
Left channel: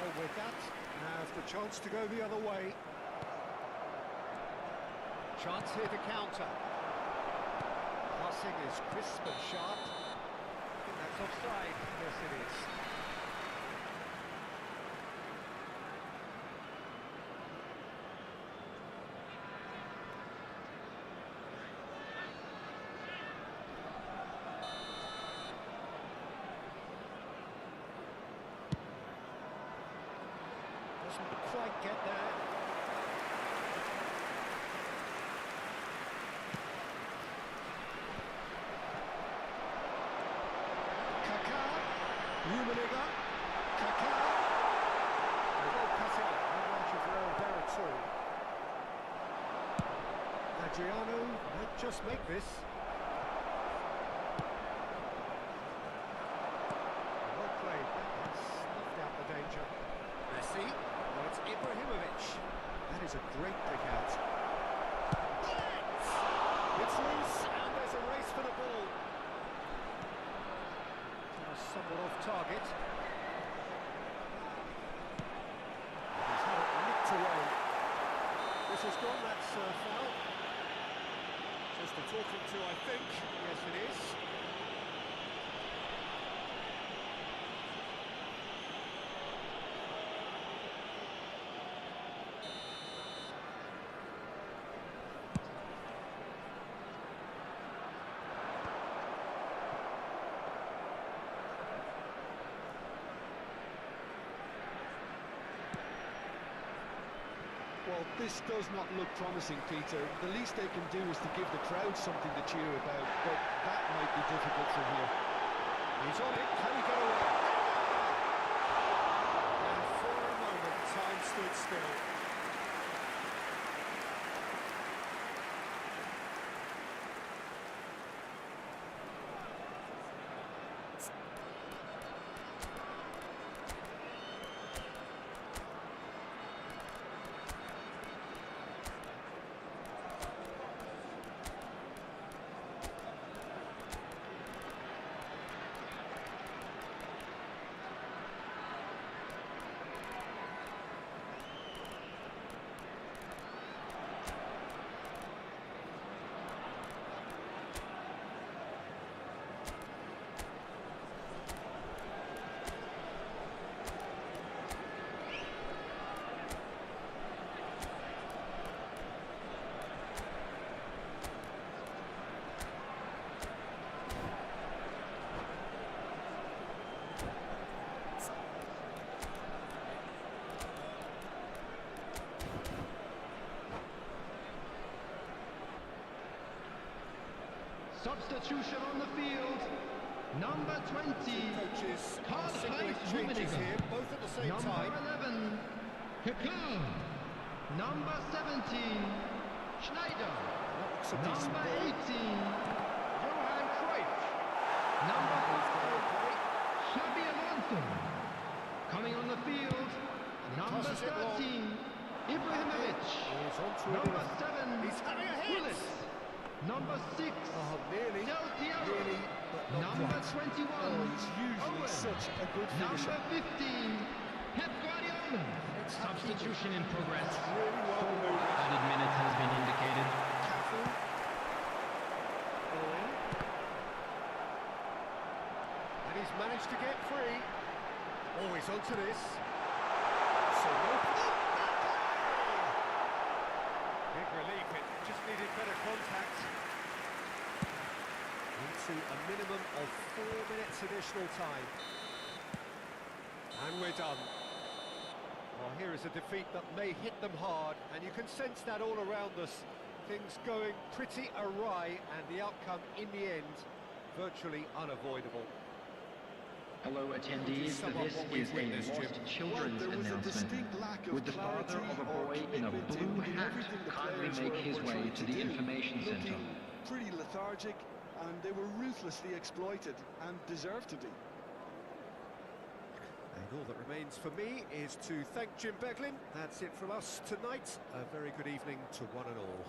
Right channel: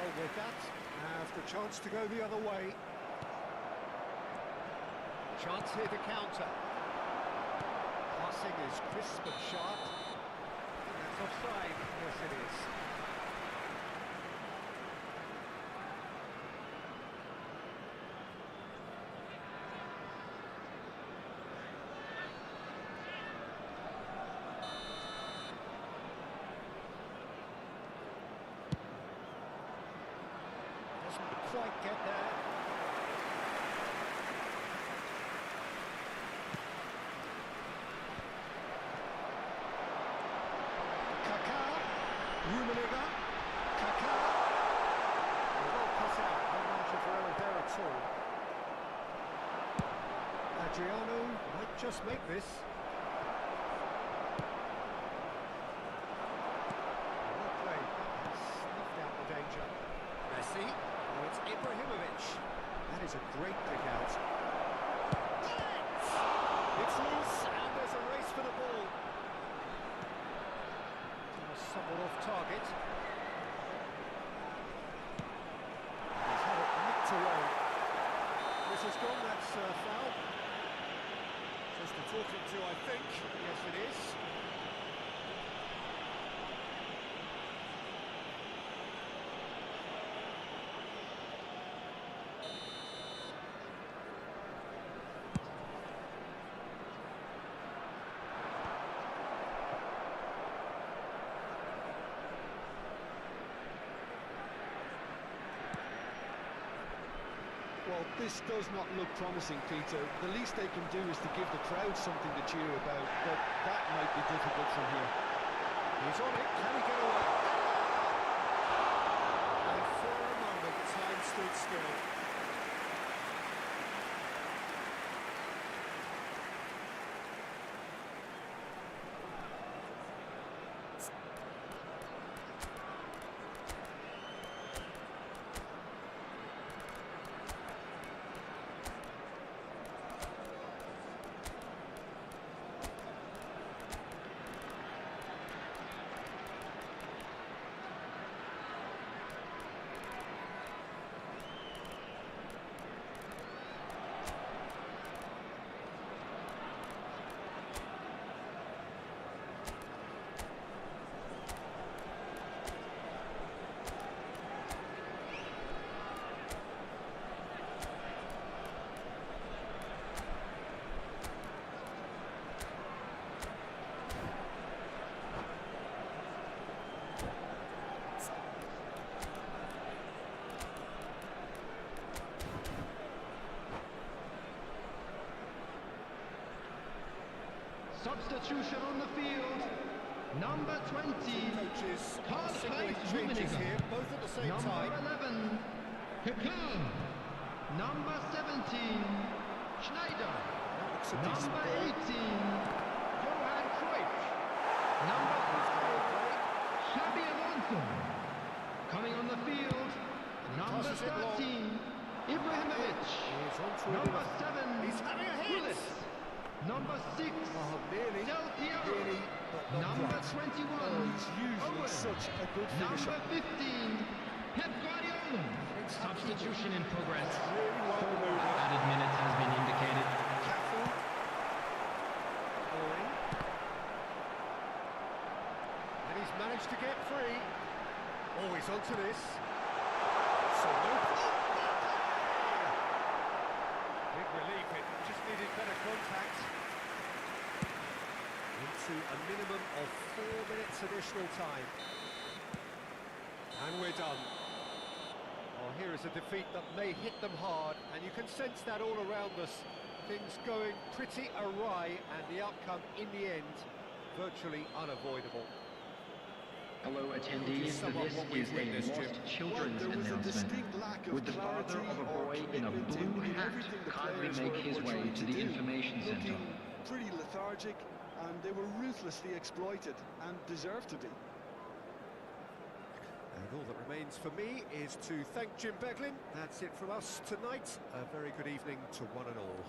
Oh, with that, have the chance to go the other way. Chance here to counter. Passing is crisp and sharp. I think that's offside. Yes, it is. Doesn't quite get there. Kaká, Rummenigge, Kaká. Well cut out, no margin for error there at all. Adriano might just make this. Well played, that has snuffed out the danger. Messi, now it's Ibrahimovic. That is a great pick out. It's loose, and there's a race for the ball. Somewhat off target. He's had it nicked away. This has gone, that's foul. Just a talking to, I think. Yes, it is. Well, this does not look promising, Peter. The least they can do is to give the crowd something to cheer about, but that might be difficult from here. He's on it, can he get away? And for a moment, time stood still. Substitution on the field. Number 20. Coaches are Karl-Heinz signaling changes Rummenigge. here, both at the same Number time. 11. Kaká. Number 17. Schneider. That looks a decent Number ball. 18. Johan Cruyff. Number Who's going to 5. play? Xabi Alonso. Coming on the field. Number passes it long. 13. Ibrahimovic. He's on to it Number enough. 7. He's having a hit! Willis. Number 6. Oh, nearly. Del Piero. Nearly, but not Number quite. 21. Oh, he's usually Owen. such a good finisher. Number 15. Pep Guardiola. Substitution in progress. Really well maneuvered. Added minutes has been indicated. Cafu. Owen. And he's managed to get free. Oh, he's onto this. So no... Big relief, it just needed better contact. Into a minimum of 4 minutes additional time. And we're done. Oh, here is a defeat that may hit them hard, and you can sense that all around us. Things going pretty awry, and the outcome in the end, virtually unavoidable. Hello attendees, sum up this what we've is a witnessed, lost Jim? children's Well, there was a announcement. distinct lack of Would the father clarity of a or boy in a commitment blue in hat everything the kindly players make his were way trying to the do. information center? Looking pretty lethargic, and they were ruthlessly exploited, and deserved to be. And all that remains for me is to thank Jim Beglin. That's it from us tonight. A very good evening to one and all.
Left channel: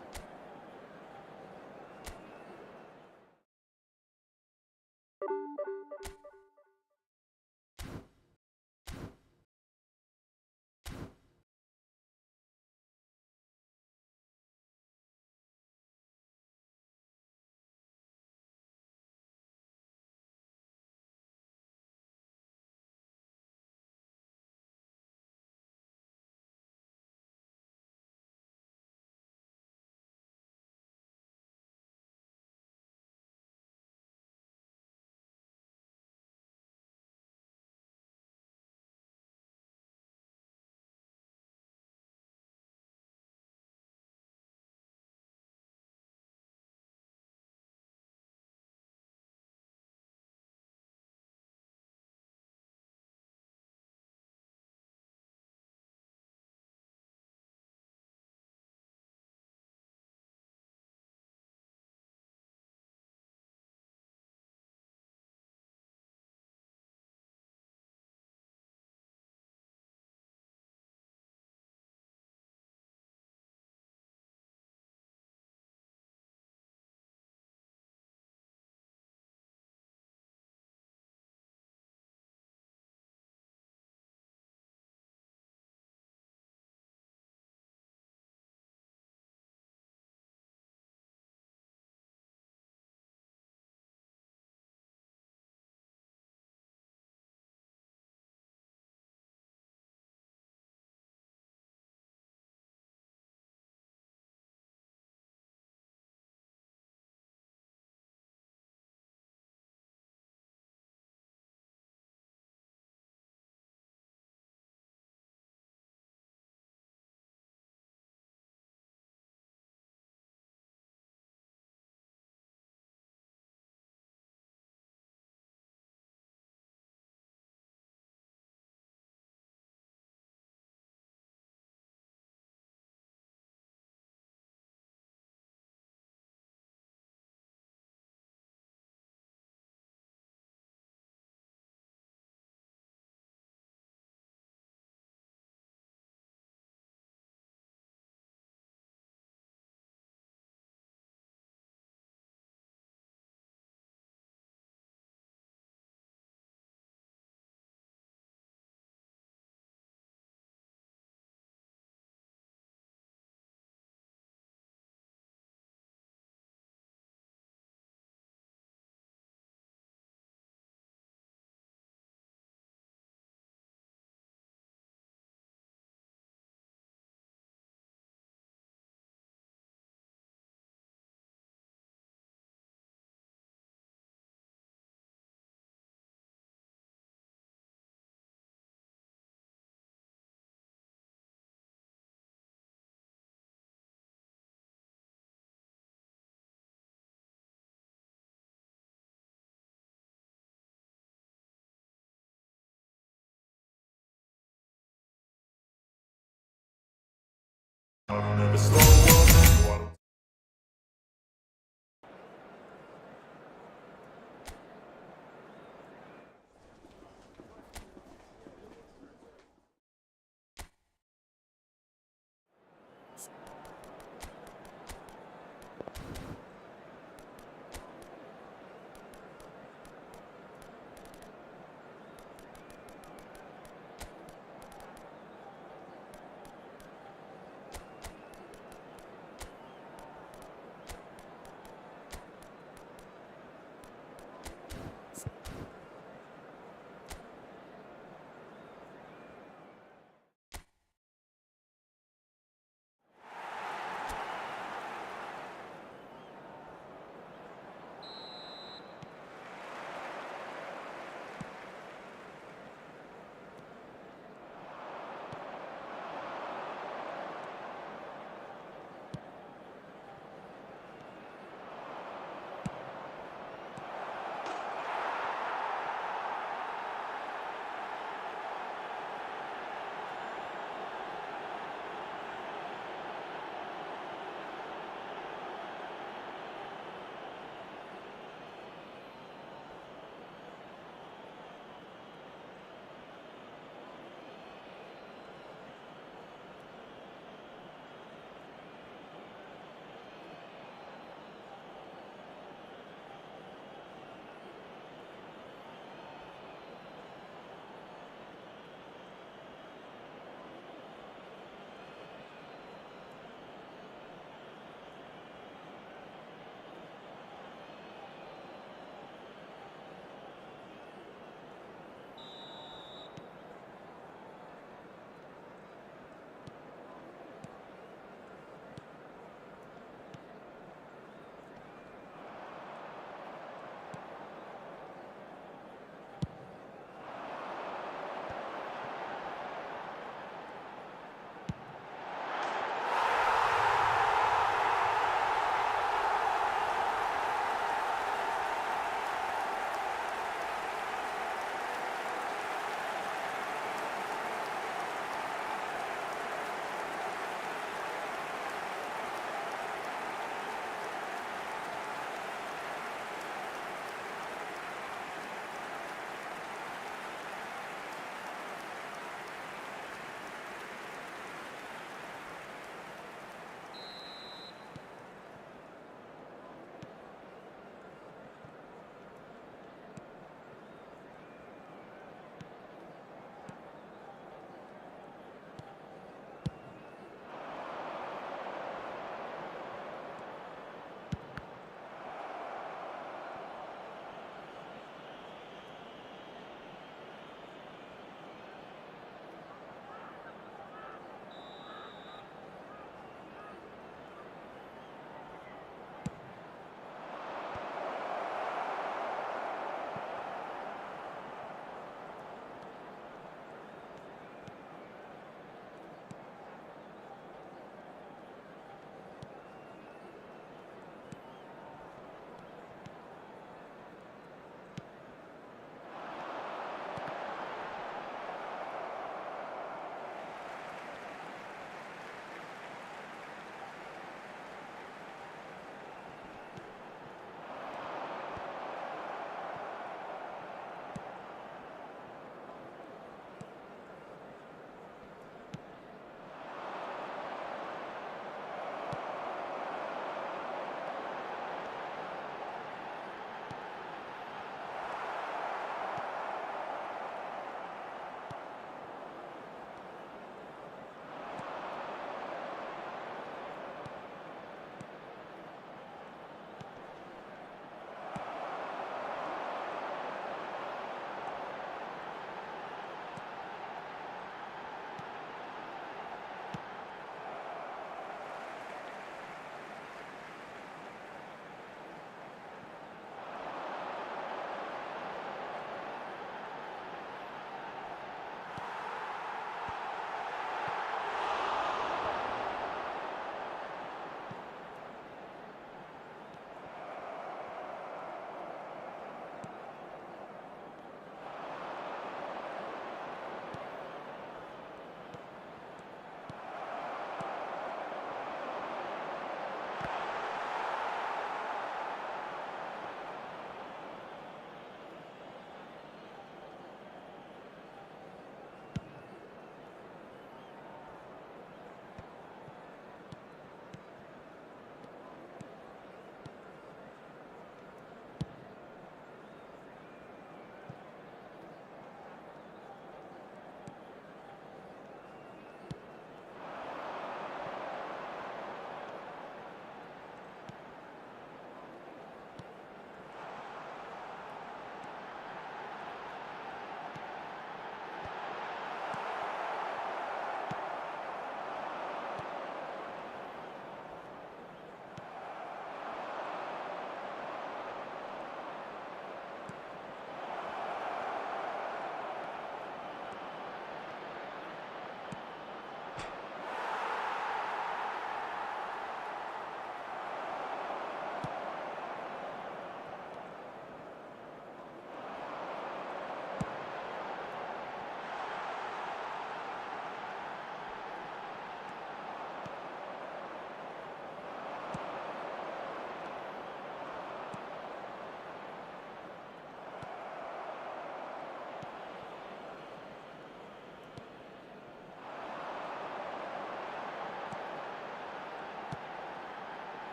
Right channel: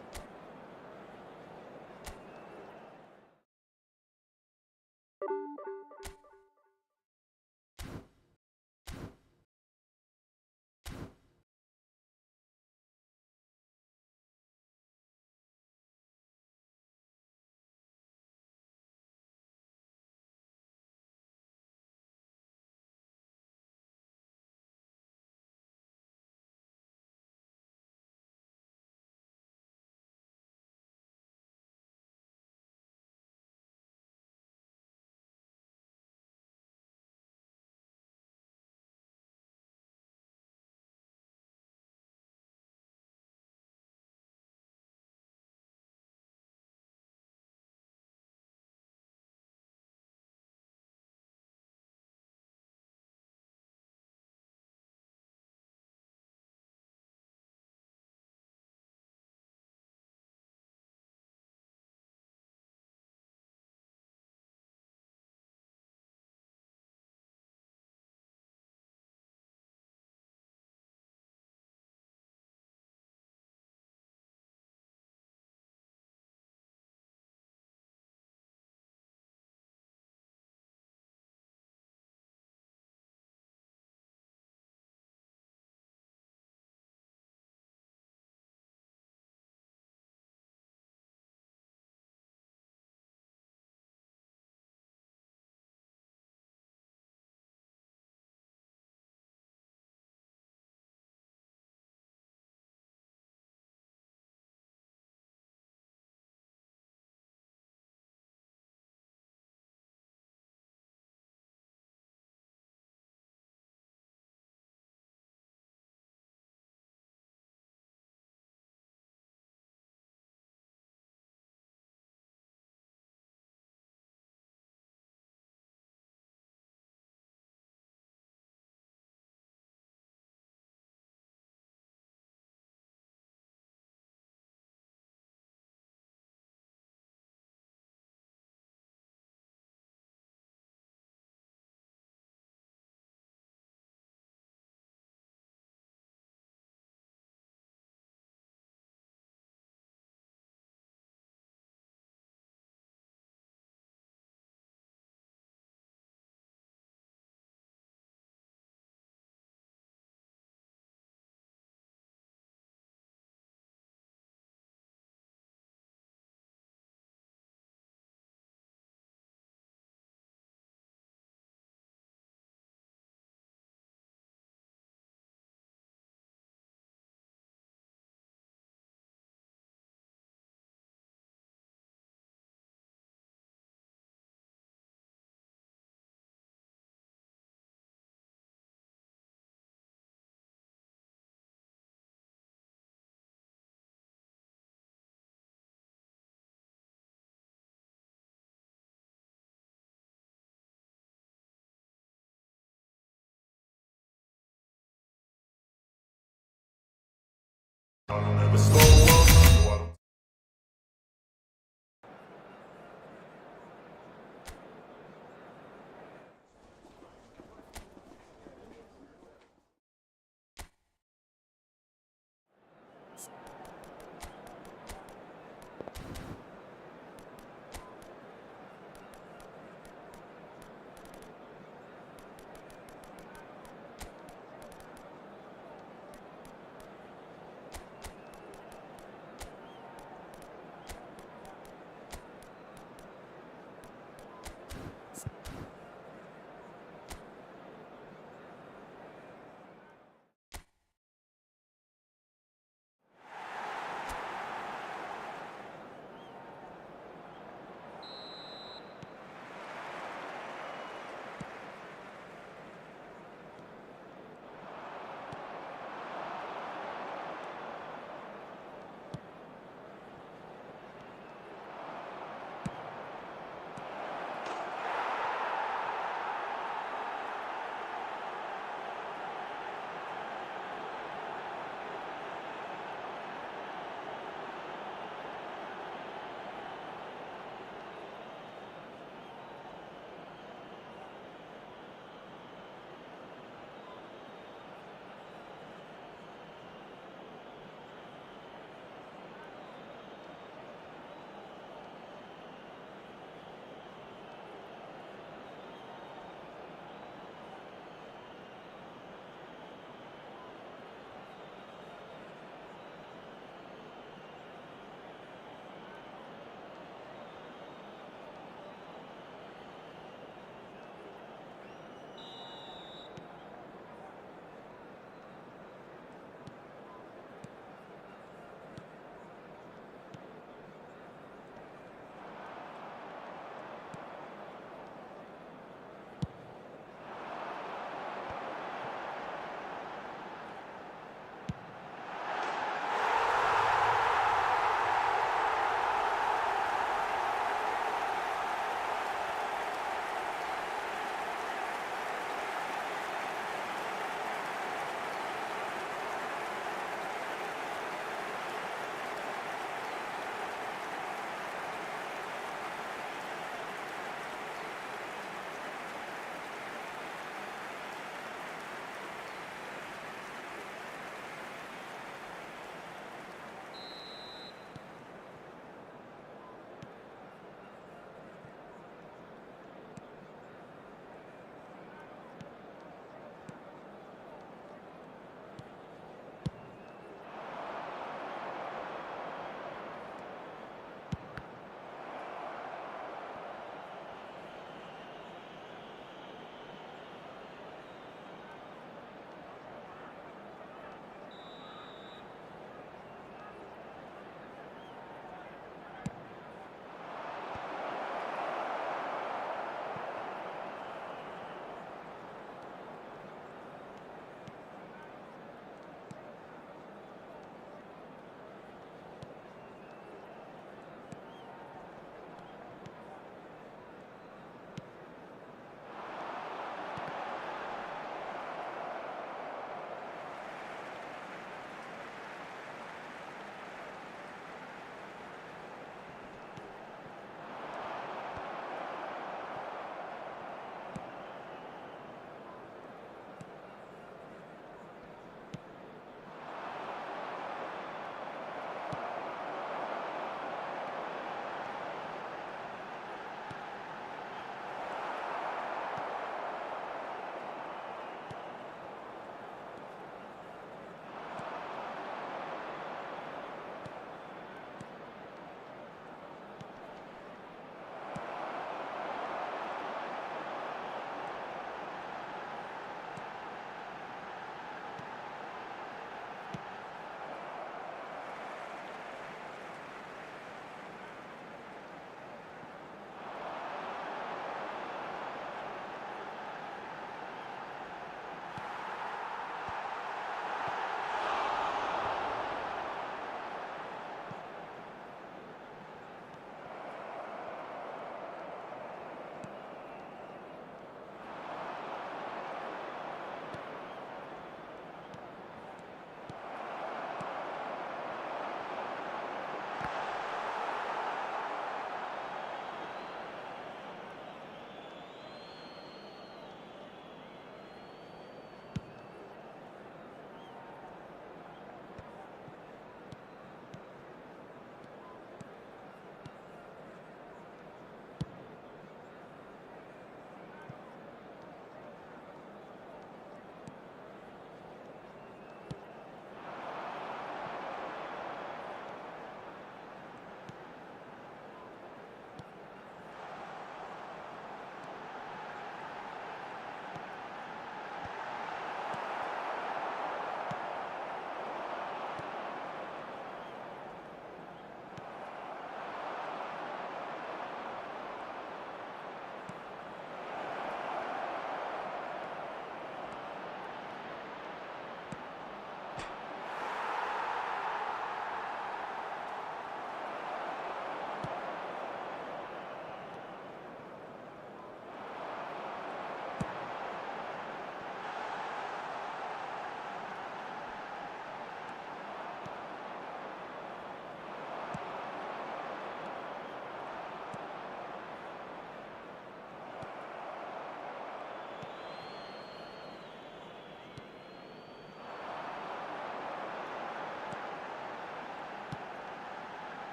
never slow up. No, I don't.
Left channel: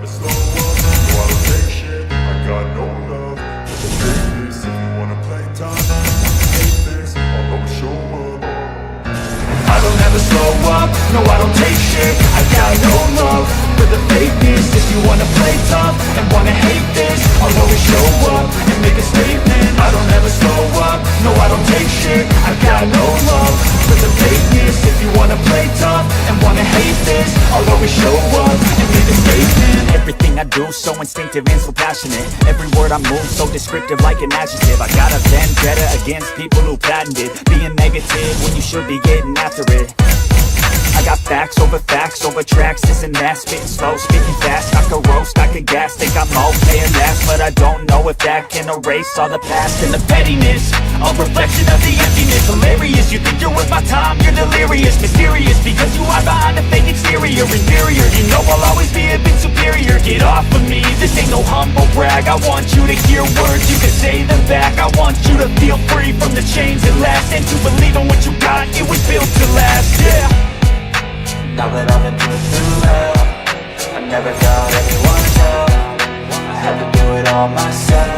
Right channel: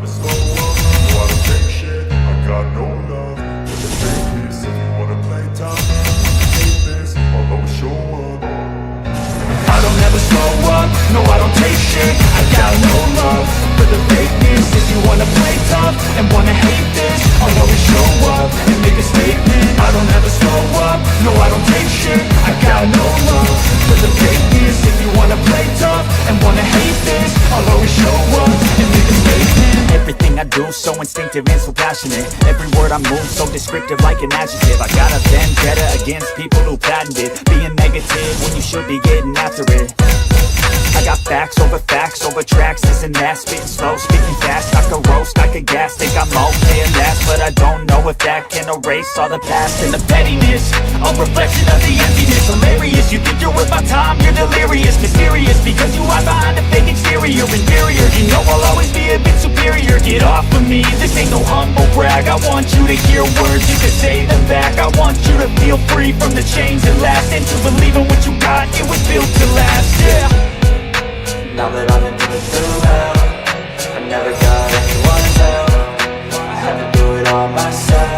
never slow up, no I don't take shit, I got no love for the fakeness. If you wanna play tough, hate this, I'll always show up. I don't ever slow up, no I don't take shit, I got no love for the fakeness. If you wanna play tough and wanna hate this, I'll always show up and make a statement. I don't ever slow up, no I don't take shit, I got no love for the fakeness. If you wanna play tough and wanna hate this, I'll always show up and make a statement. Everything I do so instinctive and so passionate. Every word I move so descriptive like an adjective. I got a vendetta against people who patented being negative when you should be getting after it. I got facts over tracks, this and that. Spitting slow, speaking fast, I could roast, I could gas. Think I'm okay at last, but I don't know if that can erase all the past. And the pettiness, a reflection of the emptiness. Hilarious, you think you're worth my time, you're delirious. Mysterious, because you hide behind a fake exterior. Inferior, you know I'll always be a bit superior. Get off of me, this ain't no humble brag. I want you to hear words, you can say them back. I want you to feel free from the chains that last, and to believe in what you got, it was built to last, yeah. Now that I've been put through hell, I never got anyone's help, I had to do it all myself.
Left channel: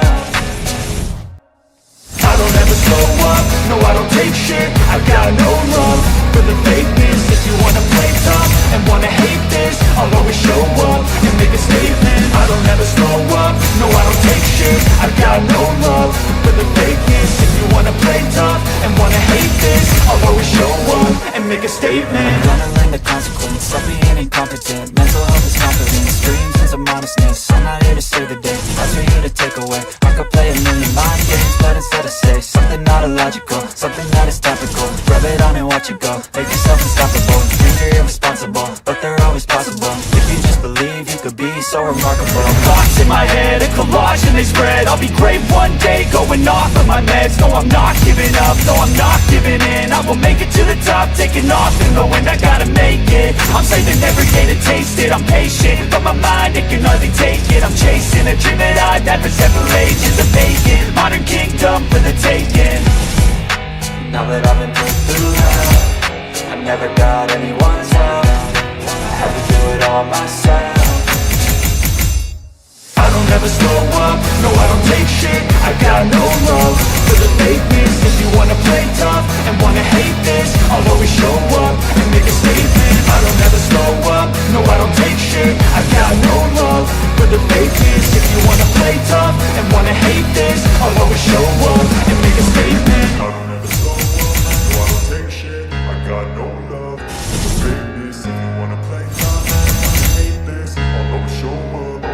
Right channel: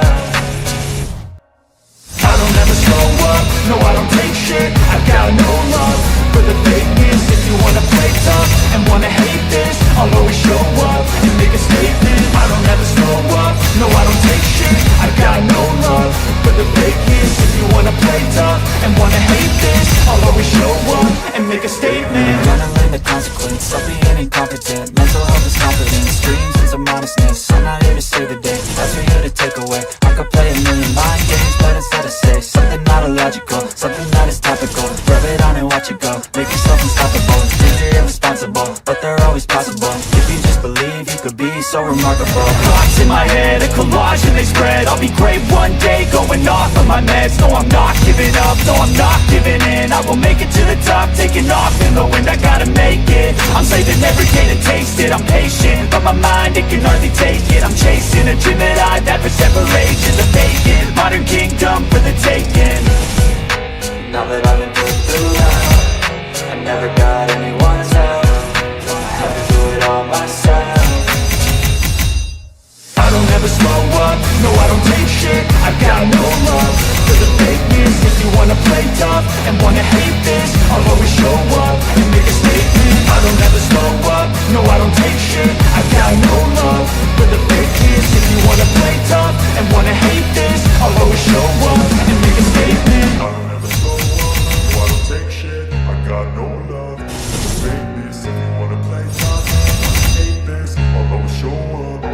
I don't ever slow up, no I don't take shit, I got no love for the fakeness. If you wanna play tough and wanna hate this, I'll always show up and make a statement. I don't ever slow up, no I don't take shit, I got no love for the fakeness. If you wanna play tough and wanna hate this, I'll always show up and make a statement. Gonna learn the consequence of being incompetent. Mental health is confidence, dreams and some modestness. I'm not here to save the day, that's for you to take away. I could play a million mind games, but instead I say something not illogical, something that is topical. Rub it on and watch it go, make yourself unstoppable. Dreams are irresponsible, but they're always possible. If you just believe, you could be so remarkable. Thoughts in my head, a collage and they spread. I'll be great one day, going off of my meds. No, I'm not giving up, no, I'm not giving in. I will make it to the top, taking off in the wind. I gotta make it, I'm saving every day to taste it. I'm patient, but my mind, it can hardly take it. I'm chasing a dream that I've had for several ages. A vacant, modern kingdom for the taking. Now that I've been put through hell, I never got anyone's help, I had to do it all myself. I don't ever slow up, no I don't take shit, I got no love for the fakeness. If you wanna play tough and wanna hate this, I'll always show up and make a statement. I don't ever slow up, no I don't take shit, I got no love for the fakeness. If you wanna play tough and wanna hate this, I'll always show up and make a statement. I don't ever slow up, no I don't take shit, I got no love for the fakeness. If you wanna play tough, I wanna hate this, I'll always show up.